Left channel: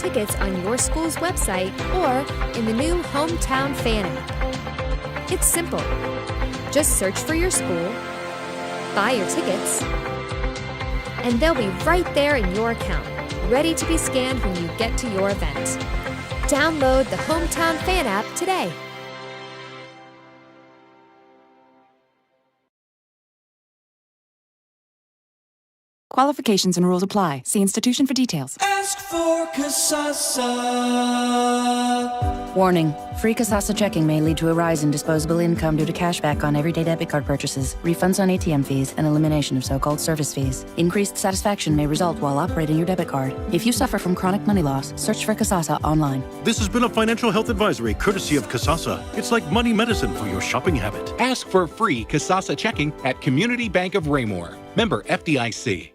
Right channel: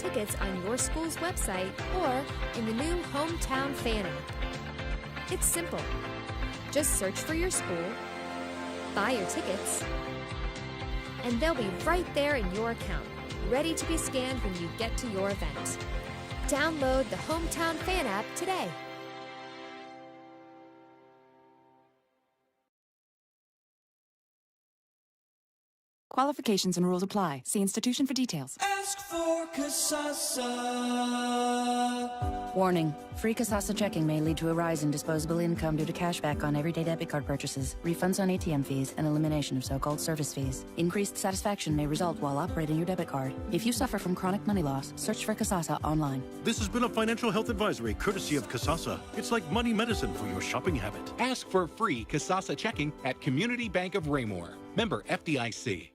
tickets on your school's website or in the new Hometown Fan app. It's simple. Just search for your school, buy your tickets, and they'll be right there in your account, ready to be scanned when you get to your event. Download the Hometown Fan app today. Qualifications and rules apply. See institution for details. Ask for Kasasa. Warning. Free Kasasa checking may lead to a rise in disposable income due to cashback on everyday debit card purchases, refunds on ATM fees, and elimination of so-called service fees. Increased satisfaction may result while operating your debit card. If you suffer from chronic money loss, search for Kasasa online. This has been a financial health advisory courtesy of Kasasa. It's like money medicine for your shopping habit. Ask for free Kasasa checking at Community Bank of Raymore. Member FDIC.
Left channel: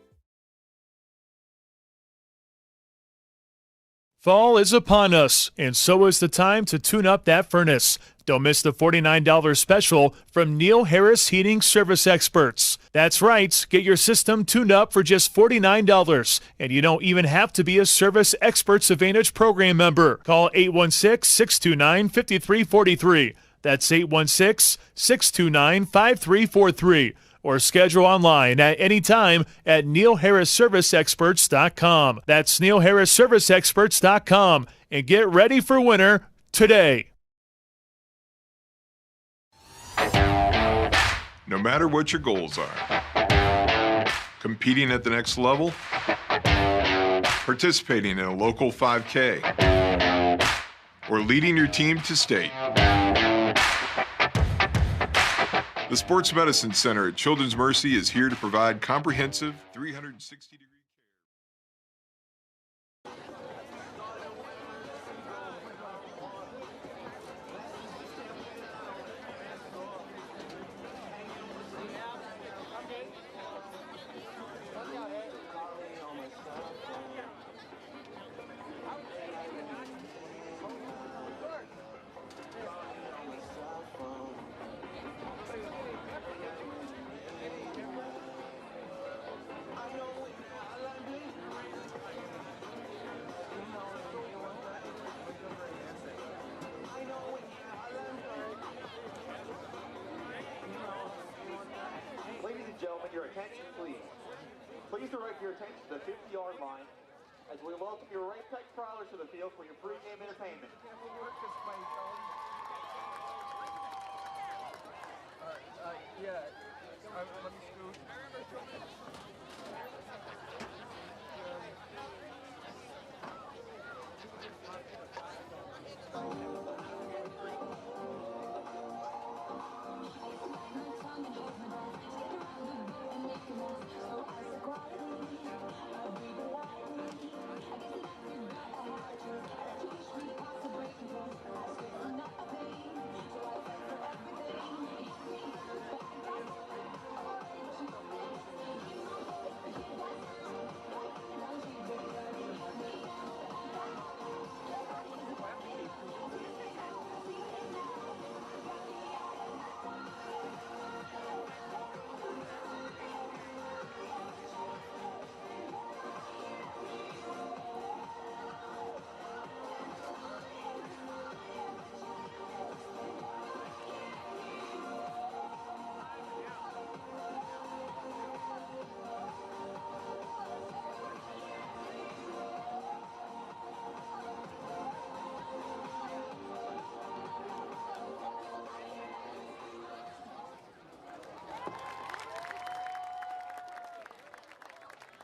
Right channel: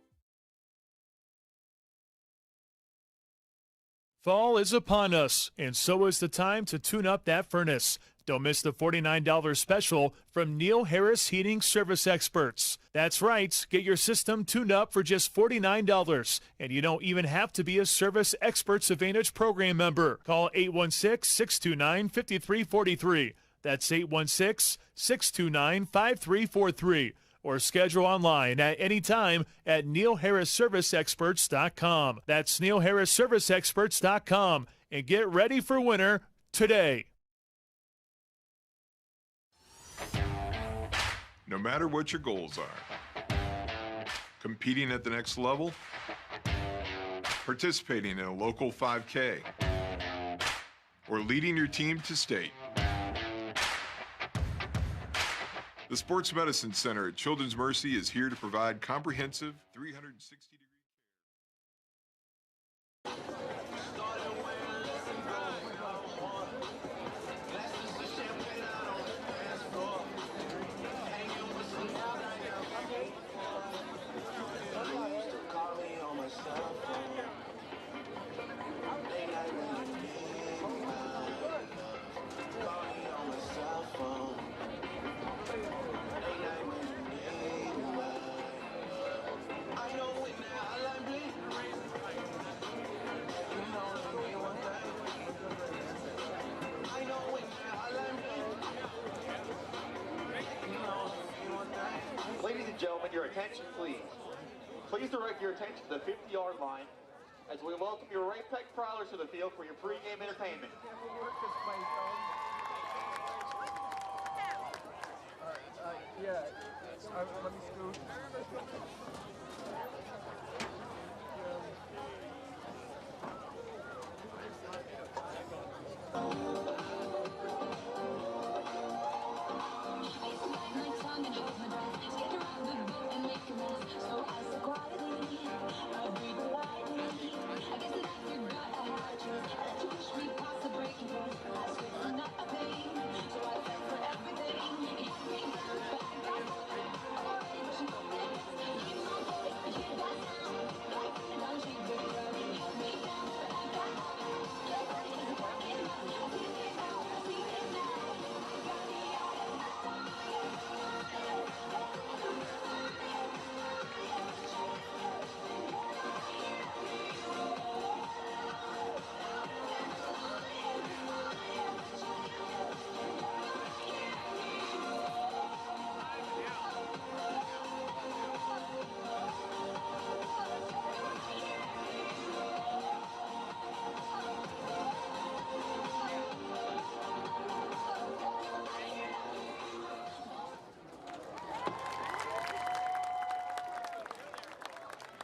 Fall is upon us, and so is the time to tune up that furnace. Don't miss the $49 special from Neil Harris Heating Service Experts. That's right, get your system tuned up for just $49, and you don't even have to be a Service Experts Advantage program member. Call 816-629-5343. That's 816-629-5343. Or schedule online at any time at neilharrisserviceexperts.com. That's neilharrisserviceexperts.com. And get ready for winter today. No matter what your goals are, competing at the next level, participating in a local 5K, or leading your team to state. The Sports Medicine Center at Children's Mercy is here to provide comprehensive 360-degree care. Ladies and gentlemen, your attention please. Please direct your attention to the 50-yard line as we welcome your Ray-Pec prowlers to the field for your pregame entertainment. Let me scoot.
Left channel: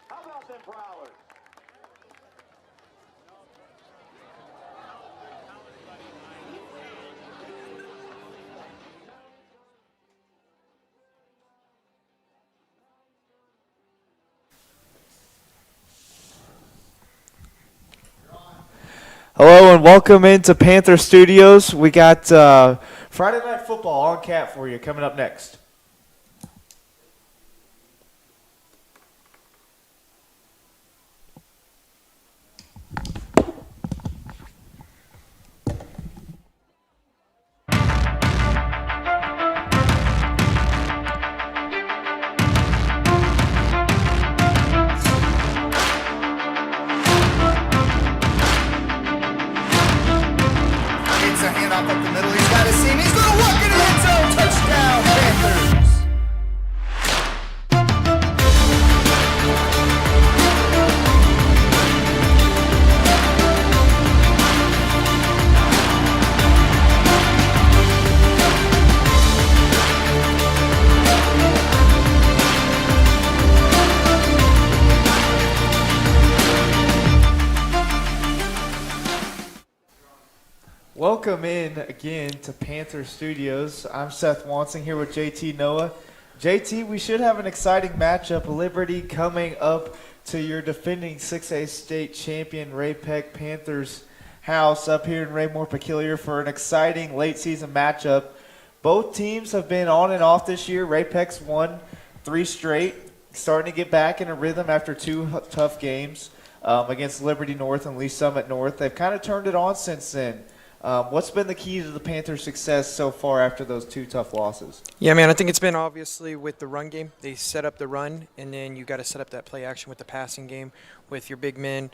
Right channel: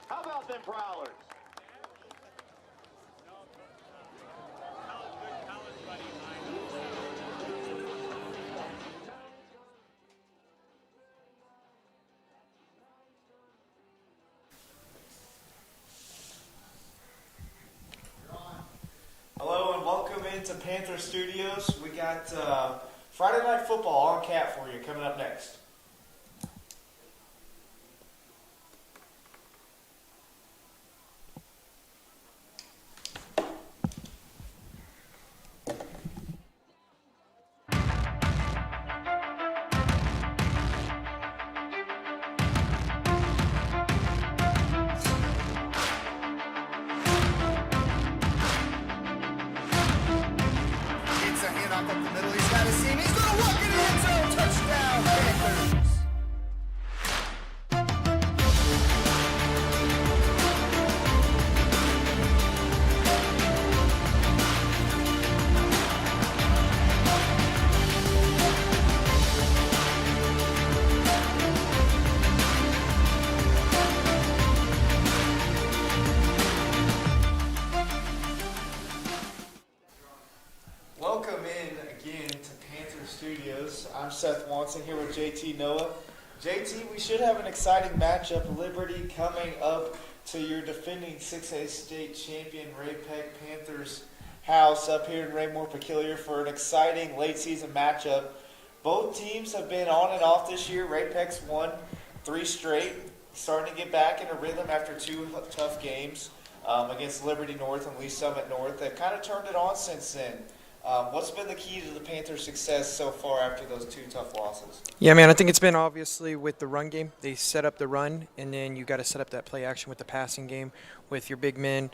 How about them prowlers? Hello and welcome into Panther Studios. We got Friday Night Football on cap for you coming up next. Welcome in again to Panther Studios. I'm Seth Wansing here with JT Noah. JT, we should have an exciting matchup. Liberty coming up to your defending 6A state champion Ray-Pec Panthers house up here in Raymore Peculiar for an exciting late season matchup. Both teams have been on and off this year. Ray-Pec's won 3 straight, starting to get back in a rhythm after 2 tough games against Liberty North and Lee Summit North. They've kind of turned it on since then. What's been the key to the Panthers' success so far after those 2 tough losses? Yeah, man, I think it's been obviously with the run game. They set up the run, and then you got to set up that play action with the passing game with your big men.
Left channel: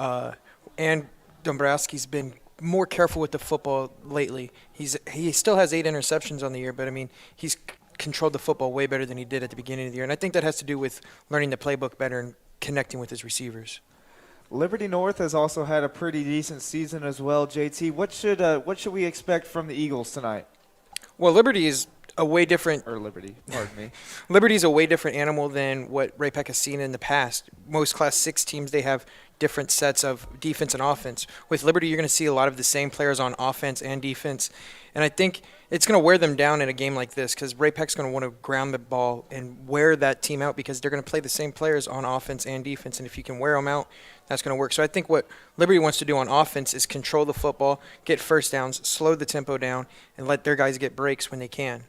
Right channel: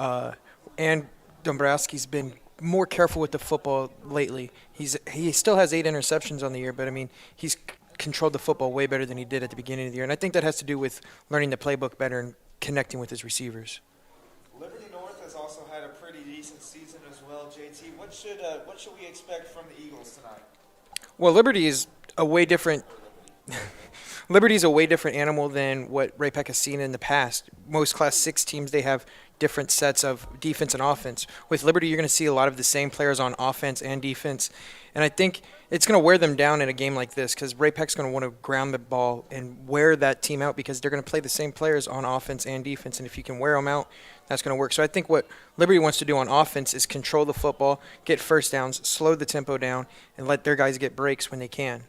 And Dombrowski's been more careful with the football lately. He still has 8 interceptions on the year, but, I mean, he's controlled the football way better than he did at the beginning of the year. And I think that has to do with learning the playbook better and connecting with his receivers. Liberty North has also had a pretty decent season as well. JT, what should we expect from the Eagles tonight? Well, Liberty is a way different. Or Liberty, pardon me. Liberty is a way different animal than what Ray-Pec has seen in the past. Most Class 6 teams, they have different sets of defense and offense. With Liberty, you're going to see a lot of the same players on offense and defense. And I think it's going to wear them down in a game like this because Ray-Pec's going to want to ground the ball and wear that team out because they're going to play the same players on offense and defense. And if you can wear them out, that's going to work. So I think what Liberty wants to do on offense is control the football, get first downs, slow the tempo down, and let their guys get breaks when they can.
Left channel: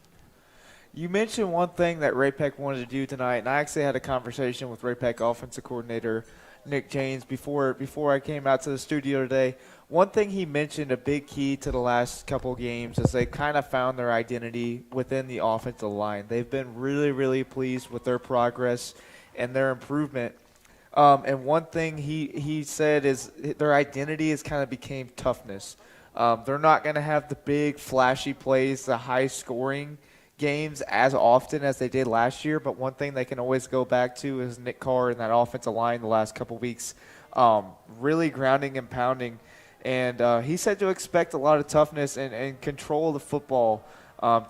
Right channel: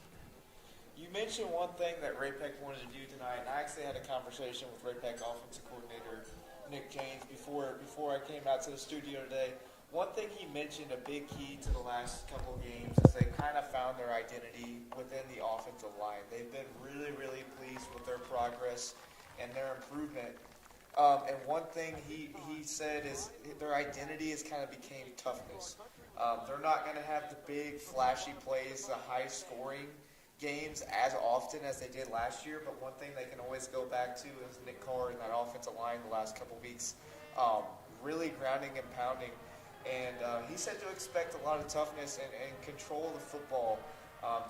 You mentioned one thing that Ray-Pec wanted to do tonight, and I actually had a conversation with Ray-Pec offensive coordinator Nick James before I came out to the studio today. One thing he mentioned, a big key to the last couple of games, is they kind of found their identity within the offensive line. They've been really, really pleased with their progress and their improvement. And one thing he said is their identity has kind of became toughness. They're not going to have the big, flashy plays, the high-scoring games as often as they did last year, but one thing they can always go back to is Nick Carr and that offensive line the last couple weeks, really grounding and pounding. And he said to expect a lot of toughness and control the football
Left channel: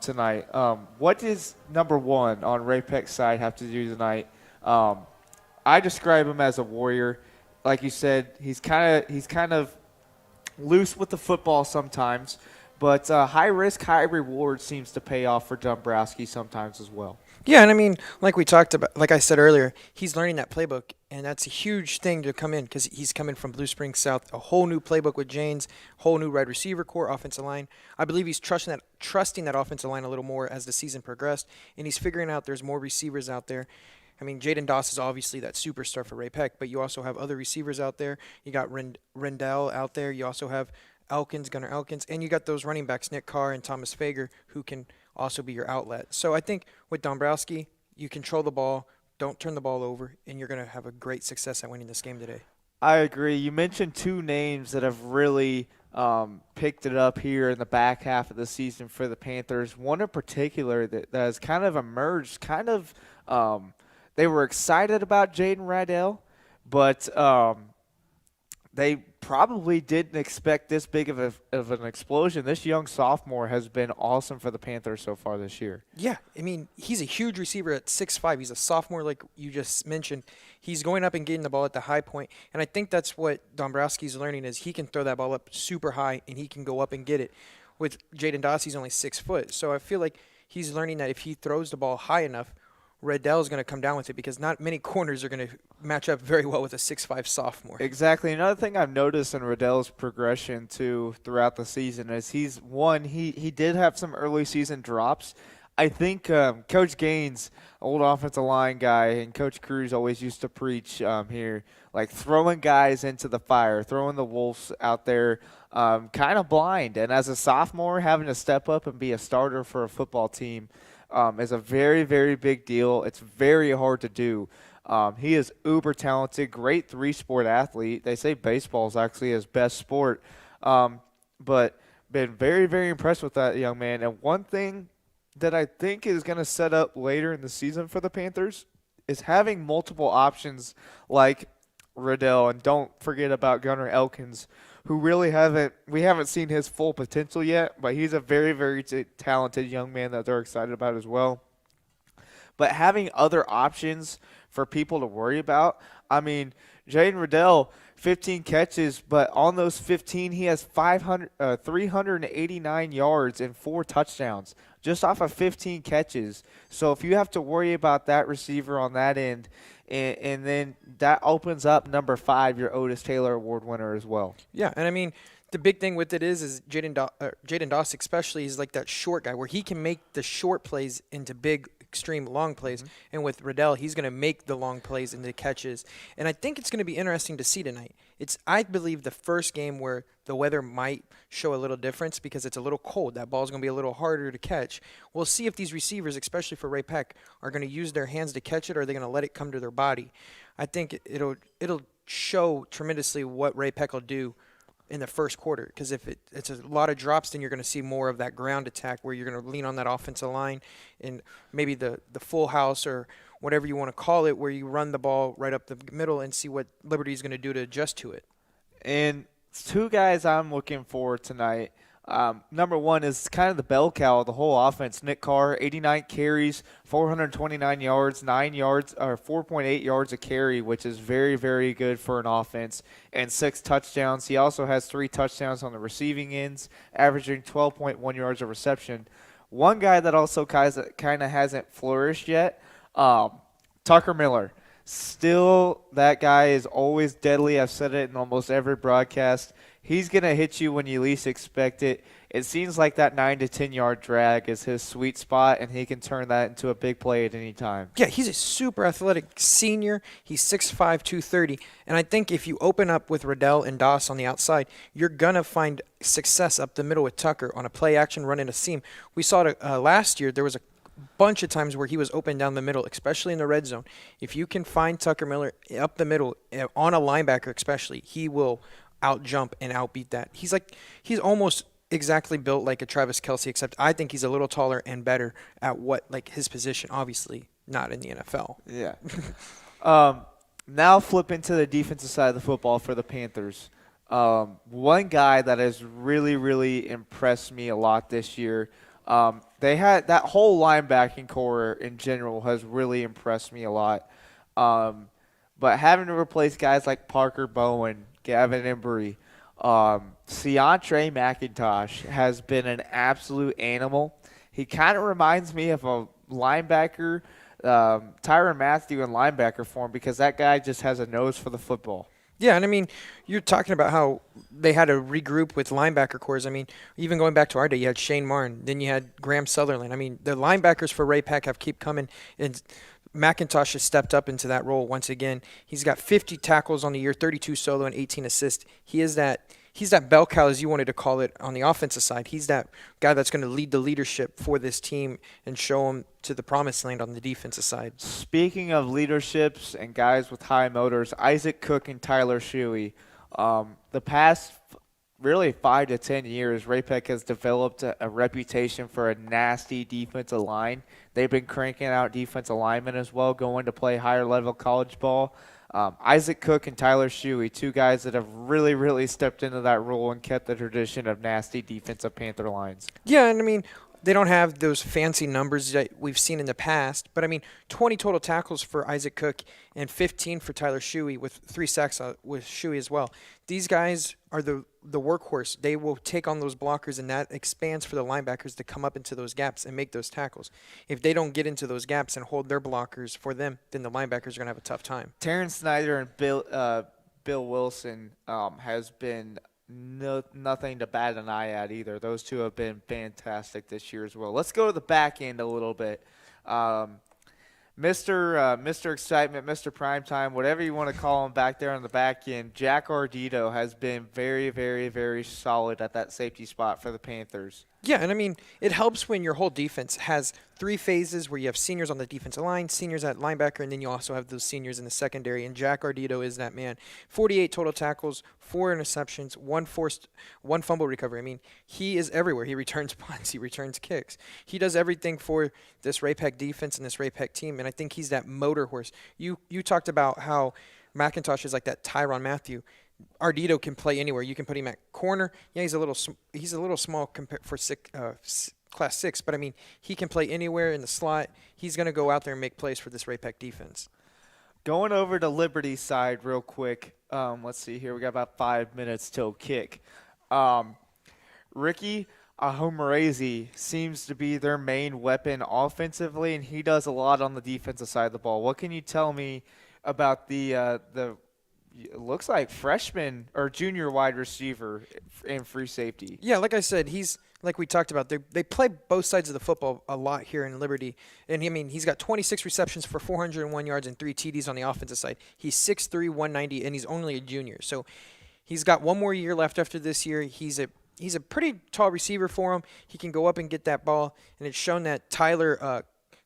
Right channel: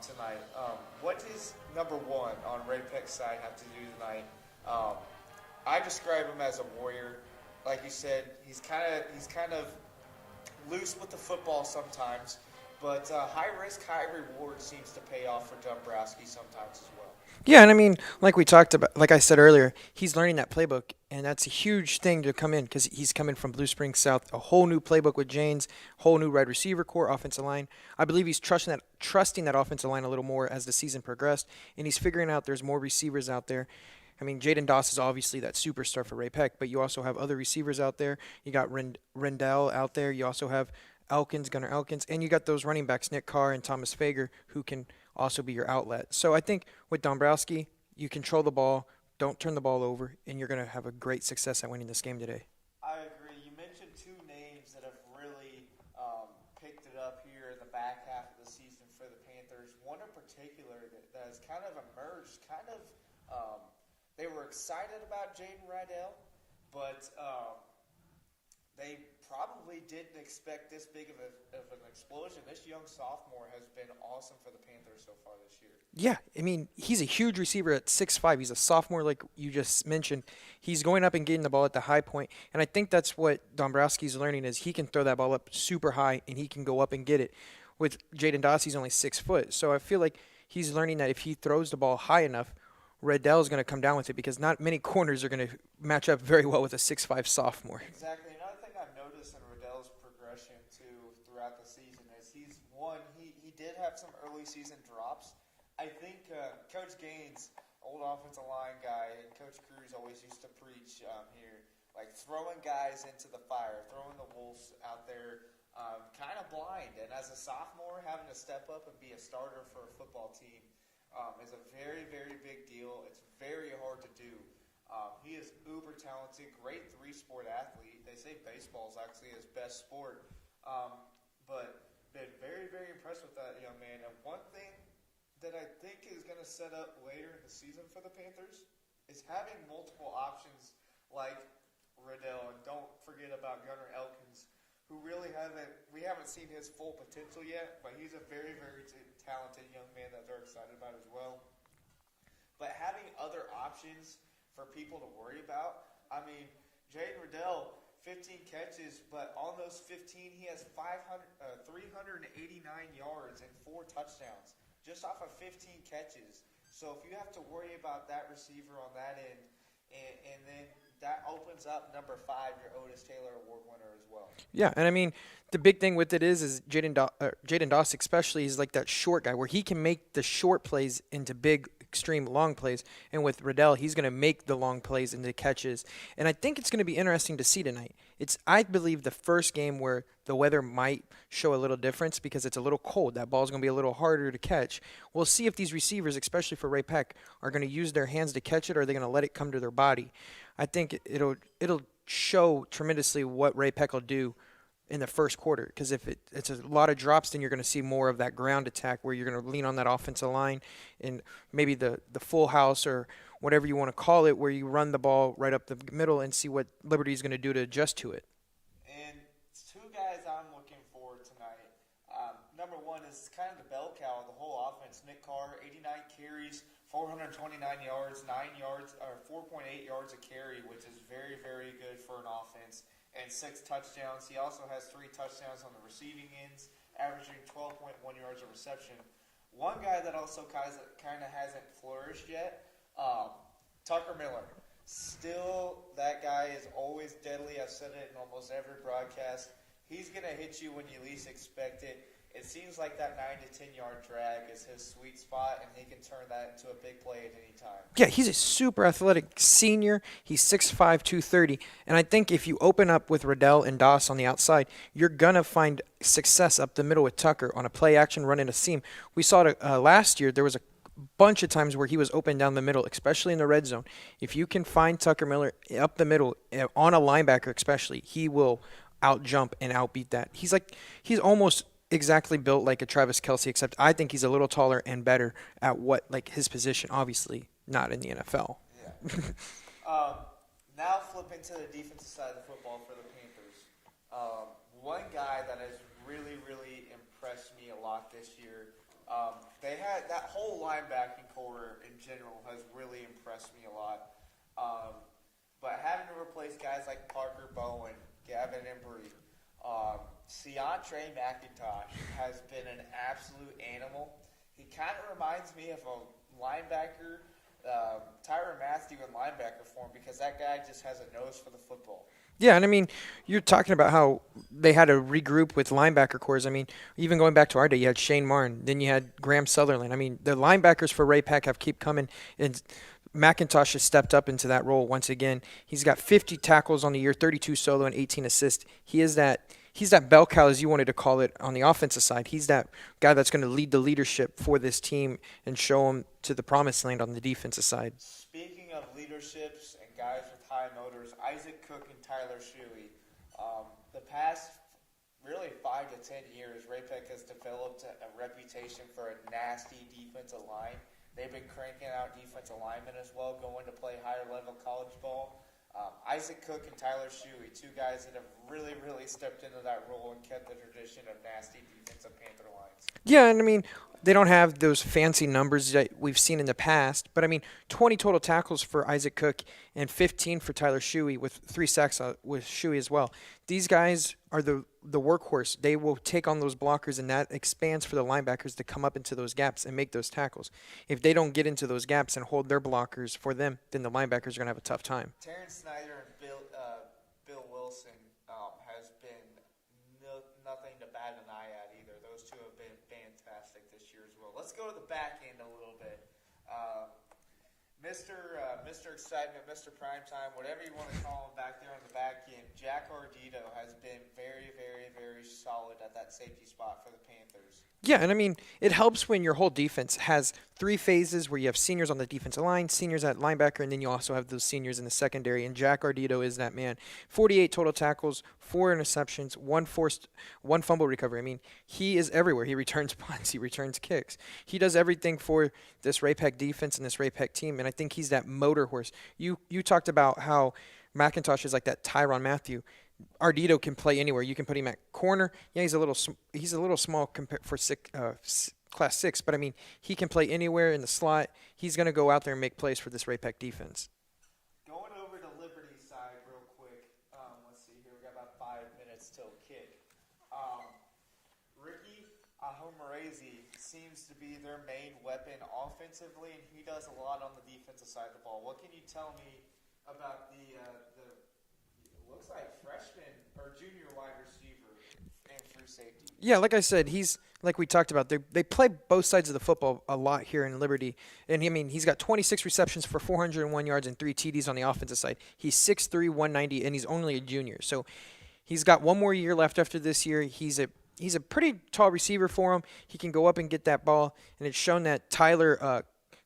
tonight. What does number 1 on Ray-Pec's side have to do tonight? I describe him as a warrior. Like you said, he's kind of loose with the football sometimes. But high risk, high reward seems to pay off for Dombrowski sometimes as well. Yeah, and I mean, like I said earlier, he's learning that playbook, and that's a huge thing to come in because he's coming from Blue Springs South, a whole new playbook with Janes, whole new wide receiver core, offensive line. I believe he's trusting that offensive line a little more as the season progressed, and he's figuring out there's more receivers out there. I mean, Jaden Doss is obviously that superstar for Ray-Pec, but you also have other receivers out there. You got Rendell out there. You also have Gunnar Elkins, and you got those running backs, Nick Carr and Thomas Fager, who can also be your outlet. So I think with Dombrowski, you control the ball, don't turn the ball over, and you're going to have a great success at winning this game today. I agree. You mentioned 2 names that have really picked it up here in the back half of the season for the Panthers. One in particular that has kind of emerged, they were excited about Jaden Rydell, but they probably didn't expect this big of an explosion. This young sophomore has been awesome for the Panthers so far this year. Yeah, I mean, he's a huge receiver at 6'5". He's a sophomore like you just mentioned. He's going up and getting the ball at the high point, and I think that's what Dombrowski's learning is he can throw that ball up super high, and he can go up and get it. With Jaden Doss, he's only 6 foot, so I feel like he's learning that if he throws the ball high enough, Riddell is going to come down with it because not many corners are going to match up very well with a 6'5" sophomore. Exactly. Another thing I've noticed in Riddell's progression too throughout the season is he did have some early season drops. I think Coach Gaines, old offensive line guy, and Coach Cruz always used to preach here, like throwing guys into the fire, throwing the wolves out there kind of blind. And as a sophomore, having to step up and be a starter for a football team is a very, very big deal. It's very hard to do. He is uber talented, great 3-sport athlete. They say baseball is actually his best sport. But been very, very impressed with that young man. And one thing that I think is going to set up later in the season for the Panthers is having multiple options like Riddell. And don't forget about Gunnar Elkins, who really we haven't seen his full potential yet, but he's a very, very talented young man that they're excited about as well. But having other options for people to worry about, I mean, Jaden Riddell 15 catches, but on those 15, he has 389 yards and 4 touchdowns just off of 15 catches. So if you have to worry about that receiver on that end, and then that opens up number 5, your Otis Taylor Award winner as well. Yeah, and I mean, the big thing with it is Jaden Doss especially is like that short guy where he can make the short plays into big, extreme long plays. And with Riddell, he's going to make the long plays into catches. And I think it's going to be interesting to see tonight. It's, I believe, the first game where the weather might show a little difference because it's a little cold. That ball's going to be a little harder to catch. We'll see if these receivers, especially for Ray-Pec, are going to use their hands to catch it or are they going to let it come to their body. I think it'll show tremendously what Ray-Pec will do in the first quarter, because if it's a lot of drops, then you're going to see more of that ground attack where you're going to lean on that offensive line and maybe the full house or whatever you want to call it, where you run the ball right up the middle and see what Liberty is going to do to adjust to it. And 2 guys I'm looking for tonight. Number 1 is kind of the bell cow of the whole offense. Nick Carr, 89 carries, 429 yards, 4.8 yards a carry, which is very, very good for an offense, and 6 touchdowns. He also has 3 touchdowns on the receiving ends, averaging 12.1 yards of reception. One guy that also kind of hasn't flourished yet, Tucker Miller. Still, that guy is always deadly. I've said it in almost every broadcast. He's going to hit you when you least expect it. It seems like that 9 to 10-yard drag is his sweet spot, and he can turn that into a big play at any time. Yeah, he's a super athletic senior. He's 6'5", 230. And I think if you open up with Riddell and Doss on the outside, you're going to find success up the middle with Tucker on a play action run in a seam. We saw it last year. There was a bunch of times where he was open down the middle, especially in the red zone. If you can find Tucker Miller up the middle, on a linebacker especially, he will out-jump and outbeat that. He's almost exactly built like a Travis Kelce, except I think he's a little taller and better at his position, obviously not in the NFL. Yeah. Now flip into the defensive side of the football for the Panthers. One guy that has really, really impressed me a lot this year, they had that whole linebacking core in general has really impressed me a lot. But having to replace guys like Parker Bowen, Gavin Embry, Seantre McIntosh has been an absolute animal. He kind of reminds me of a linebacker, Tyrann Mathieu in linebacker form, because that guy just has a nose for the football. Yeah, and I mean, you're talking about how they had to regroup with linebacker cores. I mean, even going back to our day, you had Shane Martin, then you had Graham Sutherland. I mean, the linebackers for Ray-Pec have keep coming, and McIntosh has stepped up into that role once again. He's got 50 tackles on the year, 32 solo, and 18 assists. He's that bell cow, as you wanted to call it, on the offensive side. He's that guy that's going to lead the leadership for this team and show them to the promised land on the defensive side. Speaking of leaderships and guys with high motors, Isaac Cook and Tyler Shuey, the past really 5 to 10 years, Ray-Pec has developed a reputation for a nasty defensive line. They've been cranking out defensive linemen as well, going to play higher level college ball. Isaac Cook and Tyler Shuey, 2 guys that have really, really stepped into that role and kept the tradition of nasty defensive Panther lines. Yeah, and I mean, they don't have those fancy numbers that we've seen in the past, but I mean, 20 total tackles for Isaac Cook and 15 for Tyler Shuey, with 3 sacks with Shuey as well. These guys are the workhorse. They will take on those blockers, and that expands for the linebackers to come up into those gaps and make those tackles. If they don't get into those gaps and hold their blockers for them, then the linebackers are going to have a tough time. Terrence Snyder and Bill Wilson has been nothing to bat an eye at either. Those 2 have been fantastic this year as well. Let's go to the back end a little bit. Mr. Excitement, Mr. Primetime, whatever you want to call him back there on the back end, Jack Ardito has been very, very, very solid at that safety spot for the Panthers. Yeah, and I mean, it helps when your whole defense has 3 phases where you have seniors on the defensive line, seniors at linebacker, and then you also have those seniors in the secondary, and Jack Ardito is that man. 48 total tackles, 4 interceptions, 1 fumble recovery. I mean, he is everywhere. He returns punts, he returns kicks. He does everything for this Ray-Pec defense and this Ray-Pec team, and I think he's that motor horse. You talked about how McIntosh is like that Tyrann Mathieu. Ardito can play anywhere. You can put him at corner. Yeah, he's a little small compared for class 6, but I mean, he can play anywhere in the slot. He's going to go out there and make plays for this Ray-Pec defense. Going over to Liberty side real quick. Let's see here. We got about 5 minutes till kick. Ricky Ahomarezi seems to be their main weapon offensively, and he does a lot on the defensive side of the ball. What can you tell me about the it looks like freshman or junior wide receiver and free safety? Yeah, like I said, he's like we talked about. They play both sides of the football a lot here in Liberty, and he's got 26 receptions for 401 yards and 3 TDs on the offensive side. He's 6'3", 190, and he's only a junior, so he's got one more year left after this year. He's a pretty tall receiver for him. He can go up and get that ball, and it's shown that Tyler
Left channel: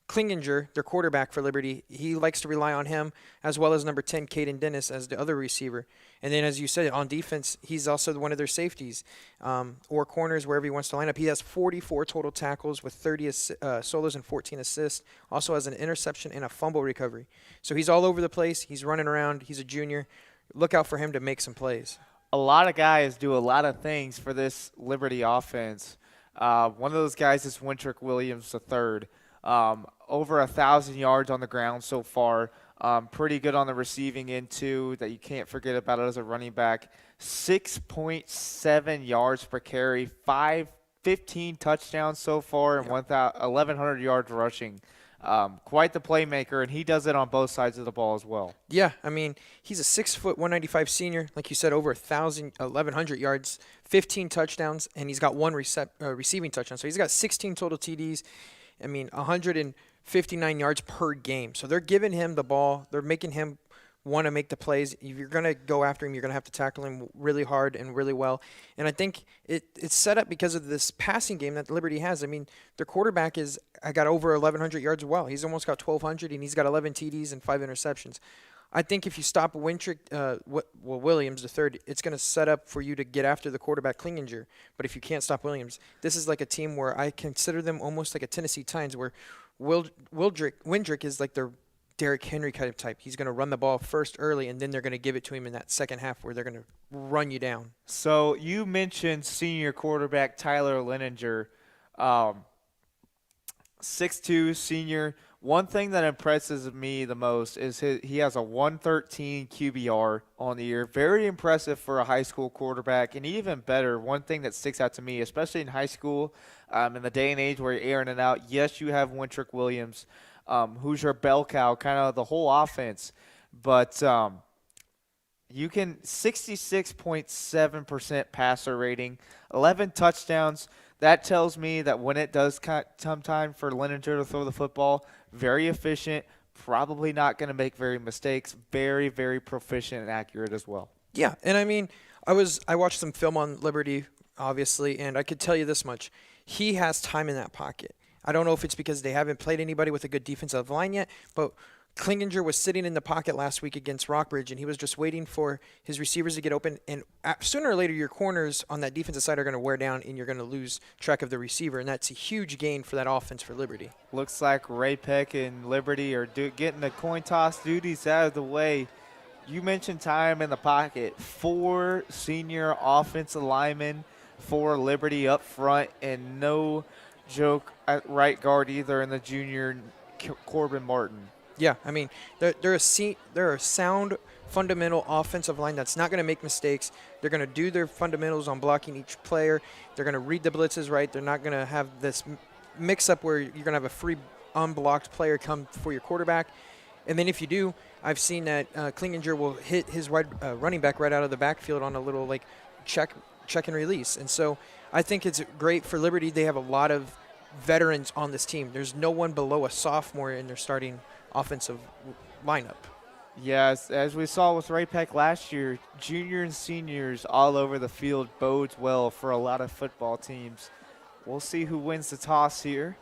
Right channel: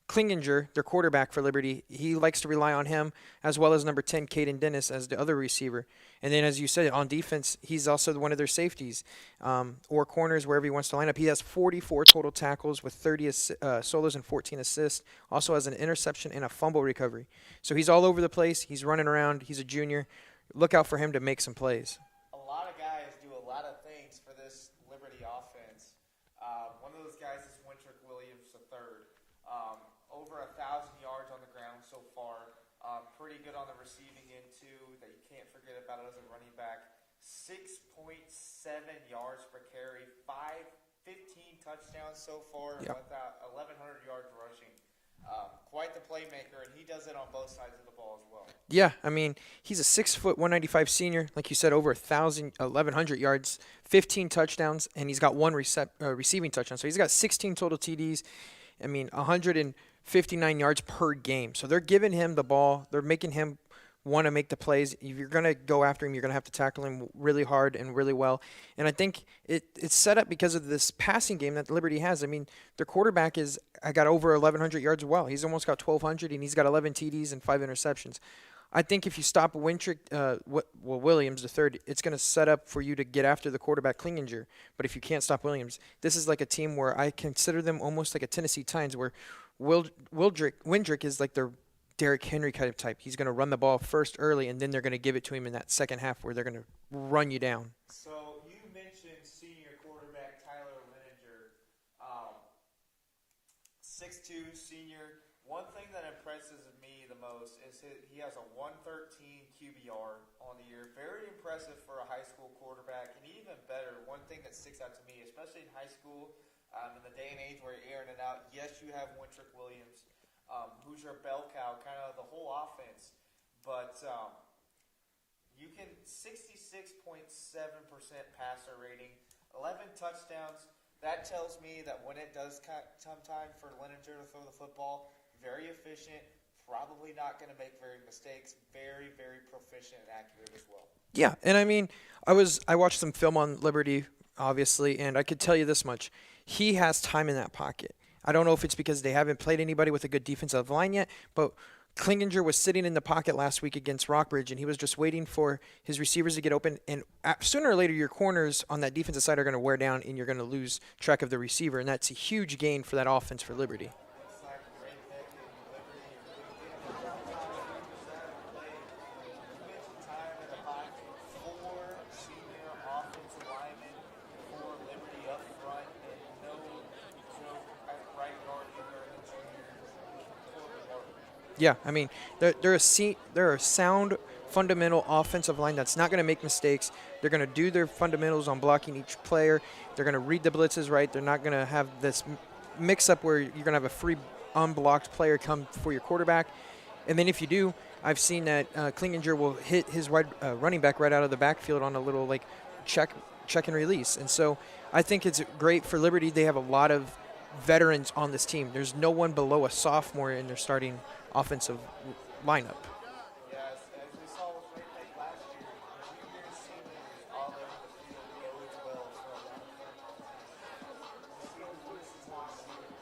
Klinginger, their quarterback for Liberty, he likes to rely on him, as well as number 10, Caden Dennis, as the other receiver. And then, as you said, on defense, he's also one of their safeties or corners, wherever he wants to line up. He has 44 total tackles with 30 solos and 14 assists. Also has an interception and a fumble recovery. So he's all over the place. He's running around. He's a junior. Look out for him to make some plays. A lot of guys do a lot of things for this Liberty offense. One of those guys is Wintrick Williams III. Over 1,000 yards on the ground so far. Pretty good on the receiving end, too, that you can't forget about it as a running back. 6.7 yards per carry, 15 touchdowns so far, and 1,100 yards rushing. Quite the playmaker, and he does it on both sides of the ball as well. Yeah, he's a 6', 195 senior. Like you said, over 1,100 yards, 15 touchdowns, and he's got one receiving touchdown. So he's got 16 total TDs. 159 yards per game. So they're giving him the ball. They're making him want to make the plays. If you're going to go after him, you're going to have to tackle him really hard and really well. And I think it's set up because of this passing game that Liberty has. Their quarterback I got over 1,100 yards as well. He's almost got 1,200, and he's got 11 TDs and 5 interceptions. I think if you stop Wintrick, Williams III, it's going to set up for you to get after the quarterback Klinginger. But if you can't stop Williams, this is like a team where I consider them almost like a Tennessee Titans, where Windrick is like their Derrick Henry kind of type. He's going to run the ball first early, and then they're going to give it to him in that second half where they're going to run you down. So you mentioned senior quarterback Tyler Leninger, 6'2", senior. One thing that impresses me the most is he has a 113 QBR on the year. Very impressive for a high school quarterback. And even better, one thing that sticks out to me, especially in high school, in the day and age where you're airing it out, yes, you have Wintrick Williams, who's your bell cow, kind of the whole offense. But you can 66.7% passer rating, 11 touchdowns. That tells me that when it does come time for Leninger to throw the football, very efficient, probably not going to make very mistakes, very, very proficient and accurate as well. Yeah, and I watched some film on Liberty, obviously, and I could tell you this much. He has time in that pocket. I don't know if it's because they haven't played anybody with a good defensive line yet, but Klinginger was sitting in the pocket last week against Rockbridge, and he was just waiting for his receivers to get open. And sooner or later, your corners on that defensive side are going to wear down, and you're going to lose track of the receiver. And that's a huge gain for that offense for Liberty. Looks like Ray-Pec and Liberty are getting the coin toss duties out of the way. You mentioned time in the pocket. 4 senior offensive linemen for Liberty up front, and no joke at right guard either in the junior Corbin Martin. Yeah, they're a sound fundamental offensive line that's not going to make mistakes. They're going to do their fundamentals on blocking each player. They're going to read the blitzes right. They're not going to have this mix-up where you're going to have a free unblocked player come for your quarterback. And then if you do, I've seen that Klinginger will hit his running back right out of the backfield on a little check and release. And so I think it's great for Liberty. They have a lot of veterans on this team. There's no one below a sophomore in their starting offensive lineup. Yes, as we saw with Ray-Pec last year, junior and seniors all over the field bodes well for a lot of football teams. We'll see who wins the toss here.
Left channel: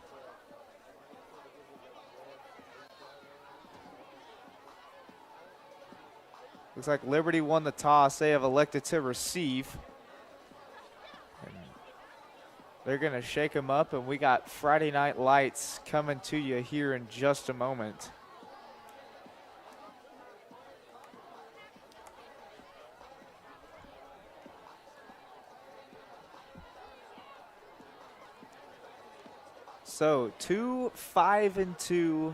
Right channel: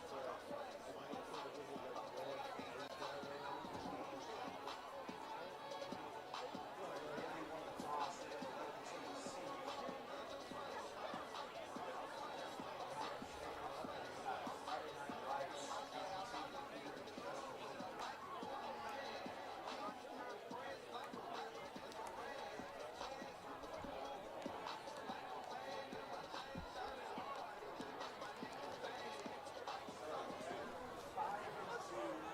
Looks like Liberty won the toss. They have elected to receive. They're going to shake them up, and we got Friday Night Lights coming to you here in just a moment. So 2 5-2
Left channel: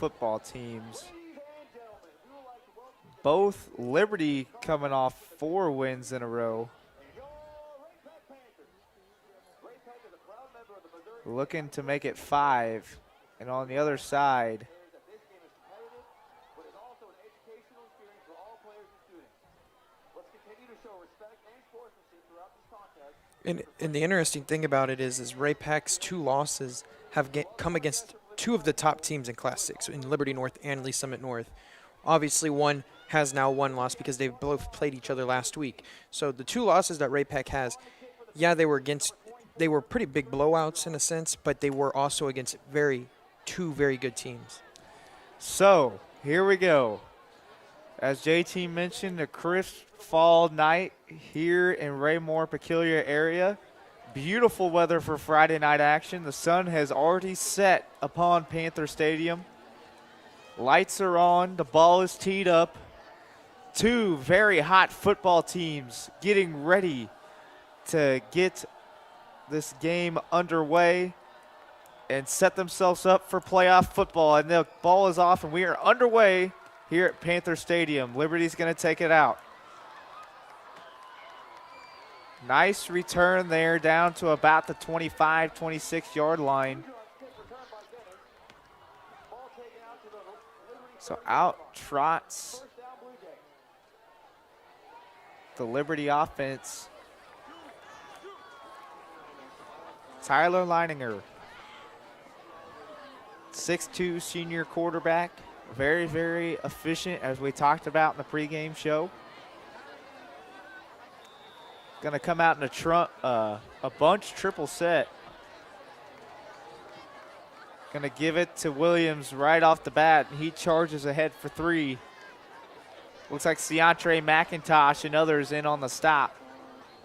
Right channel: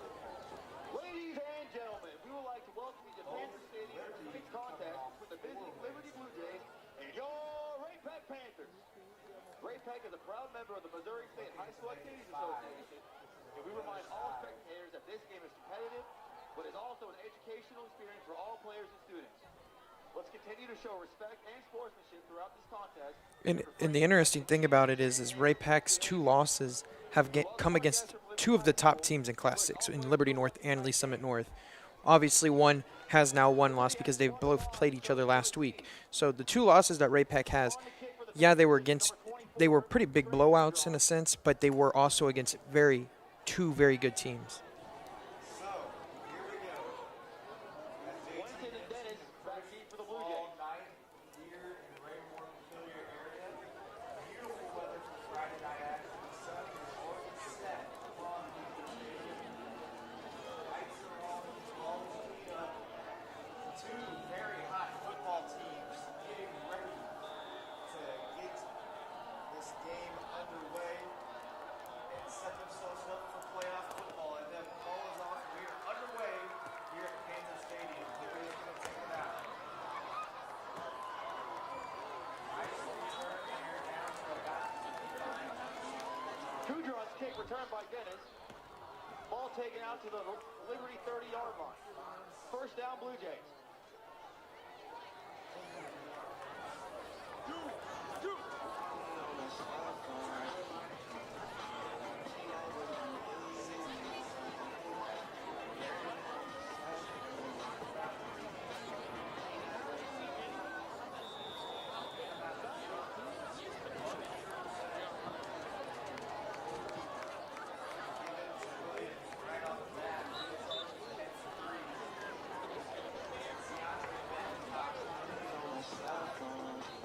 football teams. Ladies and gentlemen, both Liberty coming off 4 wins in a row. Looking to make it 5. And on the other side, and the interesting thing about it is Ray-Pec's 2 losses have come against 2 of the top teams in Class 6, in Liberty North and Lee Summit North. Obviously, one has now 1 loss because they both played each other last week. So the 2 losses that Ray-Pec has, yeah, they were pretty big blowouts in a sense, but they were also against 2 very good teams. So here we go. As JT mentioned, a crisp fall night here in Raymore peculiar area. Beautiful weather for Friday night action. The sun has already set upon Panther Stadium. Lights are on. The ball is teed up. 2 very hot football teams getting ready to get this game underway and set themselves up for playoff football. And the ball is off, and we are underway here at Panther Stadium. Liberty's going to take it out. Nice return there down to about the 25, 26-yard line. So out trots the Liberty offense. Tyler Leininger, 6'2" senior quarterback. Very, very efficient, as we talked about in the pregame show. Going to come out in a bunch triple set. Going to give it to Williams right off the bat, and he charges ahead for 3. Looks like Seantre McIntosh and others in on the stop.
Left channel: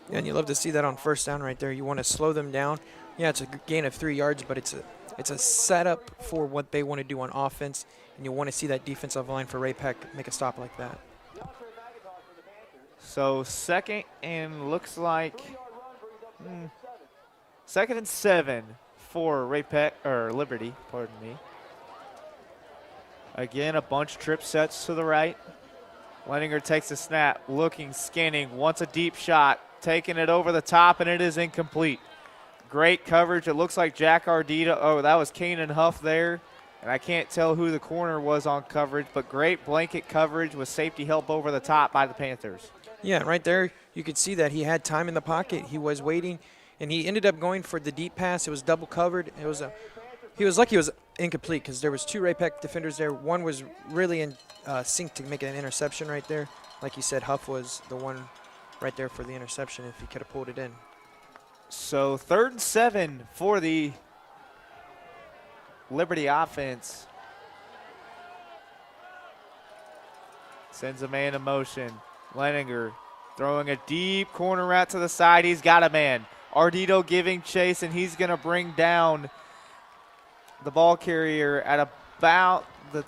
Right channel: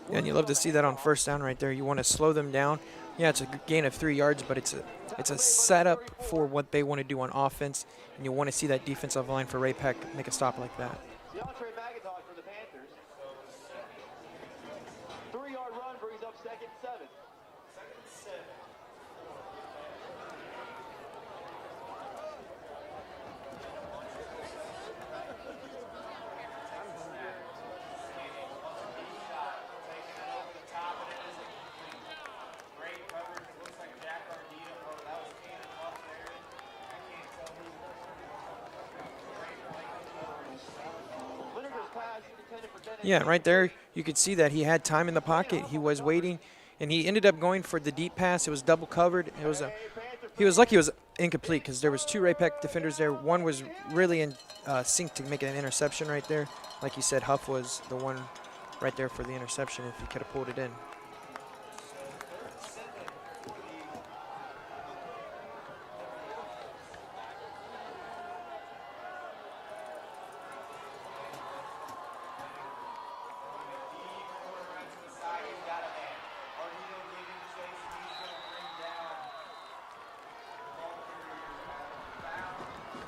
Yeah, and you love to see that on first down right there. You want to slow them down. Yeah, it's a gain of 3 yards, but it's a setup for what they want to do on offense, and you want to see that defensive line for Ray-Pec make a stop like that. So second and looks like second and 7 for Ray-Pec, or Liberty, pardon me. Again, a bunch of trip sets to the right. Leininger takes a snap, looking, scanning, wants a deep shot, taking it over the top, and it is incomplete. Great coverage. It looks like Jack Ardita. Oh, that was Kanan Huff there. And I can't tell who the corner was on coverage, but great blanket coverage with safety help over the top by the Panthers. Yeah, right there you could see that he had time in the pocket. He was waiting, and he ended up going for the deep pass. It was double covered. He was lucky it was incomplete because there was 2 Ray-Pec defenders there. One was really in sync to make an interception right there. Like you said, Huff was the one right there for the interception if he could have pulled it in. So 3rd and 7 for the Liberty offense. Sends a man in motion. Leininger throwing a deep corner route to the side. He's got a man. Ardito giving chase, and he's going to bring down the ball carrier at about the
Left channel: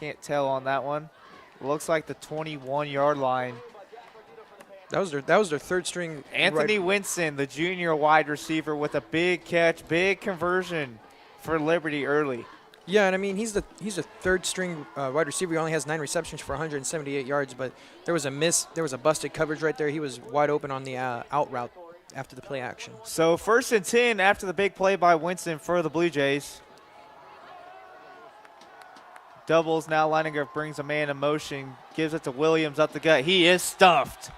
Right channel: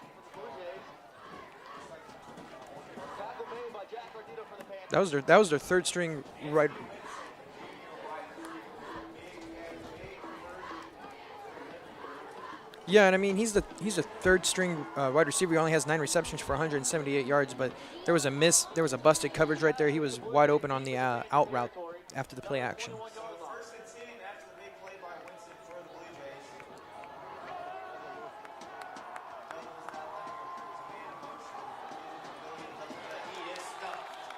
can't tell on that one. Looks like the 21-yard line. That was their 3rd string. Anthony Winson, the junior wide receiver, with a big catch, big conversion for Liberty early. Yeah, and I mean he's the 3rd string wide receiver. He only has 9 receptions for 178 yards, but there was a miss. There was a busted coverage right there. He was wide open on the out route after the play action. So 1st and 10 after the big play by Winston for the Blue Jays. Doubles now. Leininger brings a man in motion, gives it to Williams up the gut. He is stuffed.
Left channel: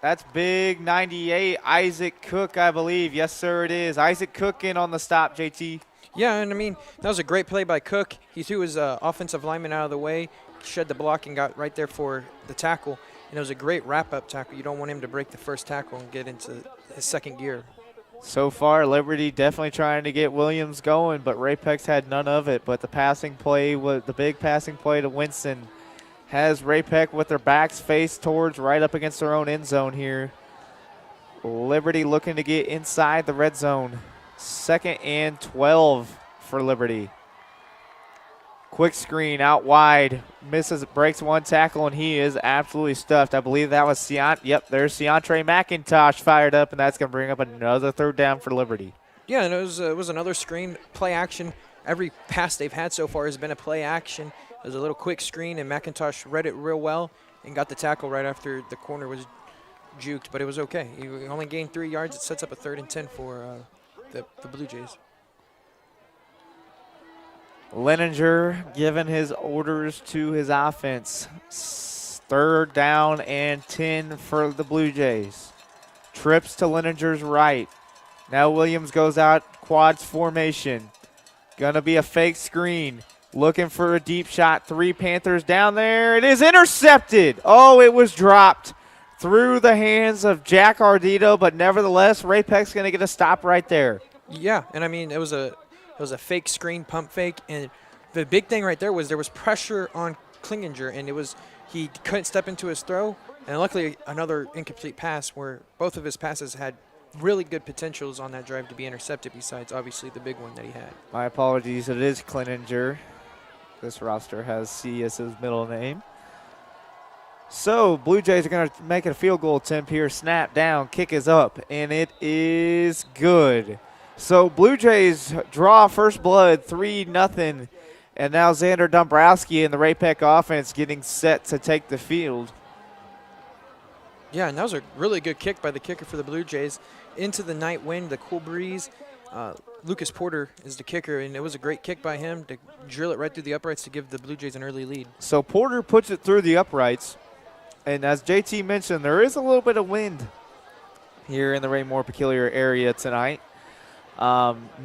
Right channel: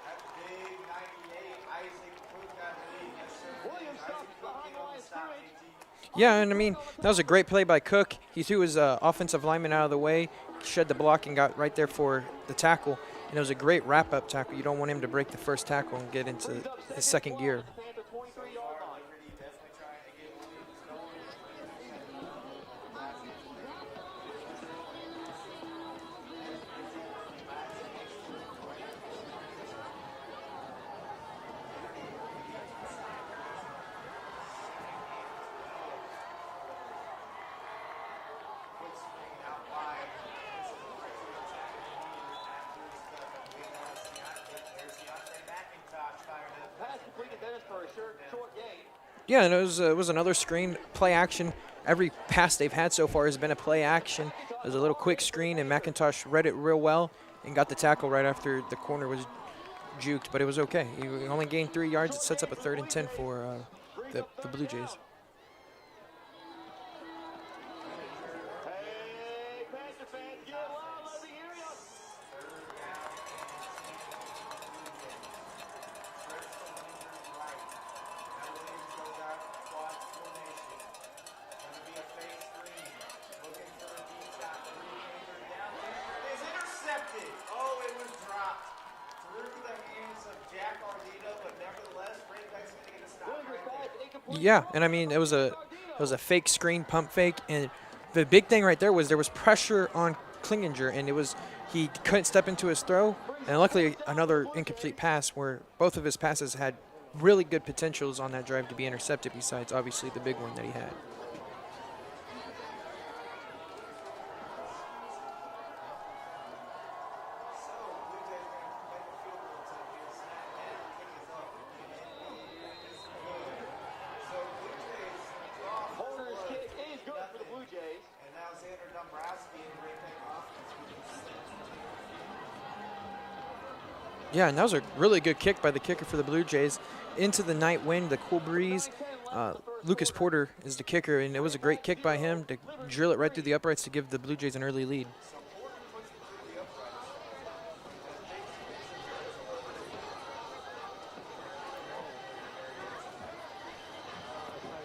That's big 98, Isaac Cook, I believe. Yes, sir, it is. Isaac Cook in on the stop, JT. Yeah, and I mean, that was a great play by Cook. He threw his offensive lineman out of the way, shed the block, and got right there for the tackle. And it was a great wrap-up tackle. You don't want him to break the first tackle and get into his 2nd gear. So far, Liberty definitely trying to get Williams going, but Ray-Pec's had none of it. But the passing play, the big passing play to Winston, has Ray-Pec with their backs faced towards right up against their own end zone here. Liberty looking to get inside the red zone. 2nd and 12 for Liberty. Quick screen out wide. Misses, breaks one tackle, and he is absolutely stuffed. I believe that was there's Seantre McIntosh fired up, and that's going to bring up another 3rd down for Liberty. Yeah, and it was another screen play action. Every pass they've had so far has been a play action. It was a little quick screen, and McIntosh read it real well and got the tackle right after the corner was juked, but it was okay. He only gained 3 yards. It sets up a 3rd and 10 for the Blue Jays. Leninger giving his orders to his offense. 3rd down and 10 for the Blue Jays. Trips to Leninger's right. Now Williams goes out quads formation. Gonna be a fake screen. Looking for a deep shot. 3 Panthers down there. It is intercepted. Oh, it was dropped through the hands of Jack Ardito, but nevertheless, Ray-Pec's gonna get a stop right there. Yeah, and I mean it was a fake screen, pump fake, and the big thing right there was pressure on Klinginger, and he couldn't step into his throw, and luckily another incomplete pass where both of his passes had really good potentials on that drive to be intercepted, besides obviously the big one that he had. My apologies, it is Klinginger. This roster has C as his middle name. So Blue Jays are going to make it a field goal attempt here. Snap down, kick is up, and it is good. So Blue Jays draw first blood, 3-0. And now Xander Dombrowski and the Ray-Pec offense getting set to take the field. Yeah, and that was a really good kick by the kicker for the Blue Jays. Into the night wind, the cool breeze. Lucas Porter is the kicker, and it was a great kick by him to drill it right through the uprights to give the Blue Jays an early lead. So Porter puts it through the uprights. And as JT mentioned, there is a little bit of wind here in the Raymore Peculiar area tonight.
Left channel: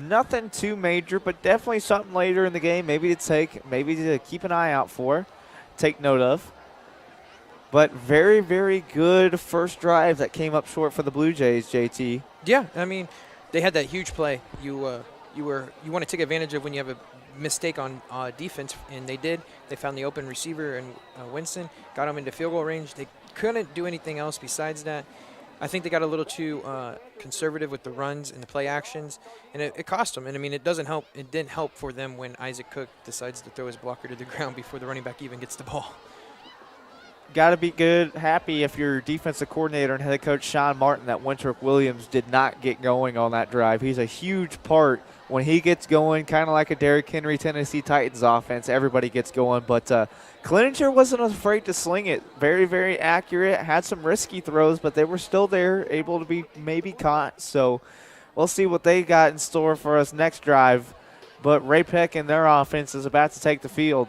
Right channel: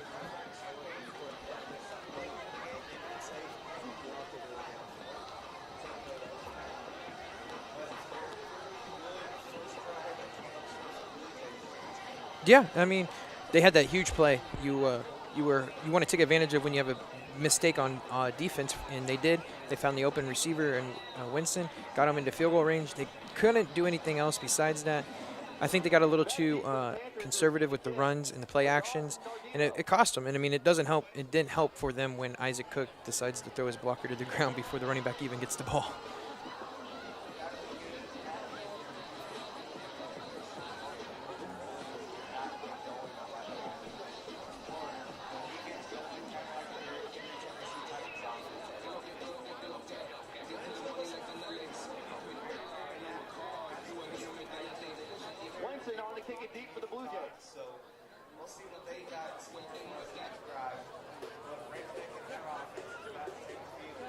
Nothing too major, but definitely something later in the game, maybe to keep an eye out for, take note of. But very, very good first drive that came up short for the Blue Jays, JT. Yeah, I mean, they had that huge play. You want to take advantage of when you have a mistake on defense, and they did. They found the open receiver and Winston, got him into field goal range. They couldn't do anything else besides that. I think they got a little too conservative with the runs and the play actions, and it cost them. And I mean, it doesn't help. It didn't help for them when Isaac Cook decides to throw his blocker to the ground before the running back even gets the ball. Got to be happy if your defensive coordinator and head coach Sean Martin that Winthrop Williams did not get going on that drive. He's a huge part when he gets going, kind of like a Derrick Henry Tennessee Titans offense. Everybody gets going, but Klinginger wasn't afraid to sling it. Very, very accurate. Had some risky throws, but they were still there, able to be maybe caught. So we'll see what they got in store for us next drive. But Ray-Pec and their offense is about to take the field.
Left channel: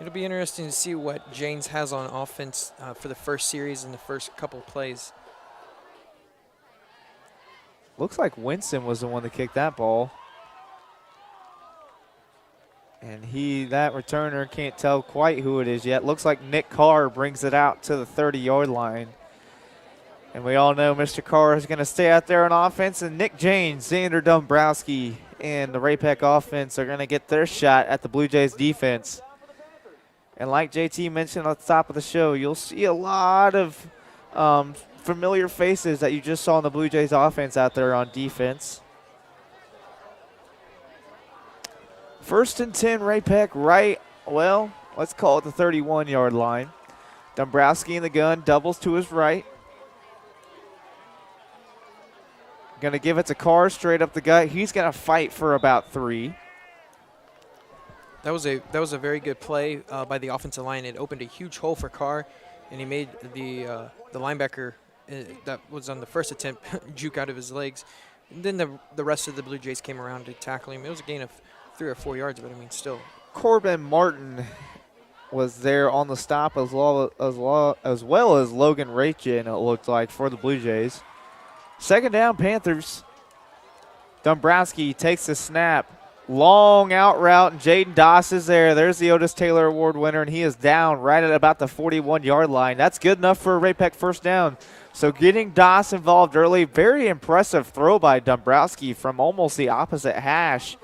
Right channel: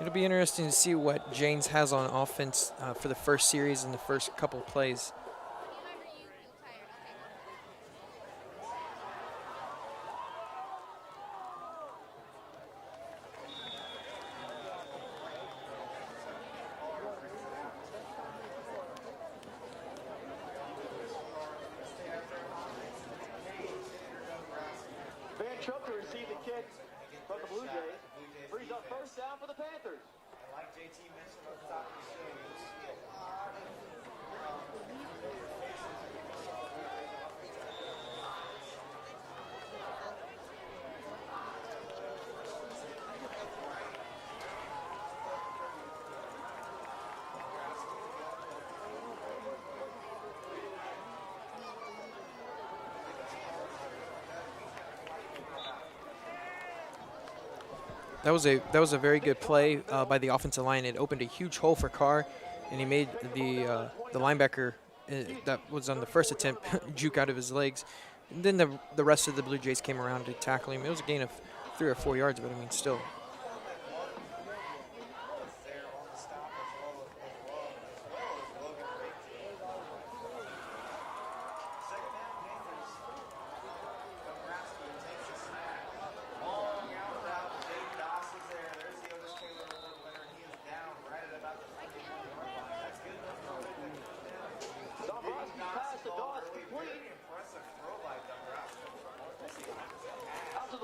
It'll be interesting to see what Janes has on offense for the first series and the first couple of plays. Looks like Winston was the one that kicked that ball. And that returner can't tell quite who it is yet. Looks like Nick Carr brings it out to the 30-yard line. And we all know Mr. Carr is going to stay out there on offense. And Nick Janes, Xander Dombrowski, and the Ray-Pec offense are going to get their shot at the Blue Jays defense. And like JT mentioned at the top of the show, you'll see a lot of familiar faces that you just saw in the Blue Jays offense out there on defense. 1st and 10, Ray-Pec right, well, let's call it the 31-yard line. Dombrowski in the gun, doubles to his right. Going to give it to Carr straight up the gut. He's going to fight for about 3. That was a very good play by the offensive line. It opened a huge hole for Carr, and he made the linebacker that was on the first attempt juke out of his legs. And then the rest of the Blue Jays came around to tackle him. It was a gain of 3 or 4 yards, but I mean still. Corbin Martin was there on the stop as well as Logan Rachin, it looked like, for the Blue Jays. 2nd down, Panthers. Dombrowski takes the snap. Long out route, and Jaden Doss is there. There's the Otis Taylor Award winner, and he is down right at about the 41-yard line. That's good enough for a Ray-Pec first down. So getting Doss involved early, very impressive throw by Dombrowski from almost the opposite hash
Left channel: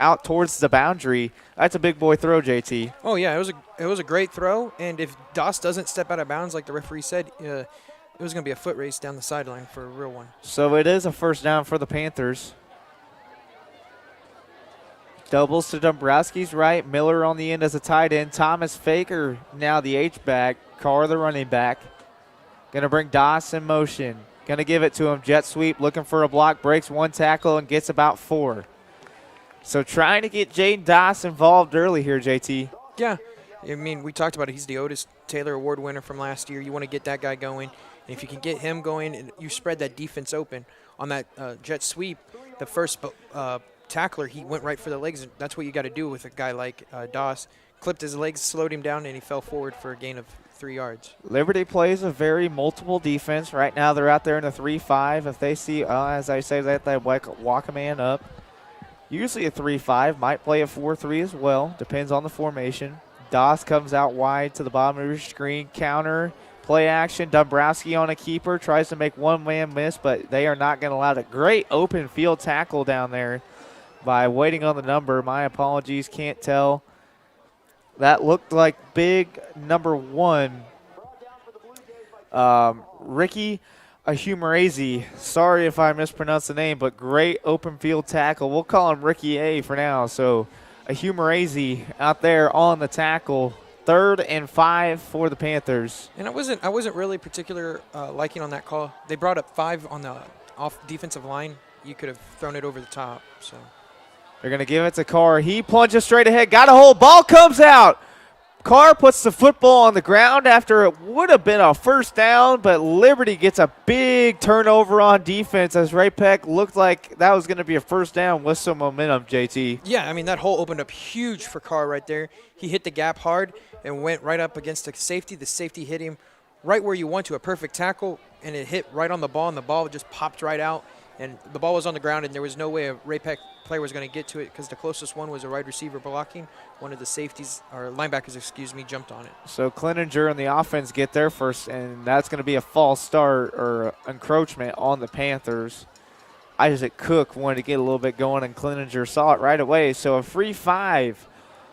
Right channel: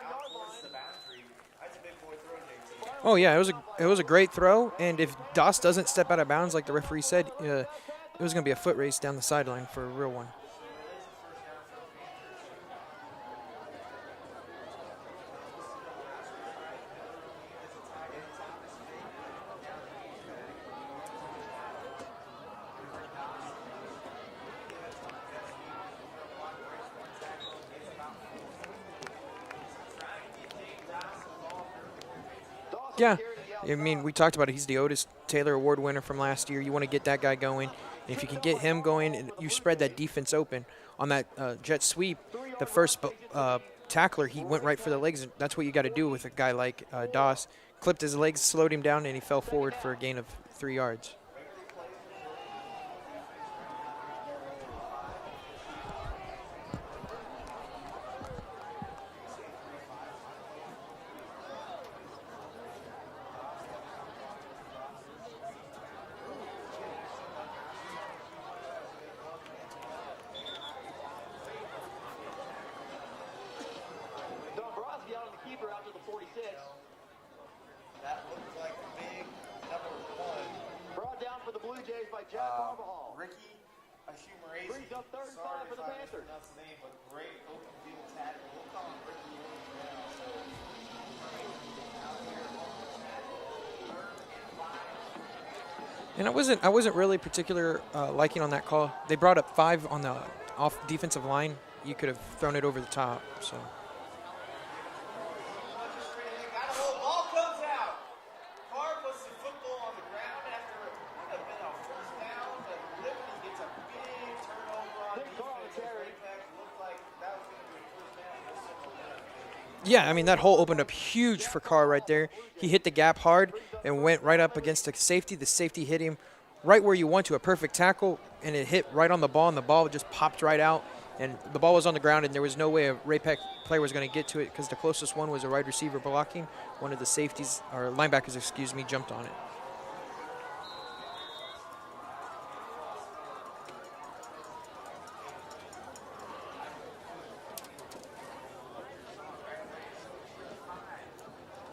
out towards the boundary. That's a big boy throw, JT. Oh, yeah, it was a great throw, and if Doss doesn't step out of bounds like the referee said, it was going to be a foot race down the sideline for a real one. So it is a first down for the Panthers. Doubles to Dombrowski's right. Miller on the end as a tight end. Thomas Faker now the H-back. Carr the running back. Going to bring Doss in motion. Going to give it to him. Jet sweep, looking for a block, breaks one tackle and gets about 4. So trying to get Jaden Doss involved early here, JT. Yeah. I mean, we talked about it. He's the Otis Taylor Award winner from last year. You want to get that guy going. And if you can get him going and you spread that defense open on that jet sweep, the first tackler, he went right for the legs. That's what you got to do with a guy like Doss. Clipped his legs, slowed him down, and he fell forward for a gain of 3 yards. Liberty plays a very multiple defense. Right now they're out there in a 3-5. If they see, as I say, that they walk a man up. Usually a 3-5, might play a 4-3 as well. Depends on the formation. Doss comes out wide to the bottom of your screen. Counter, play action. Dombrowski on a keeper. Tries to make one man miss, but they are not going to allow it. Great open field tackle down there by waiting on the number. My apologies, can't tell. That looked like big number 1. Ricky Ahumarazi. Sorry if I mispronounced the name, but great open field tackle. We'll call him Ricky A for now. So Ahumarazi out there on the tackle. 3rd and 5 for the Panthers. And I wasn't really particular liking on that call. They brought up 5 on the off defensive line. You could have thrown it over the top. So they're going to give it to Carr. He plunges straight ahead. Got a hold. Ball comes out. Carr puts the football on the ground after it would have been a first down, but Liberty gets a big turnover on defense as Ray-Pec looked like that was going to be a first down with some momentum, JT. Yeah, I mean, that hole opened up huge for Carr right there. He hit the gap hard and went right up against the safety. The safety hit him right where you want to, a perfect tackle, and it hit right on the ball, and the ball just popped right out. And the ball was on the ground, and there was no way a Ray-Pec player was going to get to it because the closest one was a wide receiver blocking. One of the safeties, or linebackers, jumped on it. So Cleninger and the offense get there first, and that's going to be a false start or encroachment on the Panthers. Isaac Cook wanted to get a little bit going, and Cleninger saw it right away. So a free 5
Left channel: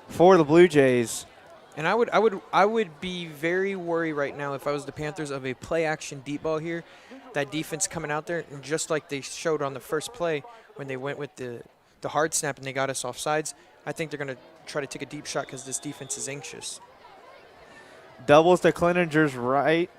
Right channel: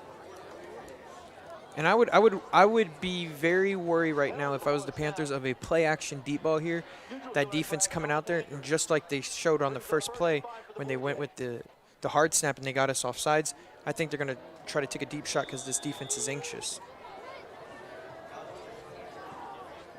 for the Blue Jays. And I would be very worried right now if I was the Panthers of a play-action deep ball here. That defense coming out there, and just like they showed on the first play when they went with the hard snap and they got us off sides, I think they're going to try to take a deep shot because this defense is anxious. Doubles to Cleninger's right.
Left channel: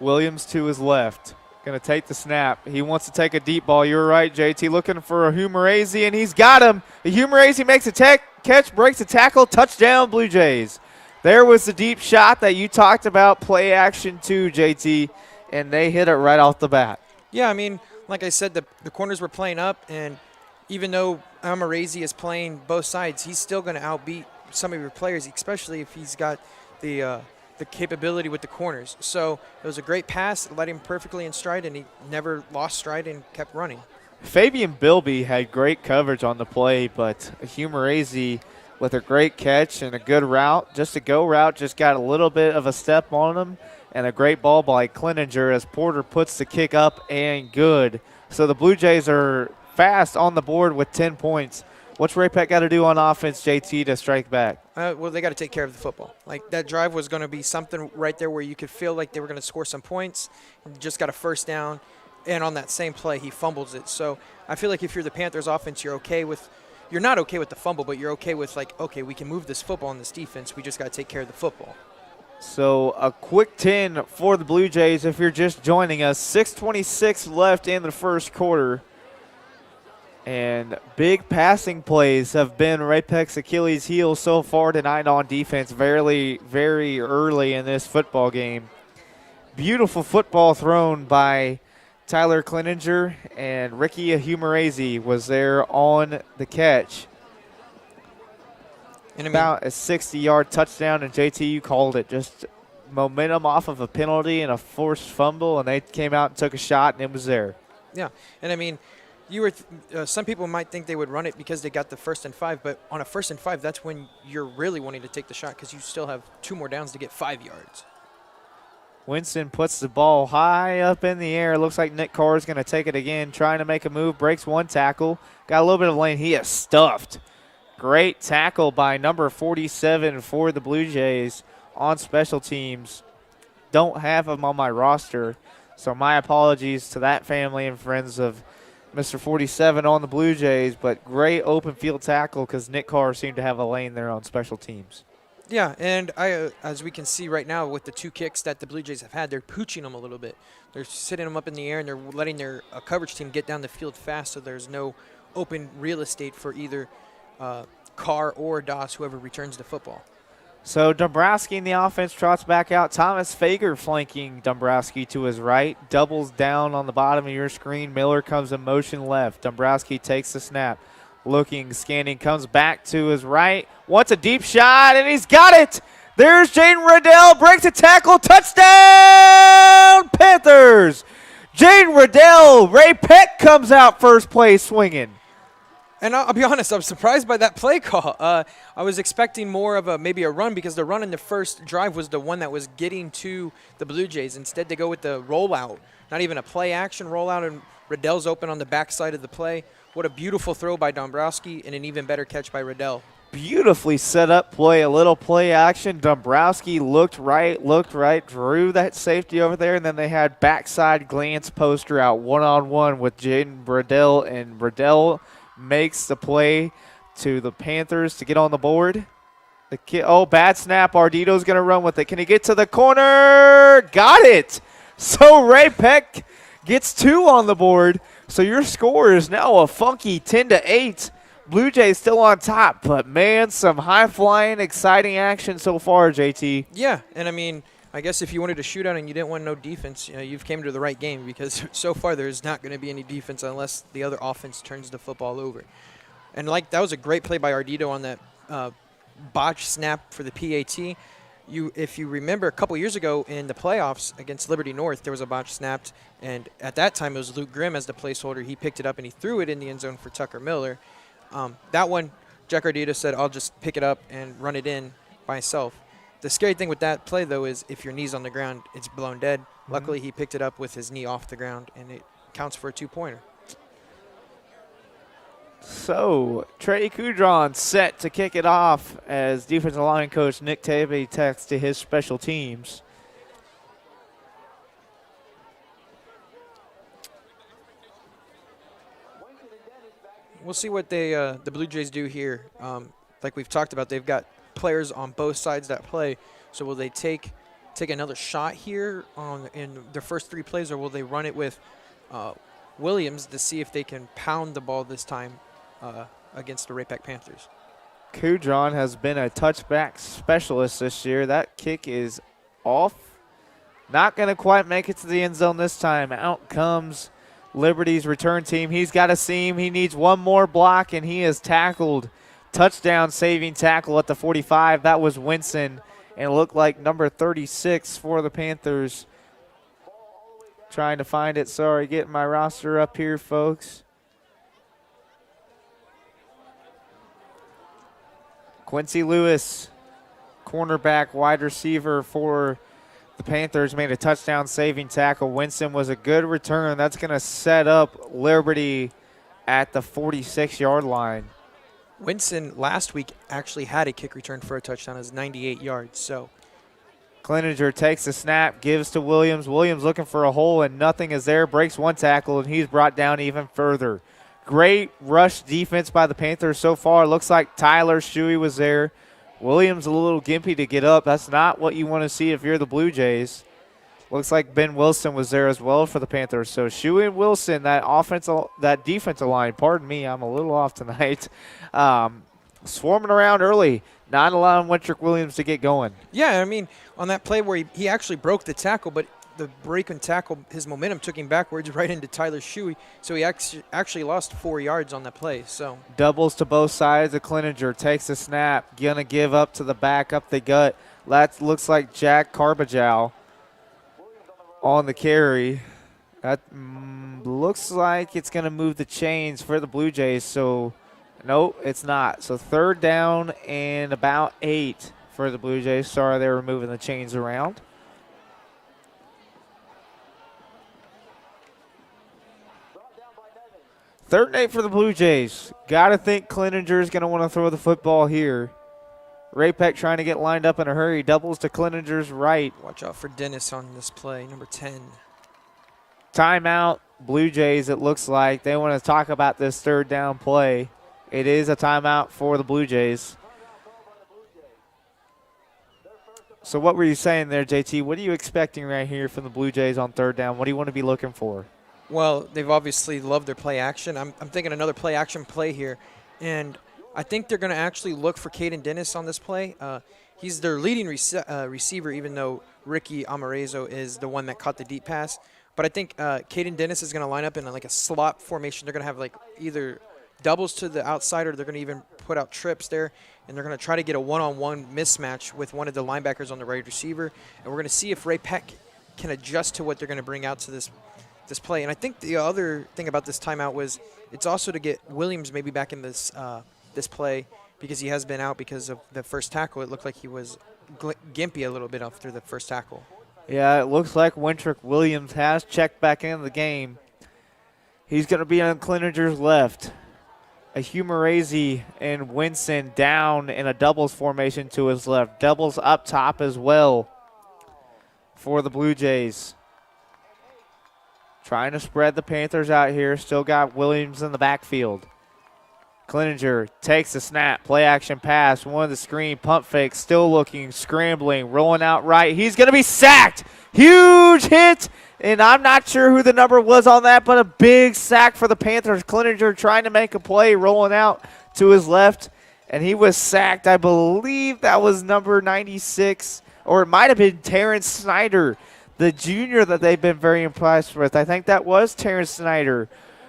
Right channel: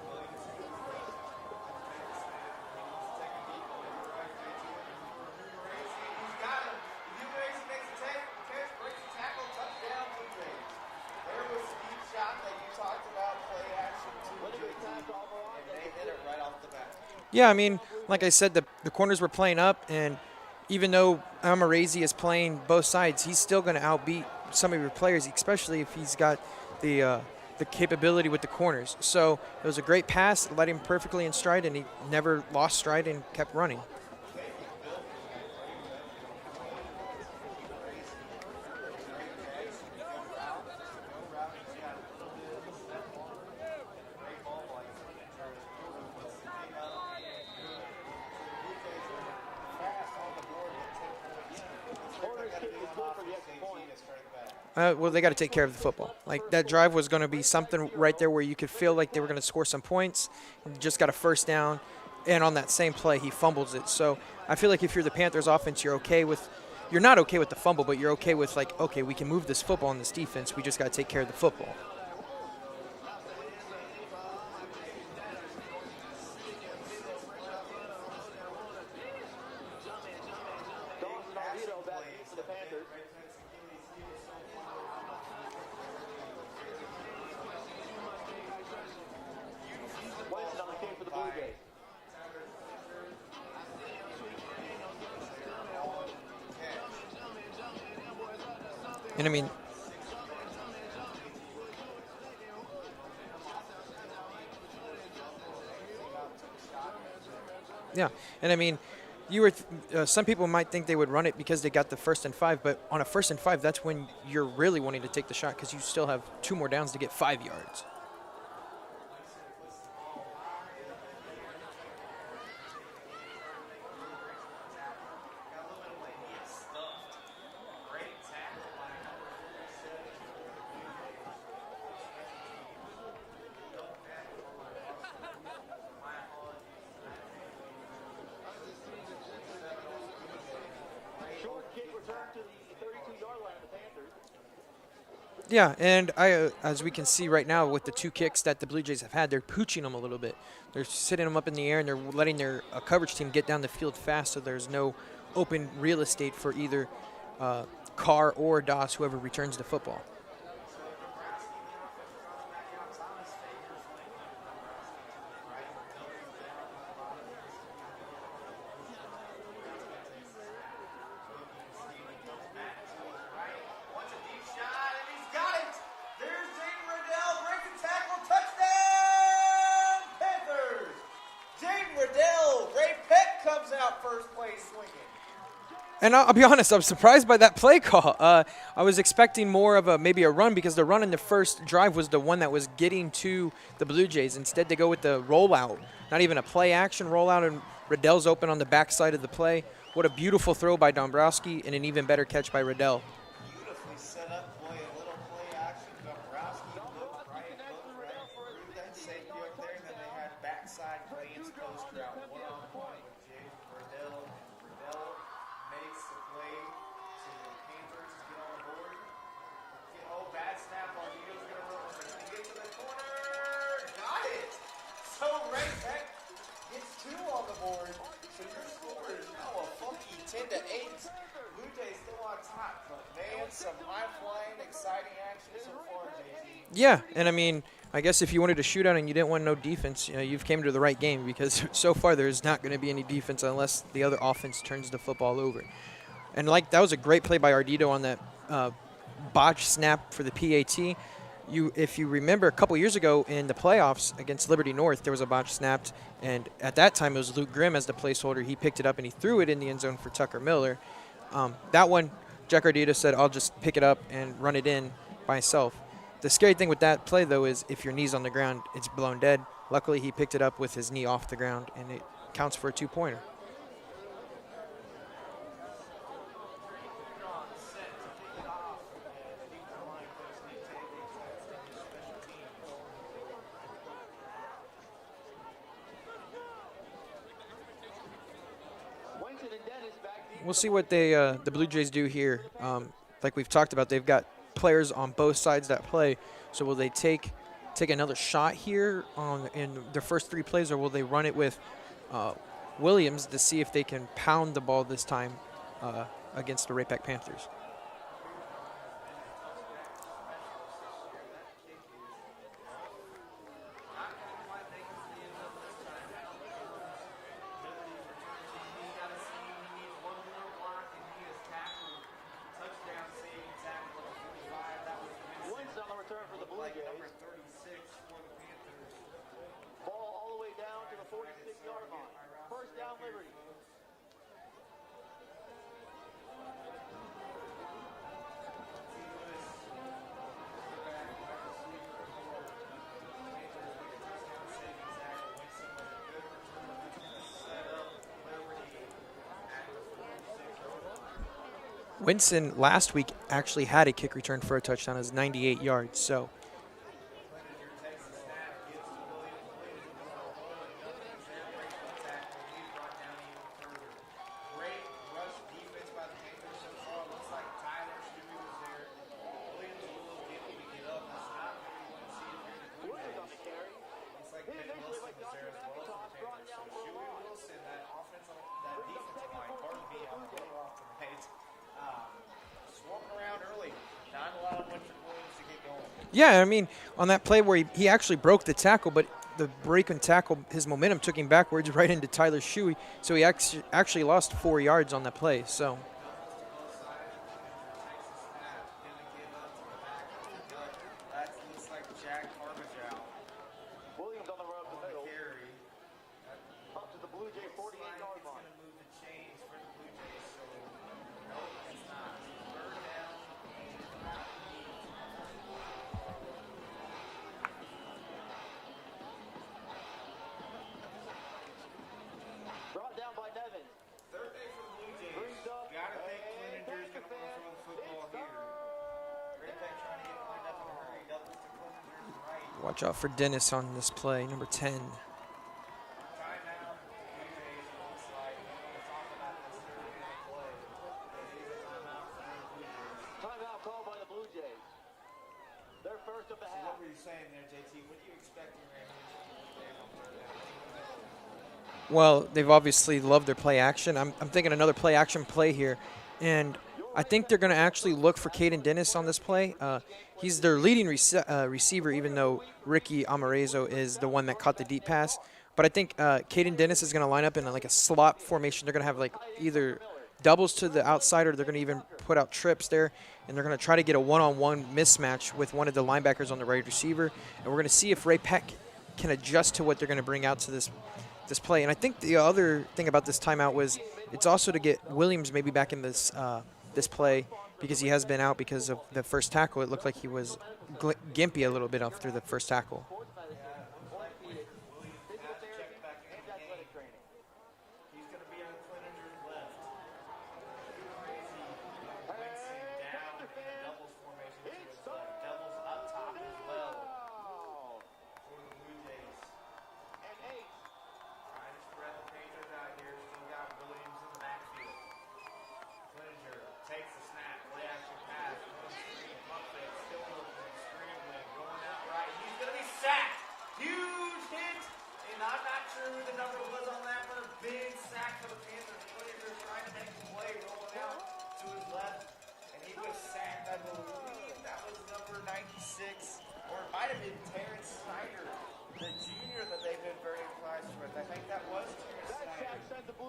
Williams to his left. Going to take the snap. He wants to take a deep ball. You're right, JT. Looking for Ahumarazi, and he's got him. Ahumarazi makes a catch, breaks a tackle, touchdown, Blue Jays. There was the deep shot that you talked about, play action too, JT, and they hit it right off the bat. Yeah, I mean, like I said, the corners were playing up, and even though Ahumarazi is playing both sides, he's still going to outbeat some of your players, especially if he's got the capability with the corners. So it was a great pass, led him perfectly in stride, and he never lost stride and kept running. Fabian Bilby had great coverage on the play, but Ahumarazi with a great catch and a good route, just a go route, just got a little bit of a step on him, and a great ball by Cleninger as Porter puts the kick up and good. So the Blue Jays are fast on the board with 10 points. What's Ray-Pec got to do on offense, JT, to strike back? Well, they got to take care of the football. Like, that drive was going to be something right there where you could feel like they were going to score some points. Just got a first down, and on that same play, he fumbles it. So I feel like if you're the Panthers offense, you're not okay with the fumble, but you're okay with, like, okay, we can move this football in this defense. We just got to take care of the football. So a quick 10 for the Blue Jays if you're just joining us. 6:26 left in the first quarter. And big passing plays have been Ray-Pec's Achilles heel so far tonight on defense, very, very early in this football game. Beautiful football thrown by Tyler Cleninger, and Ricky Ahumarazi was there on the catch. And about a 60-yard touchdown, and JT, you called it. Just momentum off of a penalty and a forced fumble, and they came out and took a shot, and it was there. Yeah, and I mean, some people might think they would run it because they got the 1st and 5, but on a 1st and 5, that's when you're really wanting to take the shot because you still have 2 more downs to get 5 yards. Winston puts the ball high up in the air. Looks like Nick Carr is going to take it again, trying to make a move, breaks one tackle. Got a little bit of lane. He is stuffed. Great tackle by number 47 for the Blue Jays on special teams. Don't have him on my roster, so my apologies to that family and friends of Mr. 47 on the Blue Jays, but great open field tackle because Nick Carr seemed to have a lane there on special teams. Yeah, and as we can see right now with the 2 kicks that the Blue Jays have had, they're pooching them a little bit. They're sitting them up in the air, and they're letting their coverage team get down the field fast, so there's no open real estate for either Carr or Doss, whoever returns the football. So Dombrowski in the offense trots back out. Thomas Fager flanking Dombrowski to his right. Doubles down on the bottom of your screen. Miller comes in motion left. Dombrowski takes the snap. Looking, scanning, comes back to his right. Wants a deep shot, and he's got it. There's Jaden Riddell. Breaks a tackle. Touchdown, Panthers. Jaden Riddell. Ray-Pec comes out first place swinging. And I'll be honest, I'm surprised by that play call. I was expecting more of maybe a run, because the run in the first drive was the one that was getting to the Blue Jays. Instead, they go with the rollout. Not even a play action rollout, and Riddell's open on the backside of the play. What a beautiful throw by Dombrowski, and an even better catch by Riddell. Beautifully set up play, a little play action. Dombrowski looked right, drew that safety over there, and then they had backside glance poster out one-on-one with Jaden Riddell, and Riddell makes the play to the Panthers to get on the board. Bad snap. Ardito's going to run with it. Can he get to the corner? Got it. So Ray-Pec gets 2 on the board. So your score is now a funky 10-8. Blue Jays still on top, but man, some high-flying, exciting action so far, JT. Yeah, and I mean, I guess if you wanted a shootout and you didn't want no defense, you've came to the right game, because so far there's not going to be any defense unless the other offense turns the football over. And that was a great play by Ardito on that botch snap for the PAT. If you remember, a couple years ago in the playoffs against Liberty North, there was a botch snapped, and at that time it was Luke Grimm as the placeholder. He picked it up and he threw it in the end zone for Tucker Miller. That one, Jack Ardito said, I'll just pick it up and run it in by myself. The scary thing with that play, though, is if your knee's on the ground, it's blown dead. Luckily, he picked it up with his knee off the ground, and it counts for a 2-pointer. So Trey Kudron set to kick it off as defensive line coach Nick Tabey texts to his special teams. We'll see what the Blue Jays do here. Like we've talked about, they've got players on both sides that play. So will they take another shot here in their first 3 plays, or will they run it with Williams to see if they can pound the ball this time against the Ray-Pec Panthers? Kudron has been a touchback specialist this year. That kick is off. Not going to quite make it to the end zone this time. Out comes Liberty's return team. He's got a seam. He needs one more block, and he is tackled. Touchdown saving tackle at the 45. That was Winston, and it looked like number 36 for the Panthers. Trying to find it. Sorry, getting my roster up here, folks. Quincy Lewis, cornerback, wide receiver for the Panthers, made a touchdown saving tackle. Winston was a good return. That's going to set up Liberty at the 46-yard line. Winston last week actually had a kick return for a touchdown. It was 98 yards. So Cleninger takes the snap, gives to Williams. Williams looking for a hole, and nothing is there. Breaks one tackle, and he's brought down even further. Great rush defense by the Panthers so far. Looks like Tyler Shuey was there. Williams a little gimpy to get up. That's not what you want to see if you're the Blue Jays. Looks like Ben Wilson was there as well for the Panthers. So Shuey and Wilson, that defensive line, pardon me, I'm a little off tonight, swarming around early, not allowing Wintrick Williams to get going. Yeah, I mean, on that play where he actually broke the tackle, but the break and tackle, his momentum took him backwards right into Tyler Shuey, so he actually lost 4 yards on that play. So doubles to both sides of Cleninger, takes a snap, gonna give up to the back, up the gut. That looks like Jack Carbajal on the carry. That looks like it's gonna move the chains for the Blue Jays, so nope, it's not. So 3rd down and about 8 for the Blue Jays. Sorry, they were moving the chains around. Third and 8 for the Blue Jays. Got to think Cleninger is going to want to throw the football here. Ray-Pec trying to get lined up in a hurry. Doubles to Cleninger's right. Watch out for Dennis on this play, number 10. Timeout, Blue Jays, it looks like. They want to talk about this 3rd down play. It is a timeout for the Blue Jays. So what were you saying there, JT? What are you expecting right here from the Blue Jays on third down? What do you want to be looking for? Well, they've obviously loved their play action. I'm thinking another play action play here. And I think they're going to actually look for Caden Dennis on this play. He's their leading receiver, even though Ricky Amarezo is the one that caught the deep pass. But I think Caden Dennis is going to line up in like a slot formation. They're going to have like either doubles to the outside, or they're going to even put out trips there. And they're going to try to get a one-on-one mismatch with one of the linebackers on the right receiver. And we're going to see if Ray-Pec can adjust to what they're going to bring out to this play. And I think the other thing about this timeout was it's also to get Williams maybe back in this play, because he has been out because of the first tackle. It looked like he was gimpy a little bit after the first tackle. Yeah, it looks like Wintrick Williams has checked back into the game. He's going to be on Clinninger's left. A Humerazy and Winston down in a doubles formation to his left. Doubles up top as well for the Blue Jays. Trying to spread the Panthers out here. Still got Williams in the backfield. Clinninger takes the snap. Play action pass. One of the screen. Pump fake. Still looking. Scrambling. Rolling out right. He's going to be sacked. Huge hit. And I'm not sure who the number was on that, but a big sack for the Panthers. Clinninger trying to make a play. Rolling out to his left. And he was sacked. I believe that was number 96. Or it might have been Terrence Snyder, the junior that they've been very impressed with. I think that was Terrence Snyder,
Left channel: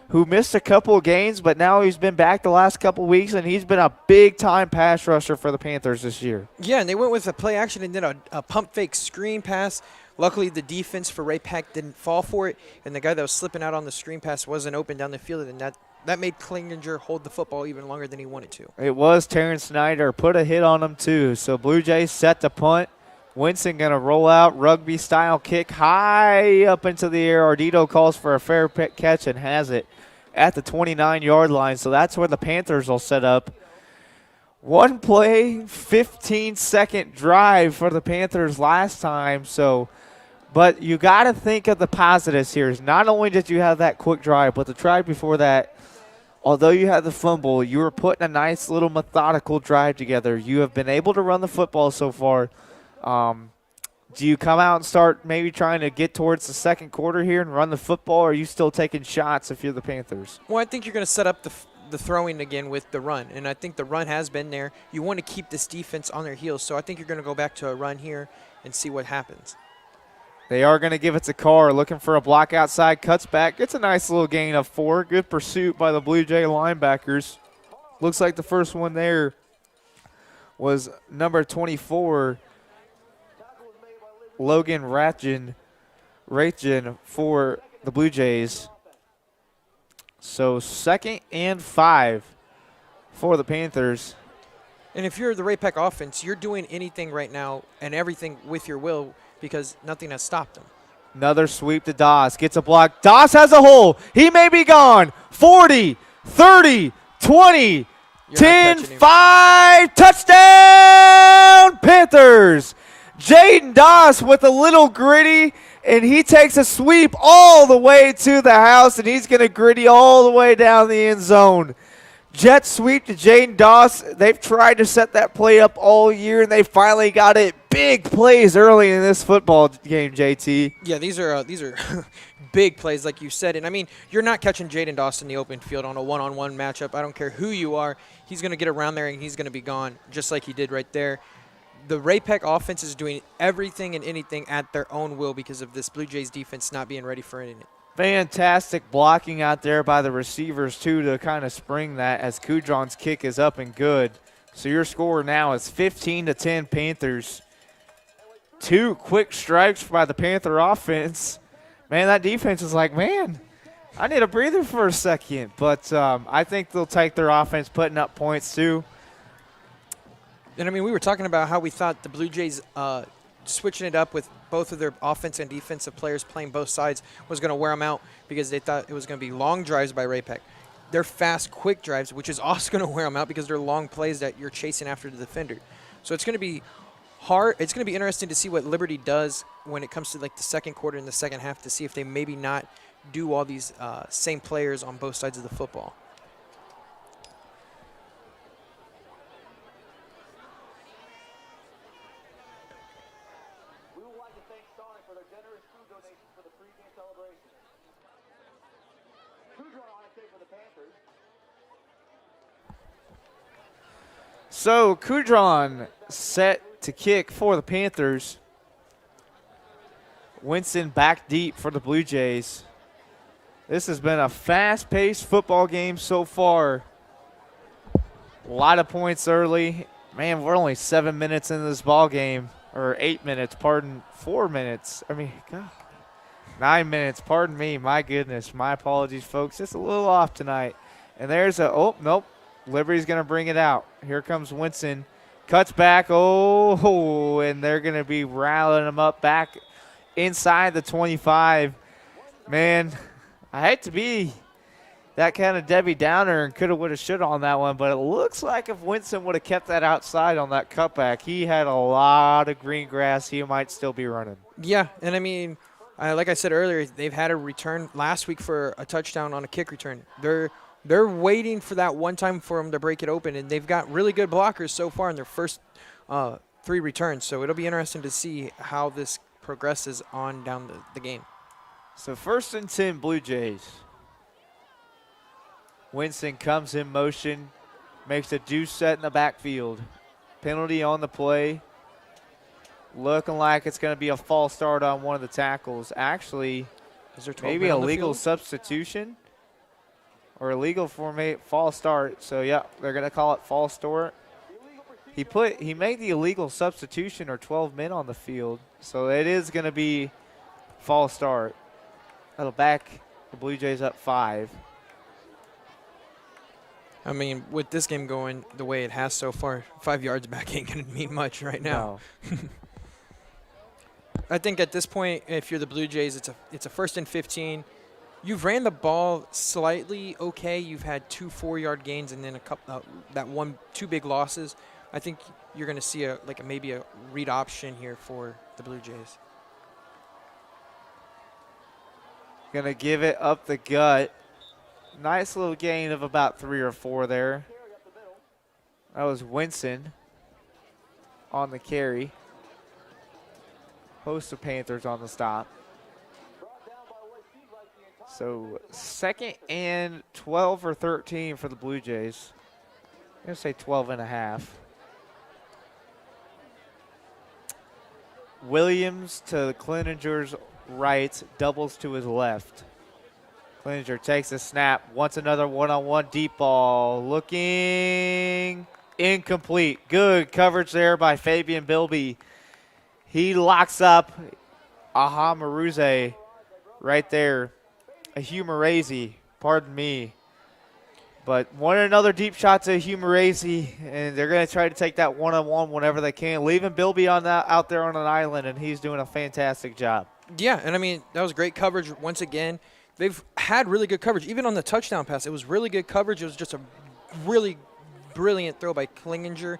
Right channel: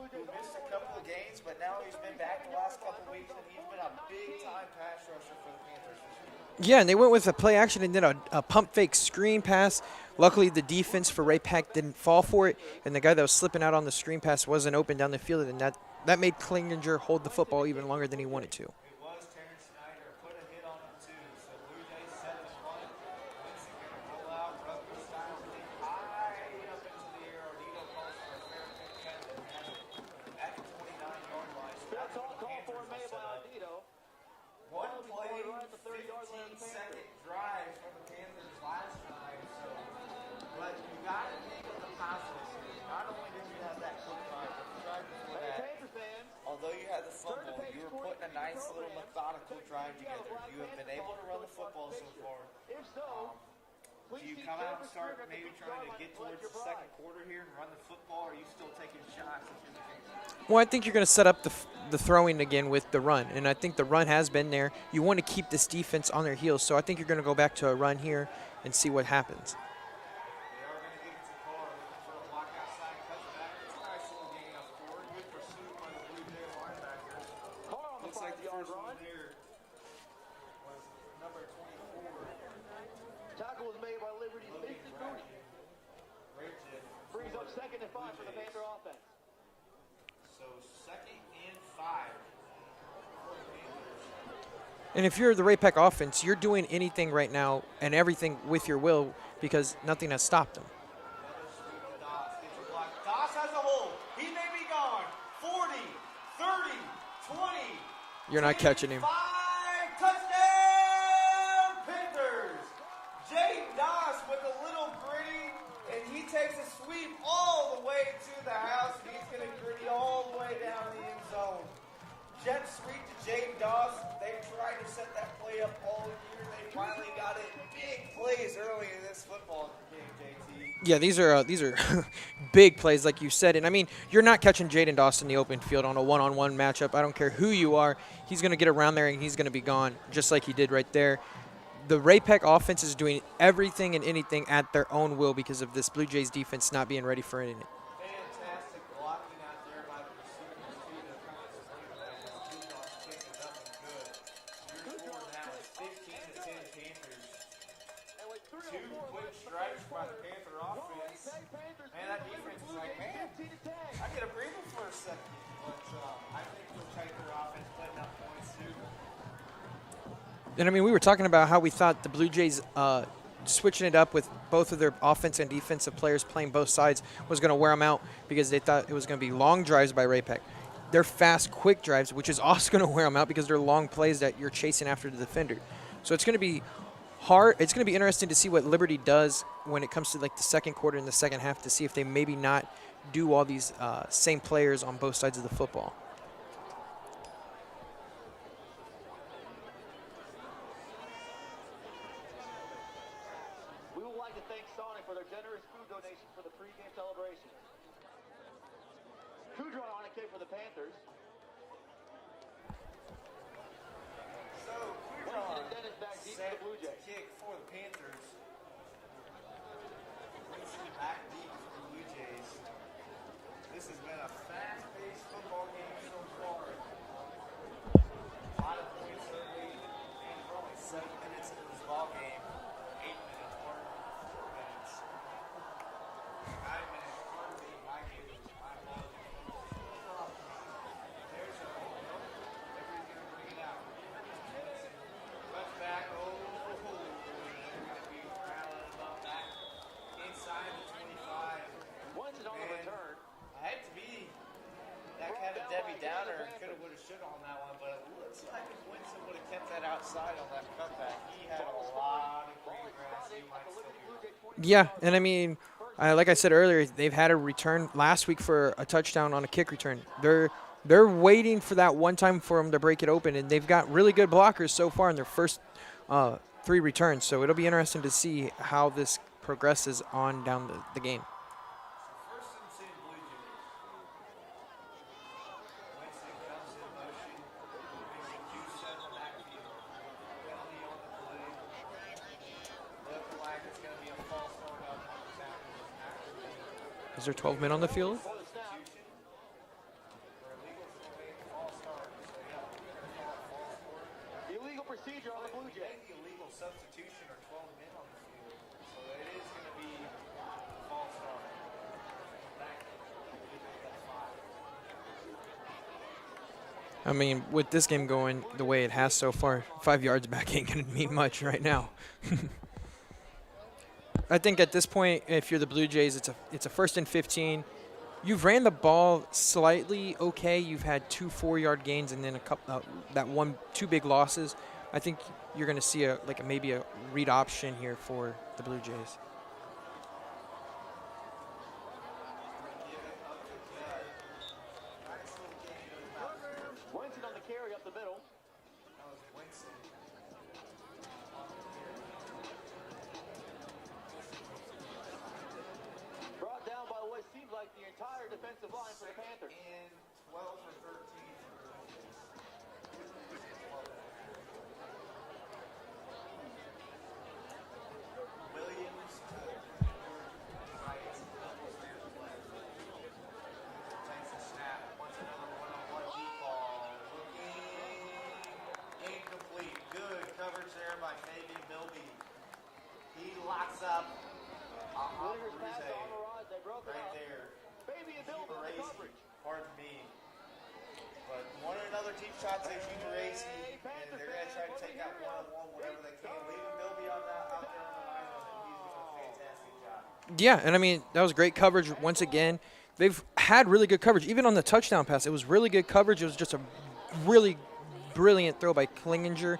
who missed a couple of games, but now he's been back the last couple of weeks, and he's been a big-time pass rusher for the Panthers this year. Yeah, and they went with a play action and did a pump fake screen pass. Luckily, the defense for Ray-Pec didn't fall for it, and the guy that was slipping out on the screen pass wasn't open down the field, and that made Clinninger hold the football even longer than he wanted to. It was Terrence Snyder. Put a hit on him, too. So Blue Jays set the punt. Winston going to roll out, rugby-style kick high up into the air. Ardito calls for a fair catch and has it at the 29-yard line. So that's where the Panthers will set up. One play, 15-second drive for the Panthers last time. But you got to think of the positives here. Not only did you have that quick drive, but the drive before that, although you had the fumble, you were putting a nice little methodical drive together. You have been able to run the football so far. Do you come out and start maybe trying to get towards the second quarter here and run the football, or are you still taking shots if you're the Panthers? Well, I think you're going to set up the throwing again with the run, and I think the run has been there. You want to keep this defense on their heels, so I think you're going to go back to a run here and see what happens. They are going to give it to Carr, looking for a block outside, cuts back. It's a nice little gain of 4. Good pursuit by the Blue Jay linebackers. Looks like the first one there was number 24, Logan Ratjen for the Blue Jays. So 2nd and 5 for the Panthers. And if you're the Ray-Pec offense, you're doing anything right now and everything with your will because nothing has stopped them. Another sweep to Doss. Gets a block. Doss has a hole. He may be gone. 40, 30, 20, 10, 5. Touchdown, Panthers. Jaden Doss with a little gritty, and he takes a sweep all the way to the house, and he's going to gritty all the way down the end zone. Jet sweep to Jaden Doss. They've tried to set that play up all year, and they finally got it. Big plays early in this football game, JT. Yeah, these are big plays, like you said. And, I mean, you're not catching Jaden Doss in the open field on a one-on-one matchup. I don't care who you are. He's going to get around there, and he's going to be gone, just like he did right there. The Ray-Pec offense is doing everything and anything at their own will because of this Blue Jays defense not being ready for anything. Fantastic blocking out there by the receivers, too, to kind of spring that as Kudron's kick is up and good. So your score now is 15-10 Panthers. 2 quick strikes by the Panther offense. Man, that defense is like, man, I need a breather for a second. But I think they'll take their offense putting up points, too. And, I mean, we were talking about how we thought the Blue Jays switching it up with both of their offense and defensive players playing both sides was going to wear them out because they thought it was going to be long drives by Ray-Pec. They're fast, quick drives, which is also going to wear them out because they're long plays that you're chasing after the defender. So it's going to be hard. It's going to be interesting to see what Liberty does when it comes to, like, the second quarter and the second half to see if they maybe not do all these same players on both sides of the football. to thank Sonic for their generous food donation for the pregame celebration. Kudron on a kick for the Panthers. So Kudron set to kick for the Panthers. Winston back deep for the Blue Jays. This has been a fast-paced football game so far. A lot of points early. Man, we're only 7 minutes into this ball game, or 8 minutes, pardon, 4 minutes. I mean, God, 9 minutes, pardon me, my goodness. My apologies, folks. It's a little off tonight. And there's a, oh, nope, Liberty's going to bring it out. Here comes Winston. Cuts back, oh, and they're going to be rallying him up back inside the 25. Man, I hate to be that kind of Debbie Downer and coulda, woulda, shoulda on that one, but it looks like if Winston would have kept that outside on that cutback, he had a lot of green grass. He might still be running. Yeah, and I mean, like I said earlier, they've had a return last week for a touchdown on a kick return. They're waiting for that one time for them to break it open, and they've got really good blockers so far in their first 3 returns. So it'll be interesting to see how this progresses on down the game. So 1st and 10 Blue Jays. Winston comes in motion, makes a deuce set in the backfield. Penalty on the play. Looking like it's going to be a false start on one of the tackles. Actually, is there 12 maybe men a on the legal field? Substitution or illegal false start. So yeah, they're going to call it false start. He made the illegal substitution or 12 men on the field. So it is going to be false start. That'll back the Blue Jays up 5. I mean, with this game going the way it has so far, 5 yards back ain't going to mean much right now. No. I think at this point, if you're the Blue Jays, it's a 1st and 15. You've ran the ball slightly okay. You've had 2 4-yard gains and then a couple two big losses. I think you're going to see maybe a read option here for the Blue Jays. Going to give it up the gut. Nice little gain of about 3 or 4 there. That was Winston on the carry. Host of Panthers on the stop. So 2nd and 12 or 13 for the Blue Jays. I'm going to say 12 and a half. Williams to Cleninger's right, doubles to his left. Cleninger takes a snap, wants another one-on-one deep ball. Looking incomplete. Good coverage there by Fabian Bilby. He locks up Aha Maruze right there. A Humerazy, pardon me. But another deep shot to Humerazy, and they're going to try to take that one-on-one whenever they can, leaving Bilby out there on an island, and he's doing a fantastic job. Yeah, and I mean, that was great coverage once again. They've had really good coverage. Even on the touchdown pass, it was really good coverage. It was just a really brilliant throw by Cleninger.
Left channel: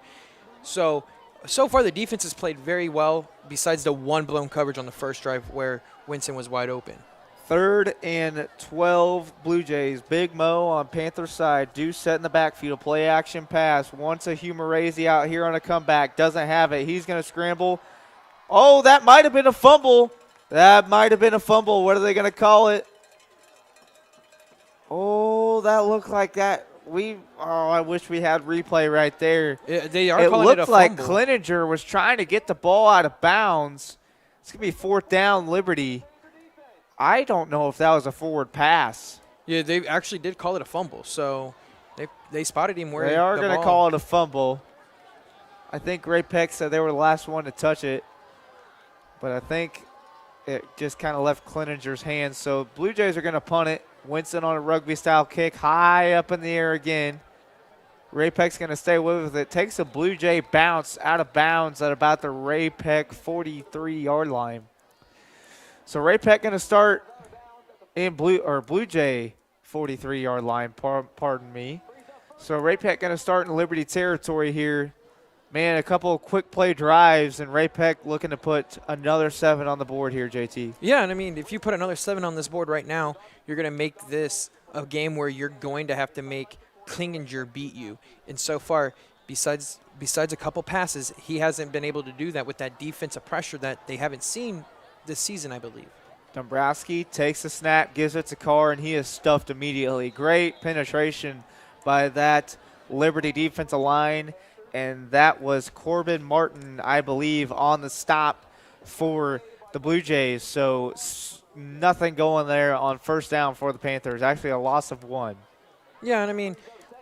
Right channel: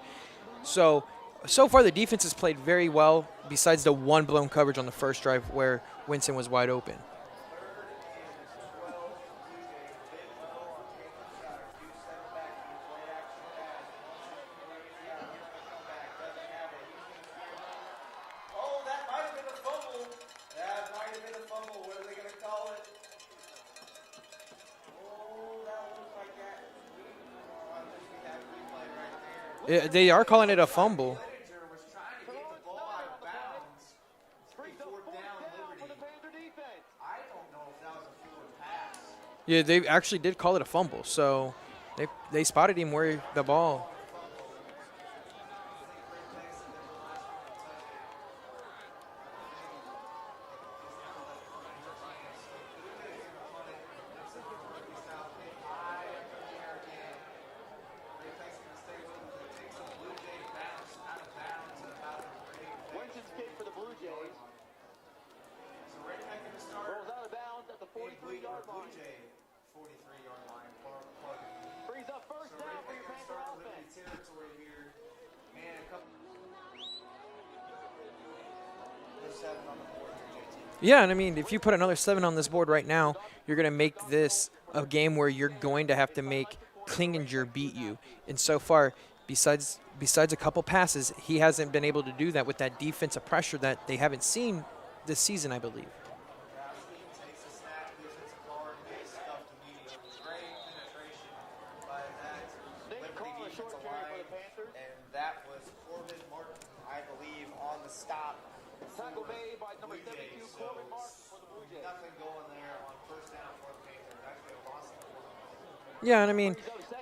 So far the defense has played very well, besides the one blown coverage on the first drive where Winston was wide open. 3rd and 12 Blue Jays. Big Mo on Panther's side. Deuce set in the backfield. Play action pass. Wants a Humerazy out here on a comeback. Doesn't have it. He's going to scramble. Oh, that might have been a fumble. That might have been a fumble. What are they going to call it? Oh, that looked like that. I wish we had replay right there. Yeah, they are calling it a fumble. Like Cleninger was trying to get the ball out of bounds. It's going to be 4th down, Liberty. I don't know if that was a forward pass. Yeah, they actually did call it a fumble. So they spotted him where the ball. They are going to call it a fumble. I think Ray-Pec said they were the last one to touch it. But I think it just kind of left Cleninger's hands. So Blue Jays are going to punt it. Winston on a rugby-style kick, high up in the air again. Ray-Pec's going to stay with it. Takes a Blue Jay bounce out of bounds at about the Ray-Pec 43-yard line. So Ray-Pec going to start in Blue Jay 43-yard line, pardon me. So Ray-Pec going to start in Liberty territory here. Man, a couple of quick play drives, and Ray-Pec looking to put another 7 on the board here, JT. Yeah, and I mean, if you put another 7 on this board right now, you're going to make this a game where you're going to have to make Cleninger beat you. And so far, besides besides a couple passes, he hasn't been able to do that with that defensive pressure that they haven't seen this season, I believe. Dombrowski takes the snap, gives it to Carr, and he is stuffed immediately. Great penetration by that Liberty defensive line, and that was Corbin Martin, I believe, on the stop for the Blue Jays. So nothing going there on first down for the Panthers. Actually, a loss of 1. Yeah, and I mean,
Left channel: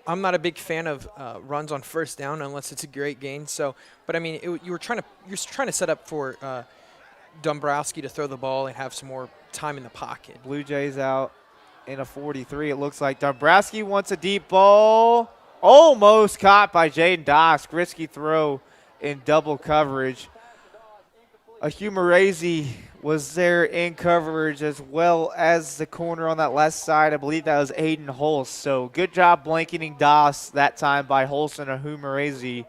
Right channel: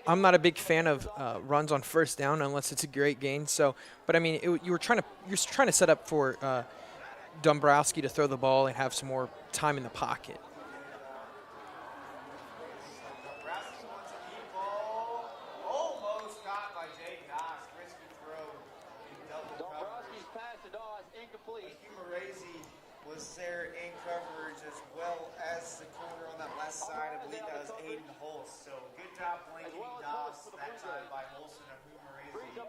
I'm not a big fan of runs on first down unless it's a great gain. So, but I mean, you're trying to set up for Dombrowski to throw the ball and have some more time in the pocket. Blue Jays out in a 43. It looks like Dombrowski wants a deep ball. Almost caught by Jaden Dosk. Risky throw in double coverage. Ahumarazi was there in coverage as well as the corner on that left side. I believe that was Aiden Holst. So good job blanketing Doss that time by Holst and Ahumarazi.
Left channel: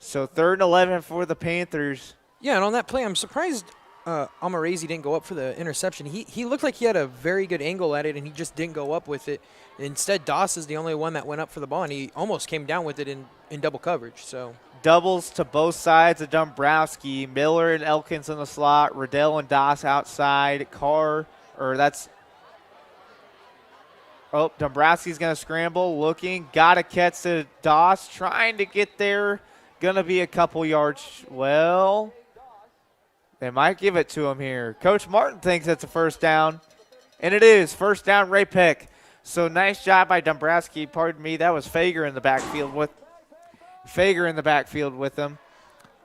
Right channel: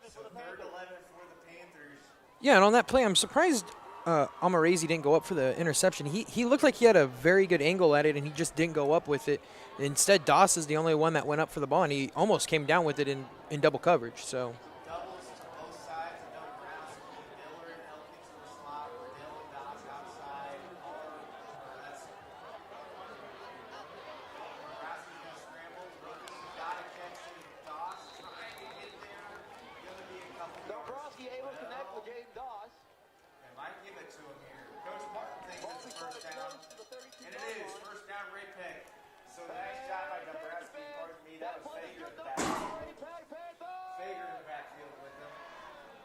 So 3rd and 11 for the Panthers. Yeah, and on that play, I'm surprised Amarazi didn't go up for the interception. He looked like he had a very good angle at it, and he just didn't go up with it. Instead, Doss is the only one that went up for the ball, and he almost came down with it in double coverage. So doubles to both sides of Dombrowski. Miller and Elkins in the slot. Riddell and Doss outside. Dombrowski's going to scramble. Looking. Got to catch to Doss. Trying to get there. Going to be a couple yards. Well, they might give it to him here. Coach Martin thinks it's a first down. And it is. First down, Ray-Pec. So nice job by Dombrowski. Pardon me. That was Fager in the backfield with him.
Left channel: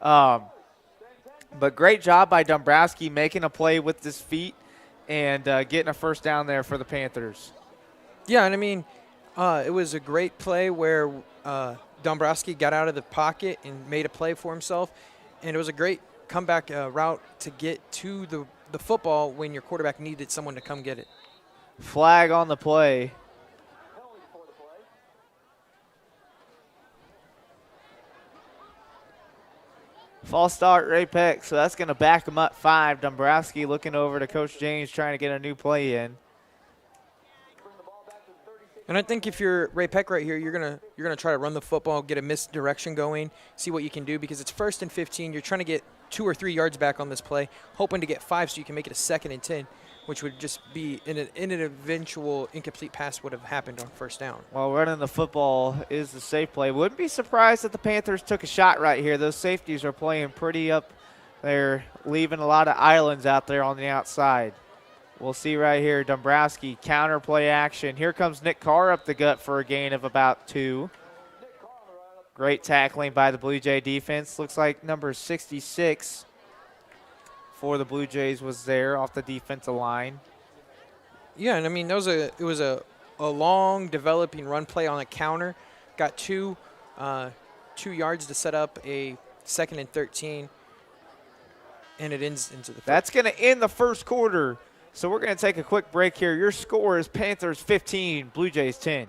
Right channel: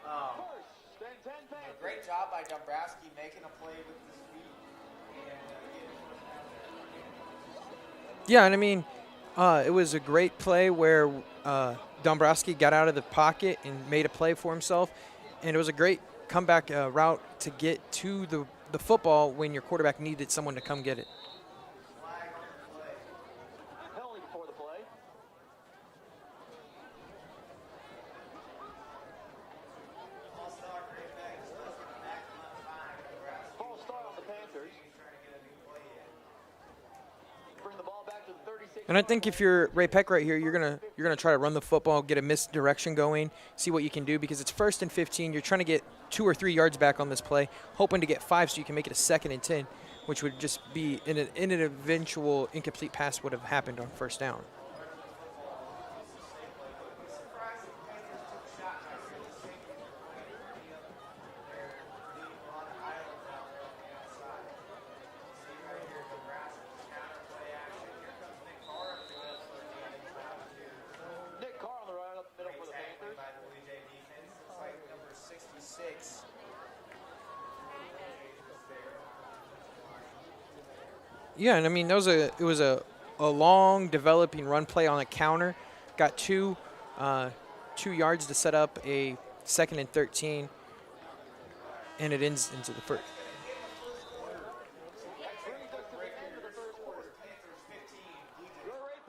But great job by Dombrowski making a play with his feet and getting a first down there for the Panthers. Yeah, and I mean, it was a great play where Dombrowski got out of the pocket and made a play for himself. And it was a great comeback route to get to the football when your quarterback needed someone to come get it. Flag on the play. False start, Ray-Pec, so that's going to back him up 5. Dombrowski looking over to Coach James trying to get a new play in. And I think if you're Ray-Pec right here, you're gonna try to run the football, get a misdirection going, see what you can do, because it's 1st and 15. You're trying to get 2 or 3 yards back on this play, hoping to get 5 so you can make it a 2nd and 10, which would just be in an eventual incomplete pass would have happened on first down. Well, running the football is the safe play. Wouldn't be surprised if the Panthers took a shot right here. Those safeties are playing pretty up there, leaving a lot of islands out there on the outside. We'll see right here, Dombrowski, counter play action. Here comes Nick Carr up the gut for a gain of about 2. Great tackling by the Blue Jay defense. Looks like number 66 for the Blue Jays was there off the defensive line. Yeah, and I mean, it was a long developing run play on a counter. Got 2 yards to set up a 2nd and 13, and it ends into the first. That's going to end the first quarter. So we're going to take a quick break here. Your score is Panthers 15, Blue Jays 10.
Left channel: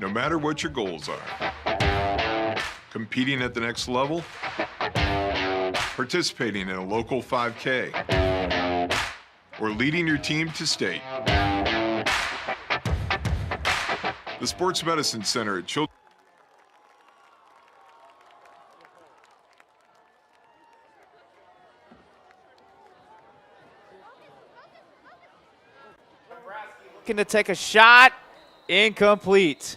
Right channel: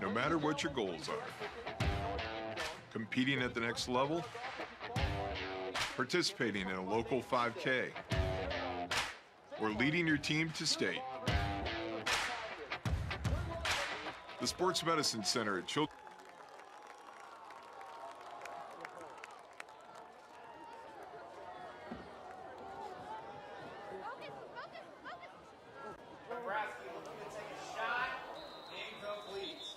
No matter what your goals are, competing at the next level, participating in a local 5K, or leading your team to state, the Sports Medicine Center at Children's looking to take a shot. Incomplete.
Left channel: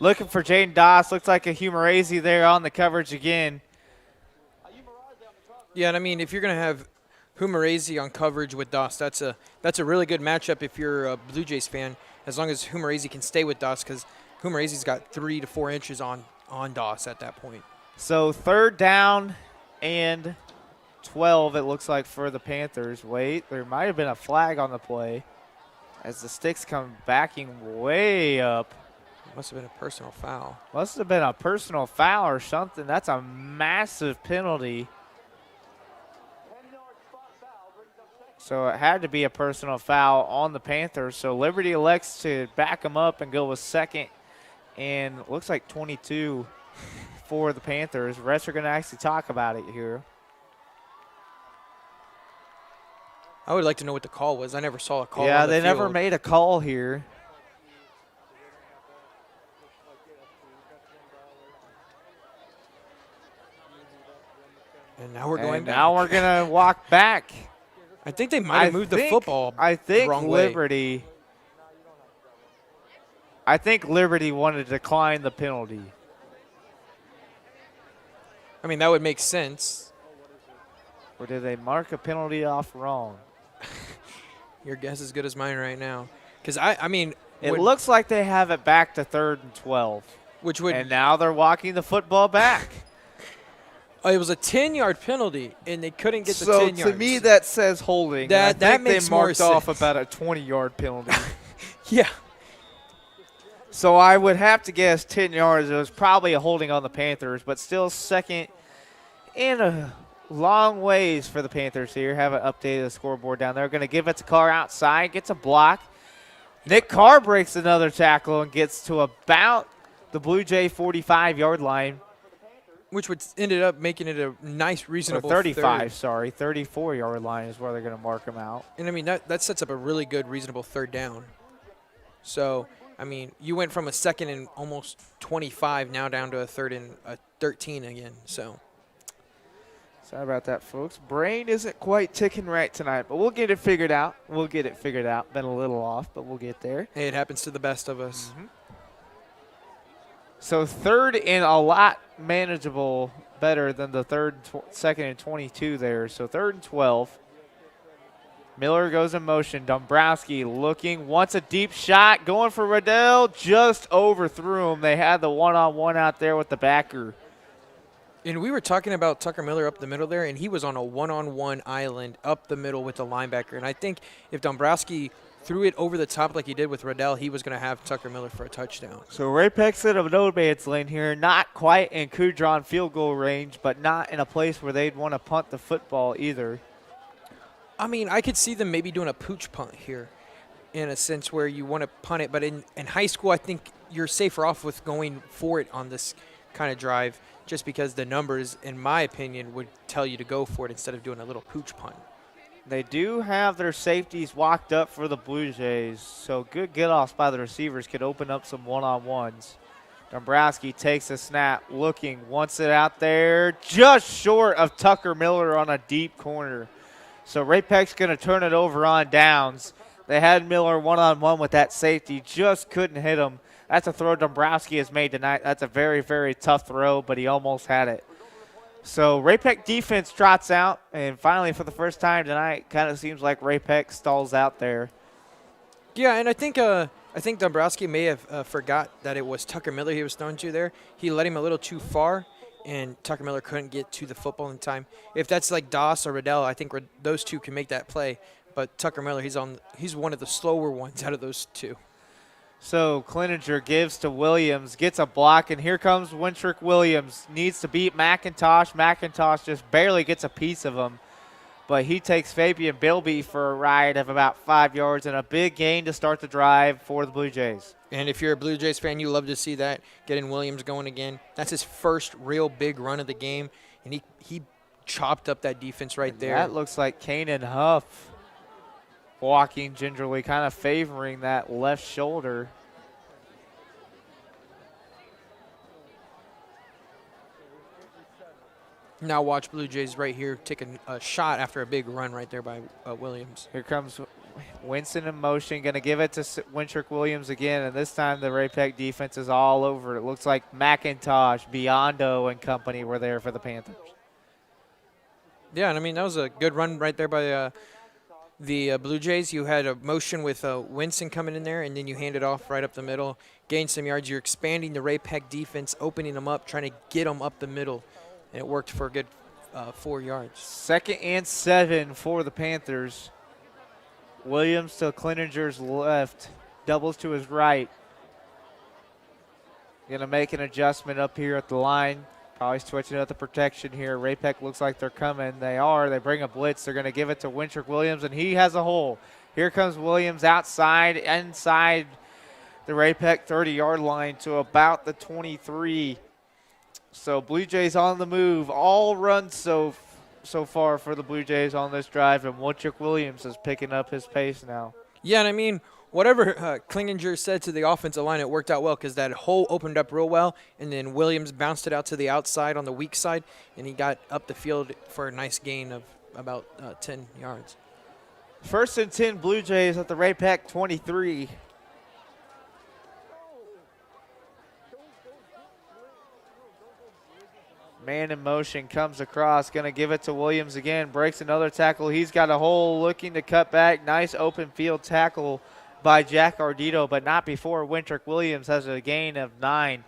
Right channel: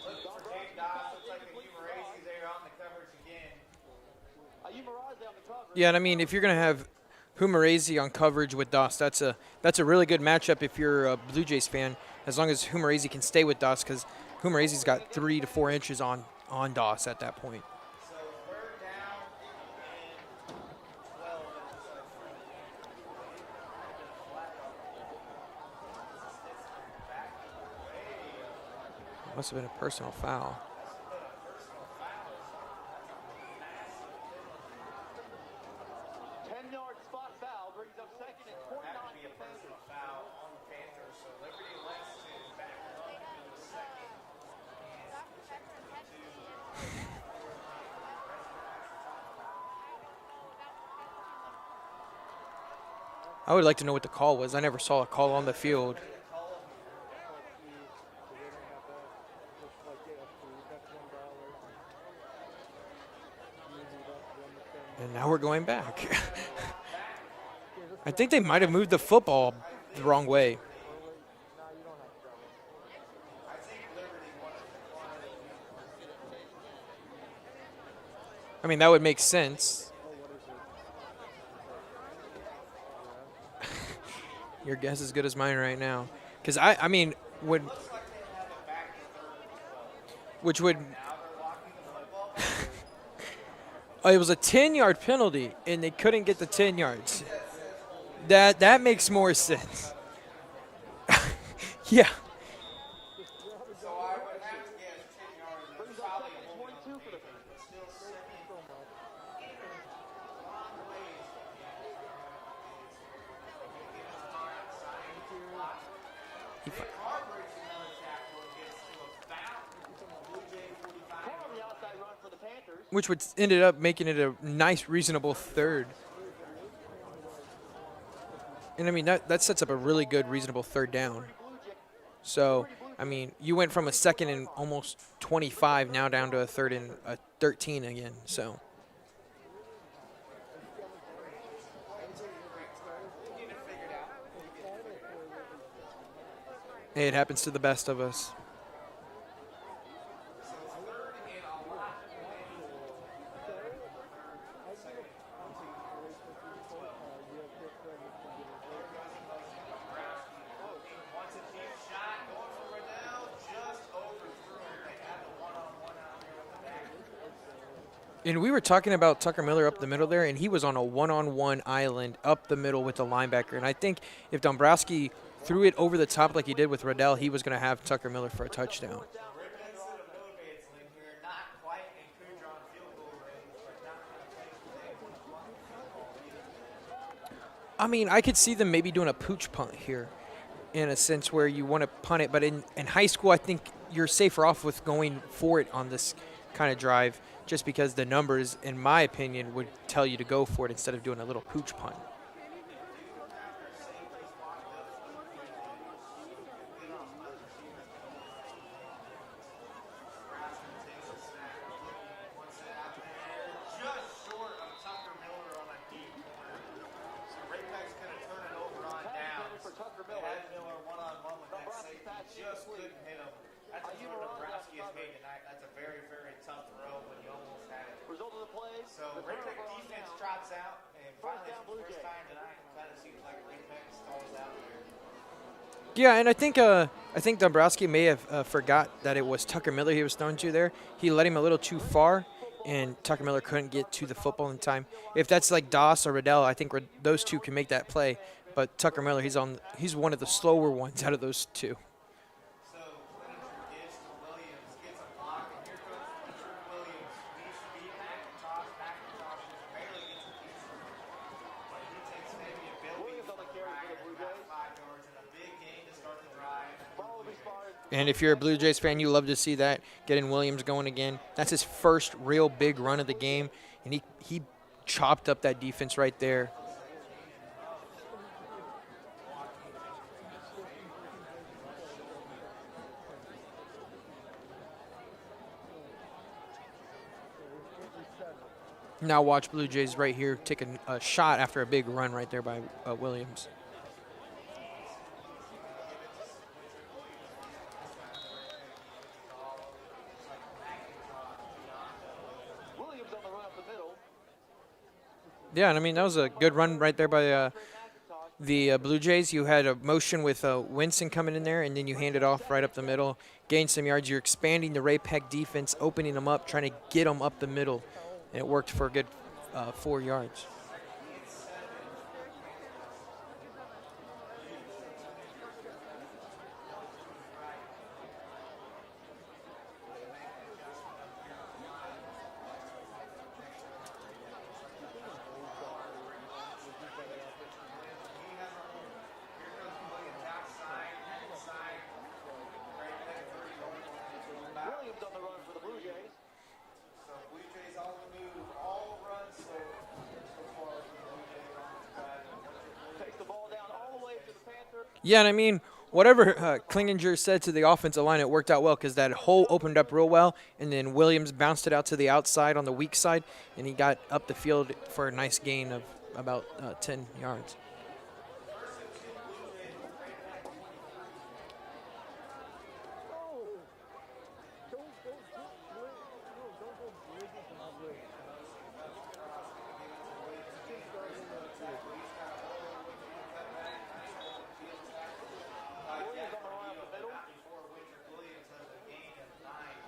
Looking for Jaden Doss. Looks like a Humerazy there on the coverage again. Yeah, and I mean, if you're going to have Humerazy on coverage with Doss, that's a really good matchup if you're a Blue Jays fan, as long as Humerazy can stay with Doss, because Humerazy's got 3 to 4 inches on Doss at that point. So 3rd down and 12, it looks like, for the Panthers. Wait, there might have been a flag on the play as the sticks come backing way up. Must have been a personal foul. Must have been a personal foul or something. That's a massive penalty. So it had to be a personal foul on the Panthers. So Liberty elects to back them up and go with 2nd. And looks like 22 for the Panthers. Refs are going to actually talk about it here. I would like to know what the call was. I never saw a call on the field. Yeah, they never made a call here. And now we're going back. Now we're going to walk back. I think they might have moved the football the wrong way. I think Liberty wanted to decline the penalty. I mean, that would make sense. Or did they mark a penalty off wrong? Your guess is as good as mine right now. Because, I mean. It looks like they have it back to 3rd and 12. And now they're walking the football back. It was a 10-yard penalty, and they couldn't get the 10 yards. To me, that says holding. That makes more sense. Off about a 20-yard penalty. Yeah. So I would have to guess 10 yards. It was probably a holding on the Panthers, but still 2nd and a long ways for the Panthers here. Haven't updated the scoreboard down there. Going to give it to Carr outside, gets a block. Nick Carr breaks another tackle and gets to about the Blue Jay 45-yard line. Which would ended up making it a nice, reasonable 35, sorry. 34-yard line is where they're going to mark them out. And, I mean, that sets up a really good, reasonable 3rd down. So, I mean, you went from a 2nd and almost 25 now down to a 3rd and a 13 again. So, sorry about that, folks. Brain isn't quite ticking right tonight, but we'll get it figured out. Been a little off, but we'll get there. Hey, it happens to the best of us. Mm-hmm. So 3rd and a lot manageable, better than the 2nd and 22 there. So 3rd and 12. Miller goes in motion. Dombrowski looking, wants a deep shot, going for Riddell, just overthrew him. They had the one-on-one out there with the backer. And we were talking about Tucker Miller up the middle there, and he was on a one-on-one island up the middle with the linebacker. And I think if Dombrowski threw it over the top like he did with Riddell, he was going to have Tucker Miller for a touchdown. So Ray-Pec's in a no-man's lane here, not quite in Kudron field goal range, but not in a place where they'd want to punt the football either. I mean, I could see them maybe doing a pooch punt here in a sense where you want to punt it. But in high school, I think you're safer off with going for it on this kind of drive just because the numbers, in my opinion, would tell you to go for it instead of doing a little pooch punt. They do have their safeties walked up for the Blue Jays, so good get-offs by the receivers could open up some one-on-ones. Dombrowski takes a snap, looking, wants it out there, just short of Tucker Miller on a deep corner. So Ray-Pec's going to turn it over on downs. They had Miller one-on-one with that safety, just couldn't hit him. That's a throw Dombrowski has made tonight. That's a very, very tough throw, but he almost had it. So Ray-Pec defense trots out, and finally for the first time tonight, kind of seems like Ray-Pec stalls out there. Yeah, and I think Dombrowski may have forgot that it was Tucker Miller he was throwing to there. He let him a little too far, and Tucker Miller couldn't get to the football in time. If that's like Doss or Riddell, I think those two can make that play. But Tucker Miller, he's one of the slower ones out of those two. So Cleninger gives to Williams, gets a block, and here comes Wintrick Williams. Needs to beat McIntosh. McIntosh just barely gets a piece of him. But he takes Fabian Bilby for a ride of about 5 yards and a big gain to start the drive for the Blue Jays. And if you're a Blue Jays fan, you love to see that, getting Williams going again. That's his first real big run of the game, and he chopped up that defense right there. That looks like Kanan Huff walking gingerly, kind of favoring that left shoulder. Now watch Blue Jays right here take a shot after a big run right there by Williams. Here comes Winston in motion, going to give it to Wintrick Williams again, and this time the Ray-Pec defense is all over. It looks like McIntosh, Biondo, and company were there for the Panthers. Yeah, and I mean, that was a good run right there by the Blue Jays. You had a motion with Winston coming in there, and then you hand it off right up the middle, gain some yards. You're expanding the Ray-Pec defense, opening them up, trying to get them up the middle, and it worked for a good 4 yards. 2nd and 7 for the Panthers. Williams to Klinninger's left, doubles to his right. Going to make an adjustment up here at the line. Probably switching up the protection here. Ray-Pec looks like they're coming. They are. They bring a blitz. They're going to give it to Wintrick Williams, and he has a hole. Here comes Williams outside, inside the Ray-Pec 30-yard line to about the 23. So Blue Jays on the move. All runs so far for the Blue Jays on this drive, and Wintrick Williams is picking up his pace now. Yeah, and I mean, whatever Klinginger said to the offensive line, it worked out well because that hole opened up real well, and then Williams bounced it out to the outside on the weak side, and he got up the field for a nice gain of about 10 yards. 1st and 10 Blue Jays at the Ray-Pec 23. Man in motion, comes across, going to give it to Williams again, breaks another tackle. He's got a hole, looking to cut back. Nice open field tackle by Jack Ardito, but not before Wintrick Williams has a gain of 9.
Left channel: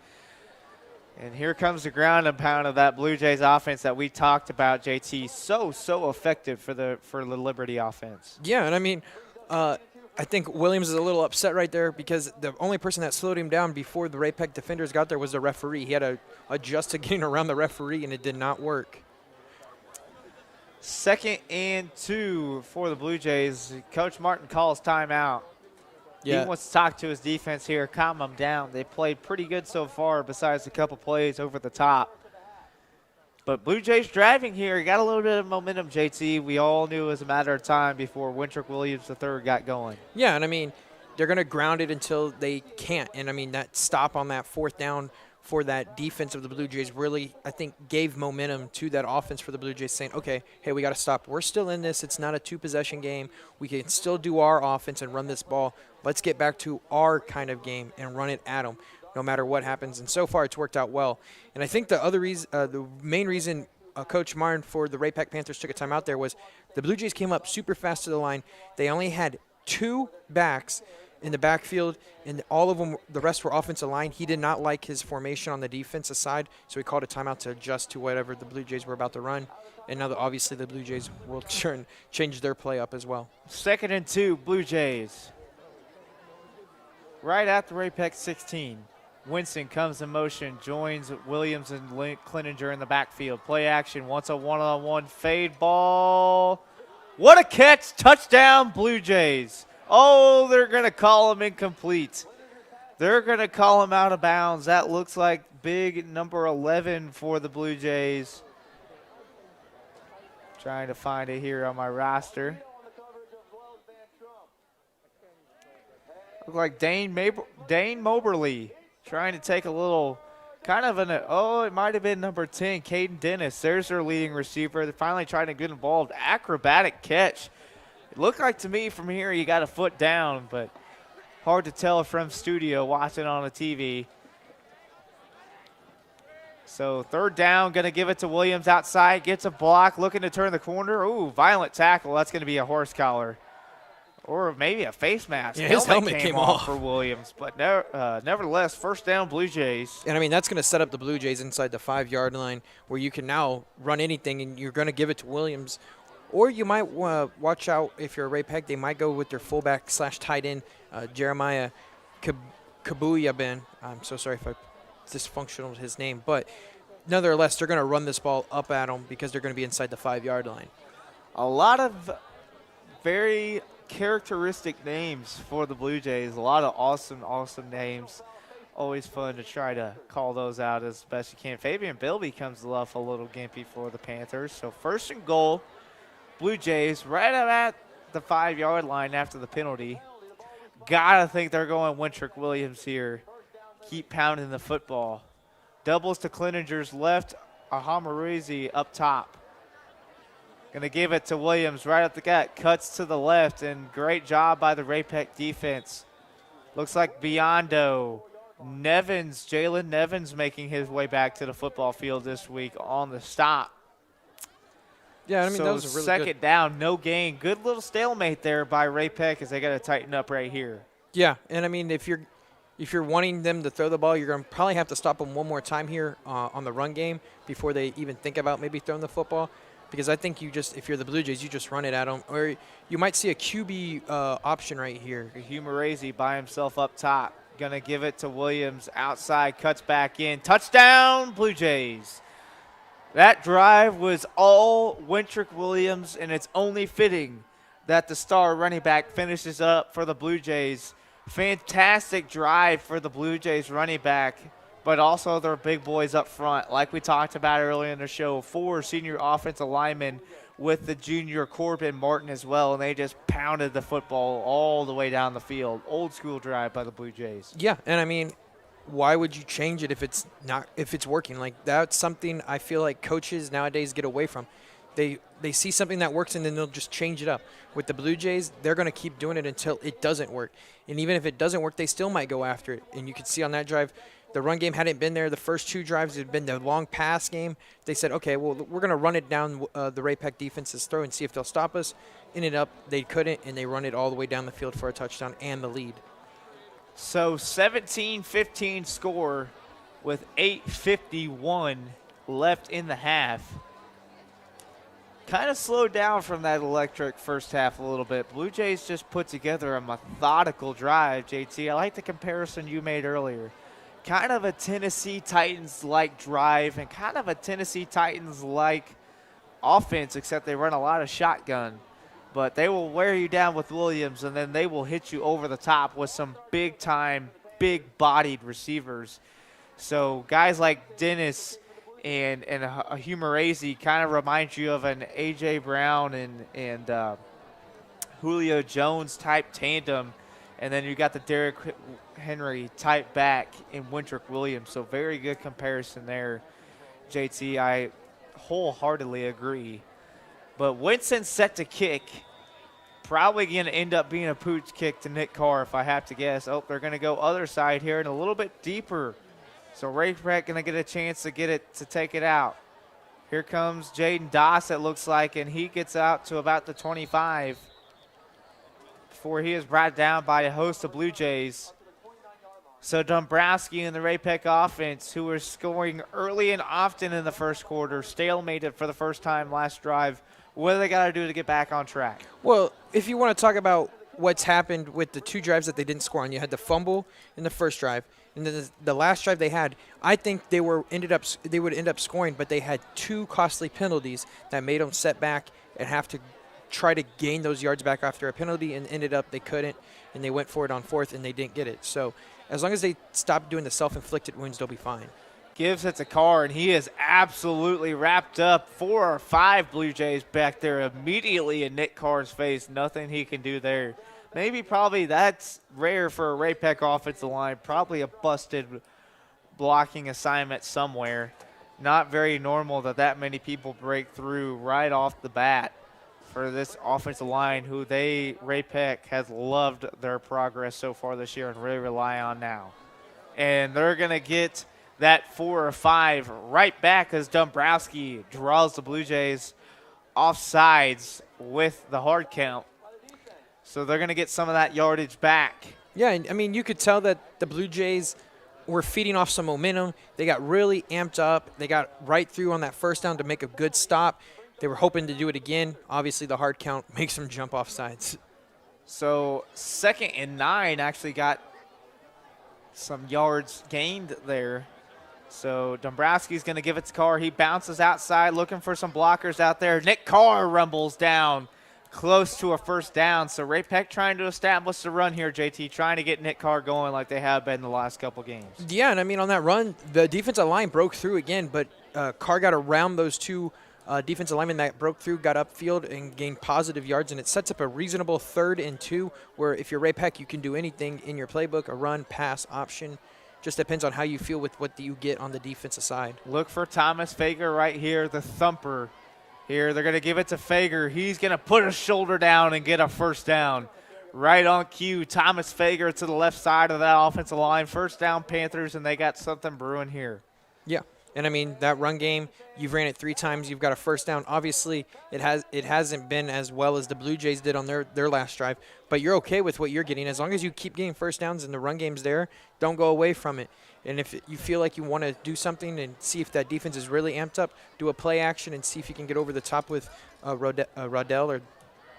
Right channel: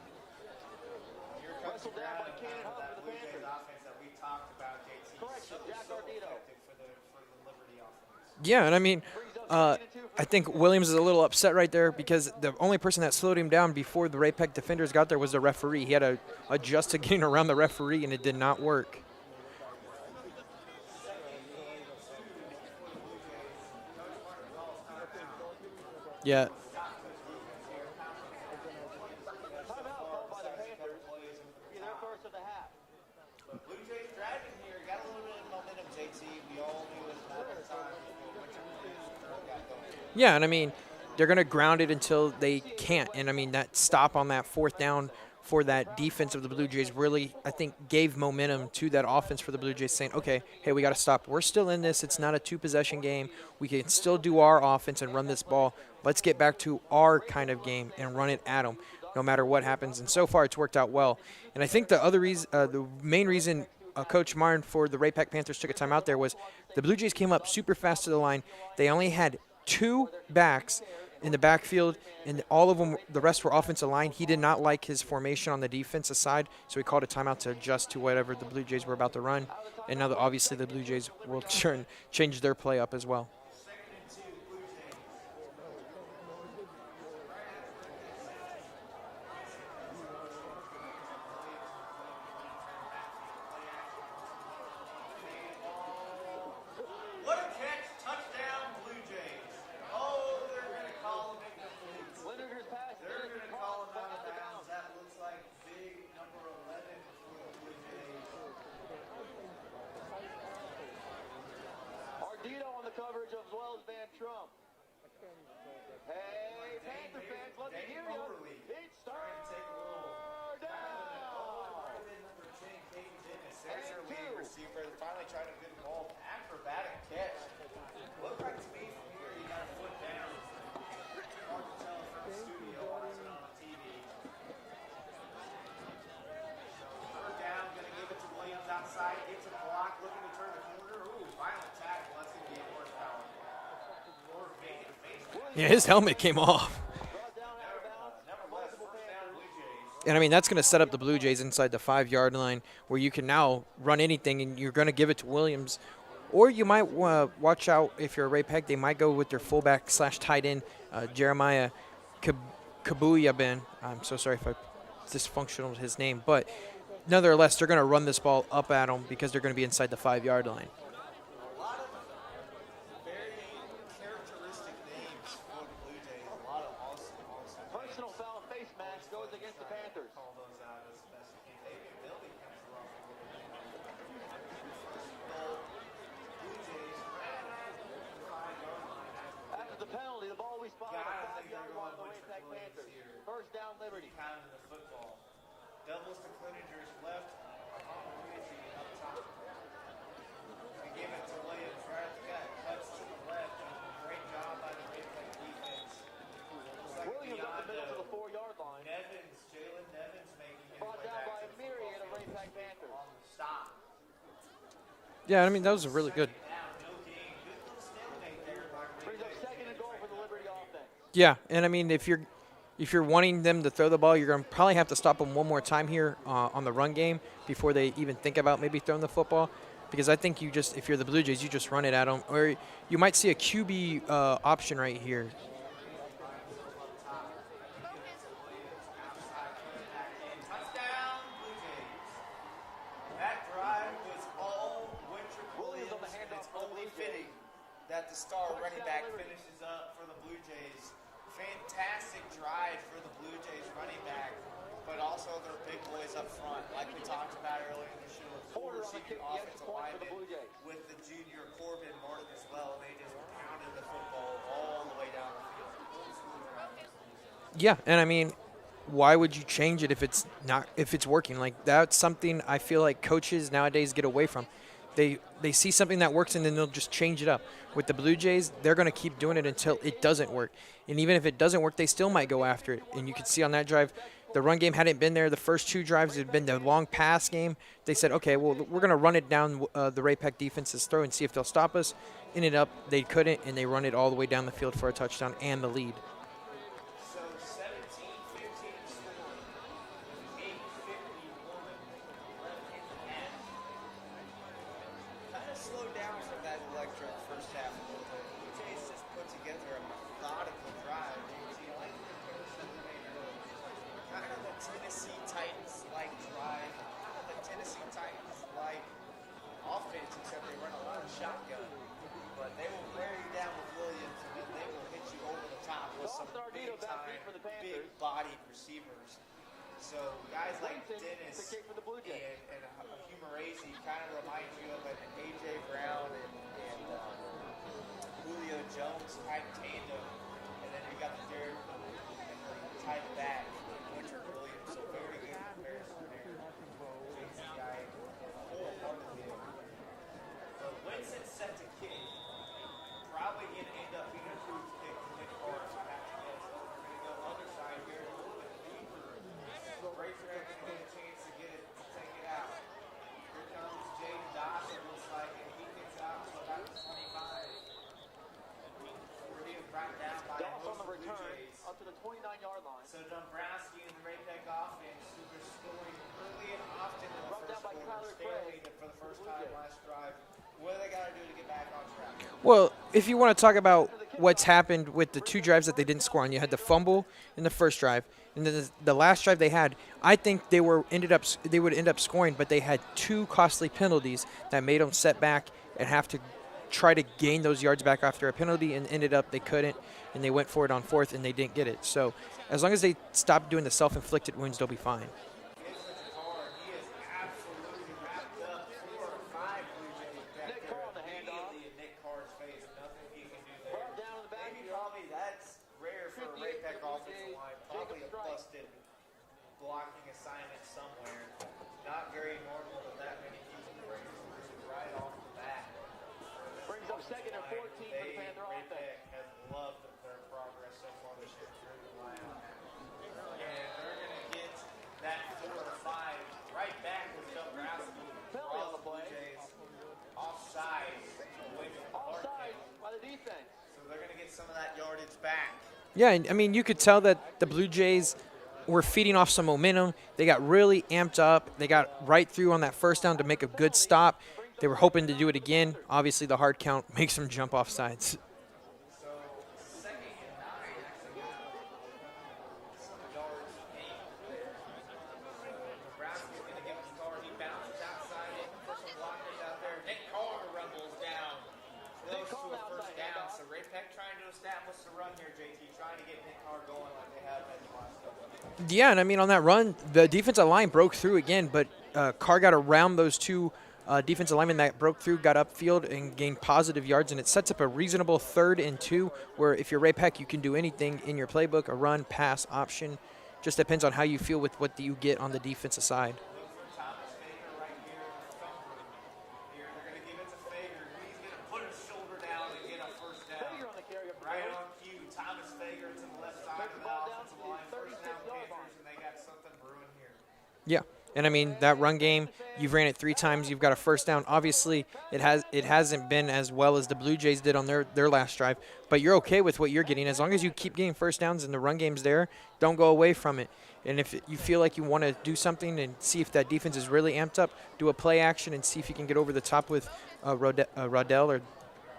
And here comes the ground and pound of that Blue Jays offense that we talked about, JT. So effective for the Liberty offense. Yeah, and I mean, I think Williams is a little upset right there because the only person that slowed him down before the Ray-Pec defenders got there was the referee. He had to adjust to getting around the referee, and it did not work. 2nd and 2 for the Blue Jays. Coach Martin calls timeout. Yeah. He wants to talk to his defense here, calm them down. They played pretty good so far besides a couple plays over the top. But Blue Jays driving here. Got a little bit of momentum, JT. We all knew it was a matter of time before Wintrick Williams III got going. Yeah, and I mean, they're going to ground it until they can't. And, I mean, that stop on that 4th down for that defense of the Blue Jays really, I think, gave momentum to that offense for the Blue Jays, saying, okay, hey, we got to stop. We're still in this. It's not a 2-possession game. We can still do our offense and run this ball. Let's get back to our kind of game and run it at them no matter what happens. And so far, it's worked out well. And I think the other reason, the main reason Coach Martin for the Ray-Pec Panthers took a timeout there was the Blue Jays came up super fast to the line. They only had 2 backs in the backfield, and all of them, the rest were offensive line. He did not like his formation on the defensive side, so he called a timeout to adjust to whatever the Blue Jays were about to run. And now, obviously, the Blue Jays will change their play up as well. 2nd and 2, Blue Jays. Right at the Ray-Pec 16. Winston comes in motion, joins Williams and Klinninger in the backfield. Play action, wants a one-on-one fade ball. What a catch, touchdown Blue Jays. Oh, they're going to call him incomplete. They're going to call him out of bounds. That looks like big number 11 for the Blue Jays. Trying to find it here on my roster. Look like Dane Moberly trying to take a little kind of it might have been number 10, Caden Dennis. There's their leading receiver. They're finally trying to get involved. Acrobatic catch. Looked like to me from here you got a foot down, but hard to tell from studio watching on the TV. So 3rd down, going to give it to Williams outside. Gets a block, looking to turn the corner. Ooh, violent tackle. That's going to be a horse collar. Or maybe a face mask. Yeah, his helmet came off for Williams. But nevertheless, 1st down Blue Jays. And, I mean, that's going to set up the Blue Jays inside the 5-yard line where you can now run anything, and you're going to give it to Williams. Or you might watch out if you're a Ray-Pec. They might go with their fullback / tight end, Jeremiah Kabuyabin. I'm so sorry if I dysfunctional his name. But nonetheless, they're going to run this ball up at him because they're going to be inside the 5-yard line. A lot of very characteristic names for the Blue Jays. A lot of awesome names. Always fun to try to call those out as best you can. Fabian Bilby comes off a little gimpy for the Panthers. So 1st and goal, Blue Jays right at the 5-yard line after the penalty. Gotta think they're going Wintrick Williams here. Keep pounding the football. Doubles to Klinninger's left, Ahamarizi up top. Going to give it to Williams right up the gut. Cuts to the left, and great job by the Ray-Pec defense. Looks like Biondo. Nevins, Jalen Nevins making his way back to the football field this week on the stop. Yeah, I mean, so that was a really good. Second down, no gain. Good little stalemate there by Ray-Pec as they got to tighten up right here. Yeah, and I mean, if you're wanting them to throw the ball, you're going to probably have to stop them one more time here on the run game before they even think about maybe throwing the football. Because I think if you're the Blue Jays, you just run it at them. Or you might see a QB option right here. Humerazy by himself up top. Going to give it to Williams outside, cuts back in. Touchdown, Blue Jays. That drive was all Wintrick Williams, and it's only fitting that the star running back finishes up for the Blue Jays. Fantastic drive for the Blue Jays running back, but also their big boys up front. Like we talked about earlier in the show, 4 senior offensive linemen with the junior Corbin Martin as well, and they just pounded the football all the way down the field. Old school drive by the Blue Jays. Yeah, and I mean, why would you change it if it's working? Like, that's something I feel like coaches nowadays get away from. They see something that works and then they'll just change it up. With the Blue Jays, they're going to keep doing it until it doesn't work. And even if it doesn't work, they still might go after it. And you can see on that drive, the run game hadn't been there. The first 2 drives had been the long pass game. They said, okay, well, we're going to run it down the Ray-Pec defense's throw and see if they'll stop us. Ended up, they couldn't, and they run it all the way down the field for a touchdown and the lead. So 17-15 score with 8:51 left in the half. Kind of slowed down from that electric first half a little bit. Blue Jays just put together a methodical drive, JT. I like the comparison you made earlier. Kind of a Tennessee Titans-like drive and kind of a Tennessee Titans-like offense, except they run a lot of shotgun. But they will wear you down with Williams, and then they will hit you over the top with some big-time, big-bodied receivers. So guys like Dennis and a Humerazy kind of remind you of an A.J. Brown and Julio Jones type tandem. And then you got the Derrick Henry type back in Wintrick Williams. So very good comparison there, JT. I wholeheartedly agree. But Winston set to kick. Probably going to end up being a pooch kick to Nick Carr, if I have to guess. Oh, they're going to go other side here and a little bit deeper. So Ray-Pec going to get a chance to take it out. Here comes Jaden Doss, it looks like, and he gets out to about the 25 before he is brought down by a host of Blue Jays. So Dombrowski and the Ray-Pec offense, who were scoring early and often in the first quarter, stalemated for the first time last drive. What do they got to do to get back on track? Well, if you want to talk about what's happened with the 2 drives that they didn't score on, you had the fumble in the first drive, and then the last drive they had, I think they would end up scoring, but they had 2 costly penalties that made them set back and have to try to gain those yards back after a penalty, and ended up they couldn't, and they went for it on 4th, and they didn't get it. So as long as they stop doing the self-inflicted wounds, they'll be fine. Gives it to Carr, and he is absolutely wrapped up. 4 or 5 Blue Jays back there immediately in Nick Carr's face. Nothing he can do there. Probably that's rare for a Ray-Pec offensive line. Probably a busted blocking assignment somewhere. Not very normal that many people break through right off the bat for this offensive line, who Ray-Pec has loved their progress so far this year and really rely on now. And they're going to get that 4 or 5 right back as Dombrowski draws the Blue Jays off sides with the hard count. So they're going to get some of that yardage back. Yeah, and I mean, you could tell that the Blue Jays were feeding off some momentum. They got really amped up. They got right through on that first down to make a good stop. They were hoping to do it again. Obviously, the hard count makes them jump off sides. So 2nd and 9 actually got some yards gained there. So Dombrowski's going to give it to Carr. He bounces outside looking for some blockers out there. Nick Carr rumbles down close to a first down. So Ray-Pec trying to establish the run here, JT, trying to get Nick Carr going like they have been the last couple games. Yeah, and I mean, on that run, the defensive line broke through again, but Carr got around those 2 defensive linemen that broke through, got upfield, and gained positive yards, and it sets up a reasonable 3rd and 2, where if you're Ray-Pec, you can do anything in your playbook, a run, pass, option. Just depends on how you feel with what you get on the defensive side. Look for Thomas Fager right here, the thumper. Here, they're going to give it to Fager. He's going to put his shoulder down and get a first down. Right on cue, Thomas Fager to the left side of that offensive line. First down, Panthers, and they got something brewing here. Yeah, and I mean, that run game, you've ran it 3 times, you've got a first down. Obviously, it hasn't been as well as the Blue Jays did on their last drive, but you're okay with what you're getting. As long as you keep getting first downs and the run game's there, don't go away from it. And if you feel like you want to do something and see if that defense is really amped up, do a play action and see if you can get over the top with Rodell or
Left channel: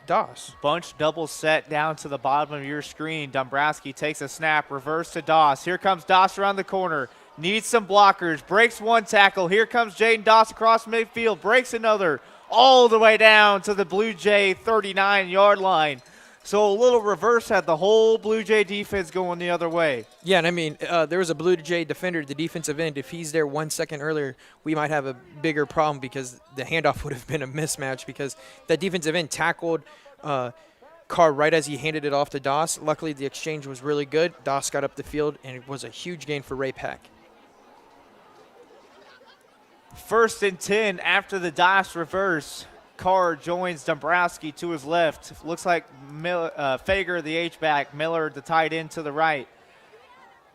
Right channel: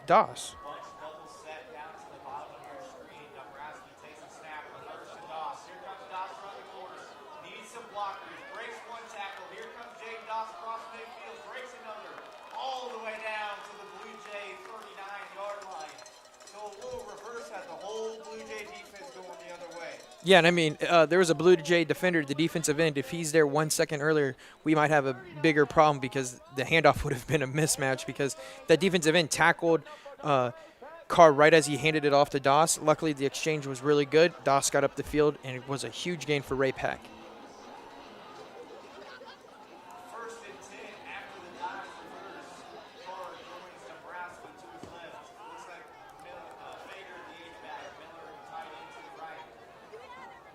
Doss. Bunch double set down to the bottom of your screen. Dombrowski takes a snap, reverse to Doss. Here comes Doss around the corner. Needs some blockers. Breaks one tackle. Here comes Jaden Doss across midfield. Breaks another. All the way down to the Blue Jay 39-yard line. So a little reverse had the whole Blue Jay defense going the other way. Yeah, and I mean, there was a Blue Jay defender at the defensive end. If he's there 1 second earlier, we might have a bigger problem because the handoff would have been a mismatch because that defensive end tackled Carr right as he handed it off to Doss. Luckily, the exchange was really good. Doss got up the field, and it was a huge gain for Ray-Pec. 1st and 10 after the Doss reverse. Carr joins Dombrowski to his left. Looks like Fager, the H-back, Miller, the tight end, to the right.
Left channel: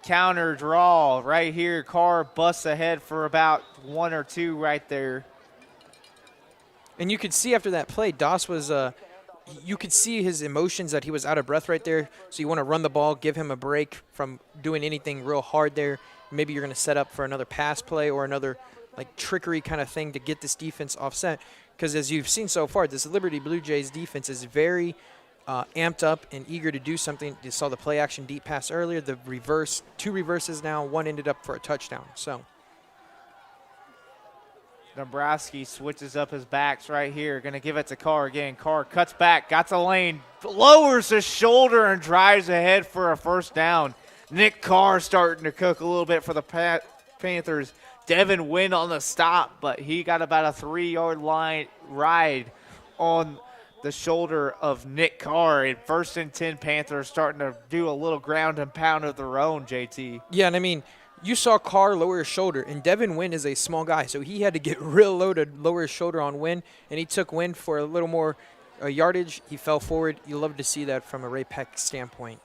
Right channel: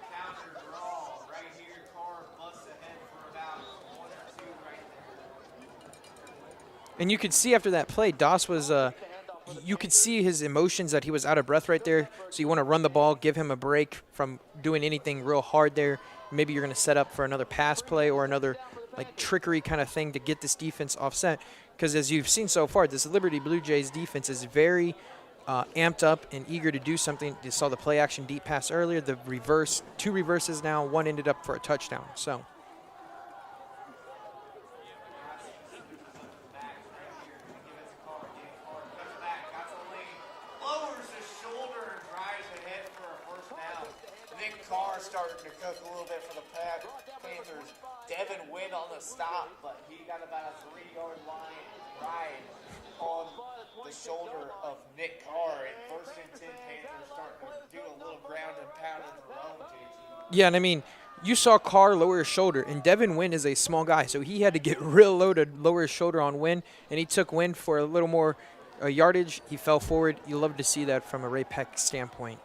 Counter draw right here. Carr busts ahead for about 1 or 2 right there. And you could see after that play, Doss was you could see his emotions that he was out of breath right there. So you want to run the ball, give him a break from doing anything real hard there. Maybe you're going to set up for another pass play or another like trickery kind of thing to get this defense offset. Because as you've seen so far, this Liberty Blue Jays defense is very amped up and eager to do something. You saw the play action deep pass earlier, the reverse, 2 reverses now, 1 ended up for a touchdown. So Dombrowski switches up his backs right here. Going to give it to Carr again. Carr cuts back, got the lane, lowers his shoulder and drives ahead for a first down. Nick Carr starting to cook a little bit for the Panthers. Devin Wynn on the stop, but he got about a 3-yard line ride on the shoulder of Nick Carr. And 1st and 10 Panthers starting to do a little ground and pound of their own, JT. yeah, and I mean, you saw Carr lower his shoulder, and Devin Wynn is a small guy, so he had to get real low to lower his shoulder on Wynn, and he took Wynn for a little more yardage. He fell forward. You love to see that from a Ray-Pec standpoint.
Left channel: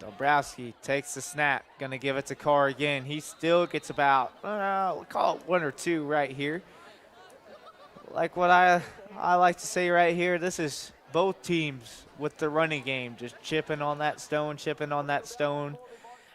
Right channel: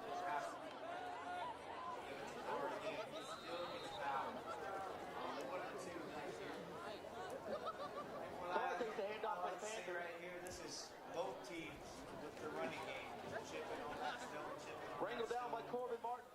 Dombrowski takes the snap, going to give it to Carr again. He still gets about, we'll call it 1 or 2 right here. Like what I like to say right here, this is both teams with the running game, just chipping on that stone,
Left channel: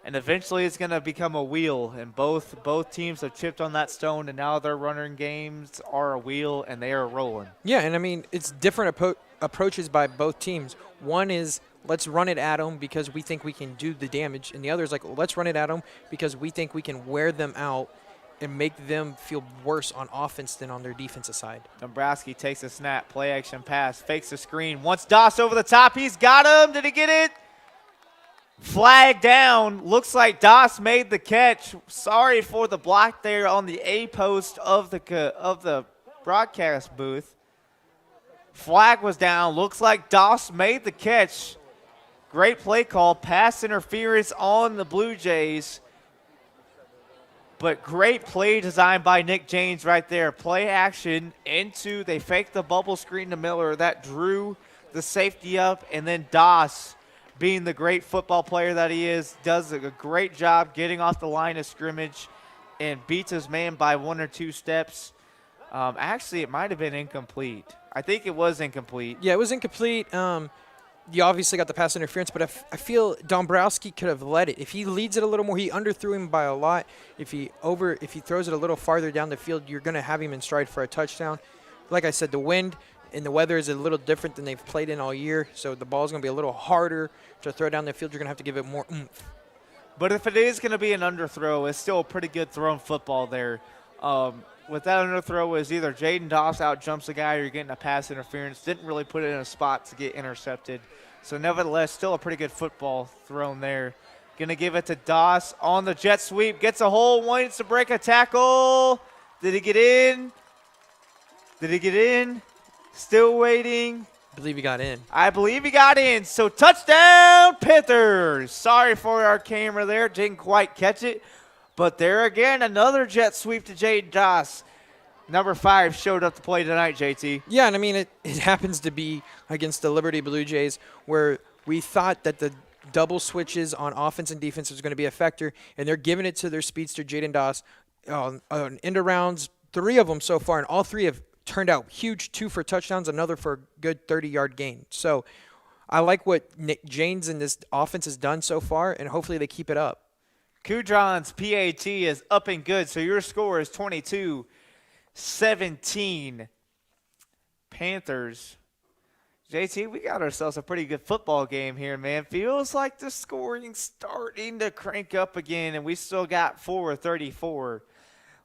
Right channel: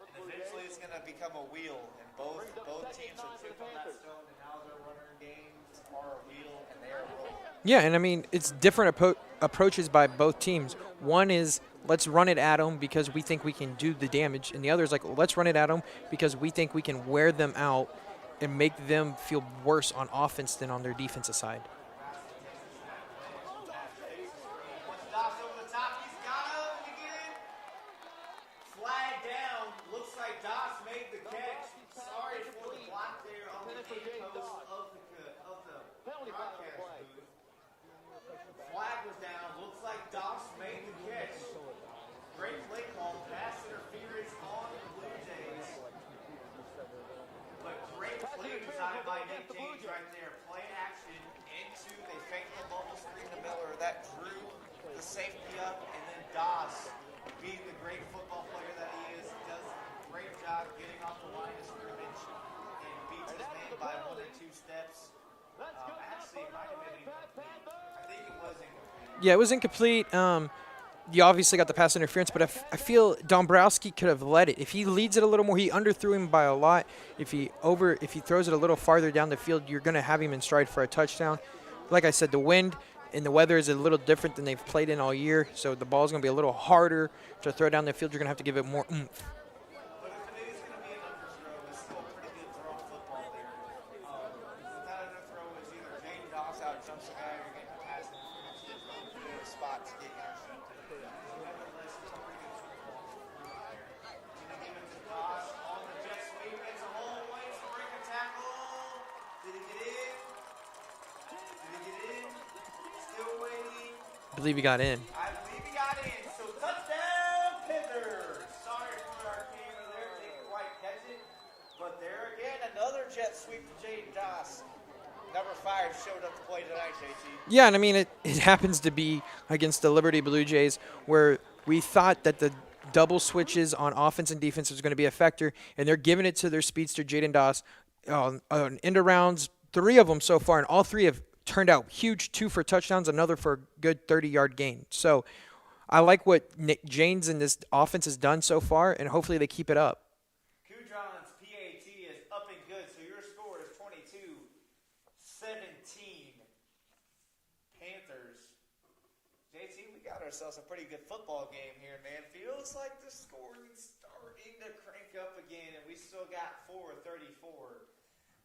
and eventually it's going to become a wheel, and both teams have chipped on that stone, and now their running games are a wheel, and they are rolling. Yeah, and I mean, it's different approaches by both teams. One is, let's run it at them because we think we can do the damage, and the other is like, let's run it at them because we think we can wear them out and make them feel worse on offense than on their defensive side. Dombrowski takes a snap, play action pass, fakes the screen, wants Doss over the top, he's got him, did he get it? Flag down, looks like Doss made the catch. Sorry for the block there on the A post of the broadcast booth. Flag was down, looks like Doss made the catch. Great play call, pass interference on the Blue Jays. But great play design by Nick James right there. Play action into, they faked the bubble screen to Miller. That drew the safety up, and then Doss, being the great football player that he is, does a great job getting off the line of scrimmage and beats his man by 1 or 2 steps. Actually, it might have been incomplete. I think it was incomplete. Yeah, it was incomplete. You obviously got the pass interference, but I feel Dombrowski could have led it. If he leads it a little more, he underthrew him by a lot. If he throws it a little farther down the field, you're going to have him in stride for a touchdown. Like I said, the wind and the weather is a little different than they've played in all year, so the ball's going to be a little harder to throw down the field. You're going to have to give it more oomph. But if it is going to be an underthrow, it's still a pretty good thrown football there. With that underthrow, is either Jaden Doss out jumps a guy or you're getting a pass interference. Didn't really put it in a spot to get intercepted. So nevertheless, still a pretty good football thrown there. Going to give it to Doss on the jet sweep. Gets a hole, wants to break a tackle. Did he get in? Still waiting. I believe he got in. I believe he got in. So touchdown, Panthers. Sorry for our camera there. Didn't quite catch it. But there again, another jet sweep to Jaden Doss. number 5 showed up to play tonight, JT. Yeah, and I mean, it happens to be against the Liberty Blue Jays where we thought that the double switches on offense and defense was going to be a factor, and they're giving it to their speedster, Jaden Doss, on end arounds, 3 of them so far, and all 3 have turned out huge, 2 for touchdowns, another for a good 30-yard gain. So I like what Nick Janes and this offense has done so far, and hopefully they keep it up. Kudron's PAT is up and good, so your score is 22-17. Panthers. JT, we got ourselves a pretty good football game here, man. Feels like the scoring's starting to crank up again, and we still got 4:34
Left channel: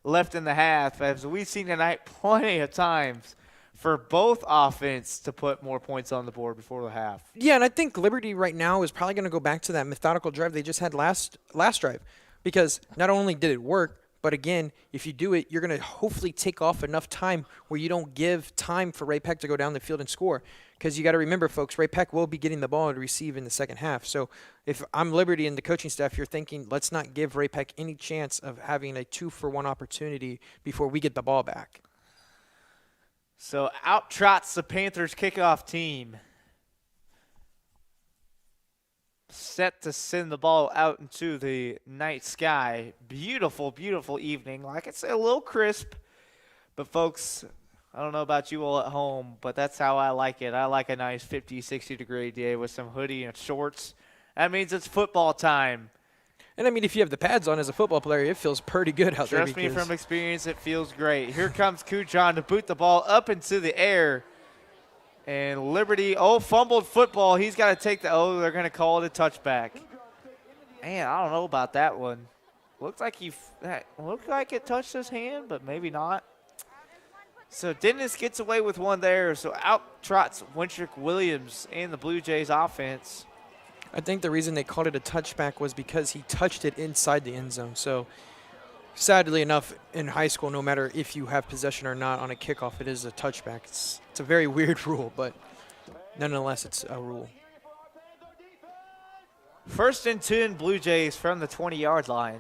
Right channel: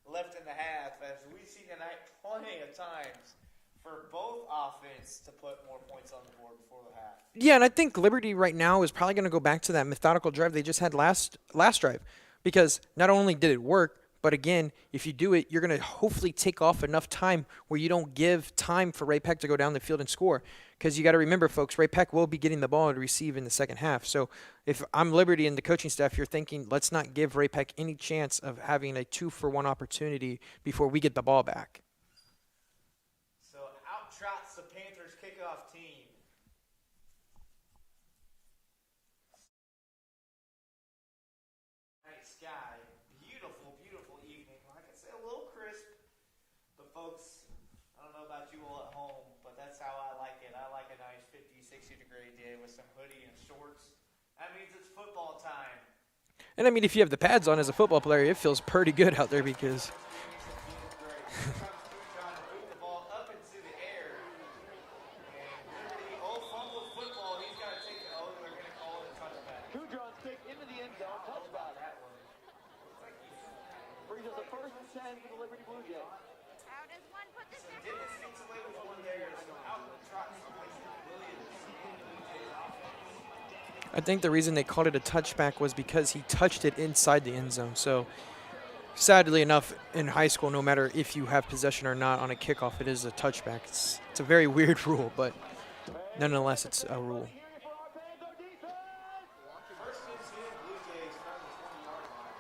left in the half. As we've seen tonight plenty of times for both offense to put more points on the board before the half. Yeah, and I think Liberty right now is probably going to go back to that methodical drive they just had last drive, because not only did it work, but again, if you do it, you're going to hopefully take off enough time where you don't give time for Ray-Pec to go down the field and score. Because you got to remember, folks, Ray-Pec will be getting the ball to receive in the second half. So if I'm Liberty and the coaching staff, you're thinking, let's not give Ray-Pec any chance of having a 2-for-1 opportunity before we get the ball back. So out trots the Panthers kickoff team. Set to send the ball out into the night sky. Beautiful, beautiful evening. Like I said, a little crisp. But, folks, I don't know about you all at home, but that's how I like it. I like a nice 50, 60-degree day with some hoodie and shorts. That means it's football time. And, I mean, if you have the pads on as a football player, it feels pretty good out there. Trust me from experience, it feels great. Here comes Kudron to boot the ball up into the air. And Liberty, fumbled football. He's got to take they're going to call it a touchback. Man, I don't know about that one. Looked like it touched his hand, but maybe not. So Dennis gets away with one there. So out trots Wintrick Williams in the Blue Jays offense. I think the reason they called it a touchback was because he touched it inside the end zone. So sadly enough, in high school, no matter if you have possession or not on a kickoff, it is a touchback. It's a very weird rule, but nonetheless, it's a rule. 1st and 10 Blue Jays from the 20-yard line.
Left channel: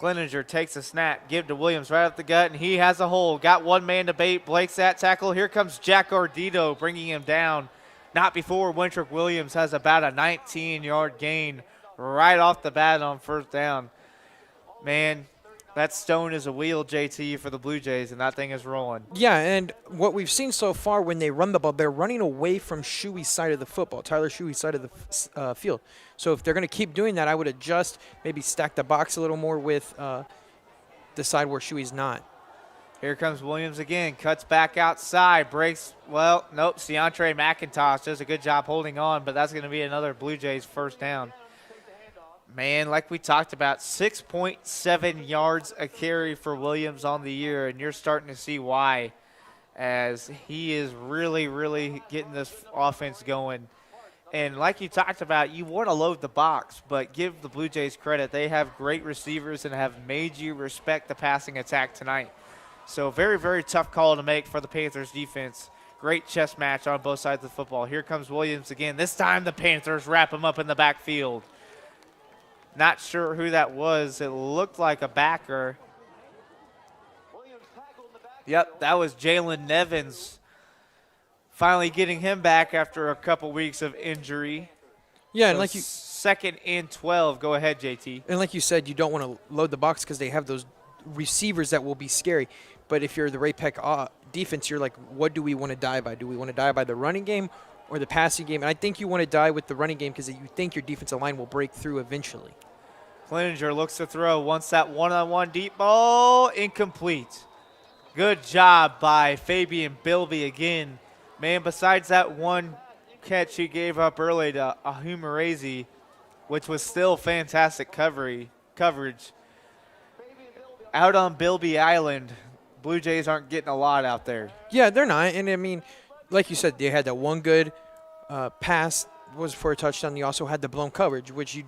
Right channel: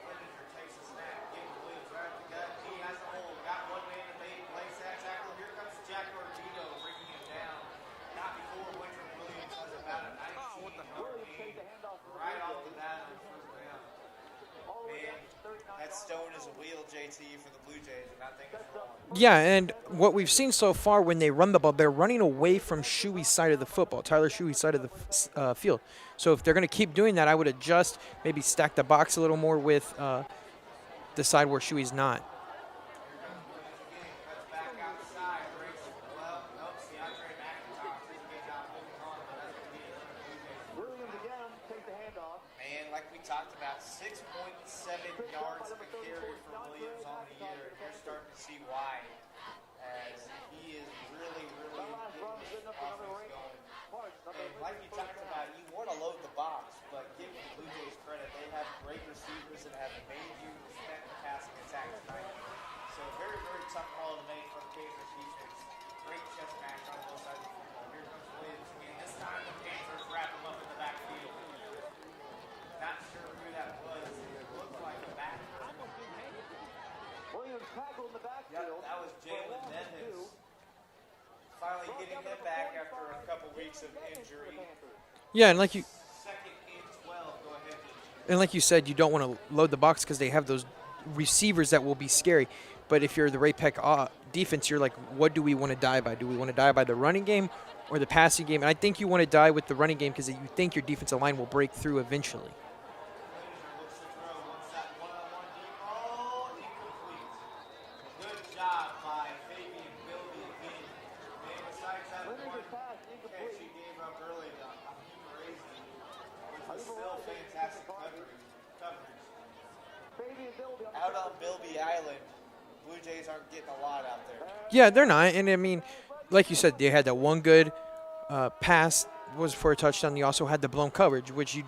Gleninger takes a snap, give to Williams right up the gut, and he has a hole. Got one man to bait. Blake's that tackle. Here comes Jack Ardito bringing him down. Not before Wintrick Williams has about a 19-yard gain right off the bat on 1st down. Man, that stone is a wheel, JT, for the Blue Jays, and that thing is rolling. Yeah, and what we've seen so far when they run the ball, they're running away from Shuey's side of the football, Tyler Shuey's side of the field. So if they're going to keep doing that, I would adjust, maybe stack the box a little more with the side where Shuey's not. Here comes Williams again, cuts back outside, breaks, nope, Deontre McIntosh does a good job holding on, but that's going to be another Blue Jays 1st down. Man, like we talked about, 6.7 yards a carry for Williams on the year, and you're starting to see why, as he is really, really getting this offense going. And like you talked about, you want to load the box, but give the Blue Jays credit. They have great receivers and have made you respect the passing attack tonight. So very, very tough call to make for the Panthers defense. Great chess match on both sides of the football. Here comes Williams again. This time the Panthers wrap him up in the backfield. Not sure who that was. It looked like a backer. Yep, that was Jalen Nevins. Finally getting him back after a couple weeks of injury. Yeah, and like you... 2nd and 12. Go ahead, JT. And like you said, you don't want to load the box because they have those receivers that will be scary. But if you're the Ray-Pec defense, you're like, what do we want to die by? Do we want to die by the running game or the passing game? And I think you want to die with the running game because you think your defensive line will break through eventually. Gleninger looks to throw, wants that one-on-one deep ball, incomplete. Good job by Fabian Bilby again. Man, besides that one catch he gave up early to Ahumarezi, which was still fantastic coverage. Out on Bilby Island, Blue Jays aren't getting a lot out there. Yeah, they're not. And, I mean, like you said, they had that one good pass was for a touchdown. You also had the blown coverage, which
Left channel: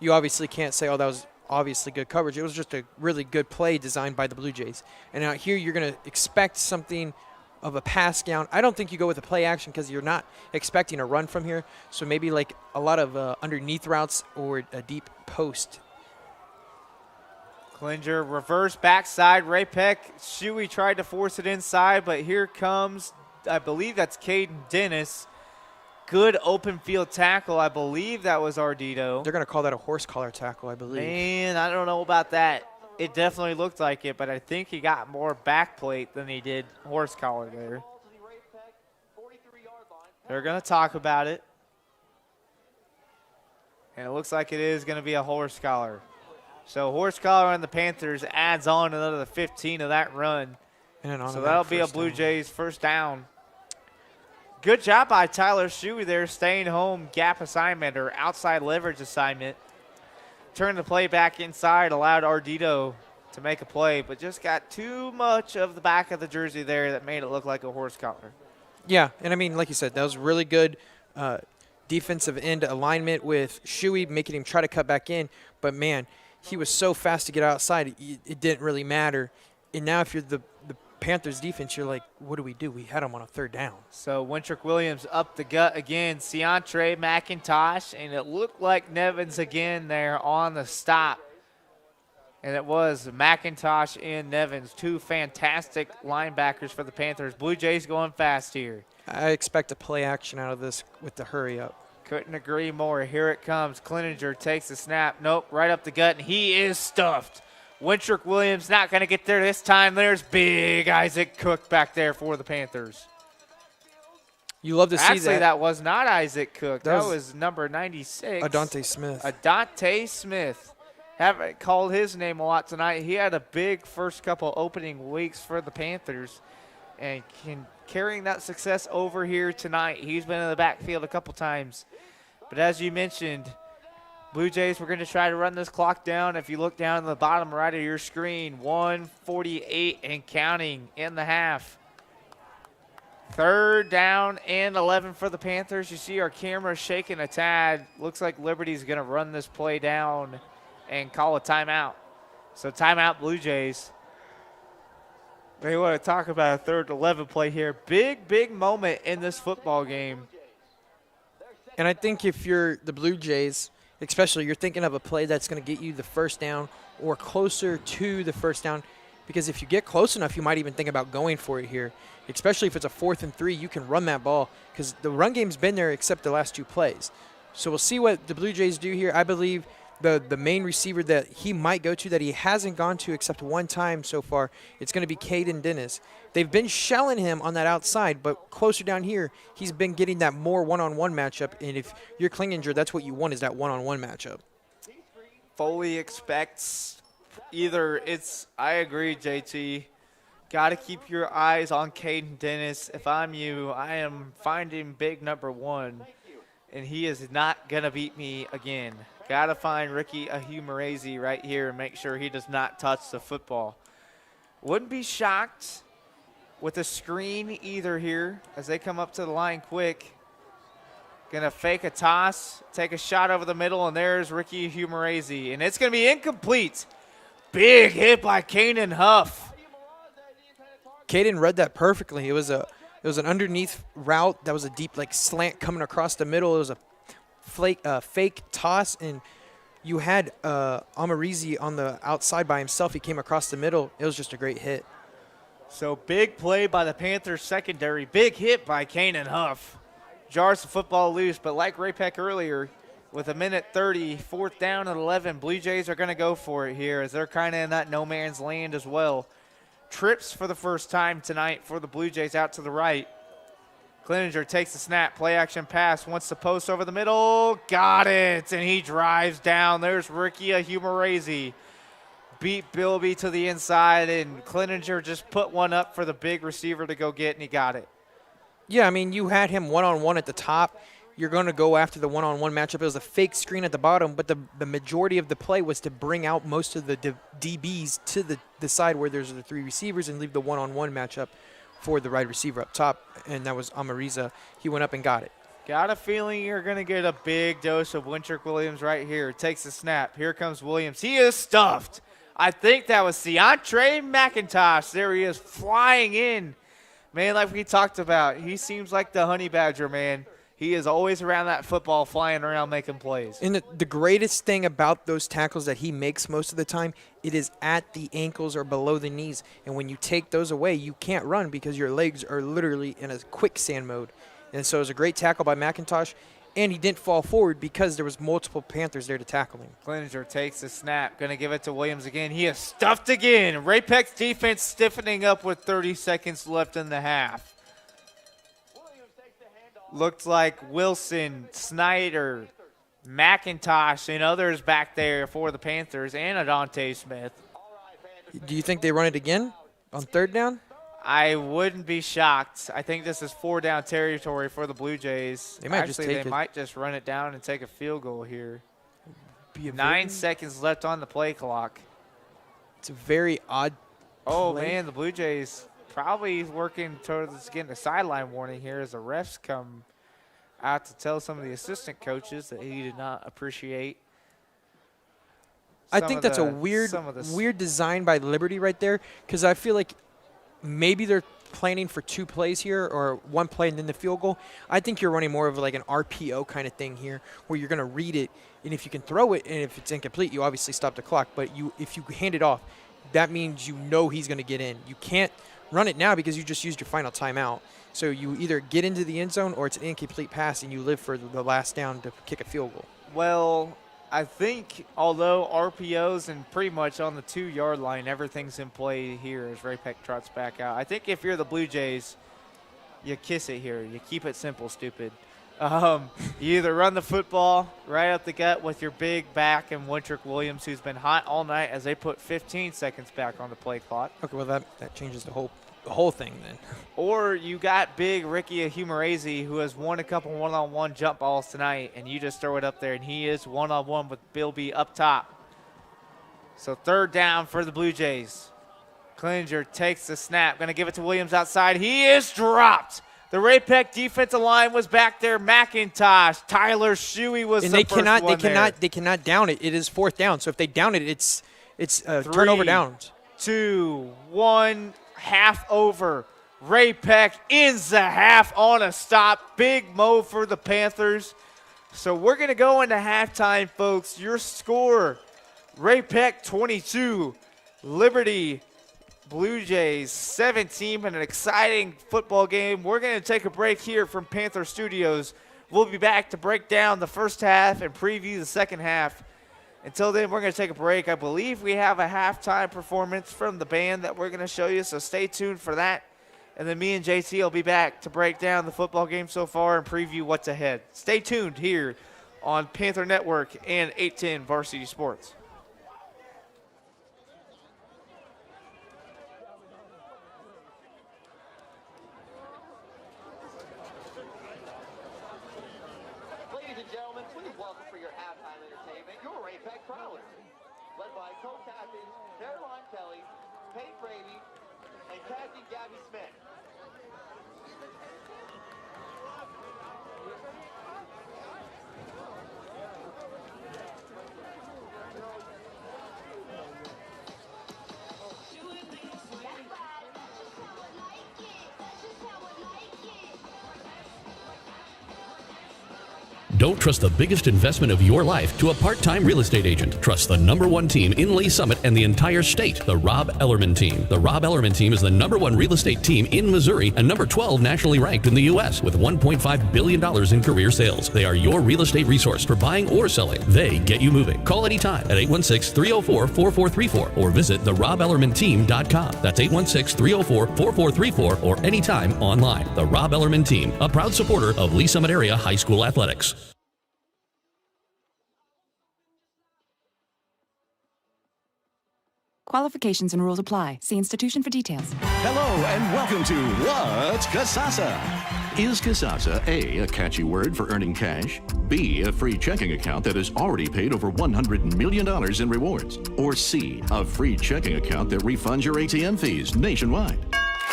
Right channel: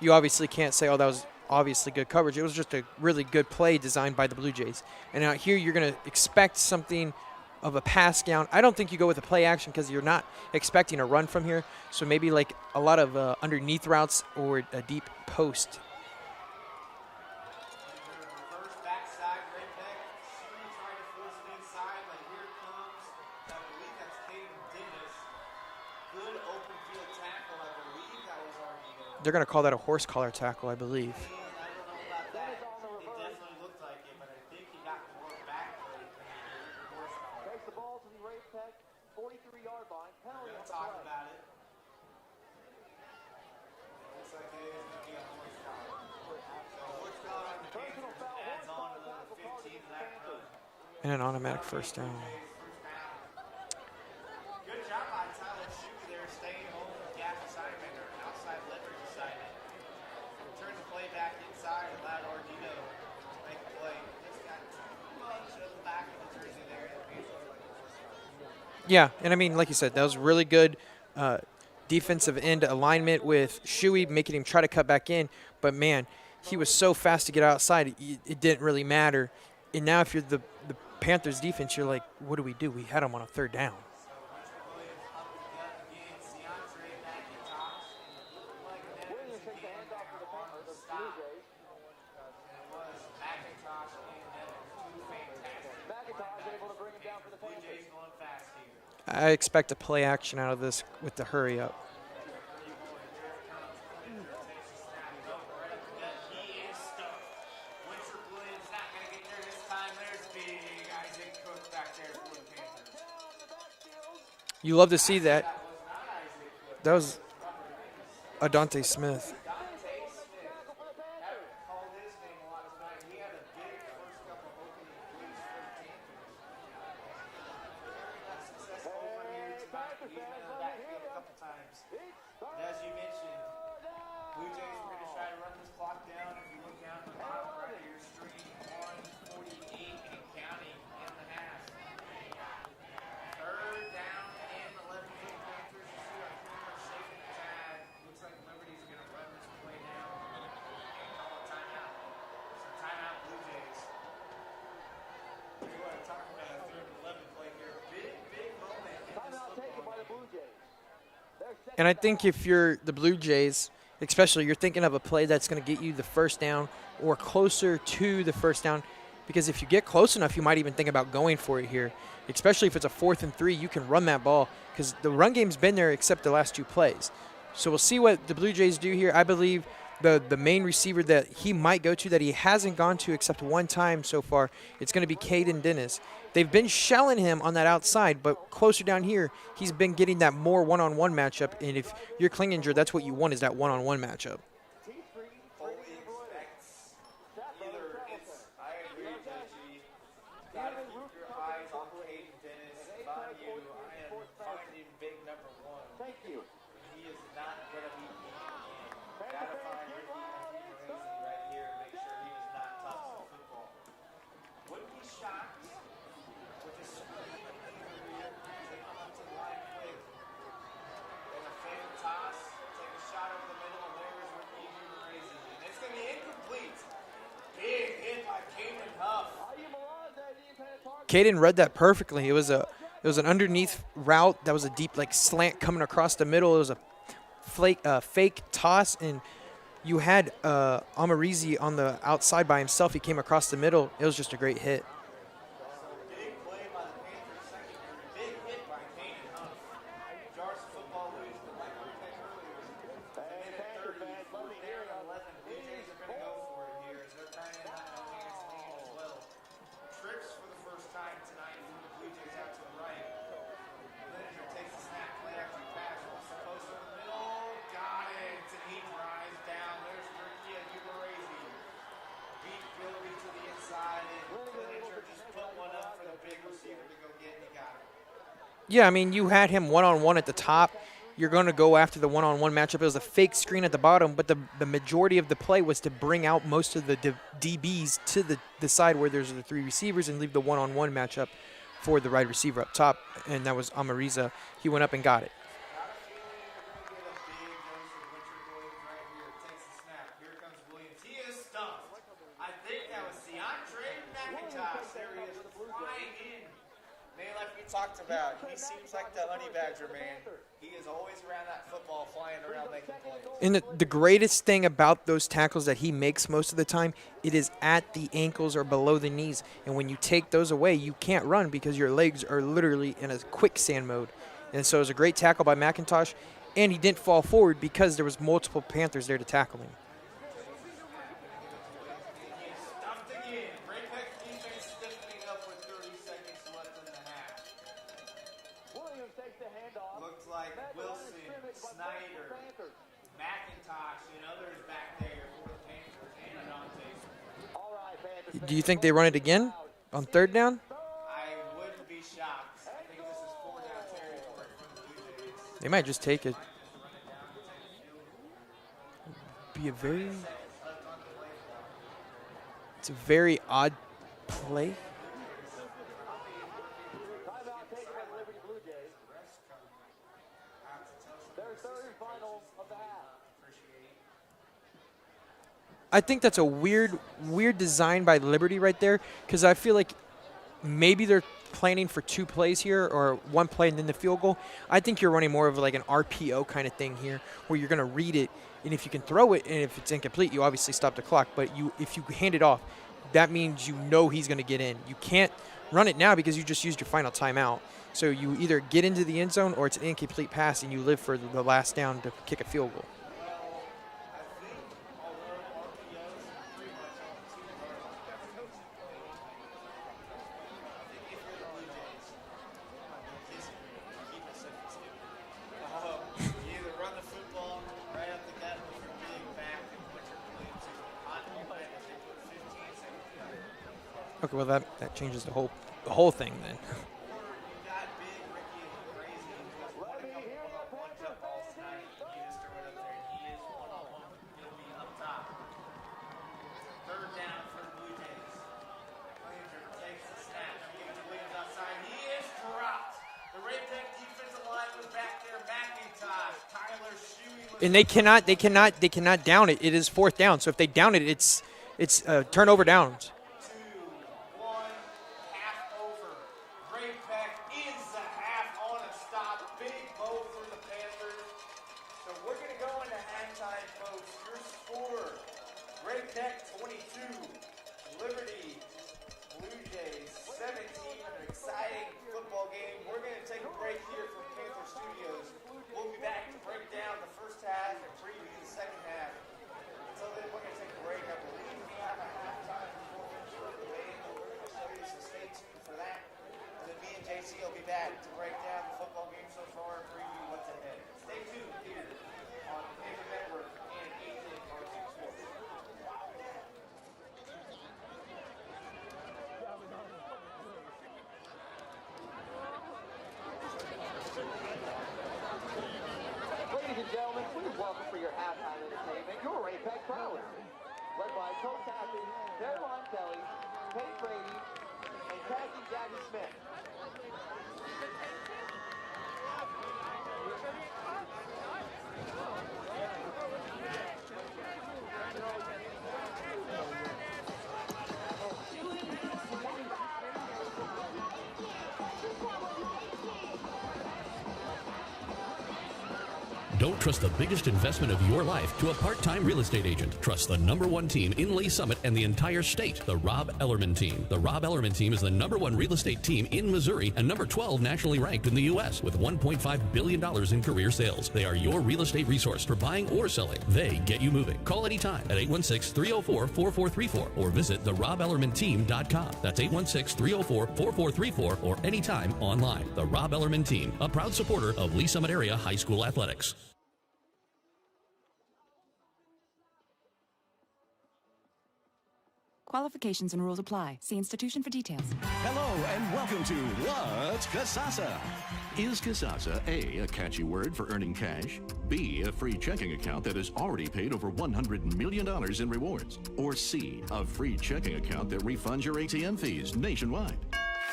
you obviously can't say, that was obviously good coverage. It was just a really good play designed by the Blue Jays. And out here you're going to expect something of a pass down. I don't think you go with a play action because you're not expecting a run from here. So maybe like a lot of underneath routes or a deep post. Klinger reverse backside. Ray-Pec. Shuey tried to force it inside, but here comes, I believe that's Caden Dennis. Good open field tackle. I believe that was Ardito. They're going to call that a horse collar tackle, I believe. Man, I don't know about that. It definitely looked like it, but I think he got more back plate than he did horse collar there. They're going to talk about it. And it looks like it is going to be a horse collar. So horse collar on the Panthers adds on another 15 of that run. And an so that'll be a Blue Jays first down. Good job by Tyler Shuey there, staying home gap assignment or outside leverage assignment. Turned the play back inside, allowed Ardito to make a play, but just got too much of the back of the jersey there that made it look like a horse collar. Yeah, and I mean, like you said, that was really good defensive end alignment with Shuey, making him try to cut back in. But, man, he was so fast to get outside, it didn't really matter. And now if you're the Panthers defense, you're like, what do? We had him on a third down. So Wintrick Williams up the gut again. Ciantre McIntosh, and it looked like Nevins again there on the stop. And it was McIntosh and Nevins, two fantastic linebackers for the Panthers. Blue Jays going fast here. I expect a play action out of this with the hurry up. Couldn't agree more. Here it comes. Klinger takes the snap. Nope, right up the gut, and he is stuffed. Wintrick Williams not going to get there this time. There's big Isaac Cook back there for the Panthers. You love to see that. Actually, that was not Isaac Cook. That was number 96. Adante Smith. Adante Smith. Haven't called his name a lot tonight. He had a big first couple opening weeks for the Panthers and carrying that success over here tonight. He's been in the backfield a couple times. But as you mentioned, Blue Jays, we're going to try to run this clock down. If you look down in the bottom right of your screen, 1:48 and counting in the half. Third down and 11 for the Panthers. You see our camera shaking a tad. Looks like Liberty's going to run this play down and call a timeout. So timeout, Blue Jays. We want to talk about a third 11 play here. Big moment in this football game. And I think if you're the Blue Jays, especially, you're thinking of a play that's going to get you the first down or closer to the first down, because if you get close enough, you might even think about going for it here, especially if it's a 4th and 3. You can run that ball because the run game's been there except the last 2 plays. So we'll see what the Blue Jays do here. I believe the main receiver that he might go to that he hasn't gone to except one time so far, it's going to be Caden Dennis. They've been shelling him on that outside, but closer down here, he's been getting that more one-on-one matchup. And if you're Klinger, that's what you want is that one-on-one matchup. Fully expects either it's, I agree, JT. Got to keep your eyes on Caden Dennis. If I'm you, I am finding big number 1, and he is not going to beat me again. Got to find Ricky Ahumarazi right here and make sure he does not touch the football. Wouldn't be shocked with a screen either here as they come up to the line quick. Gonna fake a toss, take a shot over the middle, and there's Ricky Ahumarazi. And it's gonna be incomplete. Big hit by Kanan Huff. Caden read that perfectly. It was an underneath route that was a deep slant coming across the middle. It was a fake toss, and you had Amarizi on the outside by himself. He came across the middle. It was just a great hit. So big play by the Panthers secondary. Big hit by Kanan Huff. Jars the football loose, but like Ray-Pec earlier, with 1:30, 4th down and 11, Blue Jays are going to go for it here as they're kind of in that no man's land as well. Trips for the first time tonight for the Blue Jays out to the right. Klinger takes the snap, play action pass, wants to post over the middle, got it, and he drives down. There's Ricky Ahumarazi. Beat Bilby to the inside, and Klinger just put one up for the big receiver to go get, and he got it. Yeah, I mean, you had him one-on-one at the top. You're going to go after the one-on-one matchup. It was a fake screen at the bottom, but the majority of the play was to bring out most of the DBs to the side where there's the 3 receivers and leave the one-on-one matchup for the wide receiver up top, and that was Amariza. He went up and got it. Got a feeling you're going to get a big dose of Wintrick Williams right here. Takes the snap. Here comes Williams. He is stuffed. I think that was Ciantre McIntosh. There he is flying in. Man, like we talked about, he seems like the honey badger, man. He is always around that football, flying around, making plays. And the greatest thing about those tackles that he makes most of the time, it is at the ankles or below the knees. And when you take those away, you can't run because your legs are literally in a quicksand mode. And so it was a great tackle by McIntosh, and he didn't fall forward because there was multiple Panthers there to tackle him. Cleaninger takes the snap, going to give it to Williams again. He is stuffed again. Ray-Pec's defense stiffening up with 30 seconds left in the half. Looks like Wilson, Snyder, McIntosh, and others back there for the Panthers, and Adante Smith. Do you think they run it again on third down? I wouldn't be shocked. I think this is 4-down territory for the Blue Jays. They might just take it. They might just run it down and take a field goal here. 9 seconds left on the play clock. It's a very odd play. Oh, man, the Blue Jays probably working towards getting a sideline warning here as the refs come out to tell some of the assistant coaches that he did not appreciate. I think that's a weird design by Liberty right there, because I feel like maybe they're planning for 2 plays here or 1 play and then the field goal. I think you're running more of like an RPO kind of thing here where you're going to read it, and if you can throw it and if it's incomplete, you obviously stop the clock. But if you hand it off, that means you know he's going to get in. You can't run it now because you just used your final timeout. So you either get into the end zone or it's an incomplete pass and you live for the last down to kick a field goal. Well, I think although RPOs and pretty much on the 2-yard line, everything's in play here as Ray-Pec trots back out. I think if you're the Blue Jays, you kiss it here. You keep it simple, stupid. You either run the football right up the gut with your big back and Wintrick Williams, who's been hot all night as they put 15 seconds back on the play clock. Okay, well, that changes the whole thing then. Or you got big Ricky Humorazi, who has won a couple one-on-one jump balls tonight, and you just throw it up there, and he is one-on-one with Bill B up top. So 3rd down for the Blue Jays. Cleaninger takes the snap, going to give it to Williams outside. He is dropped. The Ray-Pec defensive line was back there. McIntosh, Tyler Shuey was. And they cannot down it. It is 4th down. So if they down it, it's turnover downs. 2, 1, half over. Ray-Pec ends the half on a stop. Big mo for the Panthers. So we're gonna go into halftime, folks. Your score: Ray-Pec 22, Liberty Blue Jays 17, and an exciting football game. We're going to take a break here from Panther Studios. We'll be back to break down the first half and preview the second half. Until then, we're going to take a break. I believe we have a halftime performance from the band that we're going to show you, so stay tuned for that. And then me and JT will be back to break down the football game so far and preview what's ahead. Stay tuned here on Panther Network and 810 Varsity Sports. Ladies and gentlemen, please welcome for your halftime entertainment your Ray-Pec Prowlers, led by co-captains Caroline Kelly, Kate Brady, and Kathy Gabby Smith. Don't trust the biggest investment of your life to a part-time real estate agent. Trust the #1 team in Lee Summit and the entire state, the Rob Ellerman Team. The Rob Ellerman Team is the #1 real estate team in Missouri and number 12 nationally ranked in the U.S. with $1.5 billion in career sales. They are your real estate resource for buying or selling. They get you moving. Call anytime at 816-304-4434 or visit therobellermanteam.com. That's 816-304-4434 or anytime online. The Rob Ellerman Team, a proud supporter of Lee Summit area high school athletics. Qualifications and rules apply. See institution for details. Hello and welcome to What's Kasasa? Is Kasasa A catchy word for earning cash, B, a free checking account that has already paid over $100 million in rewards, or C, a free checking account that refunds your ATM fees nationwide?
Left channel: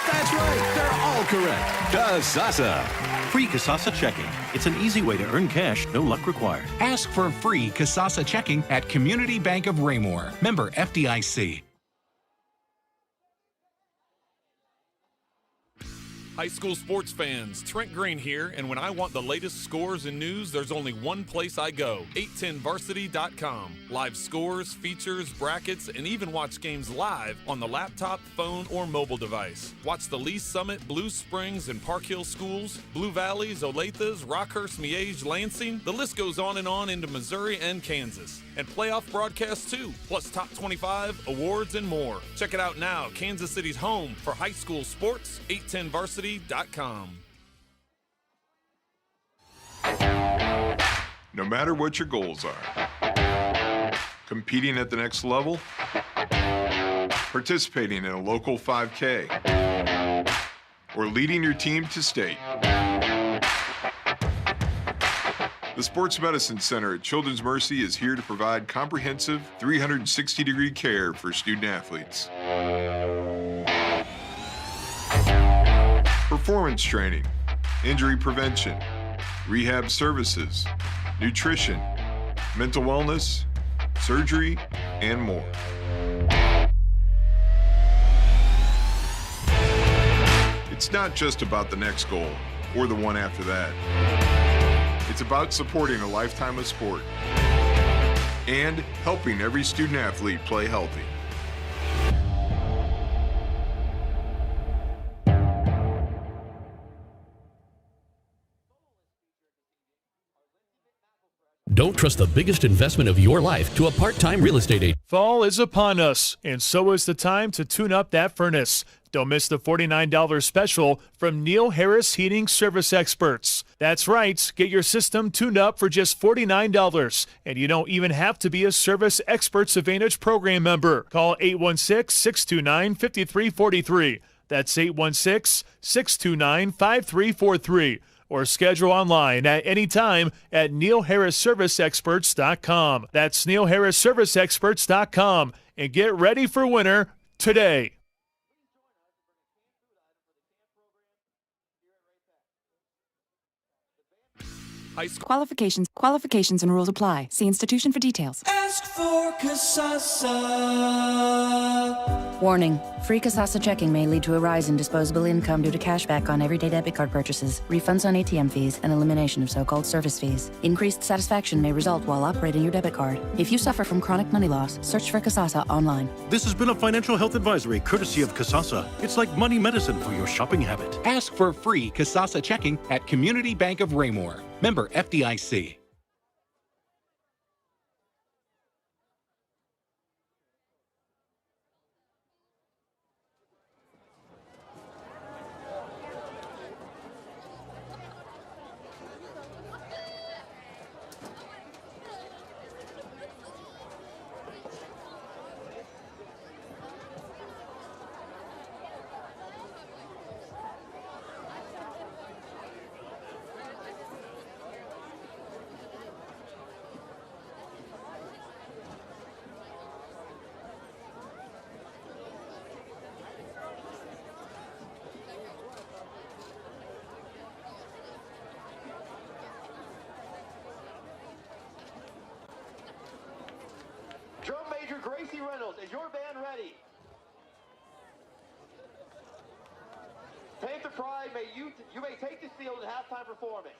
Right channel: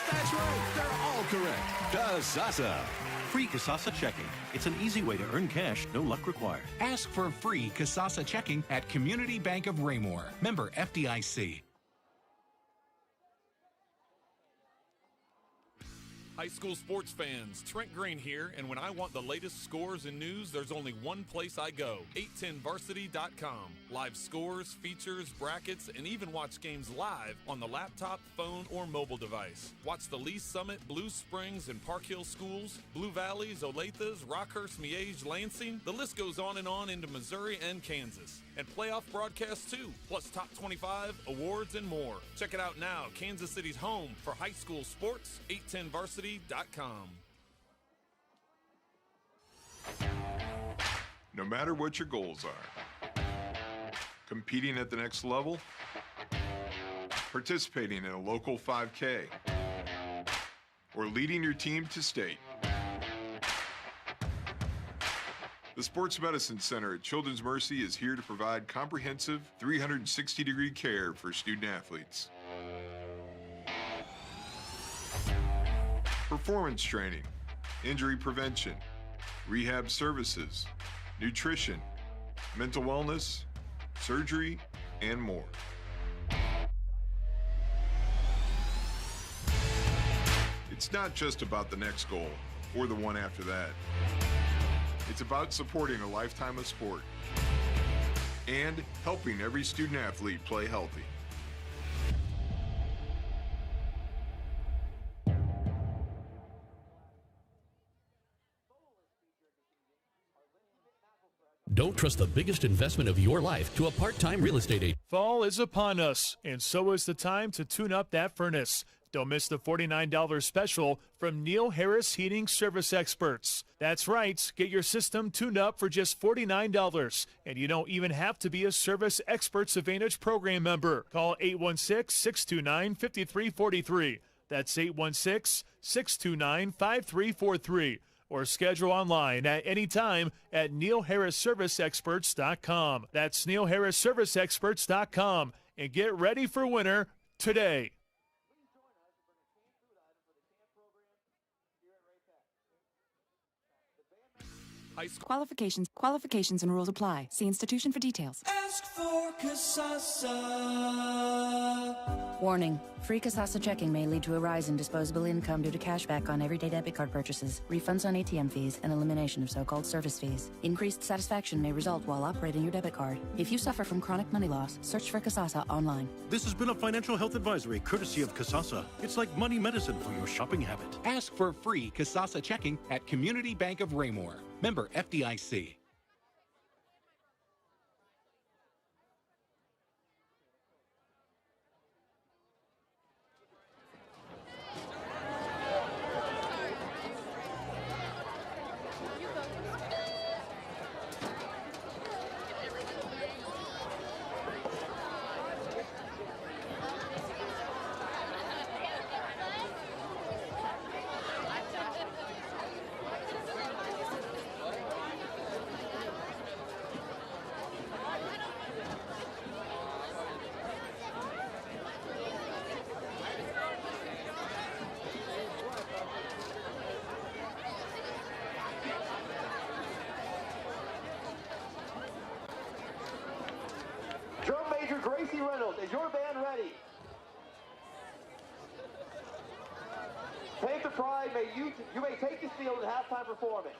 That's right, they're all correct. Kasasa. Free Kasasa checking. It's an easy way to earn cash, no luck required. Ask for free Kasasa checking at Community Bank of Raymore. Member FDIC. High school sports fans, Trent Green here, and when I want the latest scores and news, there's only one place I go, 810varsity.com. Live scores, features, brackets, and even watch games live on the laptop, phone, or mobile device. Watch the Lee Summit, Blue Springs, and Park Hill schools, Blue Valleys, Olathes, Rockhurst, Miege, Lansing. The list goes on into Missouri and Kansas. And playoff broadcasts too, plus top 25, awards, and more. Check it out now, Kansas City's home for high school sports, 810varsity.com. No matter what your goals are, competing at the next level, participating in a local 5K, or leading your team to state. The Sports Medicine Center at Children's Mercy is here to provide comprehensive 360-degree care for student athletes. Performance training, injury prevention, rehab services, nutrition, mental wellness, surgery, and more. It's not just about the next goal or the one after that. It's about supporting a lifetime of sport and helping every student athlete play healthy. Don't trust the biggest investment of your life to a part-time real estate agent. Fall is upon us, and so is the time to tune up that furnace. Don't miss the $49 special from Neil Harris Heating Service Experts. That's right, get your system tuned up for just $49, and you don't even have to be a Service Experts Advantage program member. Call 816-629-5343. That's 816-629-5343. Or schedule online at any time at neilharrisserviceexperts.com. That's neilharrisserviceexperts.com. And get ready for winter today. Qualifications and rules apply. See institution for details. Ask for Casasa. Warning. Free Casasa checking may lead to a rise in disposable income due to cashback on everyday debit card purchases, refunds on ATM fees, and elimination of so-called service fees. Increased satisfaction may result while operating your debit card. If you suffer from chronic money loss, search for Casasa online. This has been a financial health advisory courtesy of Casasa. It's like money medicine for your shopping habit. Ask for free Casasa checking at Community Bank of Raymore. Member FDIC. Drum Major Gracie Reynolds, is your band ready? Panther Pride, you may take the field at halftime performing.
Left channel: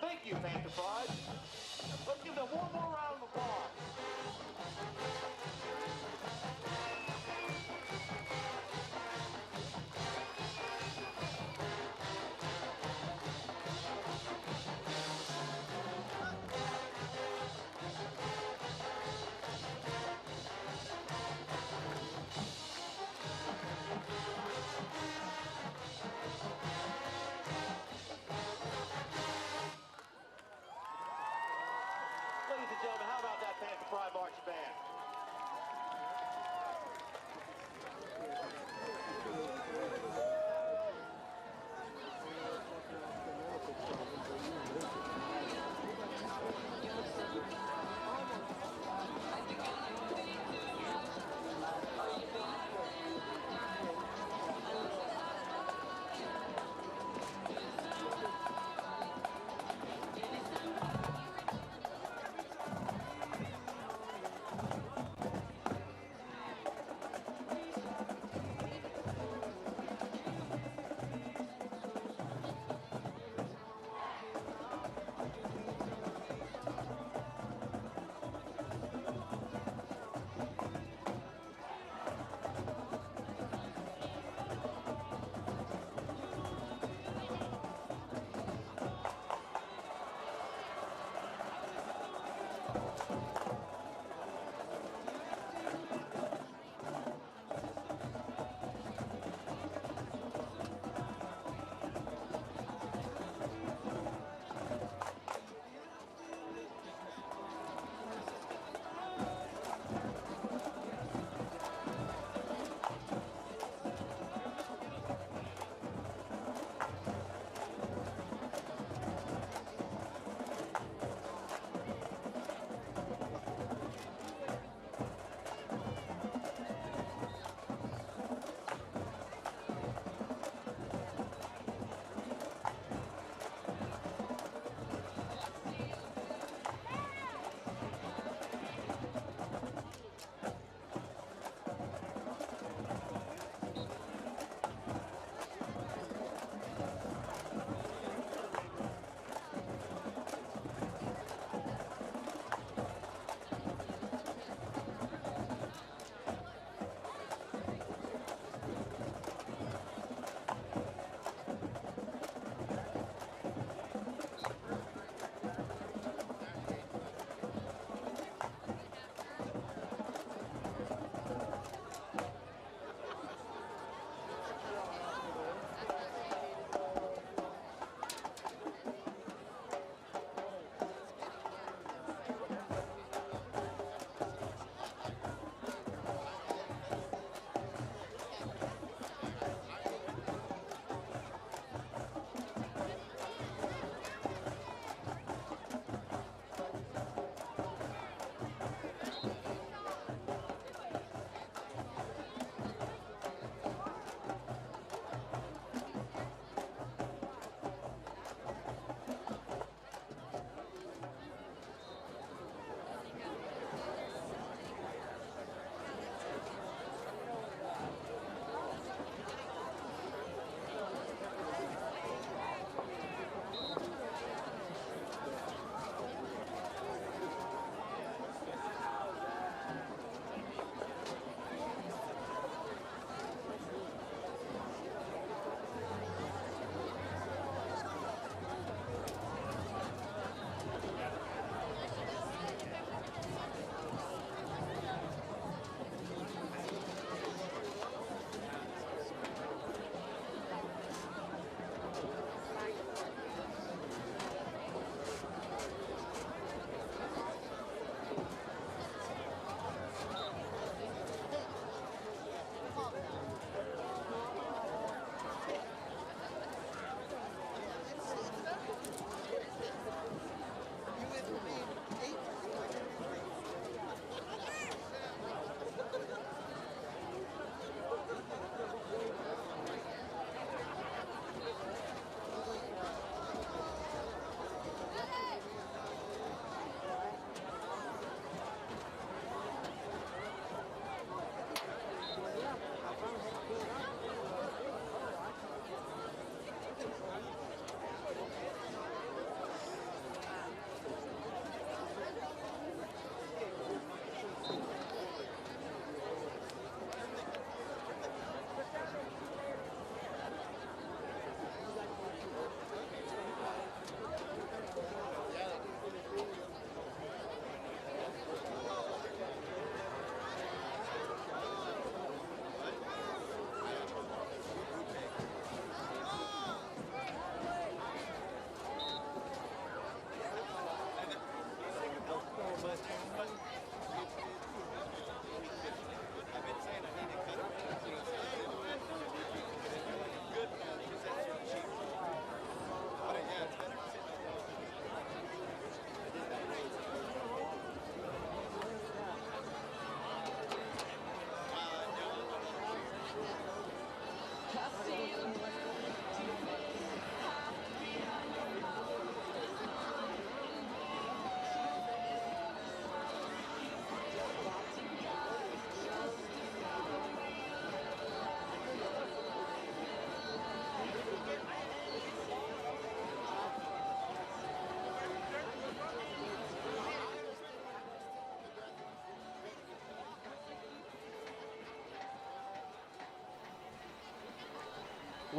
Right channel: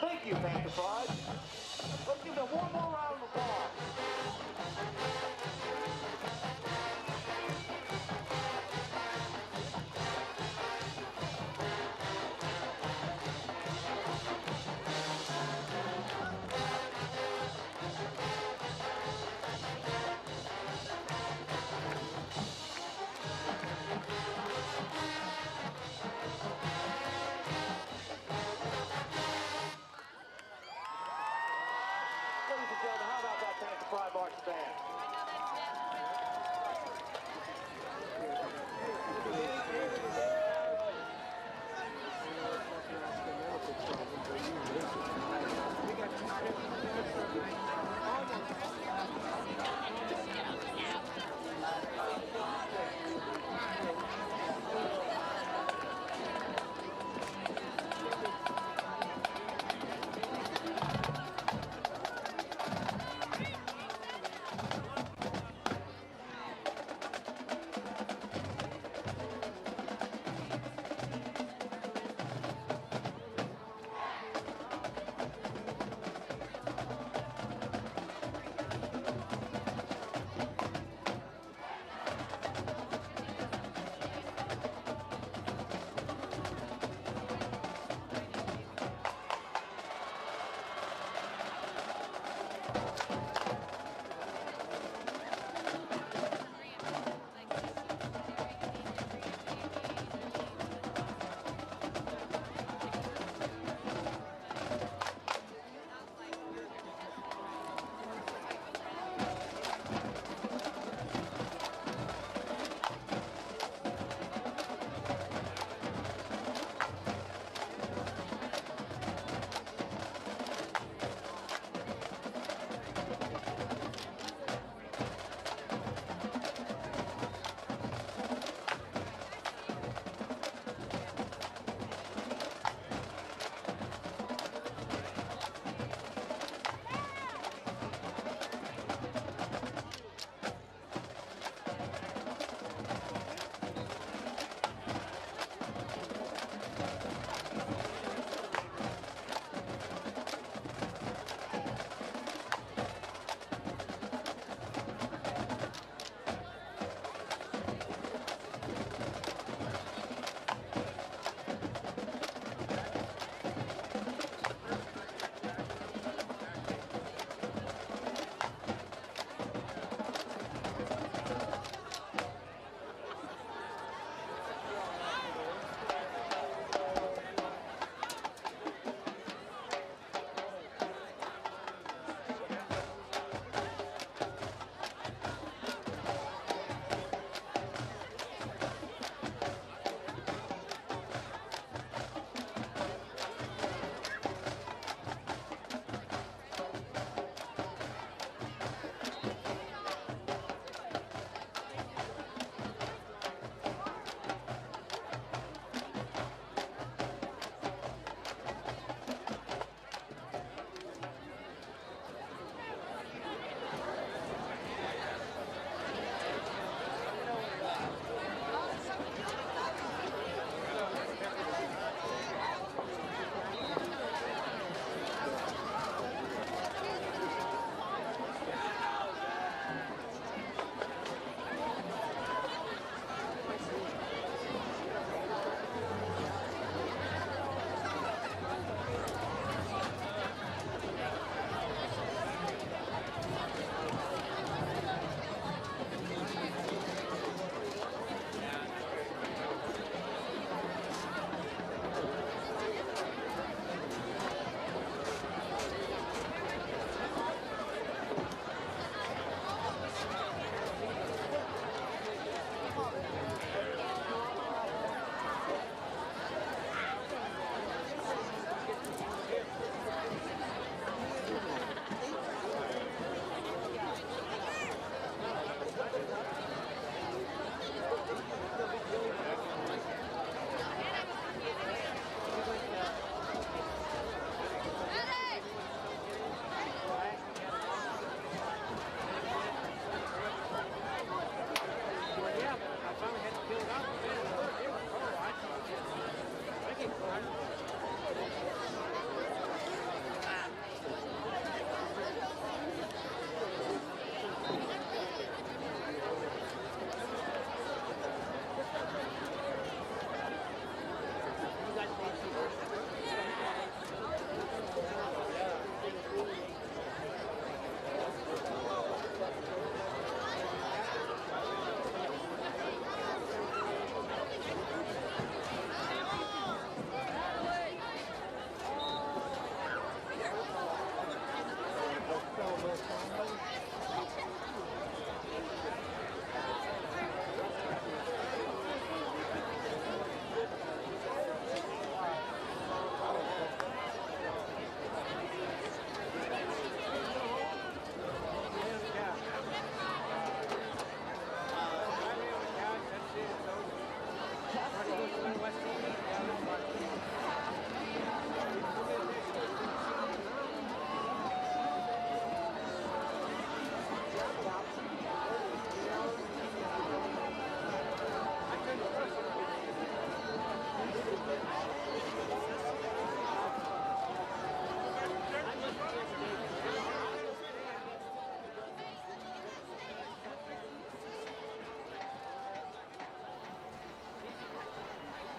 Thank you, Panther Pride. Let's give them one more round of applause. Ladies and gentlemen, how about that Panther Pride Marching Band?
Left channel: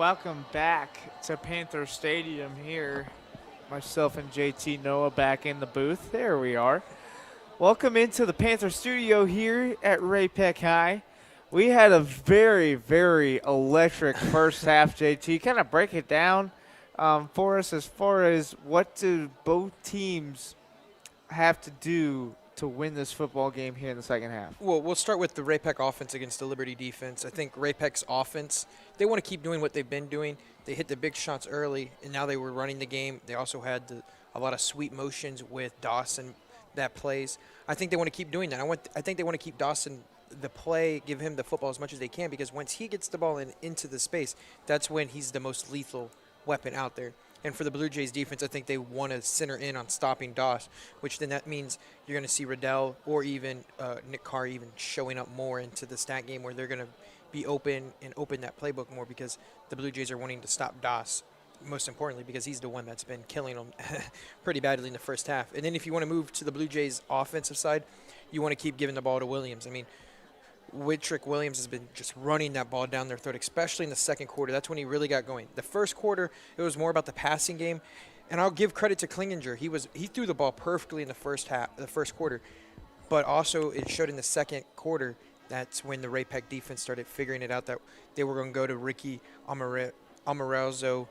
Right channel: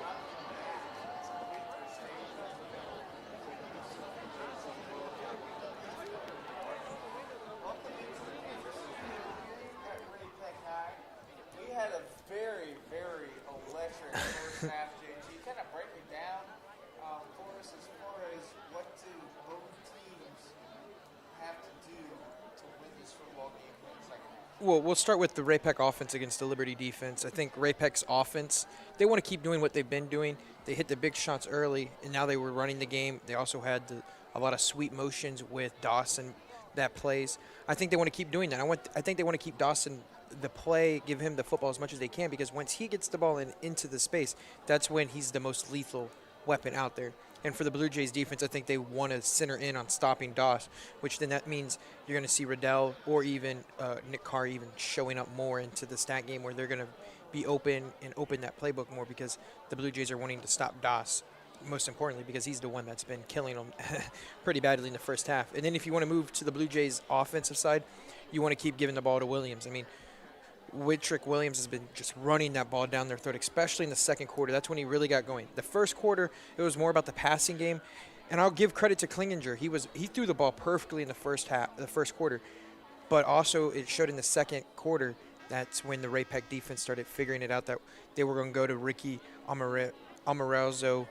Welcome back to Panther Stadium here. Myself and JT Noah back in the booth. There we are. Welcome into the Panther studio here at Ray-Pec High. We had a very, very electric first half, JT. Kind of break it down for us as far as what do both teams have to do to win this football game here in the second half? Well, we'll start with the Ray-Pec offense against the Liberty defense. I think Ray-Pec's offense, they want to keep doing what they've been doing. They hit the big shots early, and now they were running the game. They also had a lot of sweet motions with Dawson that plays. I think they want to keep doing that. I think they want to keep Dawson the play, give him the football as much as they can, because once he gets the ball into the space, that's when he's the most lethal weapon out there. And for the Blue Jays defense, I think they want to center in on stopping Doss, which then that means you're going to see Riddell or even Nick Carr even showing up more into the stat game where they're going to be open and open that playbook more, because the Blue Jays are wanting to stop Doss, most importantly, because he's the one that's been killing them pretty badly in the first half. And then if you want to move to the Blue Jays offensive side, you want to keep giving the ball to Williams. I mean, Whitrick Williams has been just running that ball down their throat, especially in the second quarter. That's when he really got going. The first quarter, it was more about the passing game, and I'll give credit to Klinginger. He threw the ball perfectly in the first quarter, but also it showed in the second quarter. That's when the Ray-Pec defense started figuring it out that they were going to go to Ricky Amorazzo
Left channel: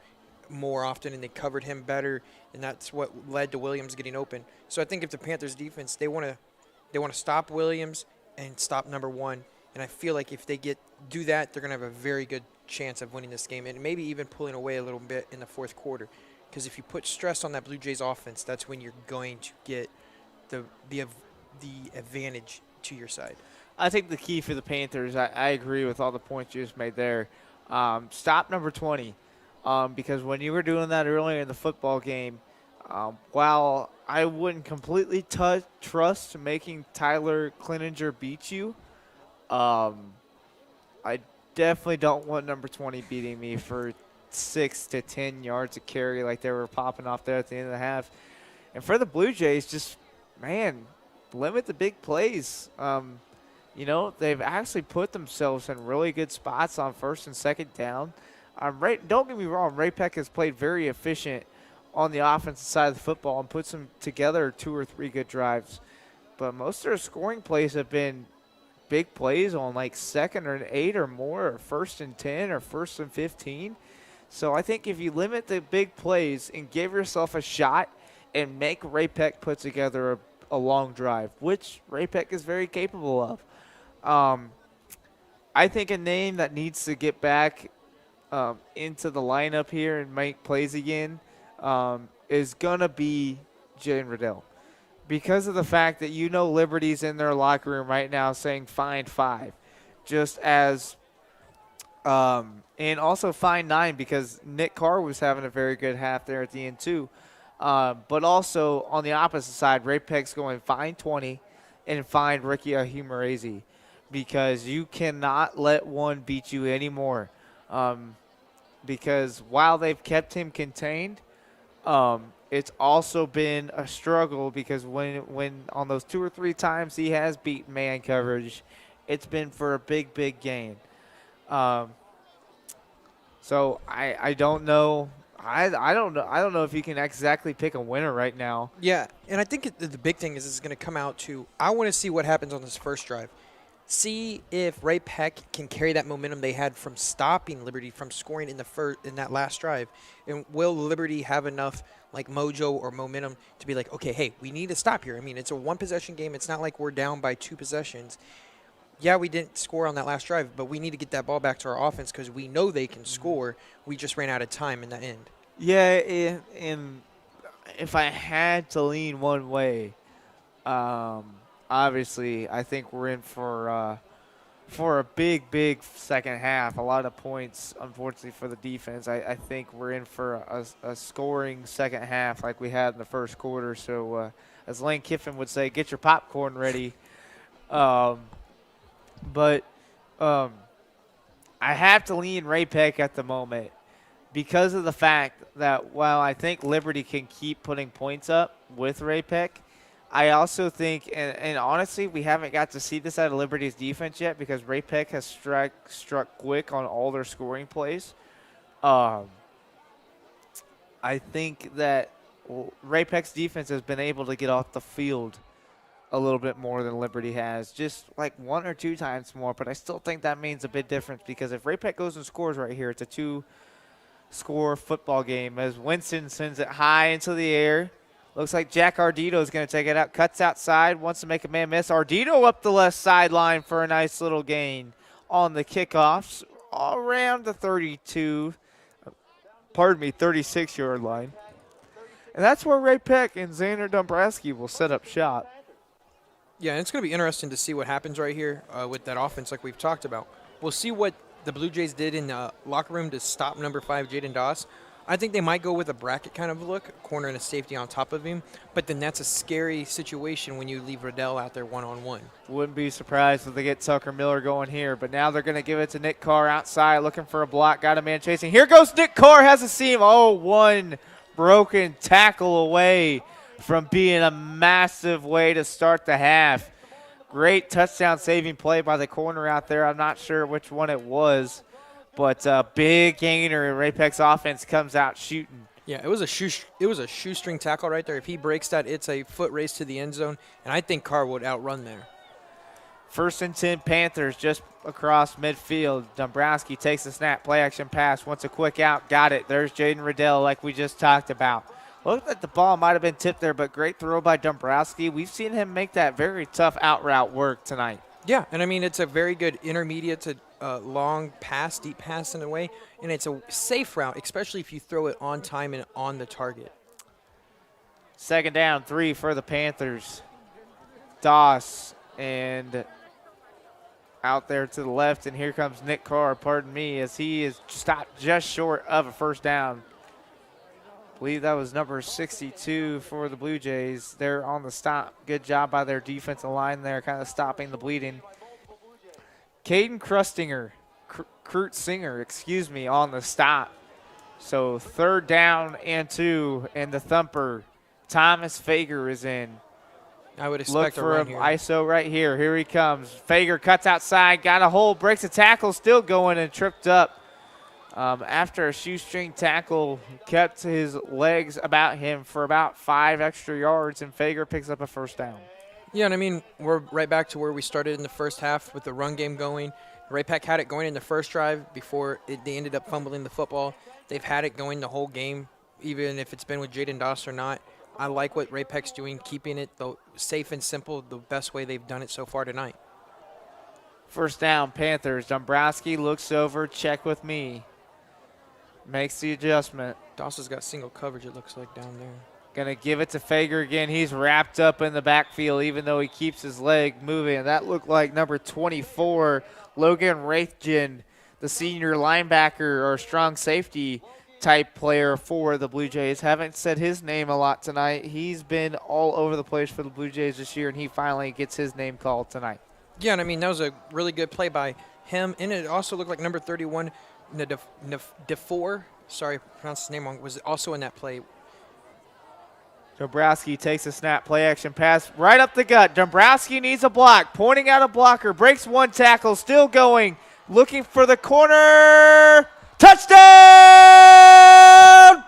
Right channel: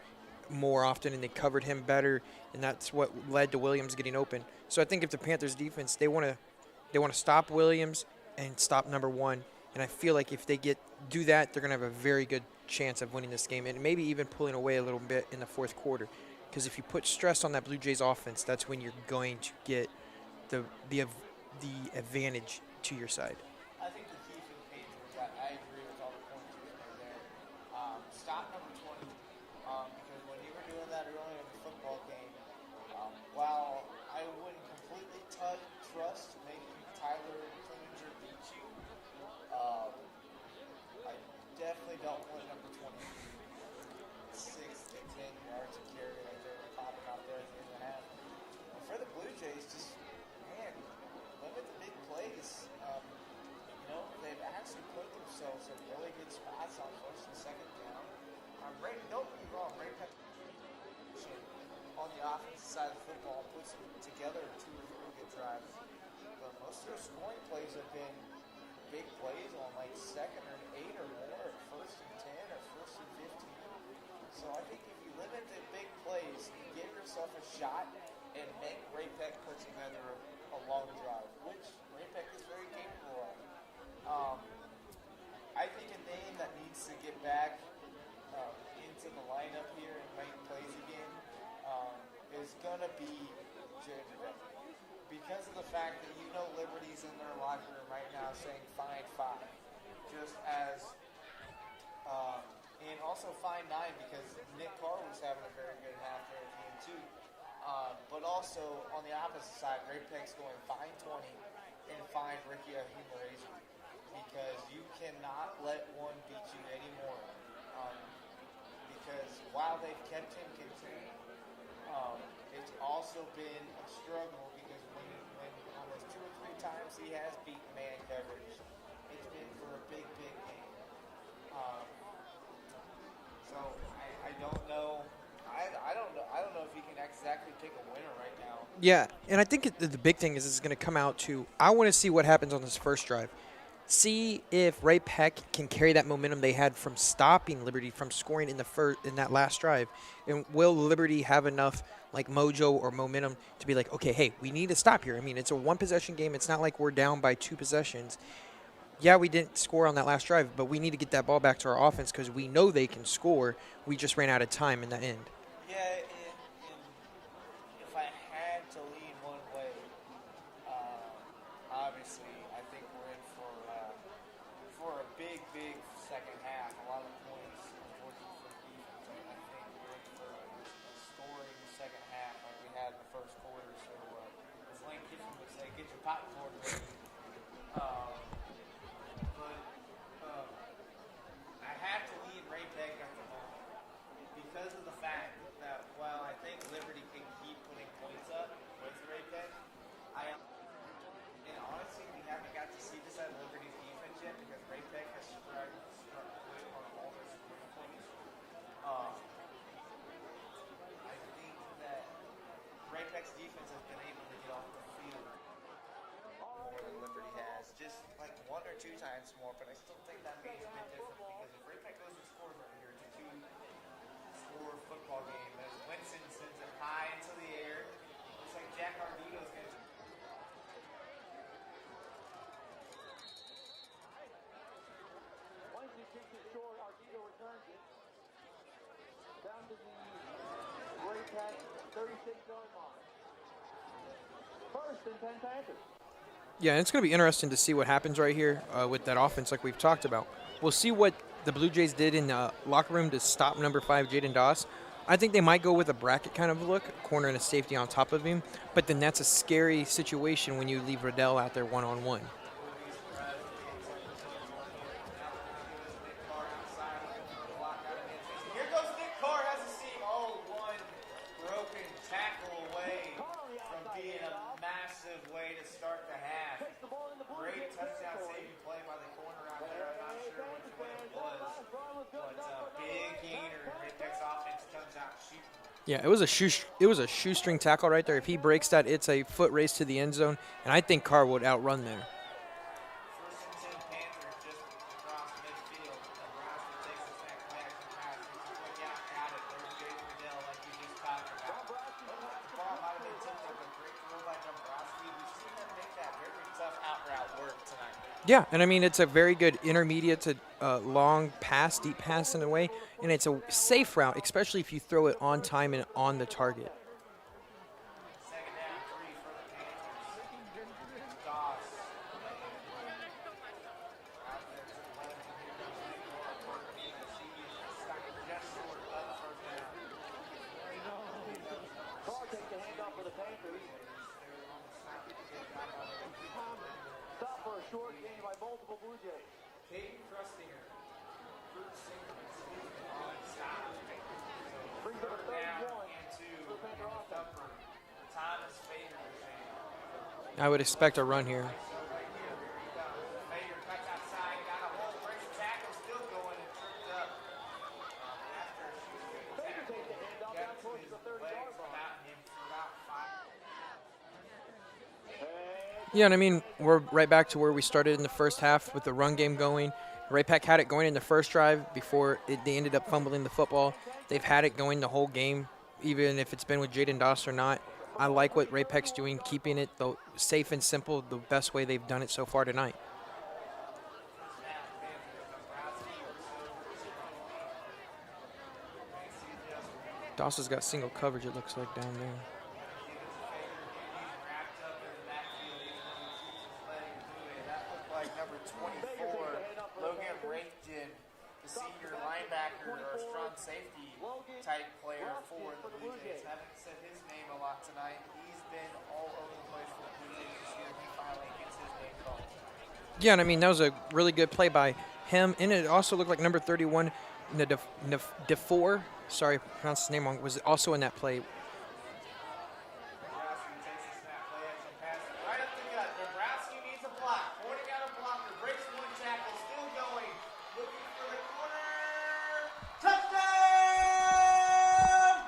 more often, and they covered him better, and that's what led to Williams getting open. So I think if the Panthers defense, they want to stop Williams and stop number one. And I feel like if they do that, they're going to have a very good chance of winning this game and maybe even pulling away a little bit in the fourth quarter. Because if you put stress on that Blue Jays offense, that's when you're going to get the advantage to your side. I think the key for the Panthers, I agree with all the points you just made there. Stop number 20. Because when you were doing that earlier in the football game, while I wouldn't completely trust making Tyler Klinginger beat you, I definitely don't want number 20 beating me for 6 to 10 yards of carry like they were popping off there at the end of the half. And for the Blue Jays, just, man, limit the big plays. They've actually put themselves in really good spots on first and second down. Don't get me wrong, Ray-Pec has played very efficient on the offensive side of the football and puts them together 2 or 3 good drives. But most of their scoring plays have been big plays on like 2nd and 8 or more, or 1st and 10 or 1st and 15. So I think if you limit the big plays and give yourself a shot and make Ray-Pec put together a long drive, which Ray-Pec is very capable of. I think a name that needs to get back into the lineup here and make plays again is going to be Jalen Riddell. Because of the fact that Liberty's in their locker room right now saying fine 5. Just as and also fine 9 because Nick Carr was having a very good half there at the end too. But also on the opposite side, Ray-Pec's going fine 20 and fine Ricky Ahumarezi, because you cannot let one beat you anymore. Because while they've kept him contained, it's also been a struggle, because when on those 2 or 3 times he has beaten man coverage, it's been for a big gain. So I don't know. I don't know if you can exactly pick a winner right now. Yeah, and I think the big thing is it's going to come out to, I want to see what happens on this first drive. See if Ray-Pec can carry that momentum they had from stopping Liberty from scoring in that last drive. And will Liberty have enough mojo or momentum to be like, okay, hey, we need to stop here. I mean, it's a 1-possession game. It's not like we're down by 2 possessions. Yeah, we didn't score on that last drive, but we need to get that ball back to our offense because we know they can score. We just ran out of time in the end. Yeah, and if I had to lean one way, obviously, I think we're in for a big second half. A lot of points, unfortunately, for the defense. I think we're in for a scoring second half like we had in the first quarter. So, as Lane Kiffin would say, get your popcorn ready. But I have to lean Ray-Pec at the moment because of the fact that while I think Liberty can keep putting points up with Ray-Pec, I also think, and honestly, we haven't got to see this out of Liberty's defense yet because Ray-Pec has struck quick on all their scoring plays. I think that Ray-Pec's defense has been able to get off the field a little bit more than Liberty has, just like 1 or 2 times more, but I still think that means a bit different because if Ray-Pec goes and scores right here, it's a 2-score football game as Winston sends it high into the air. Looks like Jack Ardito is going to take it out, cuts outside, wants to make a man miss. Ardito up the left sideline for a nice little gain on the kickoffs around the 36-yard line. And that's where Ray-Pec and Xander Dombrowski will set up shop. Yeah, and it's going to be interesting to see what happens right here with that offense like we've talked about. We'll see what the Blue Jays did in the locker room to stop number 5, Jaden Doss. I think they might go with a bracket kind of look, corner and a safety on top of him. But then that's a scary situation when you leave Riddell out there one-on-one. Wouldn't be surprised if they get Tucker Miller going here. But now they're going to give it to Nick Carr outside looking for a block. Got a man chasing. Here goes Nick Carr, has a seam. Oh, one broken tackle away from being a massive way to start the half. Great touchdown saving play by the corner out there. I'm not sure which one it was, but a big gainer and Ray-Pec's offense comes out shooting. Yeah, it was a shoestring tackle right there. If he breaks that, it's a foot race to the end zone, and I think Carr would outrun there. 1st and 10 Panthers just across midfield. Dombrowski takes the snap, play action pass, wants a quick out, got it. There's Jaden Riddell like we just talked about. Looked like the ball might have been tipped there, but great throw by Dombrowski. We've seen him make that very tough out route work tonight. Yeah, and I mean, it's a very good intermediate to long pass, deep pass in a way, and it's a safe route, especially if you throw it on time and on the target. 2nd down, 3 for the Panthers. Doss and out there to the left, and here comes Nick Carr, pardon me, as he is stopped just short of a 1st down. I believe that was number 62 for the Blue Jays. They're on the stop. Good job by their defensive line there, kind of stopping the bleeding. Caden Krutzinger, on the stop. So 3rd down and 2, and the thumper, Thomas Fager, is in. I would expect a run here. ISO right here. Here he comes. Fager cuts outside, got a hole, breaks a tackle, still going and tripped up. After a shoestring tackle, kept his legs about him for about 5 extra yards, and Fager picks up a 1st down. Yeah, and I mean, we're right back to where we started in the first half with the run game going. Ray-Pec had it going in the first drive before they ended up fumbling the football. They've had it going the whole game, even if it's been with Jaden Doss or not. I like what Ray-Pec's doing, keeping it safe and simple, the best way they've done it so far tonight. 1st down, Panthers. Dombrowski looks over, check with me. Makes the adjustment. Doss has got single coverage, it looks like, down there. Going to give it to Fager again. He's wrapped up in the backfield, even though he keeps his leg moving. That looked like number 24, Logan Raithjen, the senior linebacker or strong safety type player for the Blue Jays. Haven't said his name a lot tonight. He's been all over the place for the Blue Jays this year, and he finally gets his name called tonight. Yeah, and I mean, that was a really good play by him. And it also looked like number 31, DeFore, sorry, I pronounced his name wrong, was also in that play. Dombrowski takes a snap, play action pass right up the gut. Dombrowski needs a block, pointing out a blocker, breaks 1 tackle, still going, looking for the corner. Touchdown,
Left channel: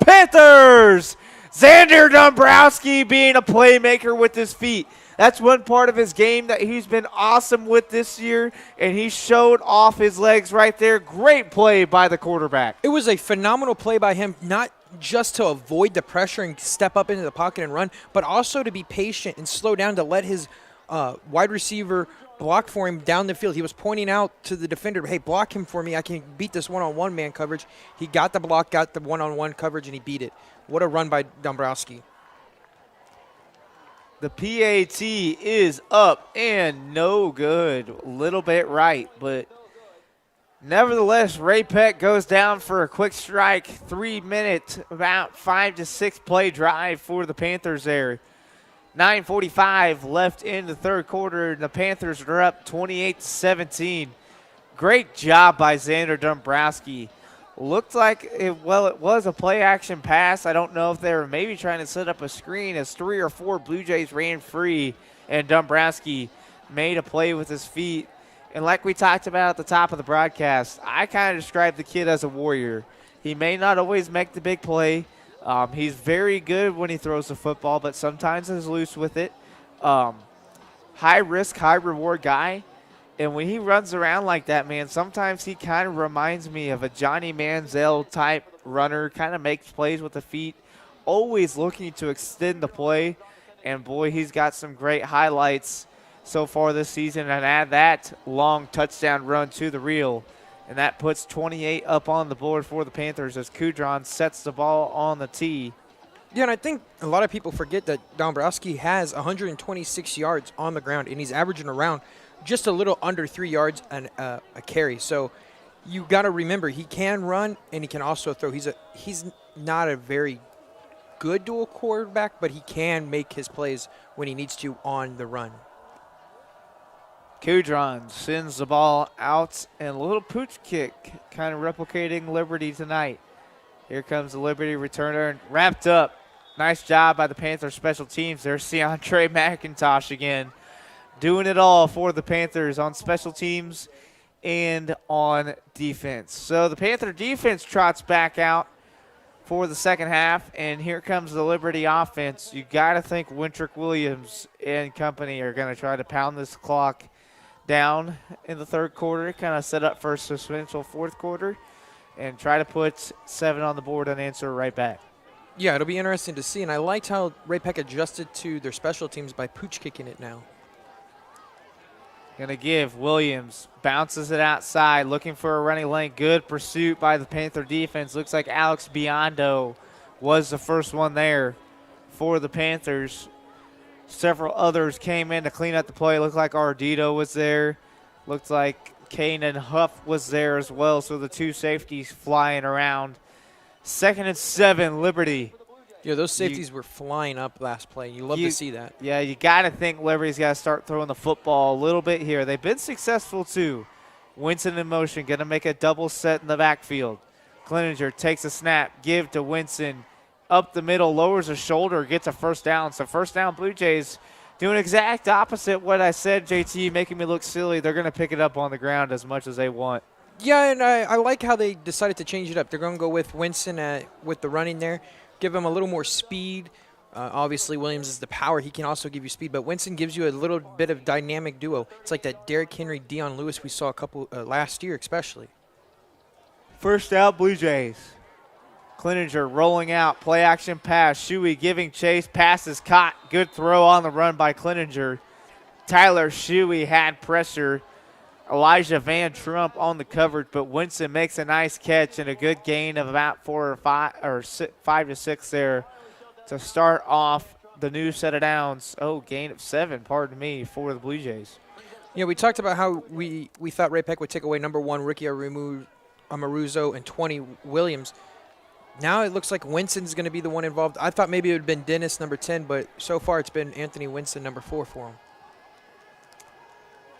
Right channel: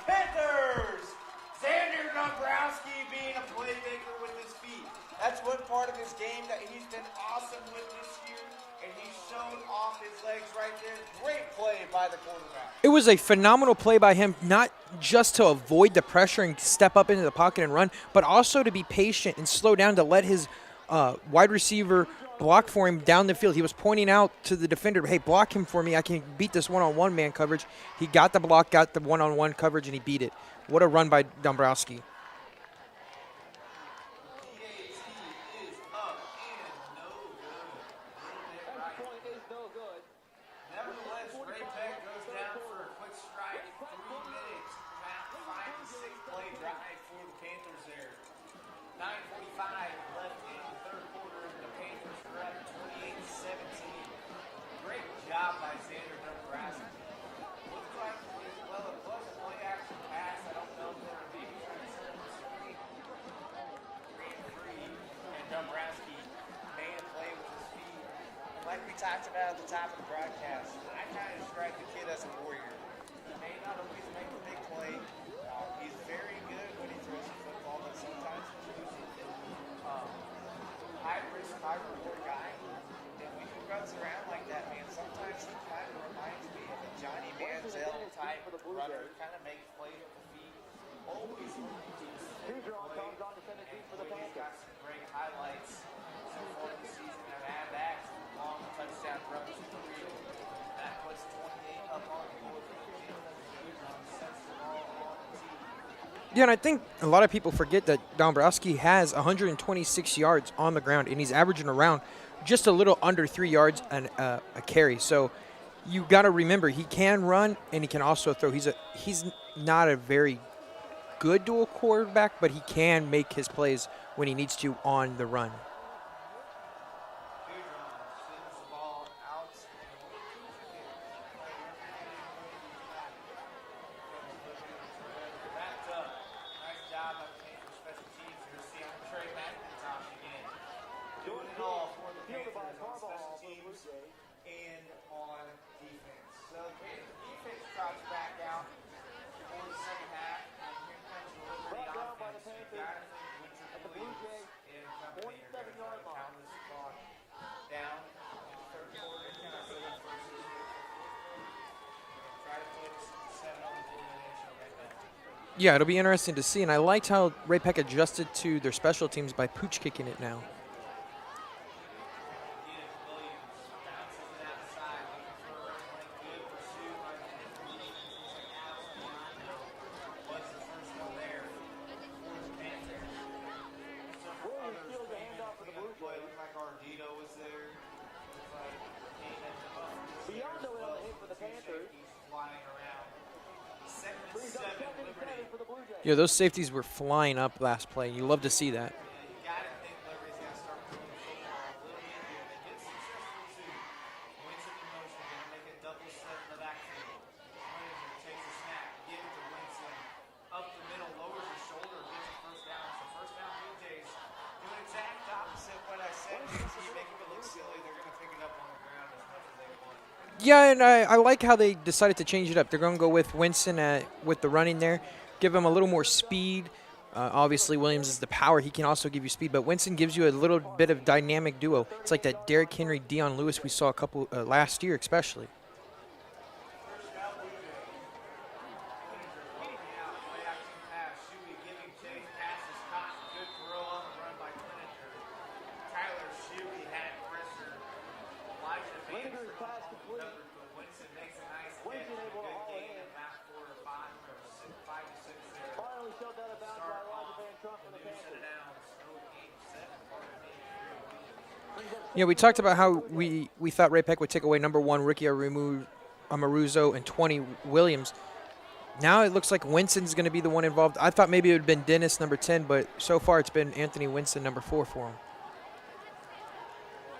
Panthers! Xander Dombrowski being a playmaker with his feet. That's one part of his game that he's been awesome with this year, and he showed off his legs right there. Great play by the quarterback. It was a phenomenal play by him, not just to avoid the pressure and step up into the pocket and run, but also to be patient and slow down to let his wide receiver block for him down the field. He was pointing out to the defender, hey, block him for me. I can beat this one-on-one man coverage. He got the block, got the one-on-one coverage, and he beat it. What a run by Dombrowski. The PAT is up and no good. A little bit right, but nevertheless, Ray-Pec goes down for a quick strike. 3 minutes, about 5 to 6 play drive for the Panthers there. 9:45 left in the 3rd quarter, and the Panthers are up 28-17. Great job by Xander Dombrowski. Looked like it was a play-action pass. I don't know if they were maybe trying to set up a screen as 3 or 4 Blue Jays ran free, and Dombrowski made a play with his feet. And like we talked about at the top of the broadcast, I kind of described the kid as a warrior. He may not always make the big play. He's very good when he throws the football, but sometimes is loose with it. High risk, high reward guy. And when he runs around like that, man, sometimes he kind of reminds me of a Johnny Manziel type runner, kind of makes plays with the feet, always looking to extend the play. And boy, he's got some great highlights so far this season. And add that long touchdown run to the reel. And that puts 28 up on the board for the Panthers as Kudron sets the ball on the tee. Yeah, and I think a lot of people forget that Dombrowski has 126 yards on the ground, and he's averaging around just a little under 3 yards and a carry. So you got to remember, he can run and he can also throw. He's not a very good dual quarterback, but he can make his plays when he needs to on the run. Kudron sends the ball out, and a little pooch kick, kind of replicating Liberty tonight. Here comes the Liberty returner, wrapped up. Nice job by the Panthers special teams. There's Seantre McIntosh again, doing it all for the Panthers on special teams and on defense. So the Panther defense trots back out for the second half, and here comes the Liberty offense. You got to think Wintrick Williams and company are going to try to pound this clock down in the third quarter, kind of set up for a substantial fourth quarter, and try to put 7 on the board and answer right back. Yeah, it'll be interesting to see, and I liked how Ray-Pec adjusted to their special teams by pooch kicking it now. Gonna give Williams, bounces it outside, looking for a running lane. Good pursuit by the Panther defense. Looks like Alex Biondo was the first one there for the Panthers. Several others came in to clean up the play. Looked like Ardito was there. Looked like Kanan Huff was there as well. So the two safeties flying around. 2nd and 7, Liberty. Yeah, those safeties were flying up last play. You love to see that. Yeah, you got to think Liberty's got to start throwing the football a little bit here. They've been successful too. Winston in motion, going to make a double set in the backfield. Cleninger takes a snap, give to Winston. Up the middle, lowers a shoulder, gets a first down. So first down, Blue Jays doing exact opposite what I said, JT, making me look silly. They're going to pick it up on the ground as much as they want. Yeah, and I like how they decided to change it up. They're going to go with Winston with the running there, give him a little more speed. Obviously, Williams is the power. He can also give you speed, but Winston gives you a little bit of dynamic duo. It's like that Derrick Henry, Dion Lewis we saw a couple last year especially. First out, Blue Jays. Cleninger rolling out, play action pass. Shuey giving chase, pass is caught. Good throw on the run by Cleninger. Tyler Shuey had pressure. Elijah Van Trump on the coverage, but Winston makes a nice catch and a good gain of about 5 to 6 there to start off the new set of downs. Oh, gain of 7, pardon me, for the Blue Jays. Yeah, we talked about how we thought Ray-Pec would take away number 1 Ricky Amaruzo and 20 Williams. Now it looks like Winston's going to be the one involved. I thought maybe it would have been Dennis, number 10, but so far it's been Anthony Winston, number 4 for him.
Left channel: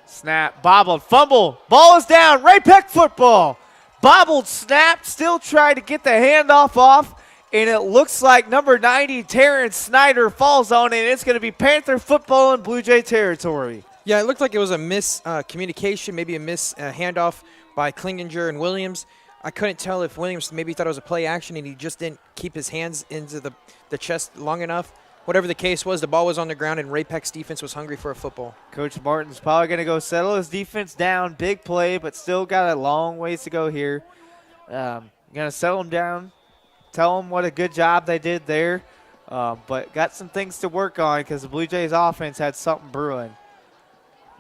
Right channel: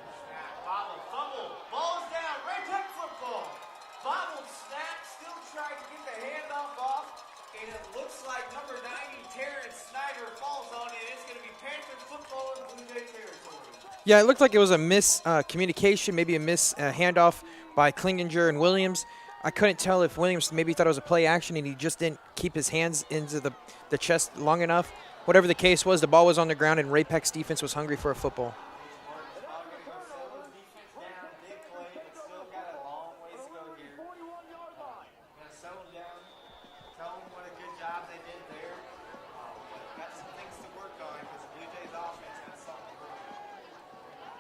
Snap, bobbled, fumble, ball is down, Ray-Pec football. Bobbled snap, still trying to get the handoff off, and it looks like number 90, Terrence Snyder, falls on it, and it's going to be Panther football in Blue Jay territory. Yeah, it looked like it was a miscommunication, maybe a handoff by Klinginger and Williams. I couldn't tell if Williams maybe thought it was a play action and he just didn't keep his hands into the chest long enough. Whatever the case was, the ball was on the ground and Ray-Pec's defense was hungry for a football. Coach Martin's probably going to go settle his defense down. Big play, but still got a long ways to go here. Going to settle them down, tell them what a good job they did there, but got some things to work on because the Blue Jays offense had something brewing.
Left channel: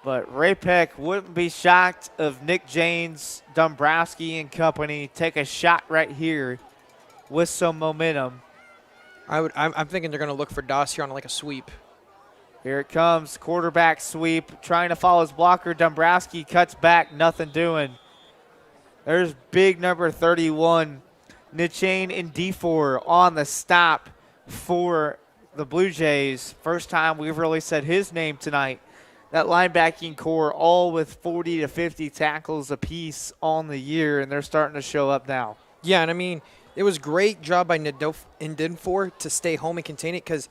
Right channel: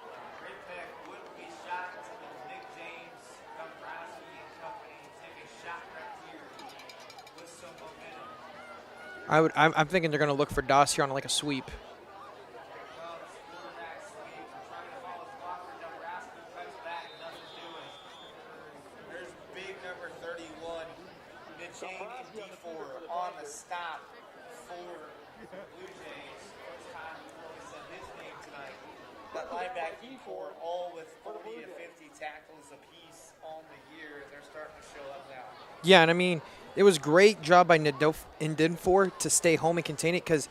But Ray-Pec wouldn't be shocked if Nick James, Dombrowski, and company take a shot right here with some momentum. I'm thinking they're going to look for Doss here on like a sweep. Here it comes, quarterback sweep, trying to follow his blocker. Dombrowski cuts back, nothing doing. There's big number 31, Nichain and D4 on the stop for the Blue Jays. First time we've really said his name tonight. That linebacking core all with 40 to 50 tackles apiece on the year, and they're starting to show up now. Yeah, and I mean, it was great job by Ndinfor to stay home and contain it because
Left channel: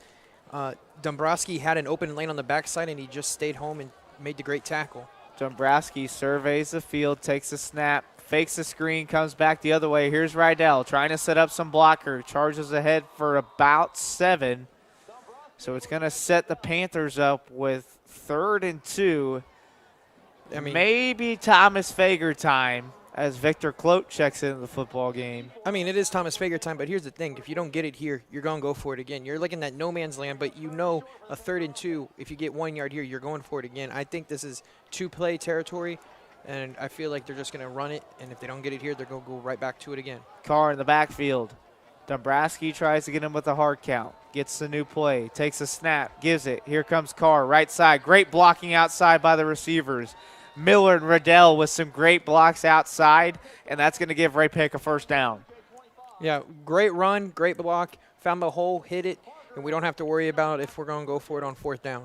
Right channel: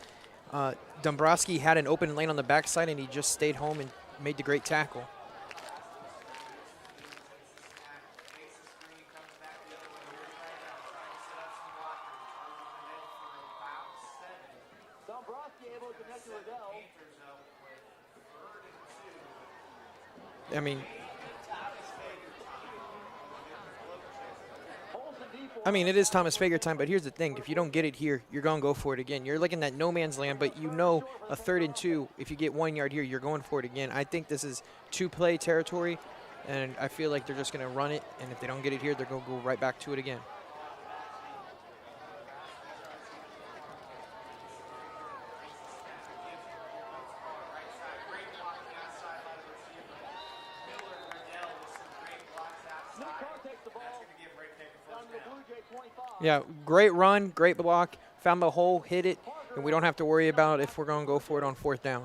Dombrowski had an open lane on the backside, and he just stayed home and made the great tackle. Dombrowski surveys the field, takes a snap, fakes the screen, comes back the other way. Here's Rydell trying to set up some blocker, charges ahead for about 7. So it's going to set the Panthers up with 3rd and 2. I mean, maybe Thomas Fager time as Victor Clote checks into the football game. I mean, it is Thomas Fager time, but here's the thing. If you don't get it here, you're going to go for it again. You're looking at no man's land, but you know a 3rd and 2, if you get 1 yard here, you're going for it again. I think this is 2-play territory, and I feel like they're just going to run it, and if they don't get it here, they're going to go right back to it again. Carr in the backfield. Dombrowski tries to get him with a hard count. Gets the new play, takes a snap, gives it. Here comes Carr, right side. Great blocking outside by the receivers. Miller and Riddell with some great blocks outside, and that's going to give Ray-Pec a 1st down. Yeah, great run, great block. Found the hole, hit it, and we don't have to worry about if we're going to go for it on 4th down.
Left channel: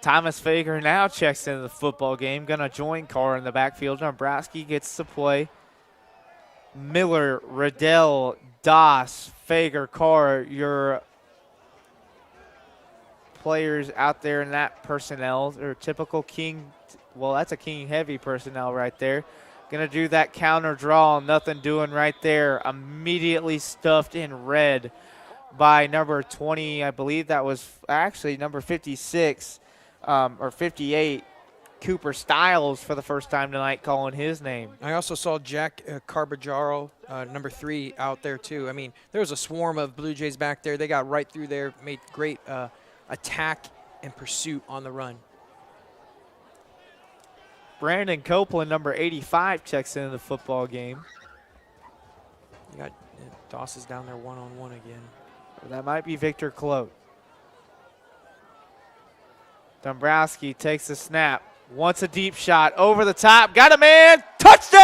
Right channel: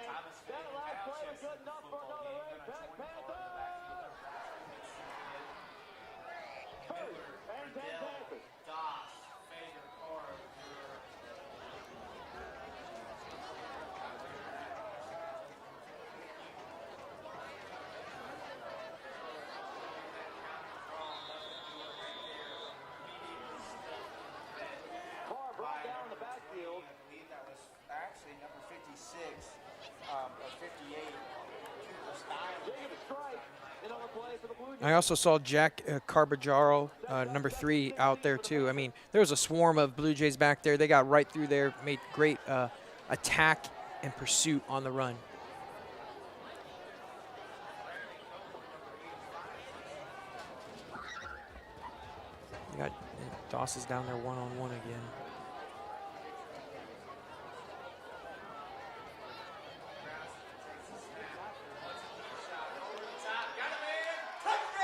Thomas Fager now checks into the football game. Going to join Carr in the backfield. Dombrowski gets to play. Miller, Riddell, Doss, Fager, Carr, your players out there in that personnel are typical King. Well, that's a King heavy personnel right there. Gonna do that counter draw, nothing doing right there. Immediately stuffed in red by number 20. I believe that was actually number 56 or 58. Cooper Stiles for the first time tonight calling his name. I also saw Jack Carbajaro, number 3, out there too. I mean, there was a swarm of Blue Jays back there. They got right through there, made great attack and pursuit on the run. Brandon Copeland, number 85, checks into the football game. You got Doss is down there one-on-one again. And that might be Victor Clote. Dombrowski takes the snap, wants a deep shot, over the top, got a man, touchdown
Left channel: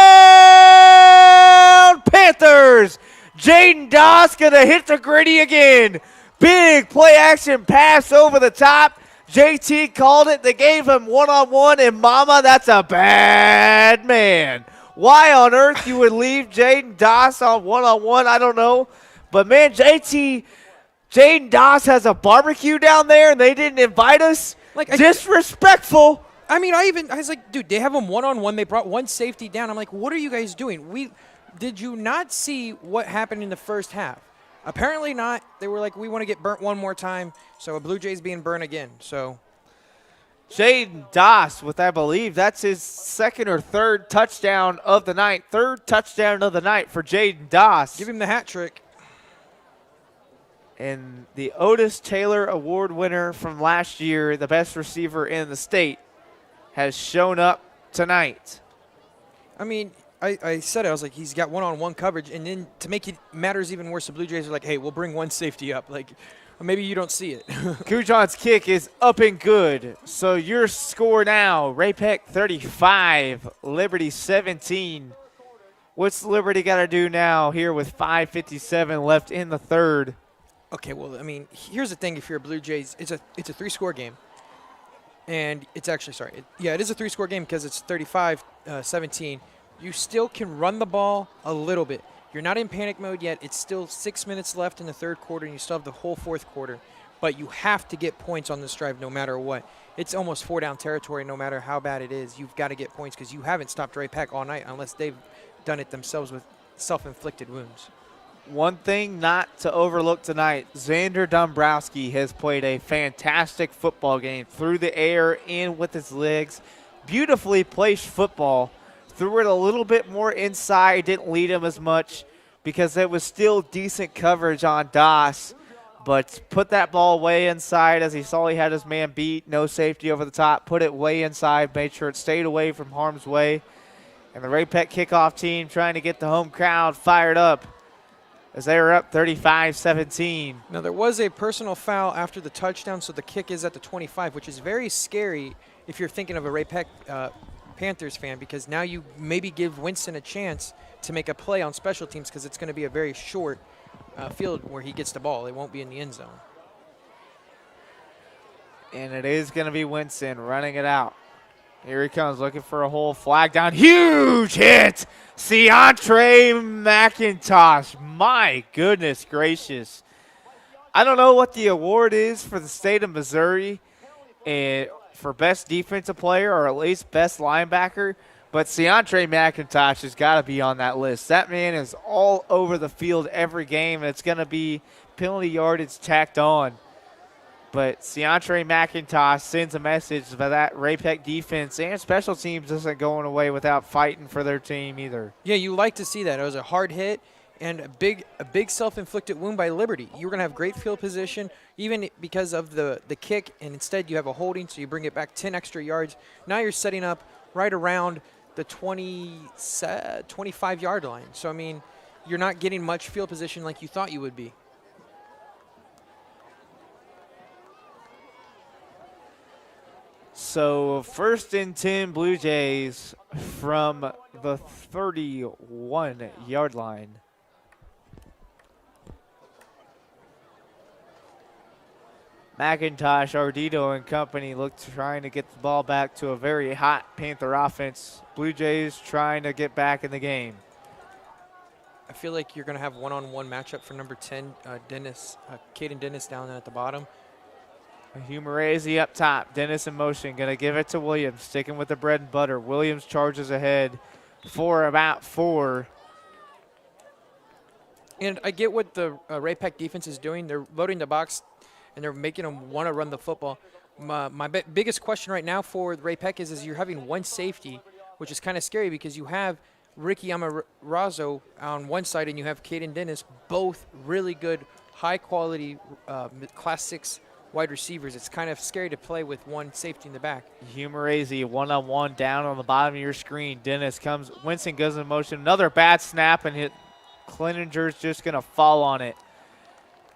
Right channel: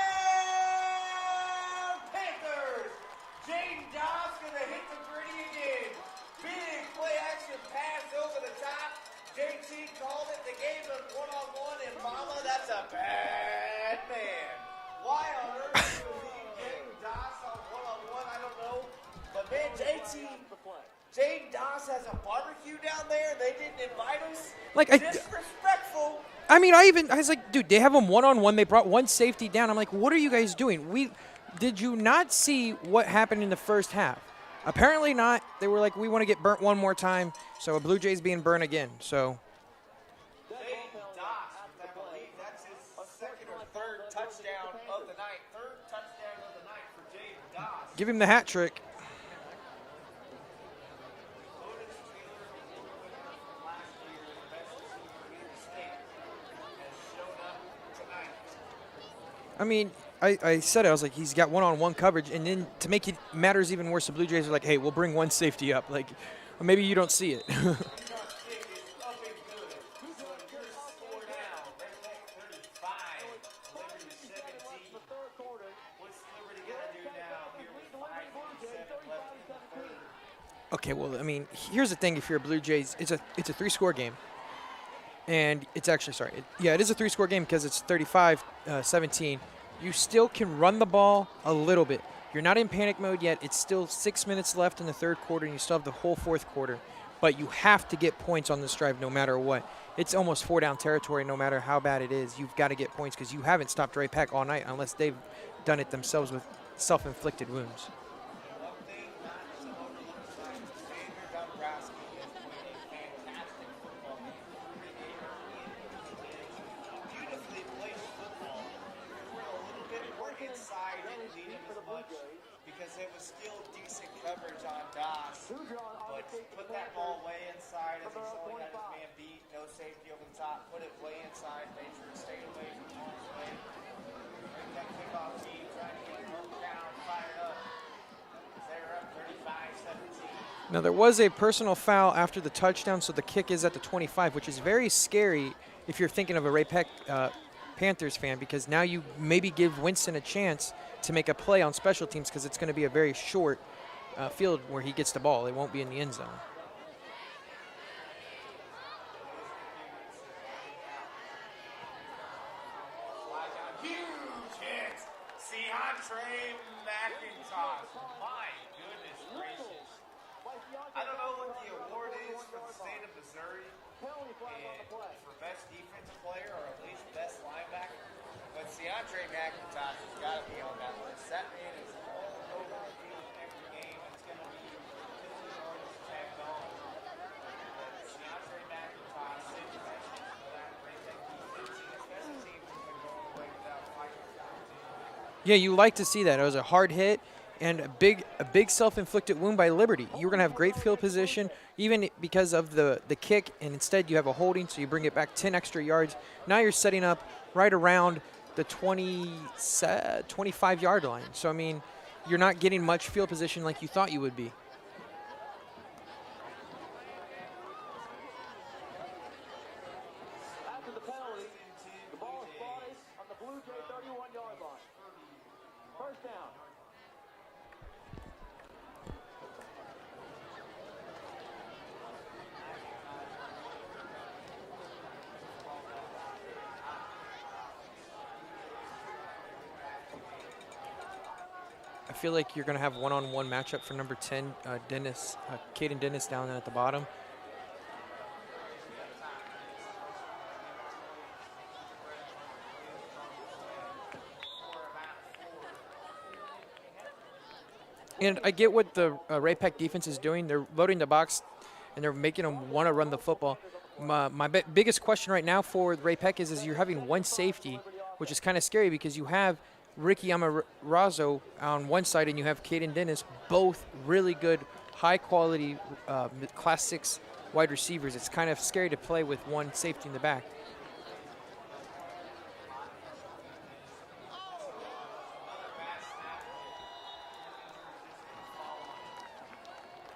Panthers! Jaden Doss gonna hit the gritty again. Big play action pass over the top. JT called it. They gave him one-on-one, and mama, that's a bad man. Why on earth you would leave Jaden Doss on one-on-one, I don't know. But, man, Jaden Doss has a barbecue down there, and they didn't invite us. Like, disrespectful. I mean, I was like, dude, they have him one-on-one. They brought one safety down. I'm like, what are you guys doing? Did you not see what happened in the first half? Apparently not. They were like, we want to get burnt one more time. So a Blue Jays being burnt again. So Jaden Doss with, I believe, that's his 2nd or 3rd touchdown of the night. 3rd touchdown of the night for Jaden Doss. Give him the hat trick. And the Otis Taylor Award winner from last year, the best receiver in the state, has shown up tonight. I mean, I said it. I was like, he's got one-on-one coverage. And then to make it matters even worse, the Blue Jays are like, hey, we'll bring one safety up. Like, maybe you don't see it. Kujon's kick is up and good. So your score now, Ray-Pec 35, Liberty 17. What's Liberty got to do now here with 5:57 left in the 3rd? Okay, well, I mean, here's the thing. If you're a Blue Jays, it's a 3-score game. And it's actually, it is a 3-score game because it's 35-17. You still can run the ball a little bit. You're not in panic mode yet. It's still 6 minutes left in the 3rd quarter, and you still have the whole 4th quarter. But you have to get points on this drive no matter what. It's almost 4-down territory no matter how bad it is. You've got to get points because you haven't stopped Ray-Pec all night unless they've done it themselves with self-inflicted wounds. One thing not to overlook tonight, Xander Dombrowski has played a fantastic football game. Through the air, in with his legs. Beautifully placed football. Threw it a little bit more inside, didn't lead him as much because there was still decent coverage on Doss. But put that ball way inside as he saw he had his man beat. No safety over the top. Put it way inside, made sure it stayed away from harm's way. And the Ray-Pec kickoff team trying to get the home crowd fired up as they were up 35-17. Now, there was a personal foul after the touchdown, so the kick is at the 25, which is very scary if you're thinking of a Ray-Pec Panthers fan, because now you maybe give Winston a chance to make a play on special teams because it's going to be a very short field where he gets the ball. It won't be in the end zone. And it is going to be Winston running it out. Here he comes looking for a hole. Flag down. Huge hit. Seantre McIntosh. My goodness gracious. I don't know what the award is for the state of Missouri and for best defensive player or at least best linebacker, but Seantre McIntosh has got to be on that list. That man is all over the field every game, and it's going to be penalty yardage tacked on. But Seantre McIntosh sends a message that that Ray-Pec defense and special teams isn't going away without fighting for their team either. Yeah, you like to see that. It was a hard hit and a big self-inflicted wound by Liberty. You were going to have great field position, even because of the kick, and instead you have a holding, so you bring it back 10 extra yards. Now you're setting up right around the 25-yard line. So, I mean, you're not getting much field position like you thought you would be. So 1st and 10 Blue Jays from the 31-yard line. McIntosh, Ardito, and company trying to get the ball back to a very hot Panther offense. Blue Jays trying to get back in the game. I feel like you're going to have one-on-one matchup for number 10, Caden Dennis down at the bottom. Humorese up top. Dennis in motion. Going to give it to Williams. Sticking with the bread and butter. Williams charges ahead for about 4. And I get what the Ray-Pec defense is doing. They're loading the box, and they're making them want to run the football. My biggest question right now for Ray-Pec is you're having one safety, which is kind of scary because you have Ricky Amarazo on one side and you have Caden Dennis, both really good, high-quality Class 6 wide receivers. It's kind of scary to play with one safety in the back. Humorese one-on-one down on the bottom of your screen. Dennis comes, Winston goes in motion. Another bad snap, and Cleninger's just going to fall on it.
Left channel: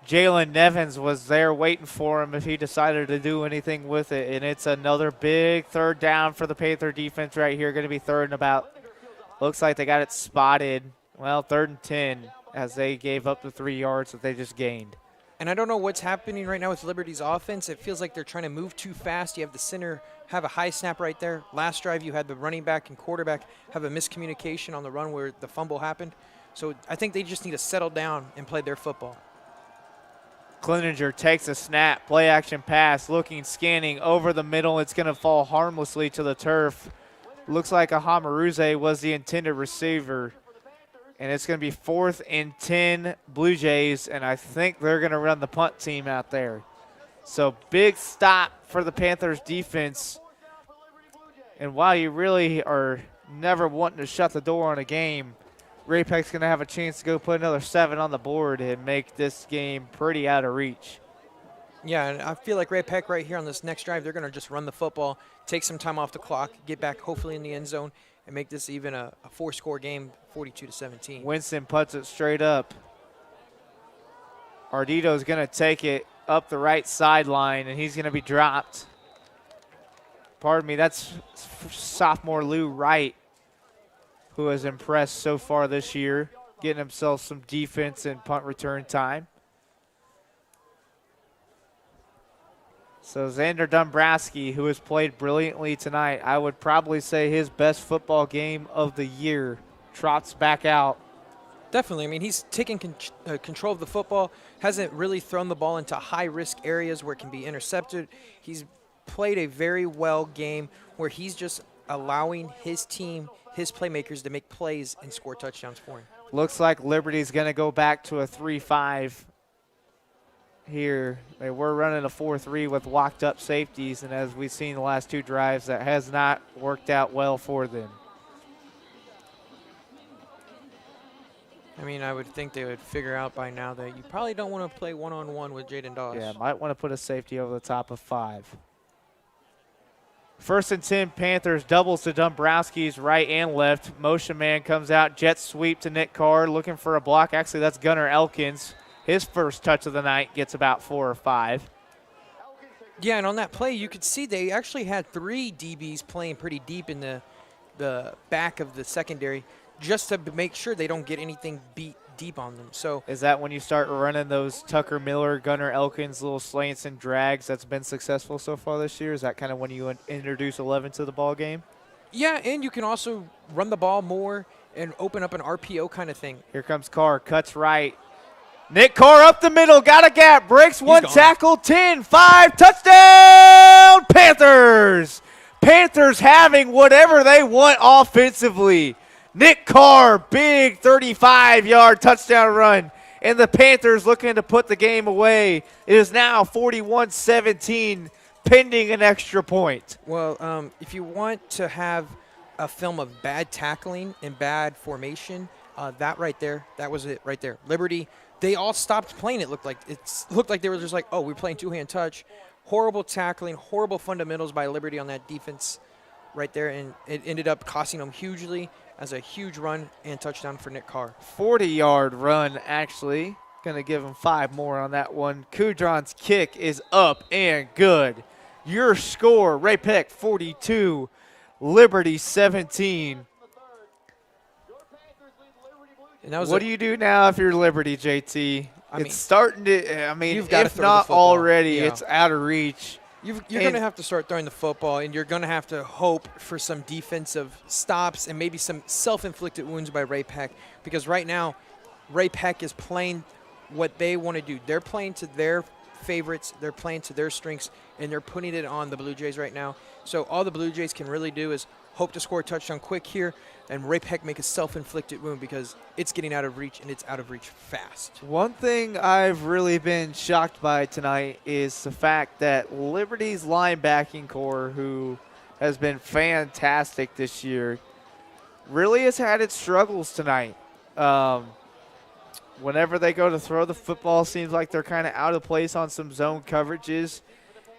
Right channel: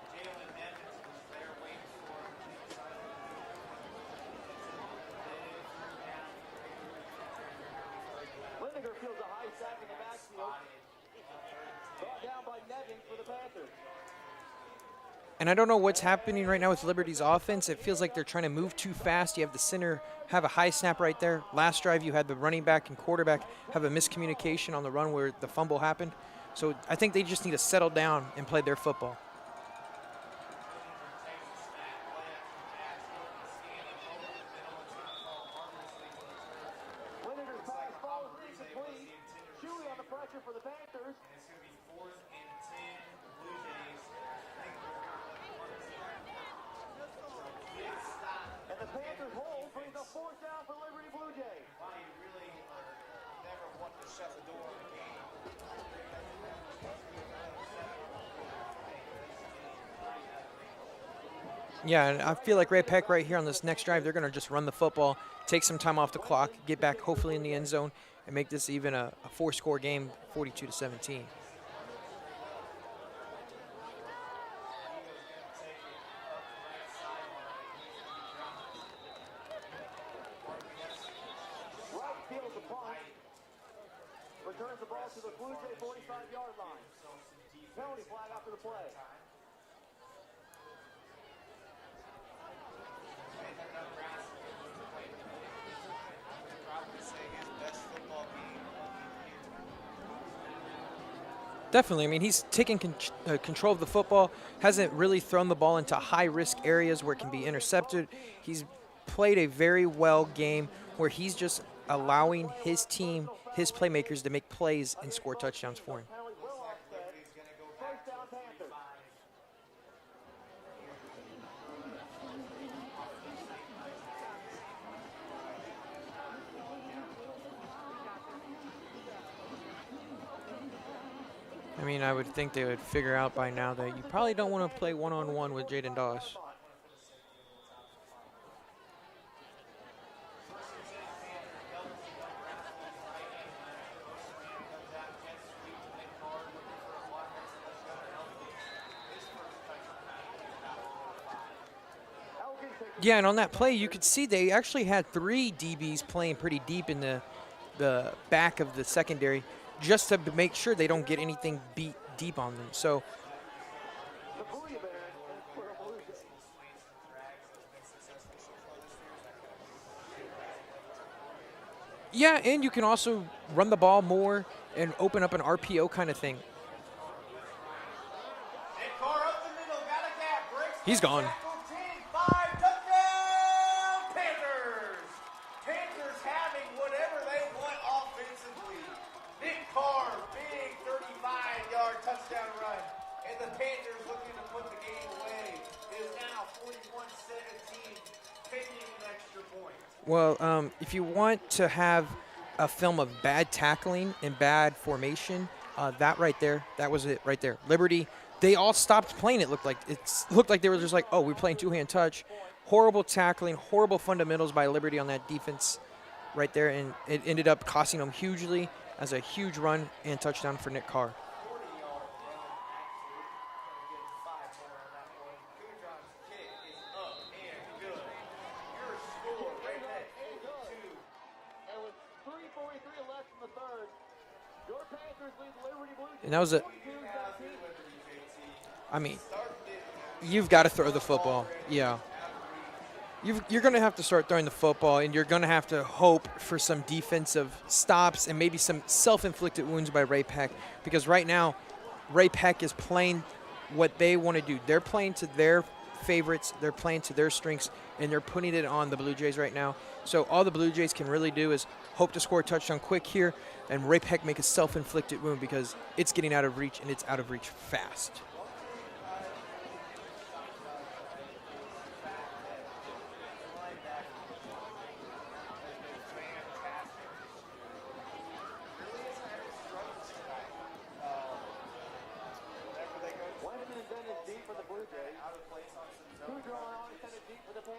Jalen Nevins was there waiting for him if he decided to do anything with it, and it's another big 3rd down for the Panther defense right here. Going to be 3rd and about. Looks like they got it spotted. Well, 3rd and 10 as they gave up the 3 yards that they just gained. And I don't know what's happening right now with Liberty's offense. It feels like they're trying to move too fast. You have the center have a high snap right there. Last drive, you had the running back and quarterback have a miscommunication on the run where the fumble happened. So I think they just need to settle down and play their football. Cleninger takes a snap, play action pass, looking, scanning over the middle. It's going to fall harmlessly to the turf. Looks like Ahamaruze was the intended receiver. And it's going to be 4th and 10 Blue Jays, and I think they're going to run the punt team out there. So big stop for the Panthers defense. And while you really are never wanting to shut the door on a game, Ray-Pec's going to have a chance to go put another 7 on the board and make this game pretty out of reach. Yeah, and I feel like Ray-Pec right here on this next drive, they're going to just run the football, take some time off the clock, get back hopefully in the end zone, and make this even a 4-score game, 42-17. Winston puts it straight up. Ardito's going to take it up the right sideline, and he's going to be dropped. Pardon me, that's sophomore Lou Wright, who has impressed so far this year, getting himself some defense and punt return time. So Xander Dombrowski, who has played brilliantly tonight, I would probably say his best football game of the year, trots back out. Definitely. I mean, he's taking control of the football, hasn't really thrown the ball into high-risk areas where it can be intercepted. He's played a very well game where he's just allowing his team, his playmakers, to make plays and score touchdowns for him. Looks like Liberty's going to go back to a 3-5 here. They were running a 4-3 with locked up safeties, and as we've seen the last 2 drives, that has not worked out well for them. I mean, I would think they would figure out by now that you probably don't want to play one-on-one with Jaden Doss. Yeah, might want to put a safety over the top of 5. 1st and 10 Panthers, doubles to Dombrowski's right and left. Motion man comes out, jet sweep to Nick Carr, looking for a block. Actually, that's Gunnar Elkins. His first touch of the night gets about 4 or 5. Yeah, and on that play, you could see they actually had 3 DBs playing pretty deep in the back of the secondary just to make sure they don't get anything beat deep on them. So is that when you start running those Tucker Miller, Gunnar Elkins little slants and drags that's been successful so far this year? Is that kind of when you introduce 11 to the ball game? Yeah, and you can also run the ball more and open up an RPO kind of thing. Here comes Carr, cuts right. Nick Carr up the middle, got a gap, breaks one gone. tackle, 10-5, touchdown, Panthers! Panthers having whatever they want offensively. Nick Carr, big 35-yard touchdown run, and the Panthers looking to put the game away. It is now 41-17, pending an extra point. Well, if you want to have a film of bad tackling and bad formation, that right there, that was it right there. Liberty, they all stopped playing. It looked like they were just like, oh, we're playing two-hand touch. Horrible tackling, horrible fundamentals by Liberty on that defense right there, and it ended up costing them hugely as a huge run and touchdown for Nick Carr. 40-yard run, actually. Going to give him 5 more on that one. Kudron's kick is up and good. Your score, Ray-Pec 42, Liberty 17. And that was what do you do now if you're Liberty, JT? It's starting to, you've got to throw the football. Already, yeah. It's out of reach. You're going to have to start throwing the football, and you're going to have to hope for some defensive stops and maybe some self-inflicted wounds by Ray-Pec, because right now Ray-Pec is playing what they want to do. They're playing to their favorites, they're playing to their strengths, and they're putting it on the Blue Jays right now. So all the Blue Jays can really do is hope to score a touchdown quick here, and Ray-Pec make a self-inflicted wound because it's getting out of reach, and it's out of reach fast. One thing I've really been shocked by tonight is the fact that Liberty's linebacking core, who has been fantastic this year, really has had its struggles tonight. Whenever they go to throw the football, seems like they're kind of out of place on some zone coverages.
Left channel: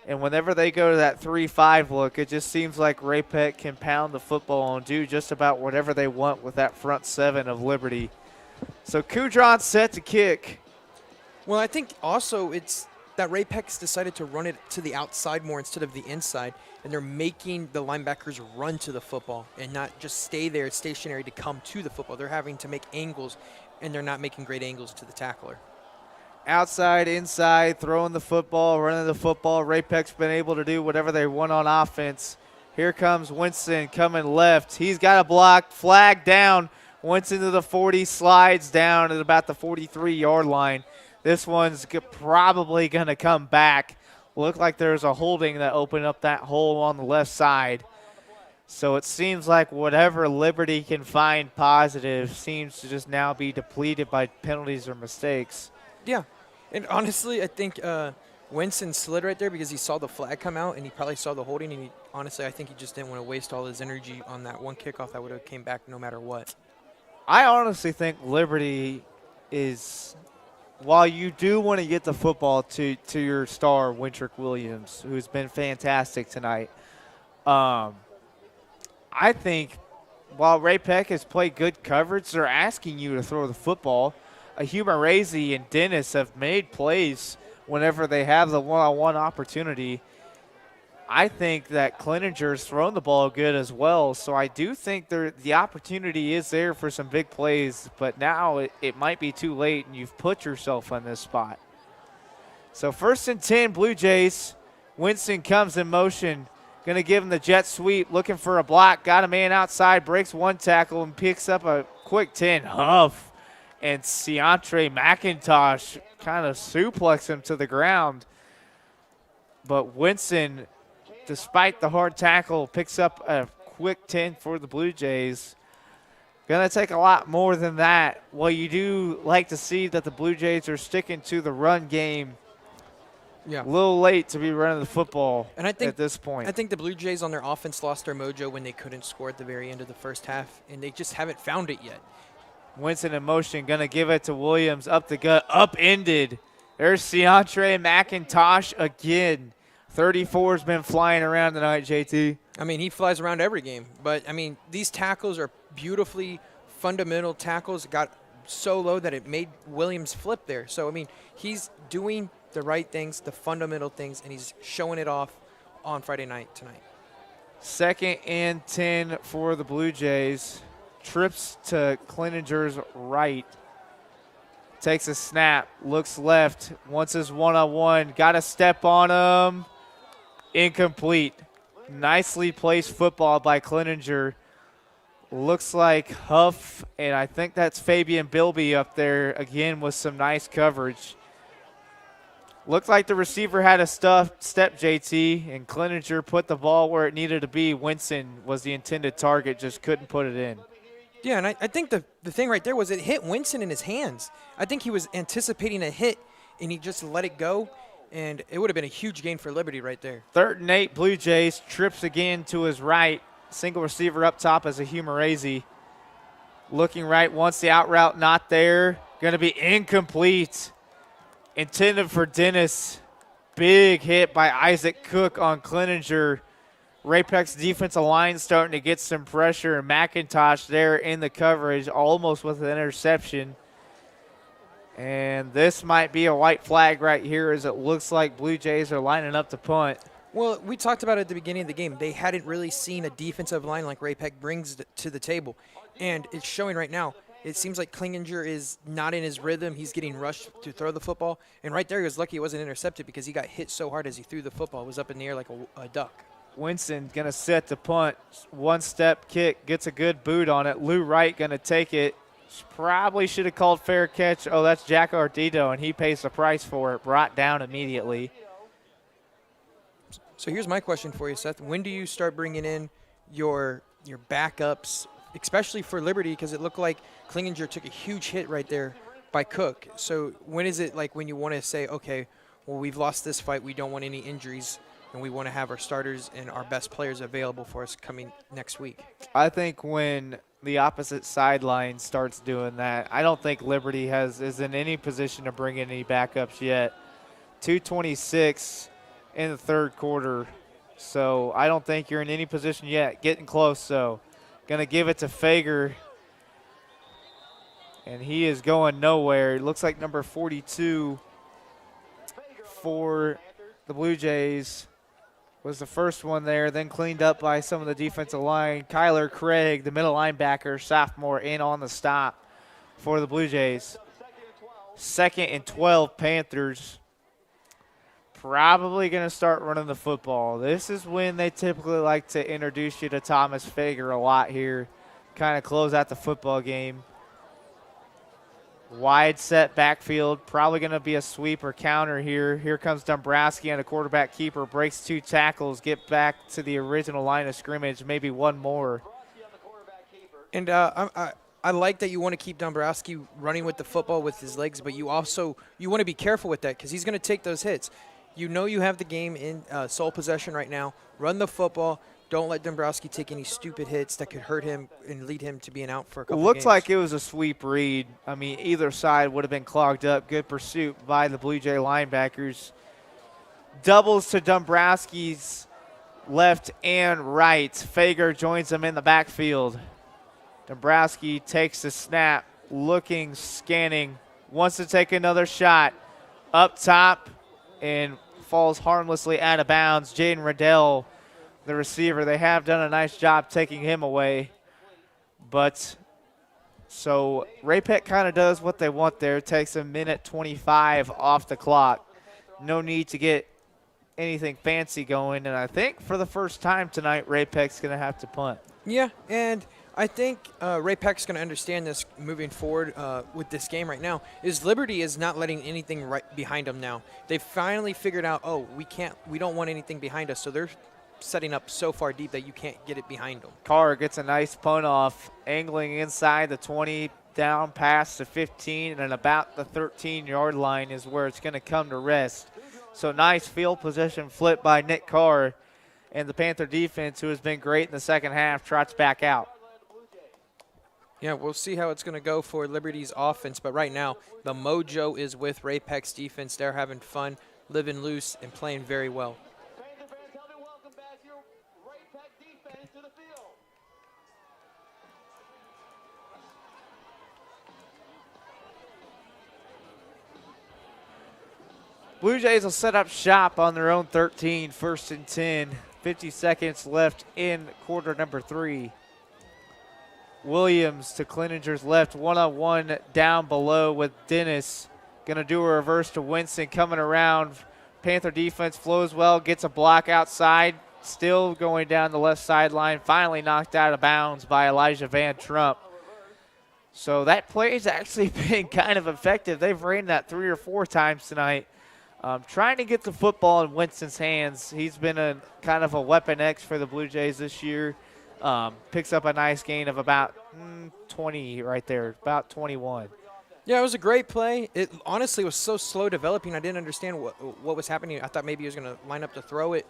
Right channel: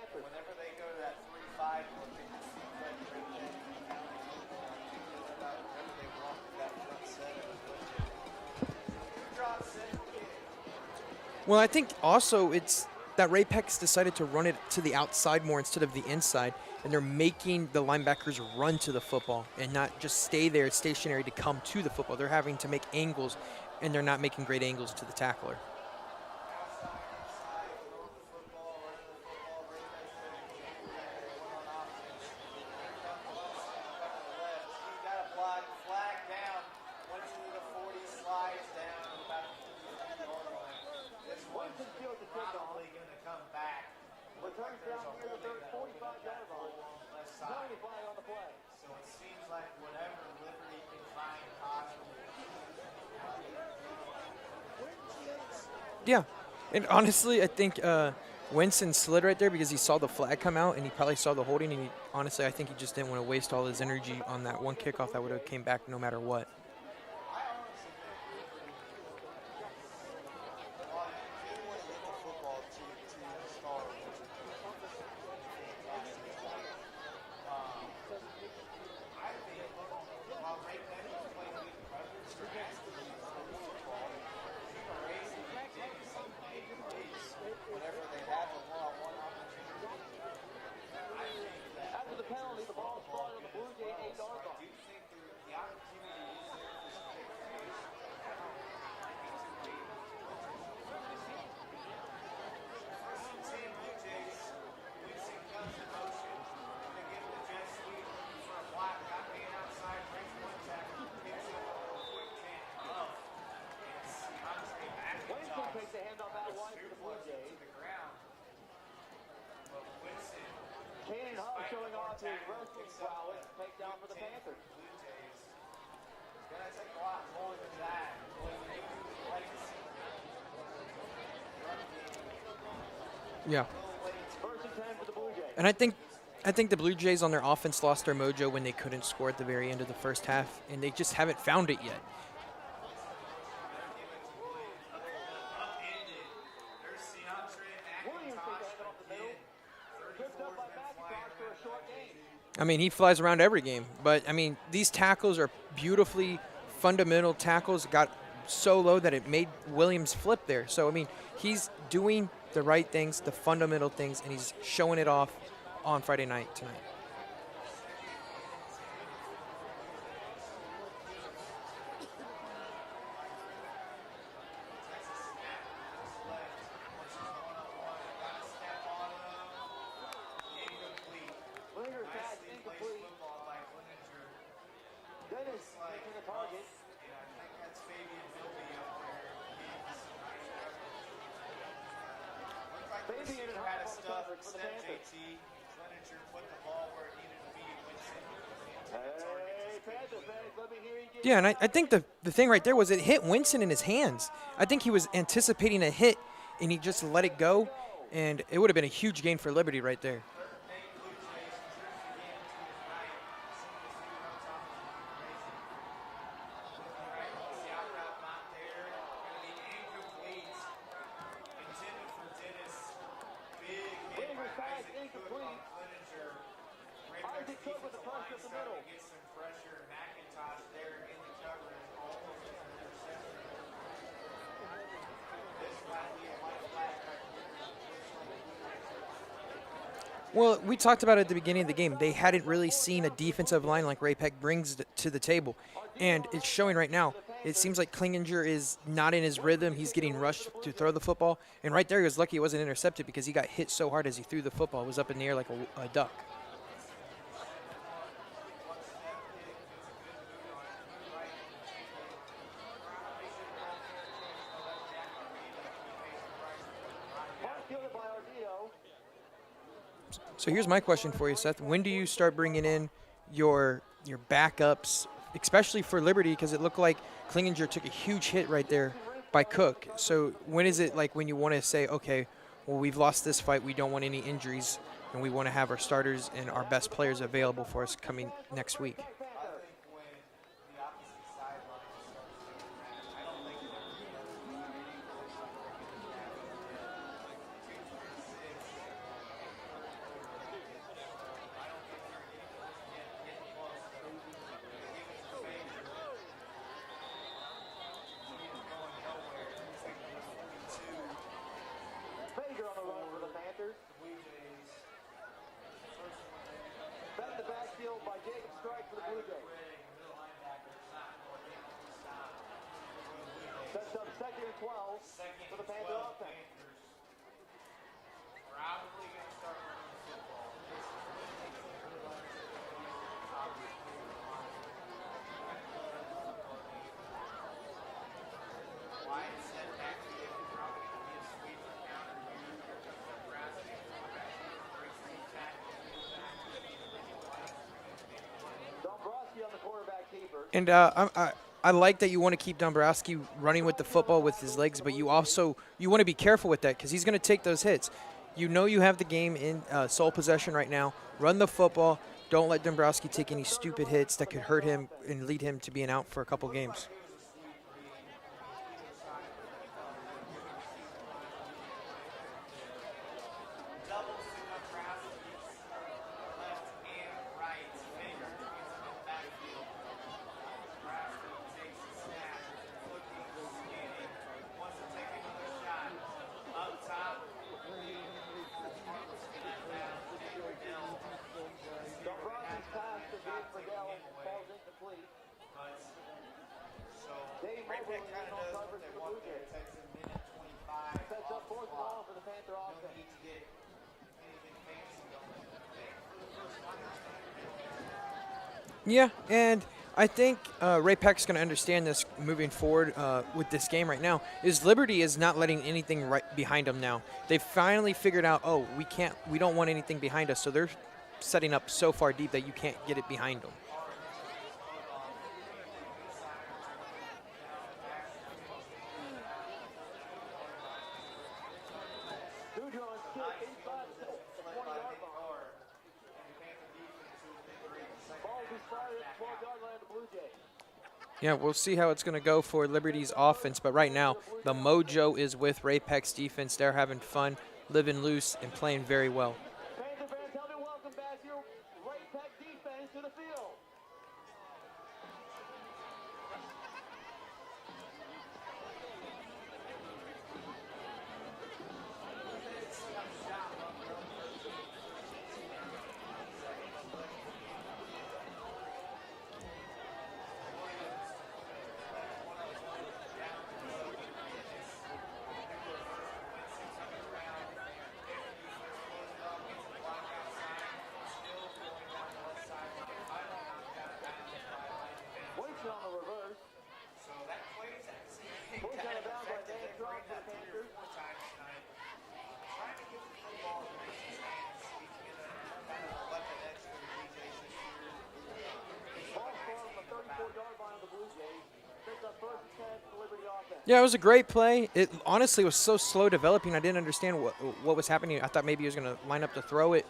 And whenever they go to that 3-5 look, it just seems like Ray-Pec can pound the football and do just about whatever they want with that front 7 of Liberty. So Kudron's set to kick. Well, I think also it's that Ray-Pec's decided to run it to the outside more instead of the inside, and they're making the linebackers run to the football and not just stay there stationary to come to the football. They're having to make angles, and they're not making great angles to the tackler. Outside, inside, throwing the football, running the football. Ray-Pec's been able to do whatever they want on offense. Here comes Winston coming left. He's got a block, flag down. Winston to the 40, slides down at about the 43-yard line. This one's probably going to come back. Looked like there's a holding that opened up that hole on the left side. So it seems like whatever Liberty can find positive seems to just now be depleted by penalties or mistakes. Yeah, and honestly, I think Winston slid right there because he saw the flag come out, and he probably saw the holding, and honestly, I think he just didn't want to waste all his energy on that one kickoff that would have came back no matter what. I honestly think Liberty is, while you do want to get the football to your star, Wintrick Williams, who's been fantastic tonight, I think while Ray-Pec has played good coverage, they're asking you to throw the football. Huma Razy and Dennis have made plays whenever they have the one-on-one opportunity. I think that Cleninger's thrown the ball good as well, so I do think the opportunity is there for some big plays, but now it might be too late, and you've put yourself on this spot. So 1st and 10, Blue Jays. Winston comes in motion, going to give him the jet sweep, looking for a block, got a man outside, breaks one tackle, and picks up a quick 10 huff. And Ciantre McIntosh kind of suplexed him to the ground. But Winston, despite the hard tackle, picks up a quick 10 for the Blue Jays. Going to take a lot more than that. Well, you do like to see that the Blue Jays are sticking to the run game. Yeah. A little late to be running the football and I think, at this point. I think the Blue Jays on their offense lost their mojo when they couldn't score at the very end of the first half, and they just haven't found it yet. Winston in motion, going to give it to Williams, up the gut, upended. There's Ciantre McIntosh again. 34's been flying around tonight, JT. I mean, he flies around every game. But, I mean, these tackles are beautifully fundamental tackles. Got so low that it made Williams flip there. So, I mean, he's doing the right things, the fundamental things, and he's showing it off on Friday night tonight. 2nd and 10 for the Blue Jays. Trips to Cleninger's right. Takes a snap, looks left, wants his one-on-one, got a step on him. Incomplete. Nicely placed football by Cleninger. Looks like Huff, and I think that's Fabian Bilby up there again with some nice coverage. Looked like the receiver had a step, JT, and Cleninger put the ball where it needed to be. Winston was the intended target, just couldn't put it in. Yeah, and I think the thing right there was it hit Winston in his hands. I think he was anticipating a hit, and he just let it go, and it would have been a huge gain for Liberty right there. 3rd and 8, Blue Jays, trips again to his right. Single receiver up top as a Humorese. Looking right, wants the out route, not there. Going to be incomplete. Intended for Dennis. Big hit by Isaac Cook on Cleninger. Ray-Pec's defensive line starting to get some pressure, and McIntosh there in the coverage, almost with an interception. And this might be a white flag right here, as it looks like Blue Jays are lining up to punt. Well, we talked about it at the beginning of the game. They hadn't really seen a defensive line like Ray-Pec brings to the table, and it's showing right now. It seems like Cleninger is not in his rhythm. He's getting rushed to throw the football, and right there he was lucky it wasn't intercepted because he got hit so hard as he threw the football. It was up in the air like a duck. Winston going to set the punt. One-step kick, gets a good boot on it. Lou Wright going to take it. Probably should have called fair catch. Oh, that's Jack Ardito, and he pays the price for it. Brought down immediately. So here's my question for you, Seth. When do you start bringing in your backups, especially for Liberty, because it looked like Cleninger took a huge hit right there by Cook. So when is it like when you want to say, okay, well, we've lost this fight, we don't want any injuries, and we want to have our starters and our best players available for us coming next week? I think when the opposite sideline starts doing that, I don't think Liberty is in any position to bring in any backups yet. 2:26 in the 3rd quarter, so I don't think you're in any position yet. Getting close, so gonna give it to Fager, and he is going nowhere. It looks like number 42 for the Blue Jays was the first one there, then cleaned up by some of the defensive line. Kyler Craig, the middle linebacker, sophomore, in on the stop for the Blue Jays. 2nd and 12, Panthers. Probably going to start running the football. This is when they typically like to introduce you to Thomas Fager a lot here, kind of close out the football game. Wide set backfield, probably going to be a sweep or counter here. Here comes Dombrowski and a quarterback keeper, breaks 2 tackles, get back to the original line of scrimmage, maybe one more. And I like that you want to keep Dombrowski running with the football with his legs, but you want to be careful with that because he's going to take those hits. You know you have the game in sole possession right now. Run the football. Don't let Dombrowski take any stupid hits that could hurt him and lead him to being out for a couple games. Looks like it was a sweep read. I mean, either side would have been clogged up. Good pursuit by the Blue Jay linebackers. Doubles to Dombrowski's left and right. Fager joins him in the backfield. Dombrowski takes the snap, looking, scanning, wants to take another shot. Up top and falls harmlessly out of bounds. Jaden Riddell, the receiver, they have done a nice job taking him away. But so Ray-Pec kind of does what they want there. Takes a minute 25 off the clock. No need to get anything fancy going. And I think for the first time tonight, Ray-Pec's going to have to punt. Yeah, and I think Ray-Pec's going to understand this moving forward with this game right now. Is Liberty is not letting anything right behind them now. They finally figured out, oh, we don't want anything behind us, so they're setting up so far deep that you can't get it behind them. Carr gets a nice punt off, angling inside the 20, down past the 15, and about the 13-yard line is where it's going to come to rest. So nice field position flip by Nick Carr, and the Panther defense, who has been great in the second half, trots back out. Yeah, we'll see how it's going to go for Liberty's offense, but right now the mojo is with Ray-Pec's defense. They're having fun, living loose, and playing very well. Blue Jays will set up shop on their own 13, 1st and 10. 50 seconds left in quarter number 3. Williams to Cleninger's left, one-on-one down below with Dennis. Gonna do a reverse to Winston coming around. Panther defense flows well, gets a block outside, still going down the left sideline, finally knocked out of bounds by Elijah Van Trump. So that play has actually been kind of effective. They've ran that 3 or 4 times tonight. Trying to get the football in Winston's hands. He's been a kind of a weapon X for the Blue Jays this year. Picks up a nice gain of about 20 right there, about 21. Yeah, it was a great play. It honestly was so slow developing. I didn't understand what was happening. I thought maybe he was going to line up to throw it,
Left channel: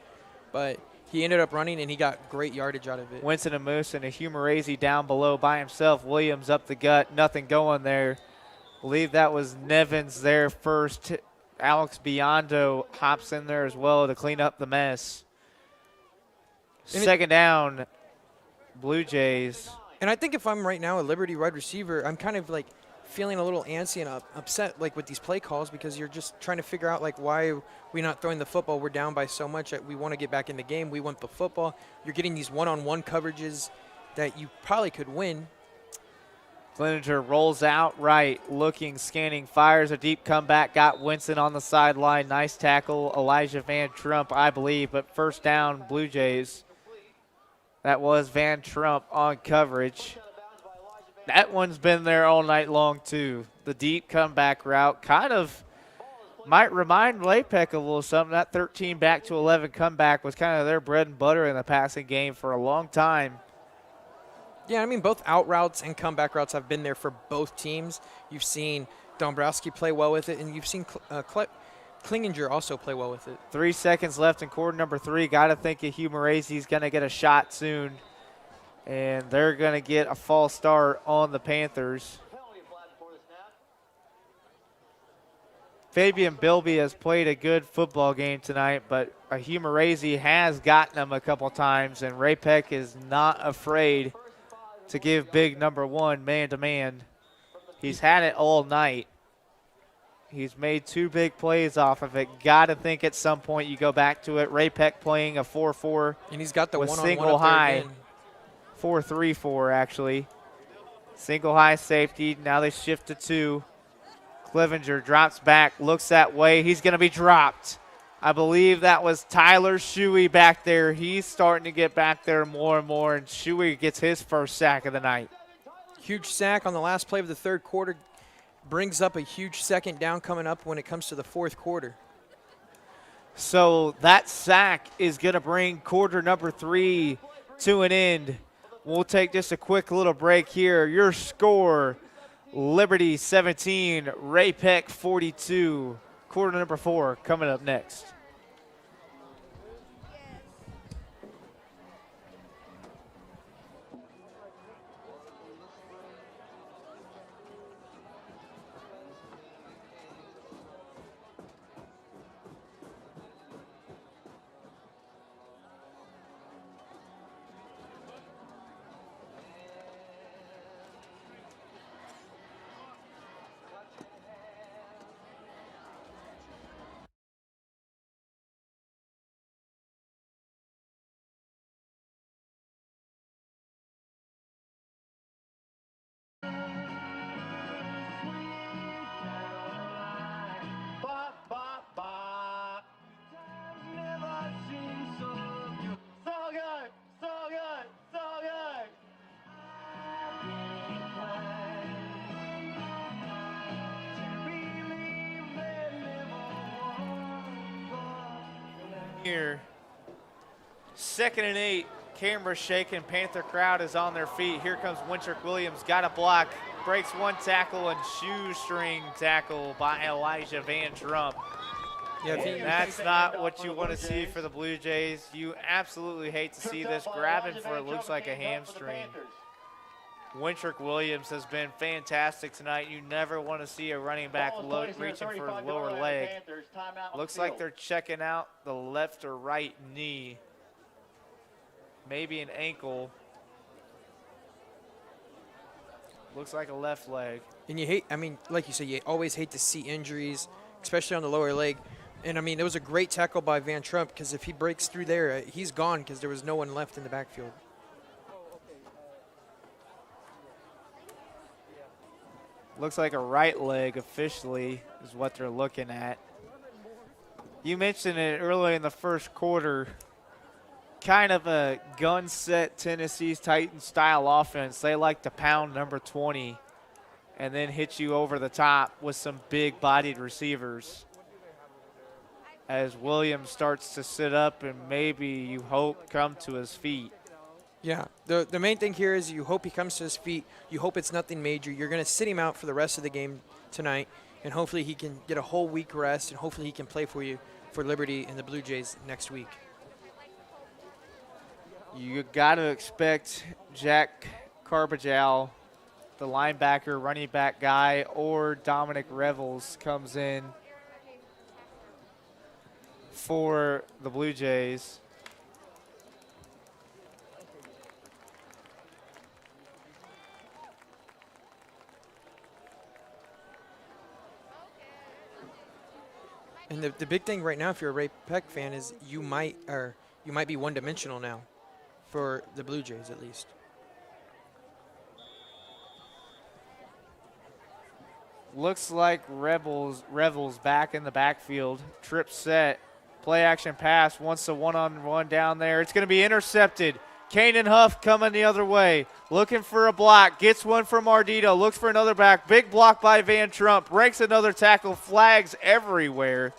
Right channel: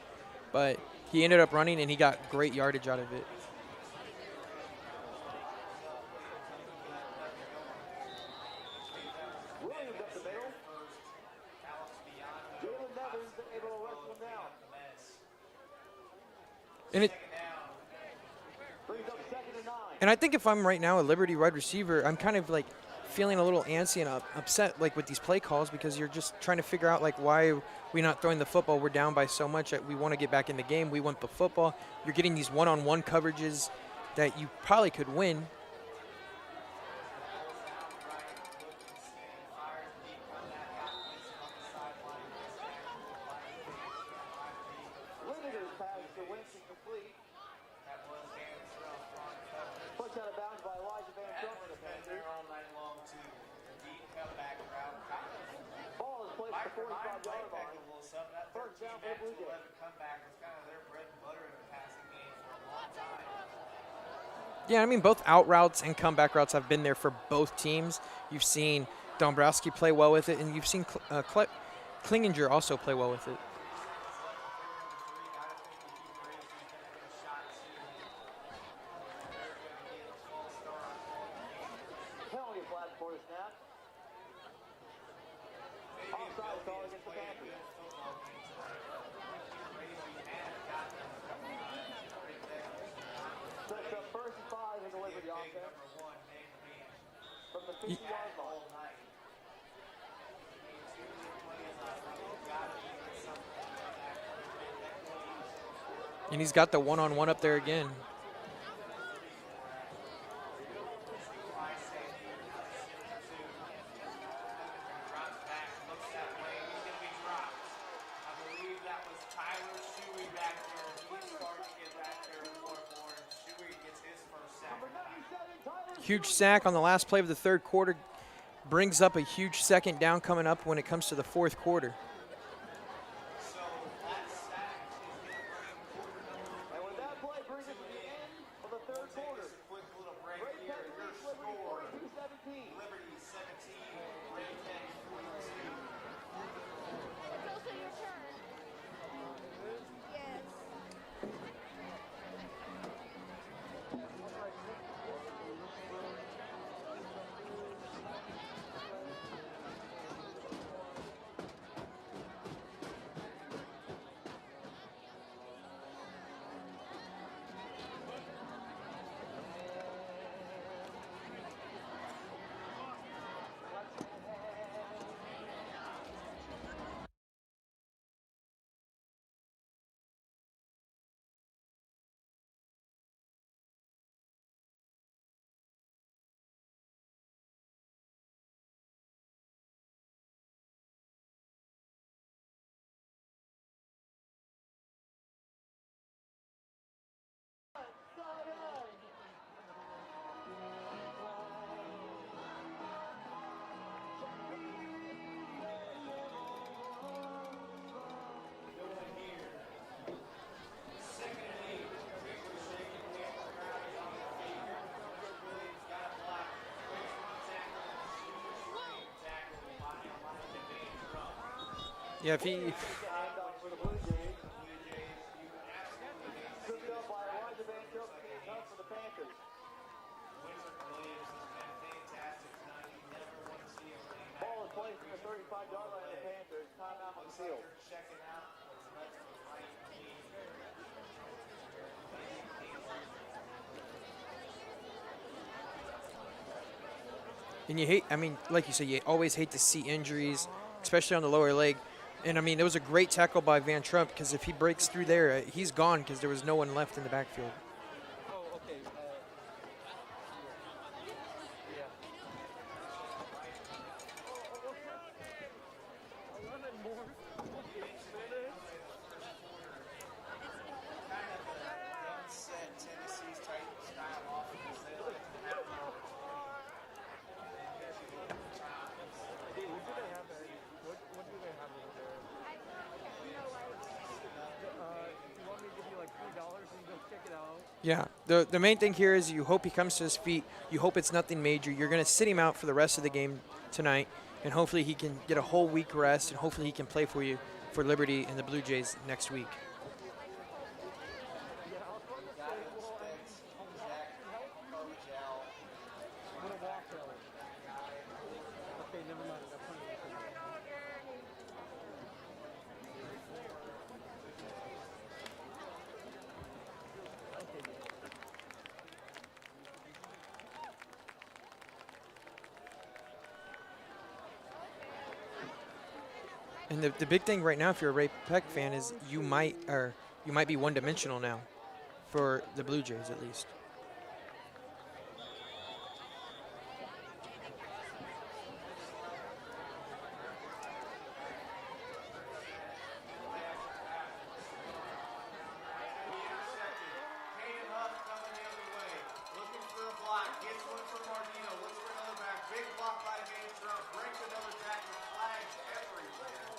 but he ended up running, and he got great yardage out of it. Winston and Moose and a Humerazy down below by himself. Williams up the gut, nothing going there. Believe that was Nevins there first. Alex Biondo hops in there as well to clean up the mess. Second down, Blue Jays. And I think if I'm right now a Liberty wide receiver, I'm kind of like feeling a little antsy and upset like with these play calls, because you're just trying to figure out like why we're not throwing the football. We're down by so much that we want to get back in the game. We want the football. You're getting these one-on-one coverages that you probably could win. Cleninger rolls out right, looking, scanning, fires a deep comeback, got Winston on the sideline. Nice tackle, Elijah Van Trump, I believe, but first down, Blue Jays. That was Van Trump on coverage. That one's been there all night long, too. The deep comeback route kind of might remind Ray-Pec a little something. That 13 back to 11 comeback was kind of their bread and butter in the passing game for a long time. Yeah, I mean, both out routes and comeback routes have been there for both teams. You've seen Dombrowski play well with it, and you've seen Klinginger also play well with it. 3 seconds left in quarter number 3. Got to think Humerazy's going to get a shot soon. And they're going to get a false start on the Panthers. Fabian Bilby has played a good football game tonight, but Humerazy has gotten him a couple times, and Ray-Pec is not afraid to give big number 1 man-to-man. He's had it all night. He's made 2 big plays off of it. Got to think at some point you go back to it. Ray-Pec playing a 4-4. And he's got the one-on-one up there again. 4-3-4, actually. Single high safety. Now they shift to 2. Clevenger drops back, looks that way. He's going to be dropped. I believe that was Tyler Shuey back there. He's starting to get back there more and more, and Shuey gets his first sack of the night. Huge sack on the last play of the third quarter. Brings up a huge second down coming up when it comes to the fourth quarter. So that sack is going to bring quarter number 3 to an end. We'll take just a quick little break here. Your score, Liberty 17, Ray-Pec 42. Quarter number 4 coming up next. Here, 2nd and 8, camera shaking, Panther crowd is on their feet. Here comes Wintrick Williams, got a block, breaks 1 tackle, and shoestring tackle by Elijah Van Trump. Yeah, that's not what you want to see for the Blue Jays. You absolutely hate to see this, grabbing for it looks like a hamstring. Wintrick Williams has been fantastic tonight. You never want to see a running back reaching for his lower leg. Looks like they're checking out the left or right knee. Maybe an ankle. Looks like a left leg. And you hate, I mean, like you said, you always hate to see injuries, especially on the lower leg. And, I mean, it was a great tackle by Van Trump, because if he breaks through there, he's gone because there was no one left in the backfield. Looks like a right leg officially is what they're looking at. You mentioned it early in the first quarter. kind of a gun set Tennessee Titans style offense. They like to pound number 20 and then hit you over the top with some big bodied receivers. As Williams starts to sit up and maybe you hope come to his feet. Yeah, the main thing here is you hope he comes to his feet. You hope it's nothing major. You're going to sit him out for the rest of the game tonight, and hopefully he can get a whole week rest, and hopefully he can play for you for Liberty and the Blue Jays next week. You got to expect Jack Carbajal, the linebacker, running back guy, or Dominic Revels comes in for the Blue Jays. And the big thing right now, if you're a Ray-Pec fan, is you might be one-dimensional now, for the Blue Jays at least. Looks like Revels back in the backfield. Trip set, play action pass. Wants a one-on-one down there. It's going to be intercepted. Kanan Huff coming the other way, looking for a block. Gets one from Ardito. Looks for another back. Big block by Van Trump. Breaks another tackle. Flags everywhere.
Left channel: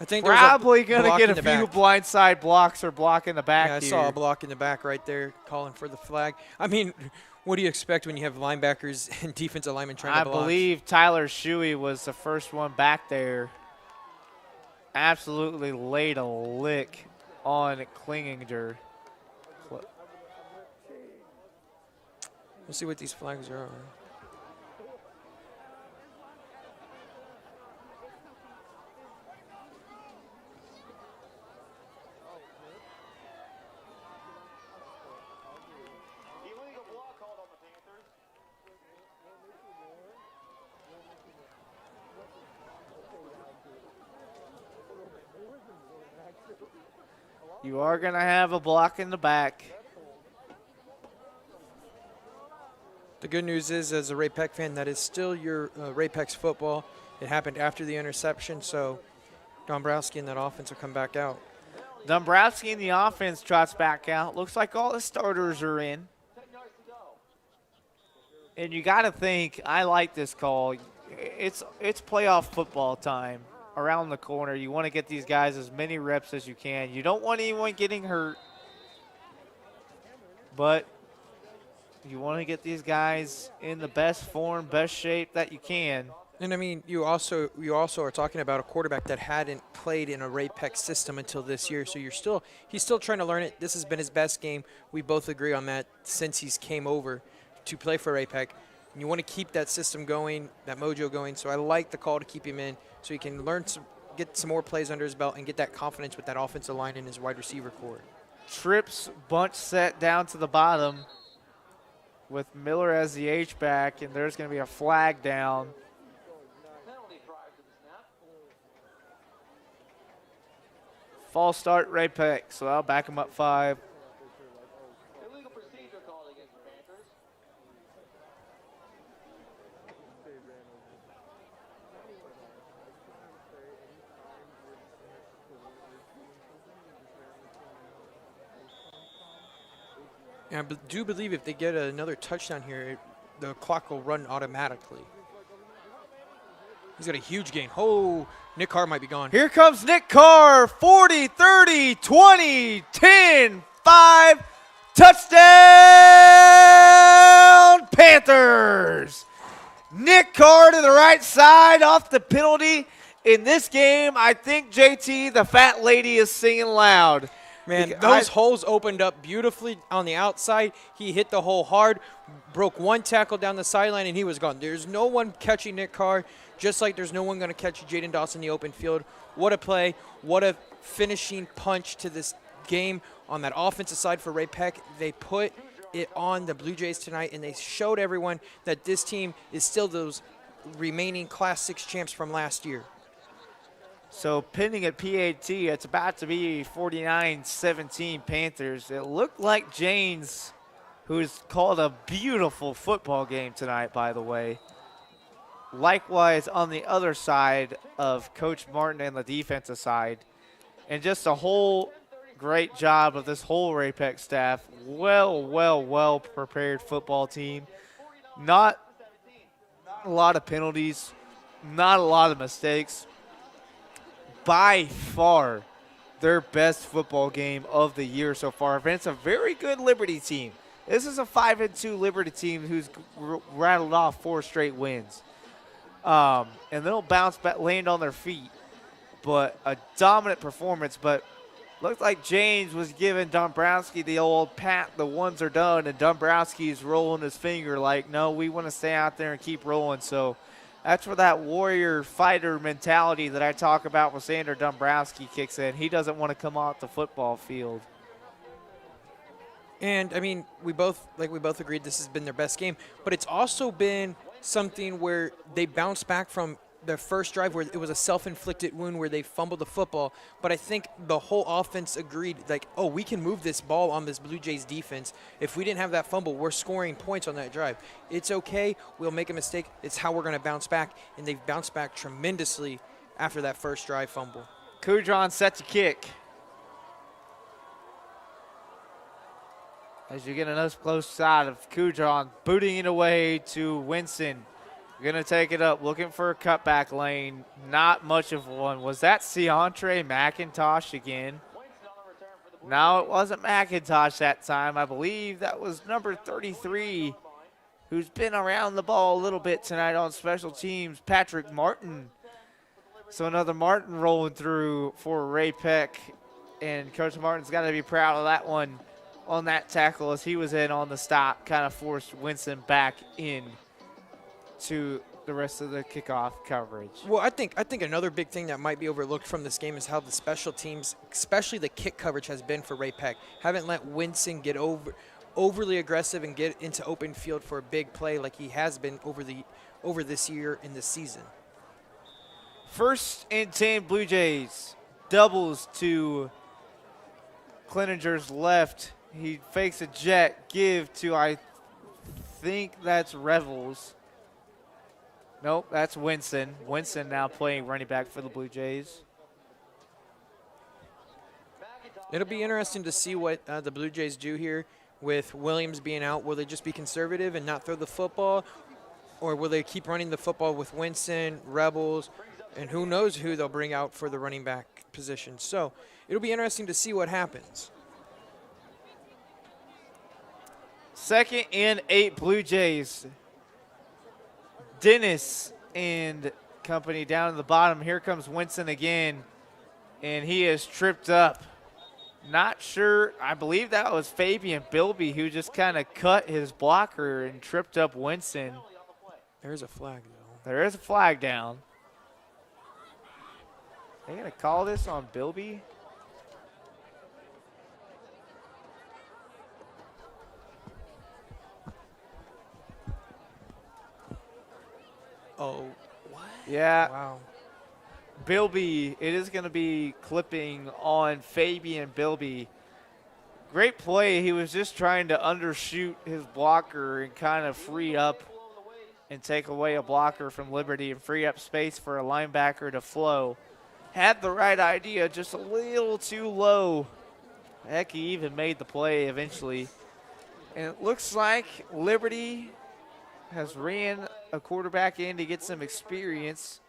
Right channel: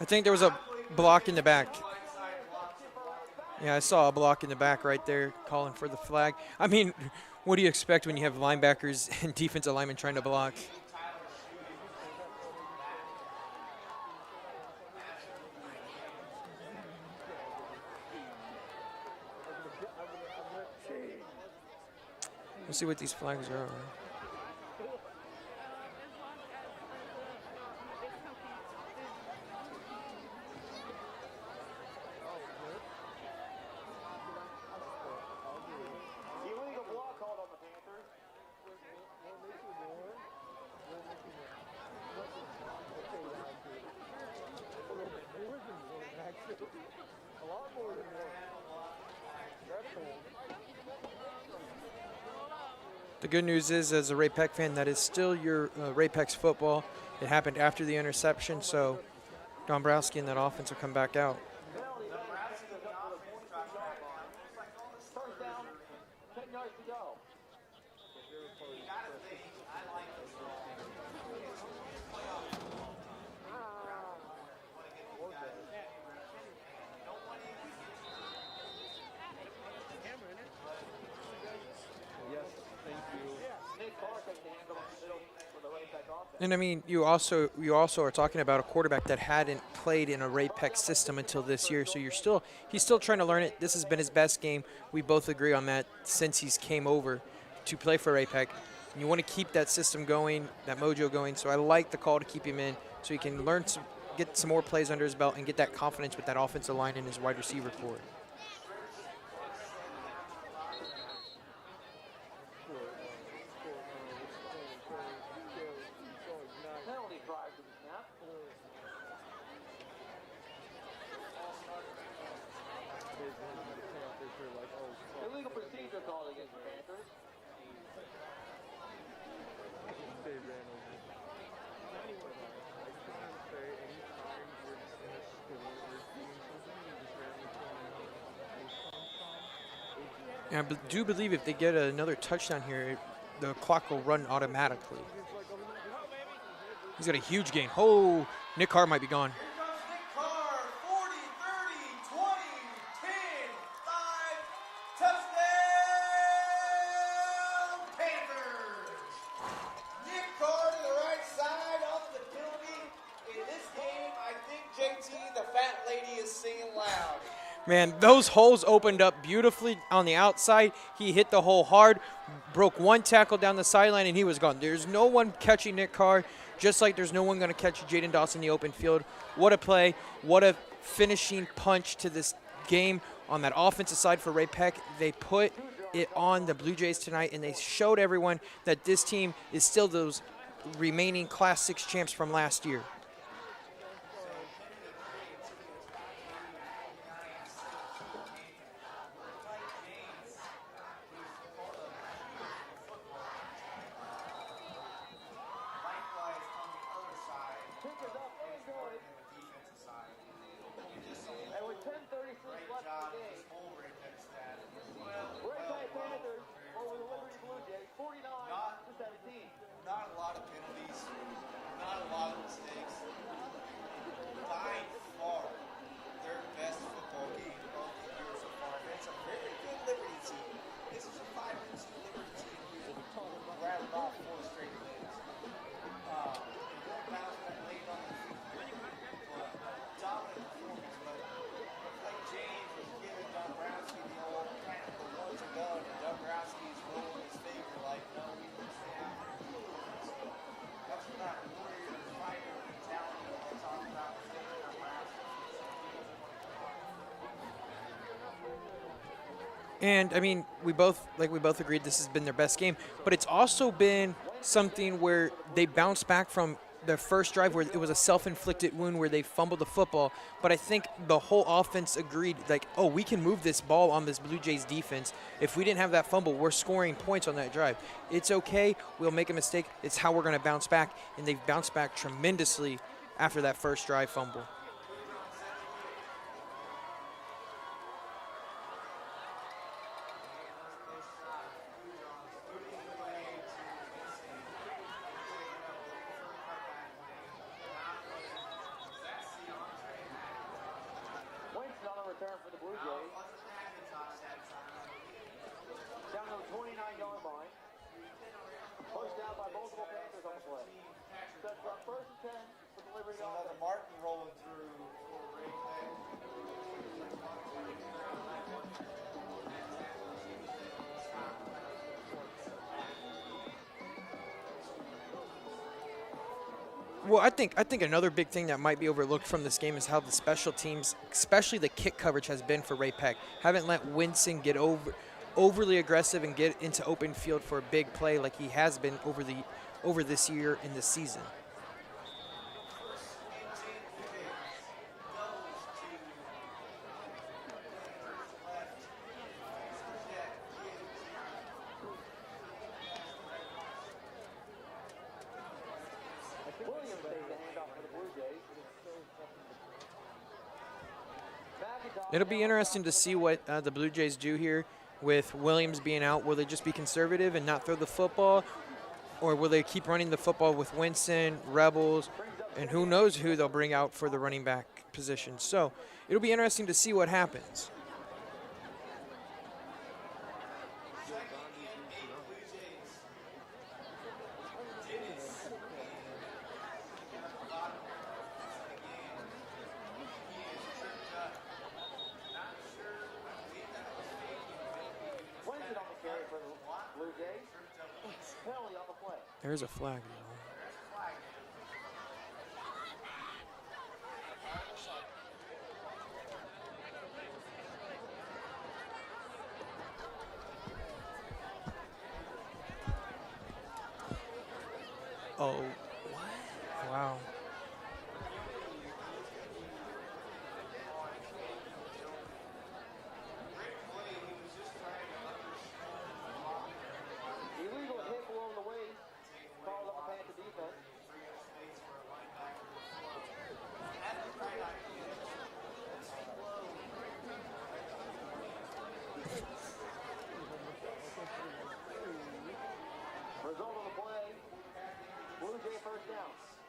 I think there's probably a going block to in get the a few back. blindside blocks or block in the back. Yeah, I saw a block in the back right there calling for the flag. I mean, what do you expect when you have linebackers and defensive linemen trying to block? I believe Tyler Shuey was the first one back there. Absolutely laid a lick on Klinginger. Let's see what these flags are. Illegal block called on the Panthers. You are going to have a block in the back. The good news is, as a Ray-Pec fan, that is still your Ray-Pec's football. It happened after the interception, so Dombrowski and that offense will come back out. Dombrowski in the offense trots back out. Looks like all the starters are in. And you got to think, I like this call. It's playoff football time around the corner. You want to get these guys as many reps as you can. You don't want anyone getting hurt, but you want to get these guys in the best form, best shape that you can. And I mean, you also are talking about a quarterback that hadn't played in a Ray-Pec system until this year. So he's still trying to learn it. This has been his best game. We both agree on that since he's came over to play for Ray-Pec. And you want to keep that system going, that mojo going. So I like the call to keep him in so he can learn get some more plays under his belt and get that confidence with that offensive line and his wide receiver core. Trips bunch set down to the bottom with Miller as the H-back, and there's going to be a flag down. False start, Ray-Pec, so I'll back him up 5. Illegal procedure called against the Panthers. And I do believe if they get another touchdown here, the clock will run automatically. He's got a huge gain. Oh, Nick Carr might be gone. Here comes Nick Carr, 40, 30, 20, 10, 5, touchdown Panthers! Nick Carr to the right side off the penalty. In this game, I think, JT, the fat lady is singing loud. Man, those holes opened up beautifully on the outside. He hit the hole hard, broke one tackle down the sideline, and he was gone. There's no one catching Nick Carr, just like there's no one going to catch Jaden Dawson in the open field. What a play. What a finishing punch to this game on that offensive side for Ray-Pec. They put it on the Blue Jays tonight, and they showed everyone that this team is still those remaining Class 6 champs from last year. So pending at PAT, it's about to be 49-17 Panthers. It looked like Janes, who's called a beautiful football game tonight, by the way. Likewise, on the other side of Coach Martin and the defensive side. And just a whole great job of this whole Ray-Pec staff. Well prepared football team. Not a lot of penalties, not a lot of mistakes. By far, their best football game of the year so far. And it's a very good Liberty team. This is a 5-2 Liberty team who's rattled off 4 straight wins. And they'll bounce back, land on their feet. But a dominant performance. But looked like James was giving Dombrowski the old pat, the ones are done. And Dombrowski's rolling his finger like, no, we want to stay out there and keep rolling. So that's where that warrior fighter mentality that I talk about with Sander Dombrowski kicks in. He doesn't want to come off the football field. And I mean, we both agreed this has been their best game, but it's also been something where they bounced back from the first drive where it was a self-inflicted wound where they fumbled the football. But I think the whole offense agreed, like, oh, we can move this ball on this Blue Jays defense. If we didn't have that fumble, we're scoring points on that drive. It's okay. We'll make a mistake. It's how we're going to bounce back. And they've bounced back tremendously after that first drive fumble. Kudron set to kick. As you get another close shot of Kudron booting it away to Winston. Going to take it up, looking for a cutback lane. Not much of one. Was that Ciantre McIntosh again? No, it wasn't McIntosh that time. I believe that was number 33, who's been around the ball a little bit tonight on special teams, Patrick Martin. So another Martin rolling through for Ray-Pec. And Coach Martin's got to be proud of that one on that tackle as he was in on the stop, kind of forced Winston back in to the rest of the kickoff coverage. Well, I think another big thing that might be overlooked from this game is how the special teams, especially the kick coverage, has been for Ray-Pec. Haven't let Winston get overly aggressive and get into open field for a big play like he has been over this year in this season. 1st and 10 Blue Jays. Doubles to Cleninger's left. He fakes a jet give to, I think that's Revels. Nope, that's Winston. Winston now playing running back for the Blue Jays. It'll be interesting to see what the Blue Jays do here with Williams being out. Will they just be conservative and not throw the football? Or will they keep running the football with Winston, Rebels, and who knows who they'll bring out for the running back position. So it'll be interesting to see what happens. 2nd and 8 Blue Jays. Dennis and company down at the bottom. Here comes Winston again, and he is tripped up. Not sure. I believe that was Fabian Bilby who just kind of cut his blocker and tripped up Winston. There's a flag though. There is a flag down. They're going to call this on Bilby. Oh, what? Yeah. Wow. Bilby, it is going to be clipping on Fabian Bilby. Great play. He was just trying to undershoot his blocker and kind of free up and take away a blocker from Liberty and free up space for a linebacker to flow. Had the right idea, just a little too low. Heck, he even made the play eventually. And it looks like Liberty has ran a quarterback in to get some experience.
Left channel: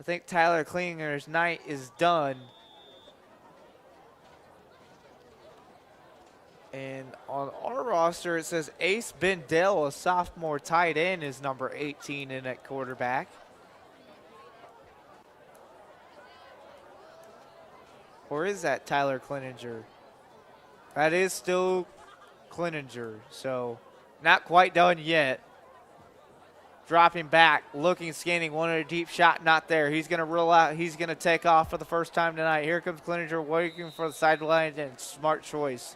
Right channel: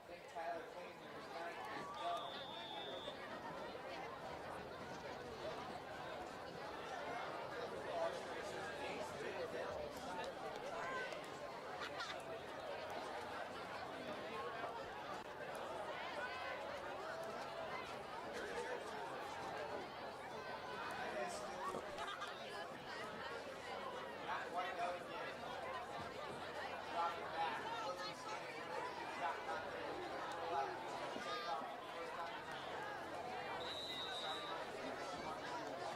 I think Tyler Klinger's night is done. And on our roster, it says Ace Bendel, a sophomore tight end, is number 18 in at quarterback. Or is that Tyler Klinninger? That is still Klinninger, so not quite done yet. Dropping back, looking, scanning, wanted a deep shot, not there. He's going to roll out. He's going to take off for the first time tonight. Here comes Klinninger waiting for the sideline, and smart choice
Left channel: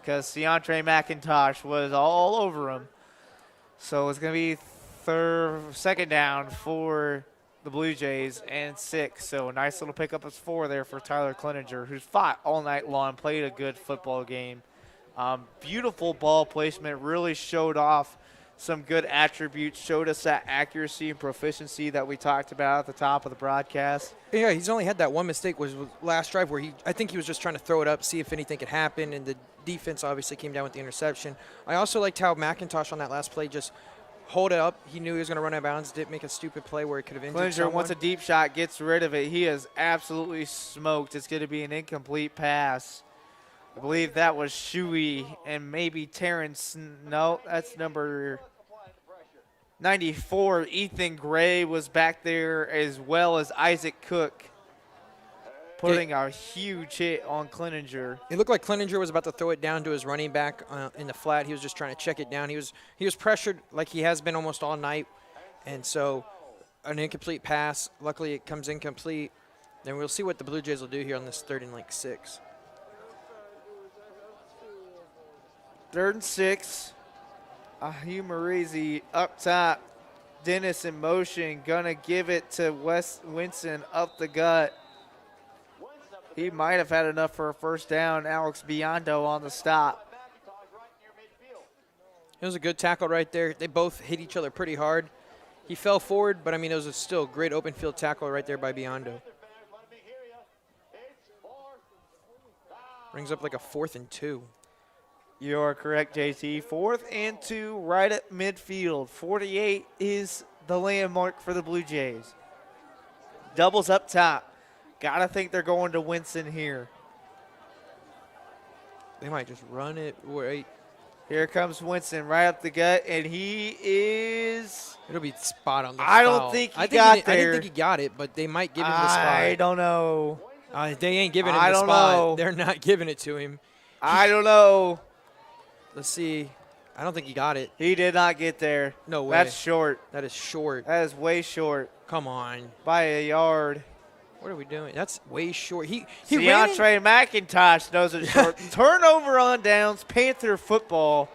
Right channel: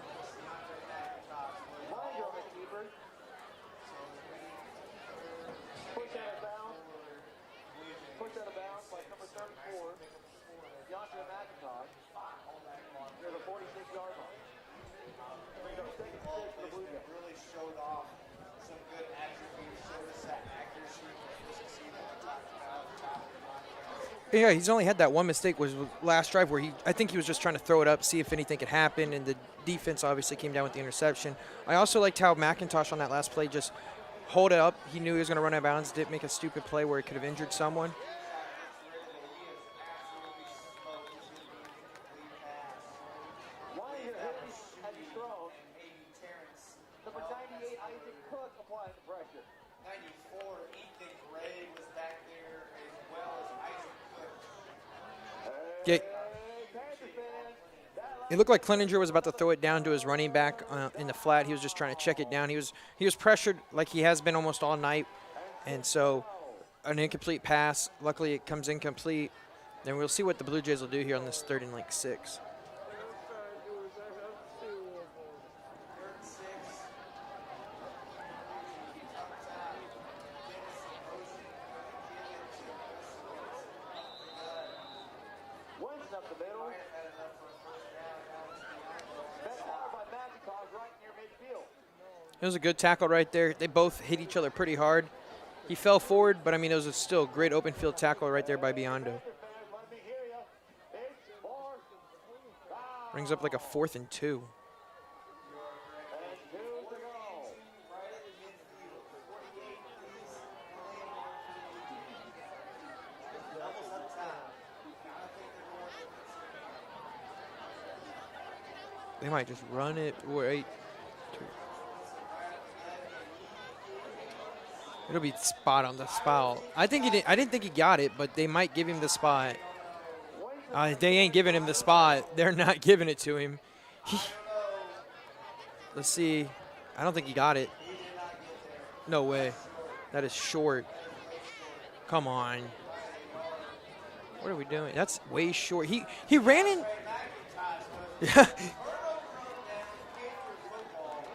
because Ciantre McIntosh was all over him. So it's going to be 2nd down for the Blue Jays and 6. So nice little pickup of 4 there for Tyler Klinninger, who's fought all night long, played a good football game. Beautiful ball placement, really showed off some good attributes, showed us that accuracy and proficiency that we talked about at the top of the broadcast. Yeah, he's only had that one mistake was last drive where I think he was just trying to throw it up, see if anything could happen, and the defense obviously came down with the interception. I also liked how McIntosh on that last play just hold it up. He knew he was going to run out of bounds, didn't make a stupid play where he could have injured someone. Once a deep shot gets rid of it, he is absolutely smoked. It's going to be an incomplete pass. I believe that was Shuey and maybe Terrence. No, that's number 94. Ethan Gray was back there, as well as Isaac Cook, putting a huge hit on Cleninger. It looked like Cleninger was about to throw it down to his running back in the flat. He was just trying to check it down. He was pressured like he has been almost all night, and so an incomplete pass. Luckily, it comes incomplete. Then we'll see what the Blue Jays will do here on this 3rd and 6. 3rd and 6. Hugh Marizi up top. Dennis in motion, gonna give it to Wes Winston up the gut. He might have had enough for a first down. Alex Biondo on the stop. It was a good tackle right there. They both hit each other pretty hard. He fell forward, but I mean, it was still a great open field tackle right there by Biondo. Brings up like a 4th and 2. You are correct, JT. 4th and 2 right at midfield. 48 is the landmark for the Blue Jays. Doubles up top. Gotta think they're going to Winston here. They might just run it. Wait. Here comes Winston right up the gut, and he is. It'll be spot on the I foul. don't think I didn't think he got it, but they might give him the spot. I don't know. They ain't giving him the spot. They're not giving it to him. I don't know. Let's see. I don't think he got it. He did not get there. No way. That's short. That is short. That is way short. Come on. By a yard. What are we doing? That's way short. He ran in. McIntosh knows it's short. Turnover on downs, Panther football.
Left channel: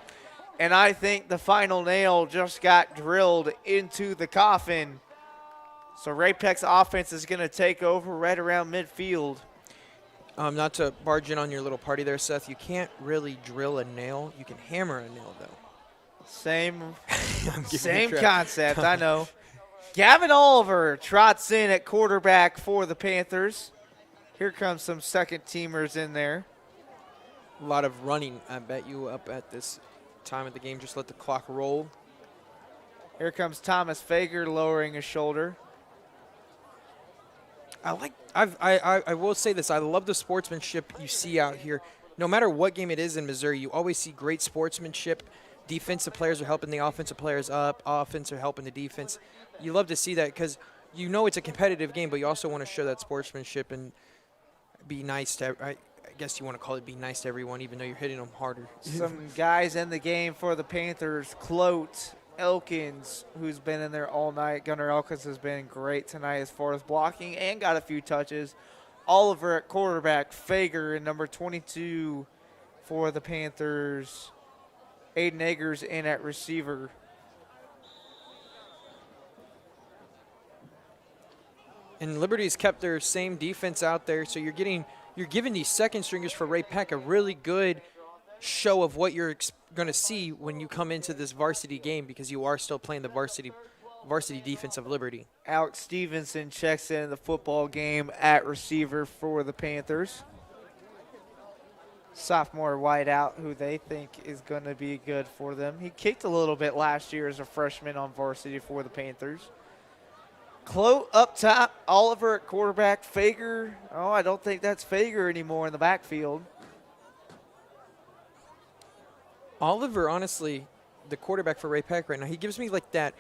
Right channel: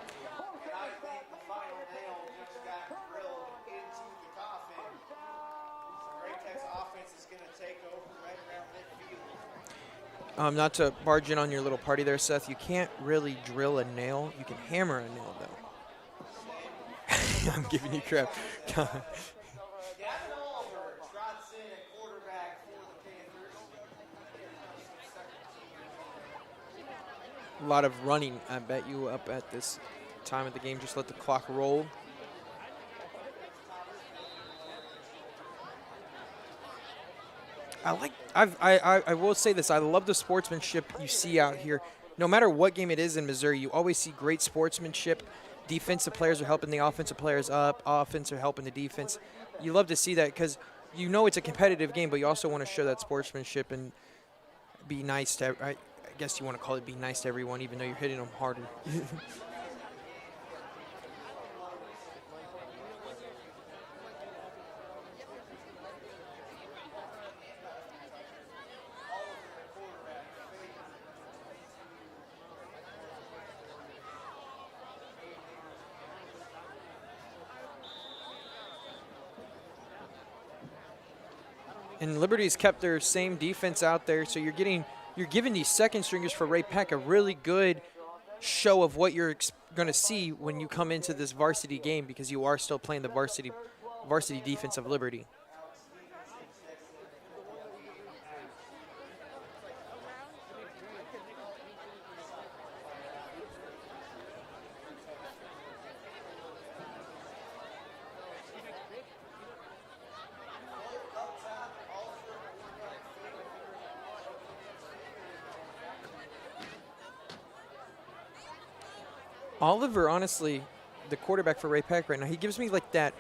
And I think the final nail just got drilled into the coffin. So Ray-Pec's offense is going to take over right around midfield. Not to barge in on your little party there, Seth. You can't really drill a nail. You can hammer a nail, though. Same Same concept, I know. Gavin Oliver trots in at quarterback for the Panthers. Here comes some second-teamers in there. A lot of running, I bet you, up at this time of the game. Just let the clock roll. Here comes Thomas Fager lowering his shoulder. I will say this. I love the sportsmanship you see out here. No matter what game it is in Missouri, you always see great sportsmanship. Defensive players are helping the offensive players up. Offense are helping the defense. You love to see that because you know it's a competitive game, but you also want to show that sportsmanship and be nice to I guess you want to call it be nice to everyone, even though you're hitting them harder. Some guys in the game for the Panthers. Clote, Elkins, who's been in there all night. Gunnar Elkins has been great tonight as far as blocking and got a few touches. Oliver at quarterback. Fager in number 22 for the Panthers. Aiden Eggers in at receiver. And Liberty's kept their same defense out there, so you're giving these second stringers for Ray-Pec a really good show of what you're going to see when you come into this varsity game, because you are still playing the varsity defense of Liberty. Alex Stevenson checks in the football game at receiver for the Panthers. Sophomore wideout who they think is going to be good for them. He kicked a little bit last year as a freshman on varsity for the Panthers. Clote up top, Oliver at quarterback, Fager. Oh, I don't think that's Fager anymore in the backfield. Oliver, honestly, the quarterback for Ray-Pec right now, he gives me like that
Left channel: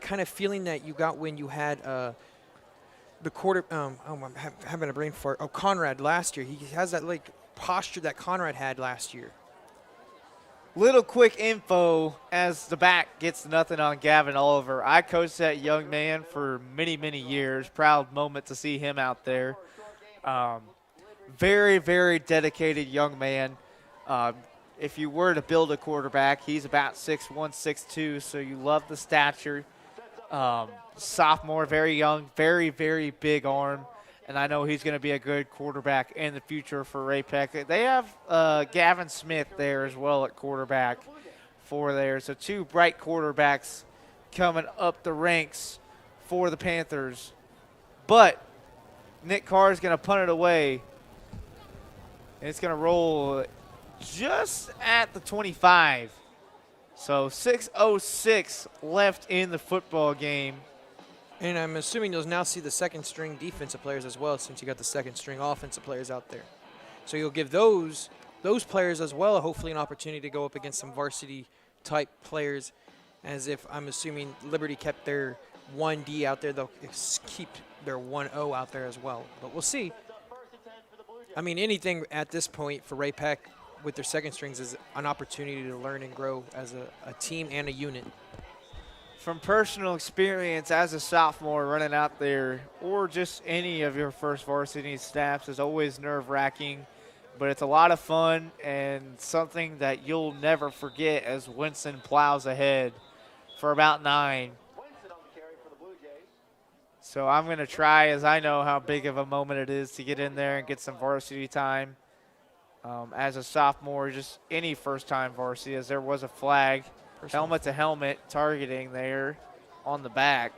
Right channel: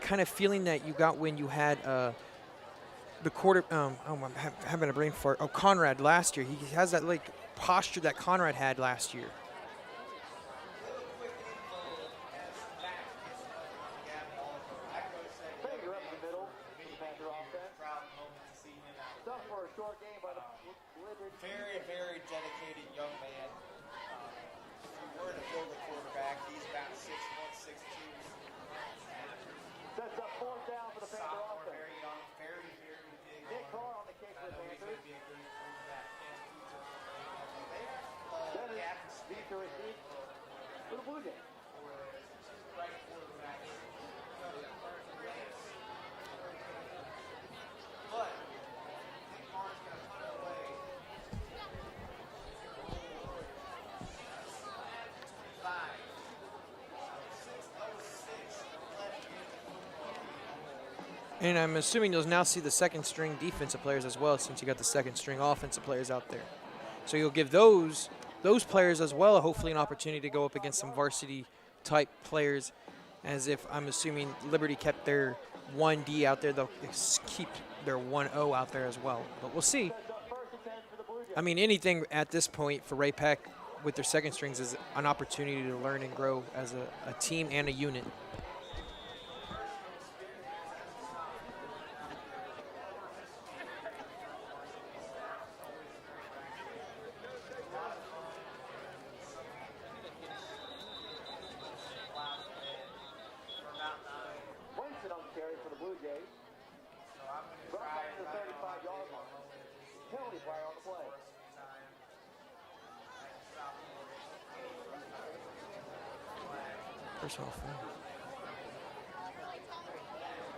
kind of feeling that you got when you had the I'm having a brain fart. Oh, Conrad last year. He has that like posture that Conrad had last year. Little quick info as the back gets nothing on Gavin Oliver. I coached that young man for many, many years. Proud moment to see him out there. Very, very dedicated young man. If you were to build a quarterback, he's about 6'1", 6'2", so you love the stature. Sophomore, very young, very, very big arm. And I know he's going to be a good quarterback in the future for Ray-Pec. They have Gavin Smith there as well at quarterback for there. So two bright quarterbacks coming up the ranks for the Panthers. But Nick Carr is going to punt it away. And it's going to roll just at the 25. So 6:06 left in the football game. And I'm assuming you'll now see the second string defensive players as well, since you got the second string offensive players out there. So you'll give those players as well hopefully an opportunity to go up against some varsity type players, as if I'm assuming Liberty kept their 1D out there, they'll keep their 1-0 out there as well. But we'll see. I mean, anything at this point for Ray-Pec with their second strings is an opportunity to learn and grow as a team and a unit. From personal experience as a sophomore running out there, or just any of your first varsity snaps, is always nerve-wracking, but it's a lot of fun and something that you'll never forget as Winston plows ahead for about 9. So I'm going to try, as I know how big of a moment it is, to get in there and get some varsity time. As a sophomore, just any first-time varsity, as there was a flag, helmet to helmet targeting there on the back.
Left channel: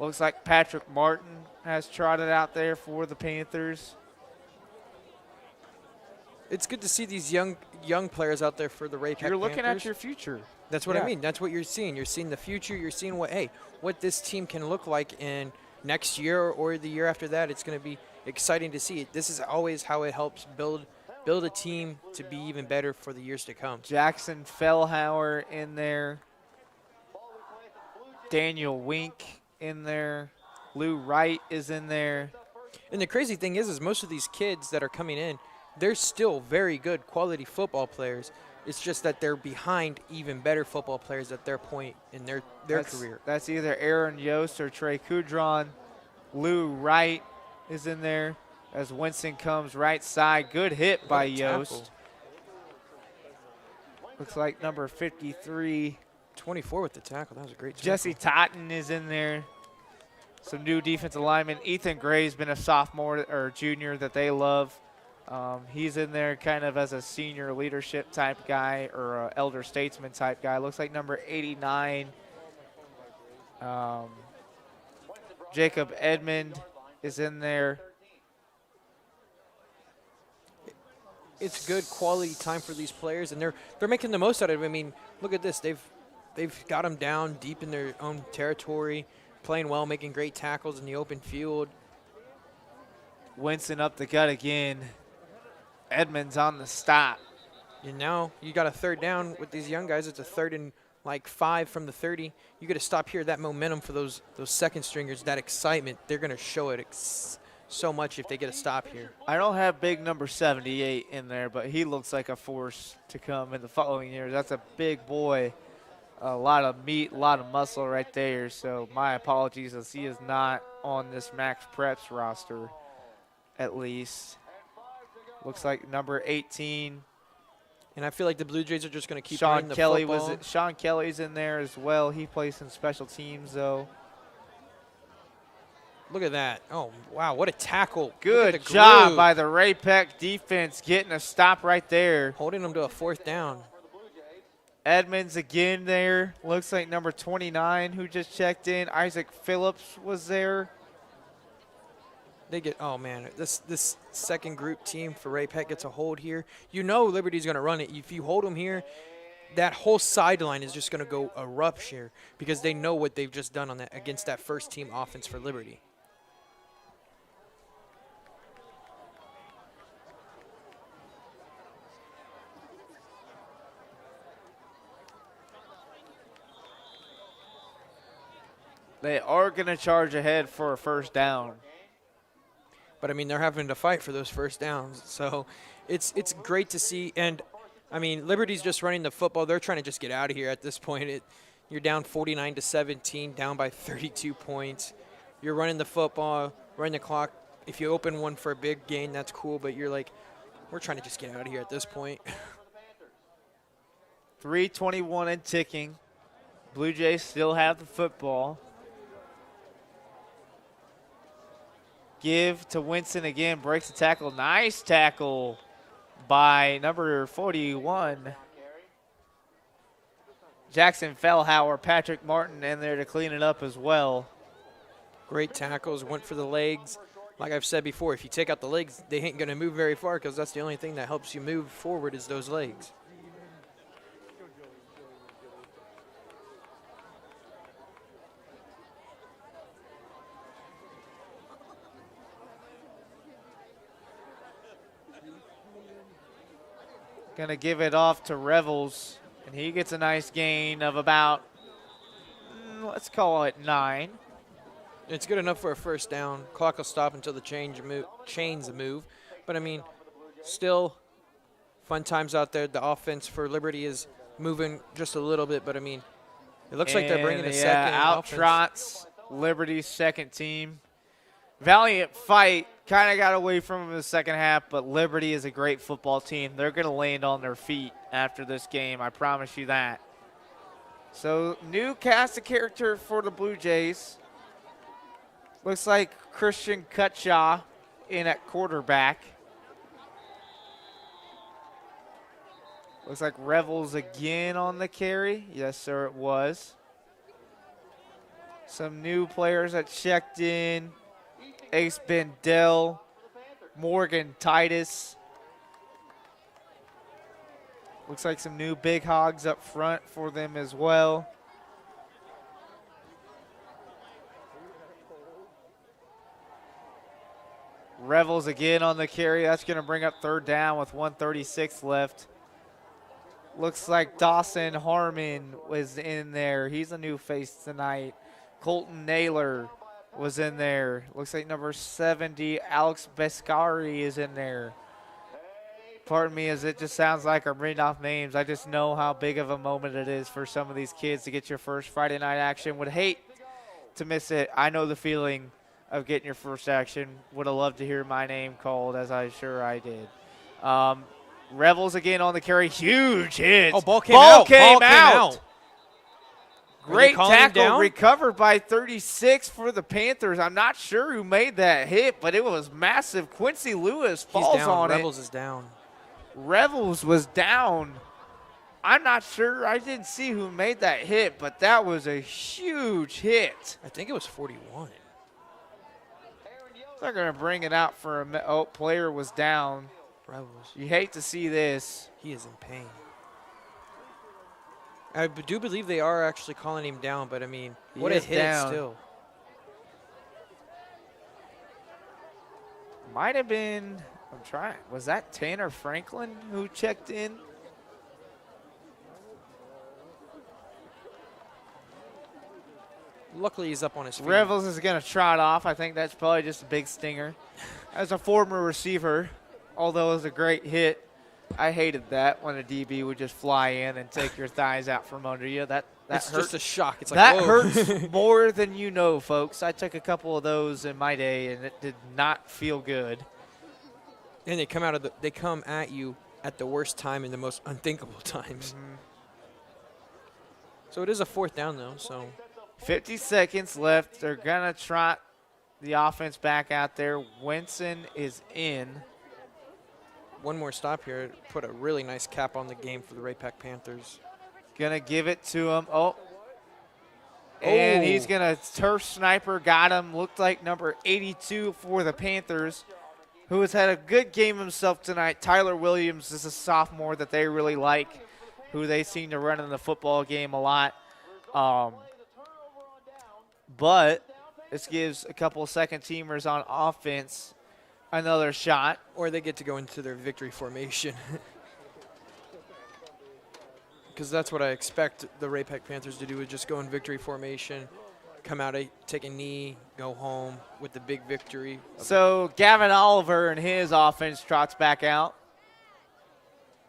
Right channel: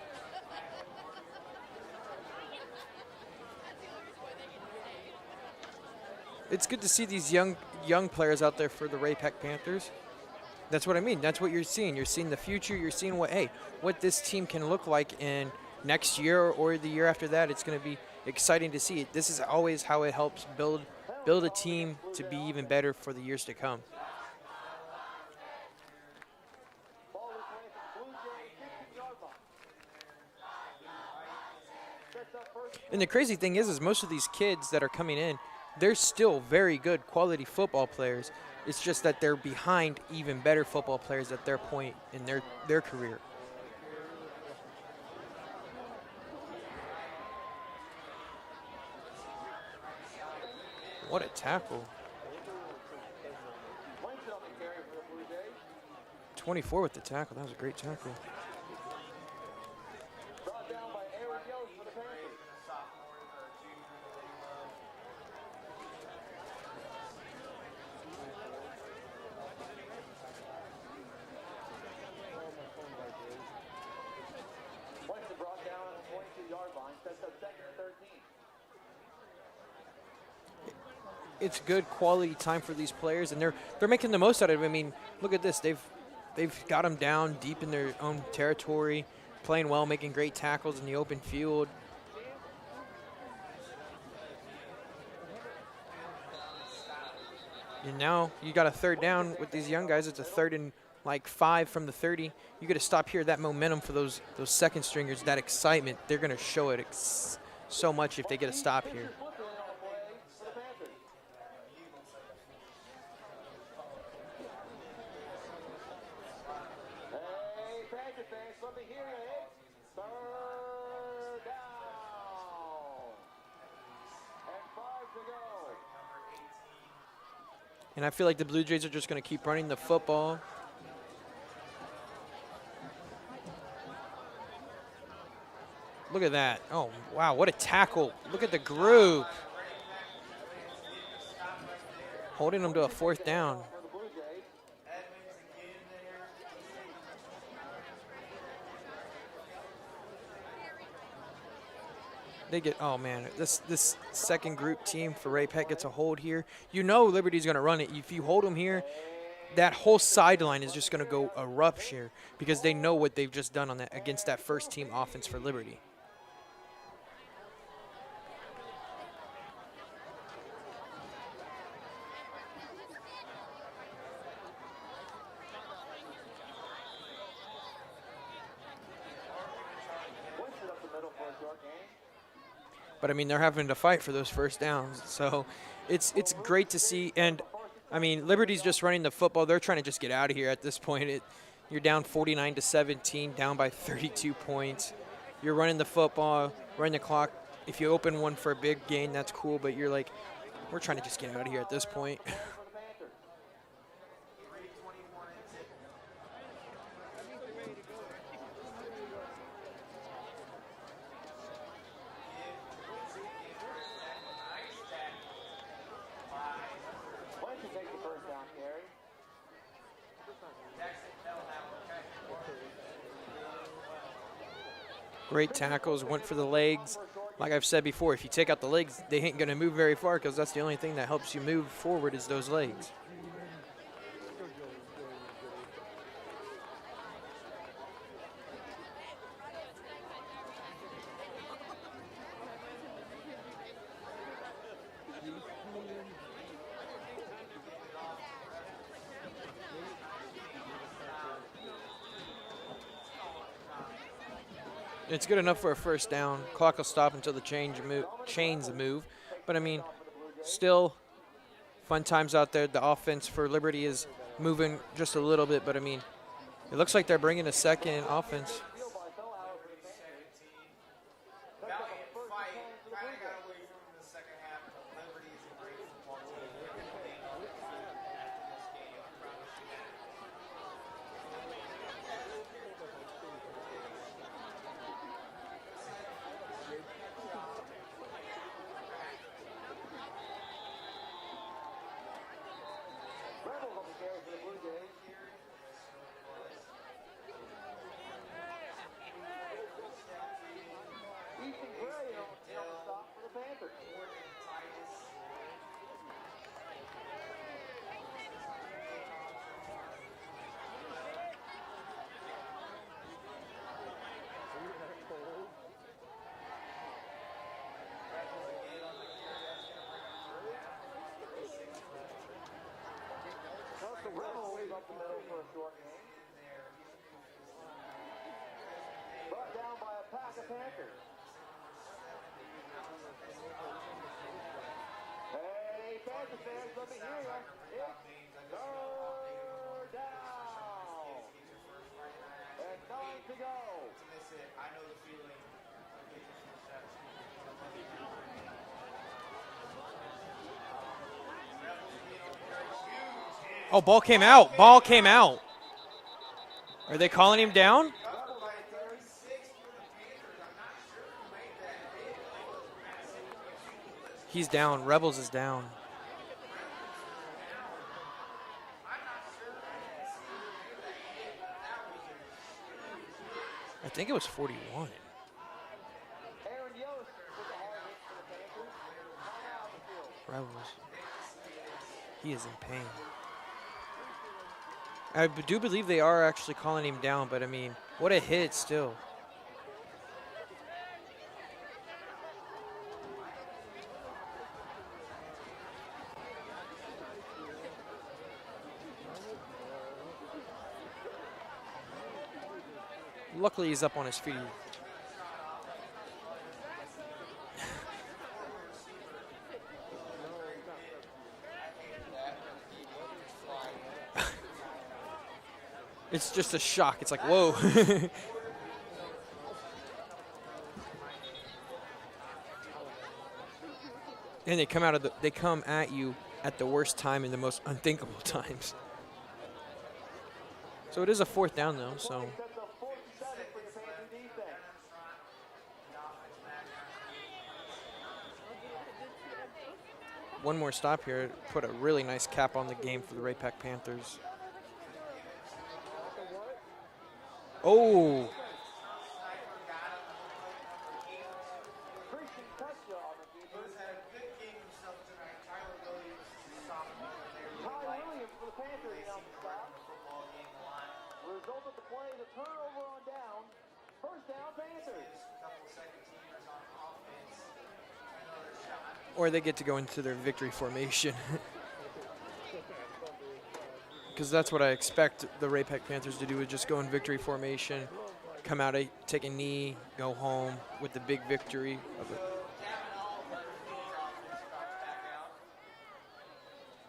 Looks like Patrick Martin has trotted out there for the Panthers. It's good to see these young players out there for the Ray-Pec Panthers. You're looking at your future. That's what I mean. That's what you're seeing. You're seeing the future. You're seeing what this team can look like in next year or the year after that. It's going to be exciting to see. This is always how it helps build a team to be even better for the years to come. Jackson Fellhauer in there. Daniel Wink in there. Lou Wright is in there. And the crazy thing is most of these kids that are coming in, they're still very good quality football players. It's just that they're behind even better football players at their point in their career. That's either Aaron Yost or Trey Coudron. Lou Wright is in there as Winston comes right side. Good hit by Yost. Looks like number 53. 24 with the tackle. That was a great tackle. Jesse Totten is in there. Some new defensive linemen. Ethan Gray's been a sophomore or junior that they love. He's in there kind of as a senior leadership type guy or an elder statesman type guy. Looks like number 89. Jacob Edmond is in there. It's good quality time for these players, and they're making the most out of it. I mean, look at this. They've got them down deep in their own territory, playing well, making great tackles in the open field. Winston up the gut again. Edmonds on the stop. And now you got a third down with these young guys. It's a 3rd and like 5 from the 30. You got to stop here. That momentum for those second stringers, that excitement, they're going to show it so much if they get a stop here. I don't have big number 78 in there, but he looks like a force to come in the following years. That's a big boy. A lot of meat, a lot of muscle right there. So my apologies as he is not on this Max Preps roster, at least. Looks like number 18. And I feel like the Blue Jays are just going to keep running the football. Sean Kelly's in there as well. He plays in special teams, though. Look at that. Oh, wow, what a tackle. Good Look at the job groove. by the Ray-Pec defense getting a stop right there. Holding them to a 4th down. Edmonds again there. Looks like number 29 who just checked in. Isaac Phillips was there. They get, oh man, this second group team for Ray-Pec gets a hold here. You know Liberty's going to run it. If you hold them here, that whole sideline is just going to go erupt here because they know what they've just done on that against that first team offense for Liberty. They are going to charge ahead for a first down. But, I mean, they're having to fight for those first downs. So it's great to see. And, I mean, Liberty's just running the football. They're trying to just get out of here at this point. You're down 49-17, down by 32 points. You're running the football, running the clock. If you open one for a big gain, that's cool. But you're like, we're trying to just get out of here at this point. 3:21 and ticking. Blue Jays still have the football. Give to Winston again, breaks the tackle. Nice tackle by number 41. Jackson Fellhauer, Patrick Martin in there to clean it up as well. Great tackles, went for the legs. Like I've said before, if you take out the legs, they ain't going to move very far because that's the only thing that helps you move forward is those legs. Going to give it off to Revels. And he gets a nice gain of about, let's call it 9. It's good enough for a first down. Clock will stop until the chains move. But, I mean, still fun times out there. The offense for Liberty is moving just a little bit. But, I mean, it looks like they're bringing a second offense. Out-trots Liberty's second team. Valiant fight. Kind of got away from him in the second half, but Liberty is a great football team. They're going to land on their feet after this game. I promise you that. So, new cast of character for the Blue Jays. Looks like Christian Cutshaw in at quarterback. Looks like Revels again on the carry. Yes, sir, it was. Some new players that checked in. Ace Bendell, Morgan Titus. Looks like some new big hogs up front for them as well. Revels again on the carry. That's going to bring up third down with 1:36 left. Looks like Dawson Harmon was in there. He's a new face tonight. Colton Naylor was in there. Looks like number 70, Alex Bescari is in there. Pardon me as it just sounds like I'm reading off names. I just know how big of a moment it is for some of these kids to get your first Friday night action. Would hate to miss it. I know the feeling of getting your first action. Would have loved to hear my name called, as I'm sure I did. Revels again on the carry. Huge hit. Oh, ball came out. Ball came out. Great Are they calling him tackle, down? recovered by 36 for the Panthers. I'm not sure who made that hit, but it was massive. Quincy Lewis falls He's down. on Revels it. is down. Revels was down. I'm not sure. I didn't see who made that hit, but that was a huge hit. I think it was 41. They're going to bring it out for a oh, player was down. Revels. You hate to see this. He is in pain. I do believe they are actually calling him down, but I mean, what a hit still. Might have been, I'm trying, was that Tanner Franklin who checked in? Luckily, he's up on his feet. Revels is going to trot off. I think that's probably just a big stinger. As a former receiver, although it was a great hit, I hated that when a DB would just fly in and take your thighs out from under you. It's just a shock. It's like, that whoa. hurts more than you know, folks. I took a couple of those in my day, and it did not feel good. And they come at you at the worst time in the most unthinkable times. So it is a fourth down, though. So 50 seconds left. They're going to trot the offense back out there. Winston is in. One more stop here. Put a really nice cap on the game for the Ray-Pec Panthers. Gonna give it to him. And he's gonna turf sniper. Got him. Looked like number 82 for the Panthers, who has had a good game himself tonight. Tyler Williams is a sophomore that they really like, who they seem to run in the football game a lot. But this gives a couple of second teamers on offense another shot. Or they get to go into their victory formation. Because that's what I expect the Ray-Pec Panthers to do, is just go in victory formation, come out, take a knee, go home with the big victory. So Gavin Oliver and his offense trots back out.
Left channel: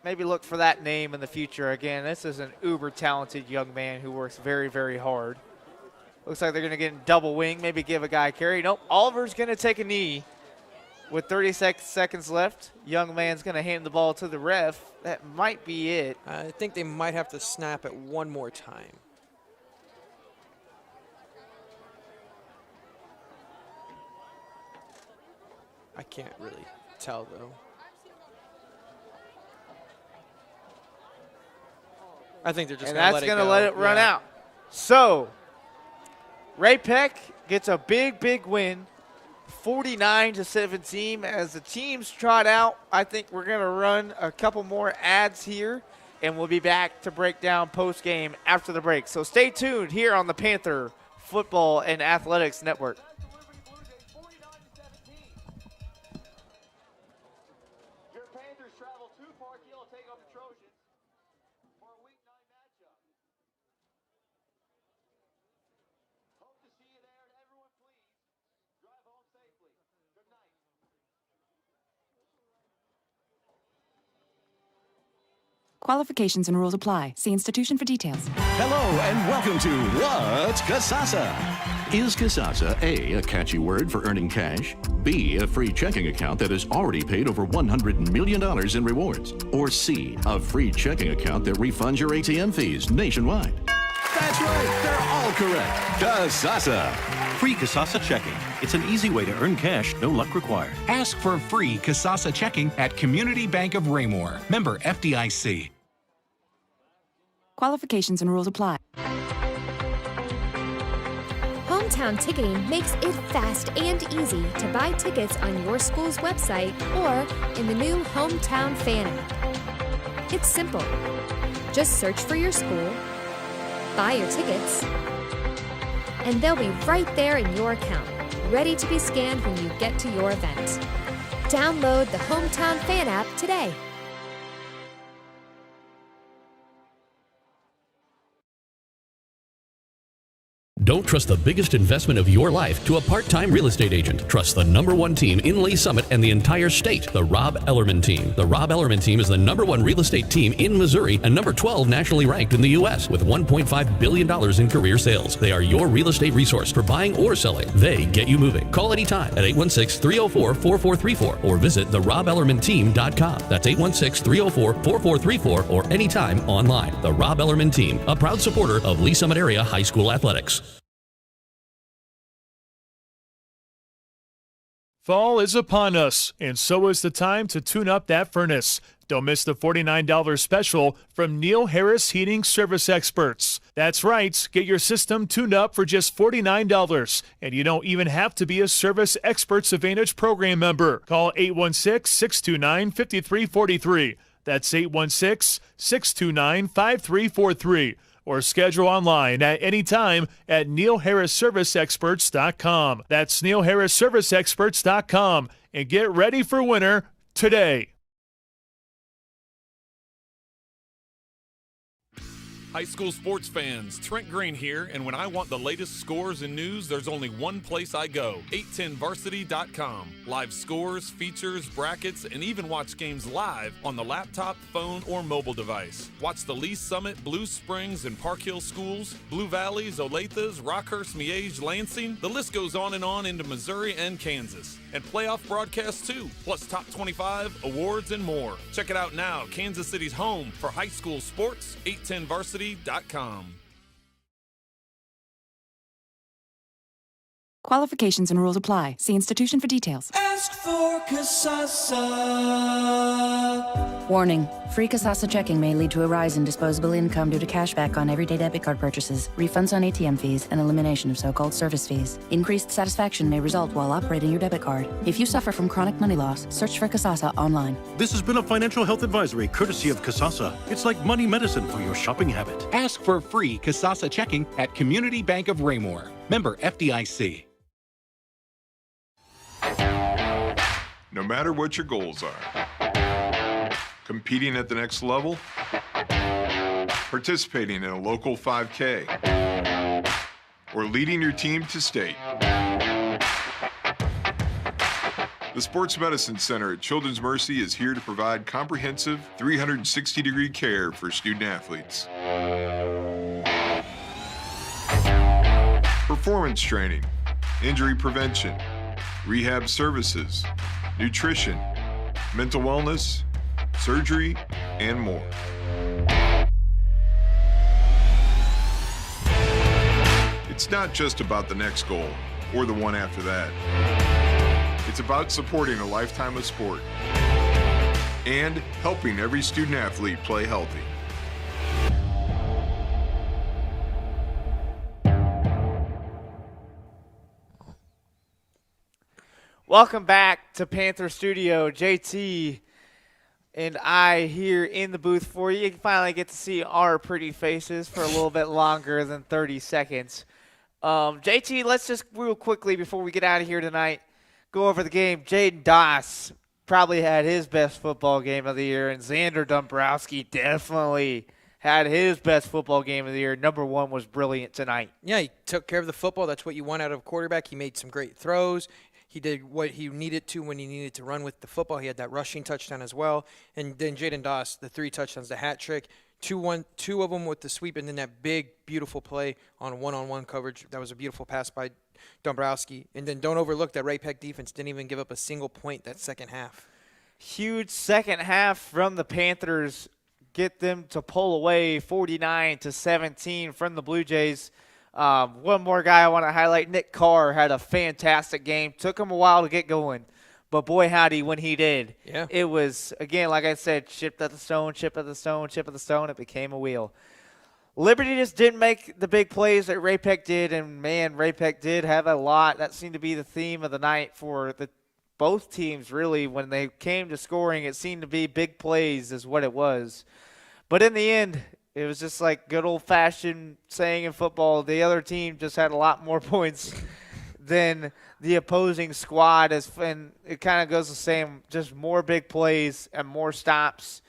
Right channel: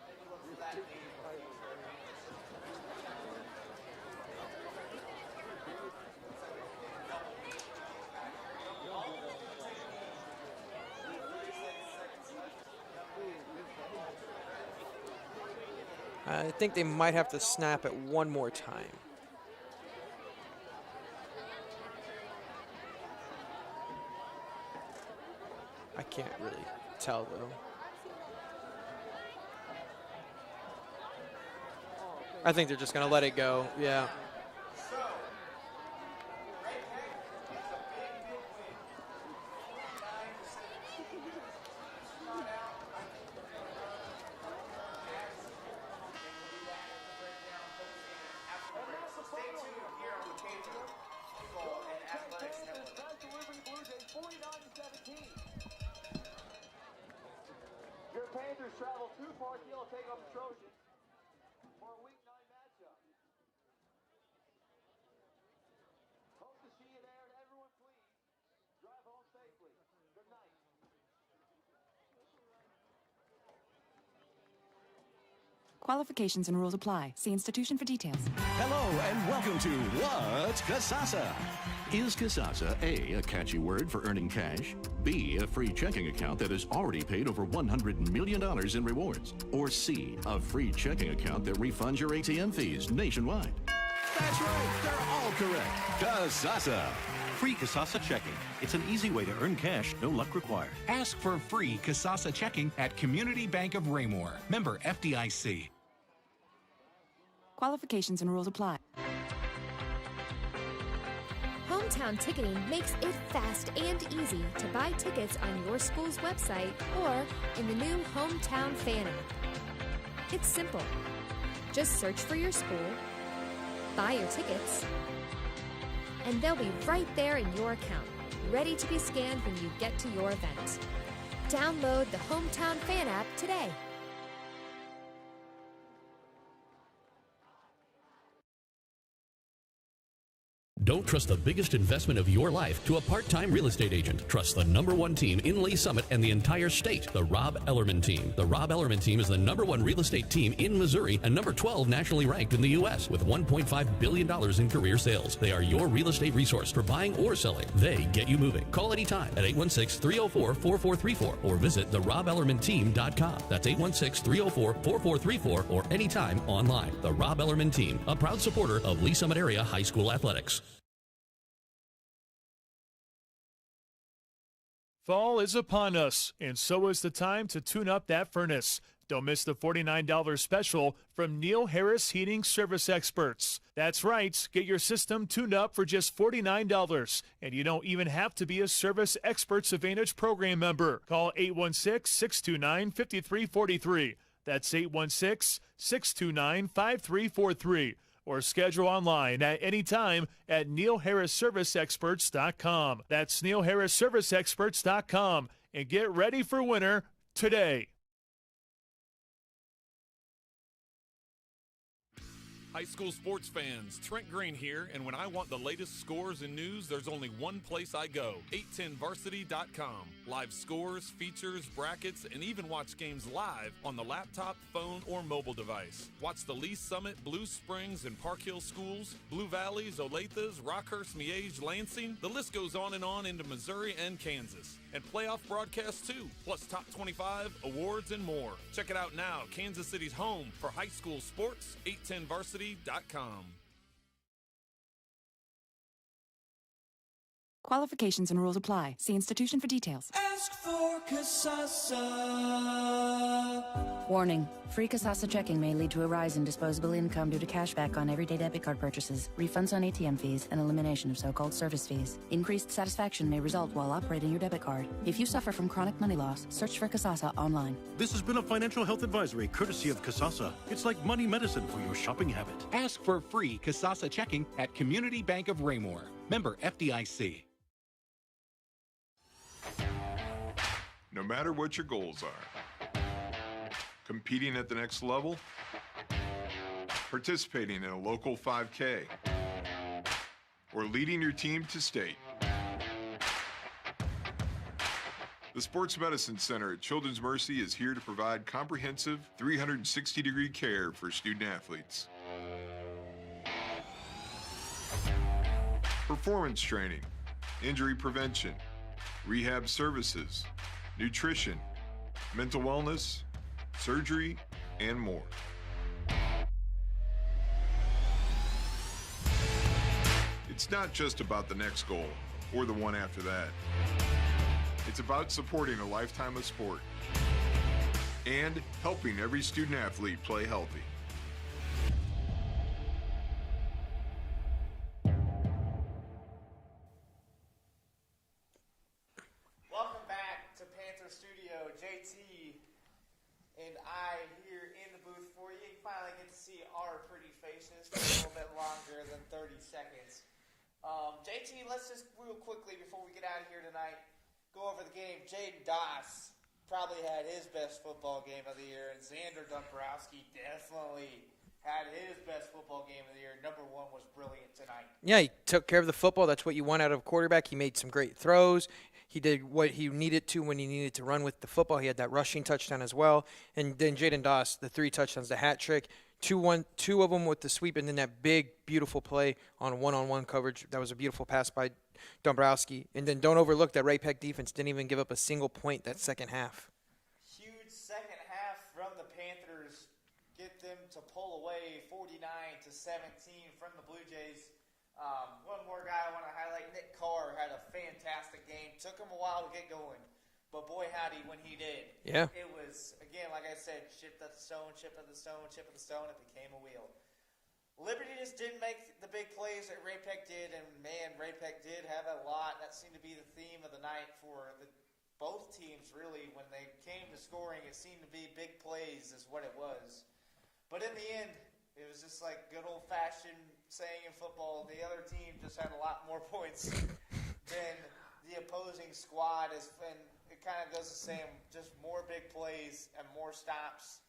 Maybe look for that name in the future. Again, this is an uber talented young man who works very, very hard. Looks like they're going to get in double wing, maybe give a guy a carry. Nope, Oliver's going to take a knee. With 36 seconds left, young man's going to hand the ball to the ref. That might be it. I think they might have to snap it one more time. I can't really tell, though. I think they're just And going to let it go. that's going to let it run out. So, Ray-Pec gets a big win, 49-17. As the teams trot out, I think we're going to run a couple more ads here, and we'll be back to break down post-game after the break. So stay tuned here on the Panther Football and Athletics Network. Your Panthers travel to Park Hill to take on the Trojans for a Week 9 matchup. Hope to see you there, and everyone please drive home safely. Good night. Qualifications and rules apply. See institution for details. Hello and welcome to What's Kasasa? Is Kasasa A catchy word for earning cash, B, a free checking account that has already paid over $100 million in rewards, or C, a free checking account that refunds your ATM fees nationwide? That's right, they're all correct. Kasasa. Free Kasasa checking. It's an easy way to earn cash, no luck required. Ask for free Kasasa checking at Community Bank of Raymore. Member FDIC. Qualifications and rules apply. Hometown Ticketing makes it fast and easy to buy tickets on your school's website or in the new Hometown Fan app. It's simple. Just search for your school, buy your tickets, and they'll be right there in your account, ready to be scanned when you get to your event. Download the Hometown Fan app today. Don't trust the biggest investment of your life to a part-time real estate agent. Trust the #1 team in Lee Summit and the entire state, the Rob Ellerman Team. The Rob Ellerman Team is the #1 real estate team in Missouri and number 12 nationally ranked in the U.S. with $1.5 billion in career sales. They are your real estate resource for buying or selling. They get you moving. Call anytime at 816-304-4434 or visit therobellermanteam.com. That's 816-304-4434 or anytime online. The Rob Ellerman Team, a proud supporter of Lee Summit area high school athletics. Fall is upon us, and so is the time to tune up that furnace. Don't miss the $49 special from Neil Harris Heating Service Experts. That's right, get your system tuned up for just $49, and you don't even have to be a Service Experts Advantage program member. Call 816-629-5343. That's 816-629-5343. Or schedule online at any time at neilharrisserviceexperts.com. That's neilharrisserviceexperts.com. And get ready for winter today. High school sports fans, Trent Green here, and when I want the latest scores and news, there's only one place I go, 810varsity.com. Live scores, features, brackets, and even watch games live on the laptop, phone, or mobile device. Watch the Lee Summit, Blue Springs, and Park Hill schools, Blue Valleys, Olathes, Rockhurst, Miege, Lansing. The list goes on into Missouri and Kansas. And playoff broadcasts too, plus top 25, awards, and more. Check it out now, Kansas City's home for high school sports, 810varsity.com. Qualifications and rules apply. See institution for details. Ask for Kasasa. Warning. Free Kasasa checking may lead to a rise in disposable income due to cashback on everyday debit card purchases, refunds on ATM fees, and elimination of so-called service fees. Increased satisfaction may result while operating your debit card. If you suffer from chronic money loss, search for Kasasa online. This has been a financial health advisory courtesy of Kasasa. It's like money medicine for your shopping habit. Ask for free Kasasa checking at Community Bank of Raymore. Member FDIC. No matter what your goals are, competing at the next level, participating in a local 5K, or leading your team to state, the Sports Medicine Center at Children's Mercy is here to provide comprehensive 360-degree care for student athletes. Performance training, injury prevention, rehab services, nutrition, mental wellness, surgery, and more. It's not just about the next goal or the one after that. It's about supporting a lifetime of sport and helping every student athlete play healthy. Welcome back to Panther Studio. JT and I here in the booth for you. You finally get to see our pretty faces for a little bit longer than 30 seconds. JT, let's just real quickly before we get out of here tonight, go over the game. Jaden Doss probably had his best football game of the year, and Xander Dombrowski definitely had his best football game of the year. Number one was brilliant tonight. Yeah, he took care of the football. That's what you want out of a quarterback. He made some great throws. He did what he needed to when he needed to run with the football. He had that rushing touchdown as well. And then Jaden Doss, the 3 touchdowns, the hat trick, two of them with the sweep, and then that big, beautiful play on one-on-one coverage. That was a beautiful pass by Dombrowski. And then don't overlook that Ray-Pec defense didn't even give up a single point that second half. Huge second half from the Panthers. Get them to pull away 49-17 from the Blue Jays. One more guy I want to highlight, Nick Carr had a fantastic game. Took him a while to get going, but boy howdy when he did. Yeah. It was, again, like I said, chipped at the stone, chip at the stone, chip at the stone. It became a wheel. Liberty just didn't make the big plays that Ray-Pec did, and, man, Ray-Pec did have a lot. That seemed to be the theme of the night for both teams, really. When they came to scoring, it seemed to be big plays is what it was. But in the end, it was just like good old-fashioned saying in football, the other team just had a lot more points than the opposing squad. And it kind of goes the same, just more big plays and more stops,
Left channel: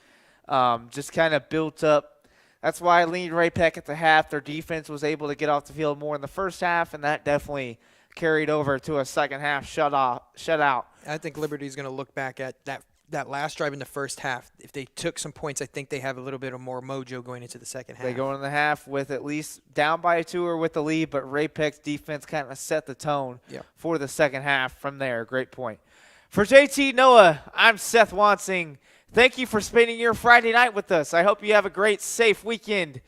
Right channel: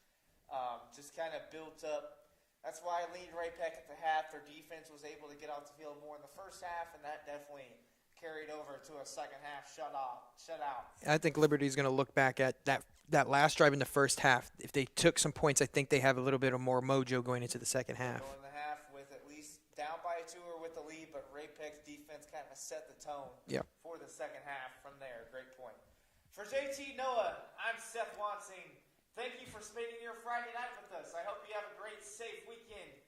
just kind of built up. That's why I leaned Ray-Pec at the half. Their defense was able to get off the field more in the first half, and that definitely carried over to a second half shutout. I think Liberty's going to look back at that last drive in the first half. If they took some points, I think they have a little bit of more mojo going into the second half. They go in the half with at least down by 2 or with the lead, but Ray-Pec's defense kind of set the tone for the second half from there. Great point. For JT Noah, I'm Seth Wansing. Thank you for spending your Friday night with us. I hope you have a great, safe weekend.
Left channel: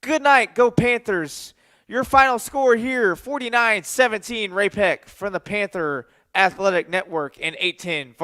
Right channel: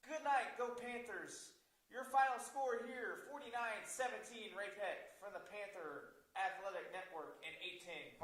Good night. Go Panthers. Your final score here, 49-17 Ray-Pec from the Panther Athletic Network and 810 for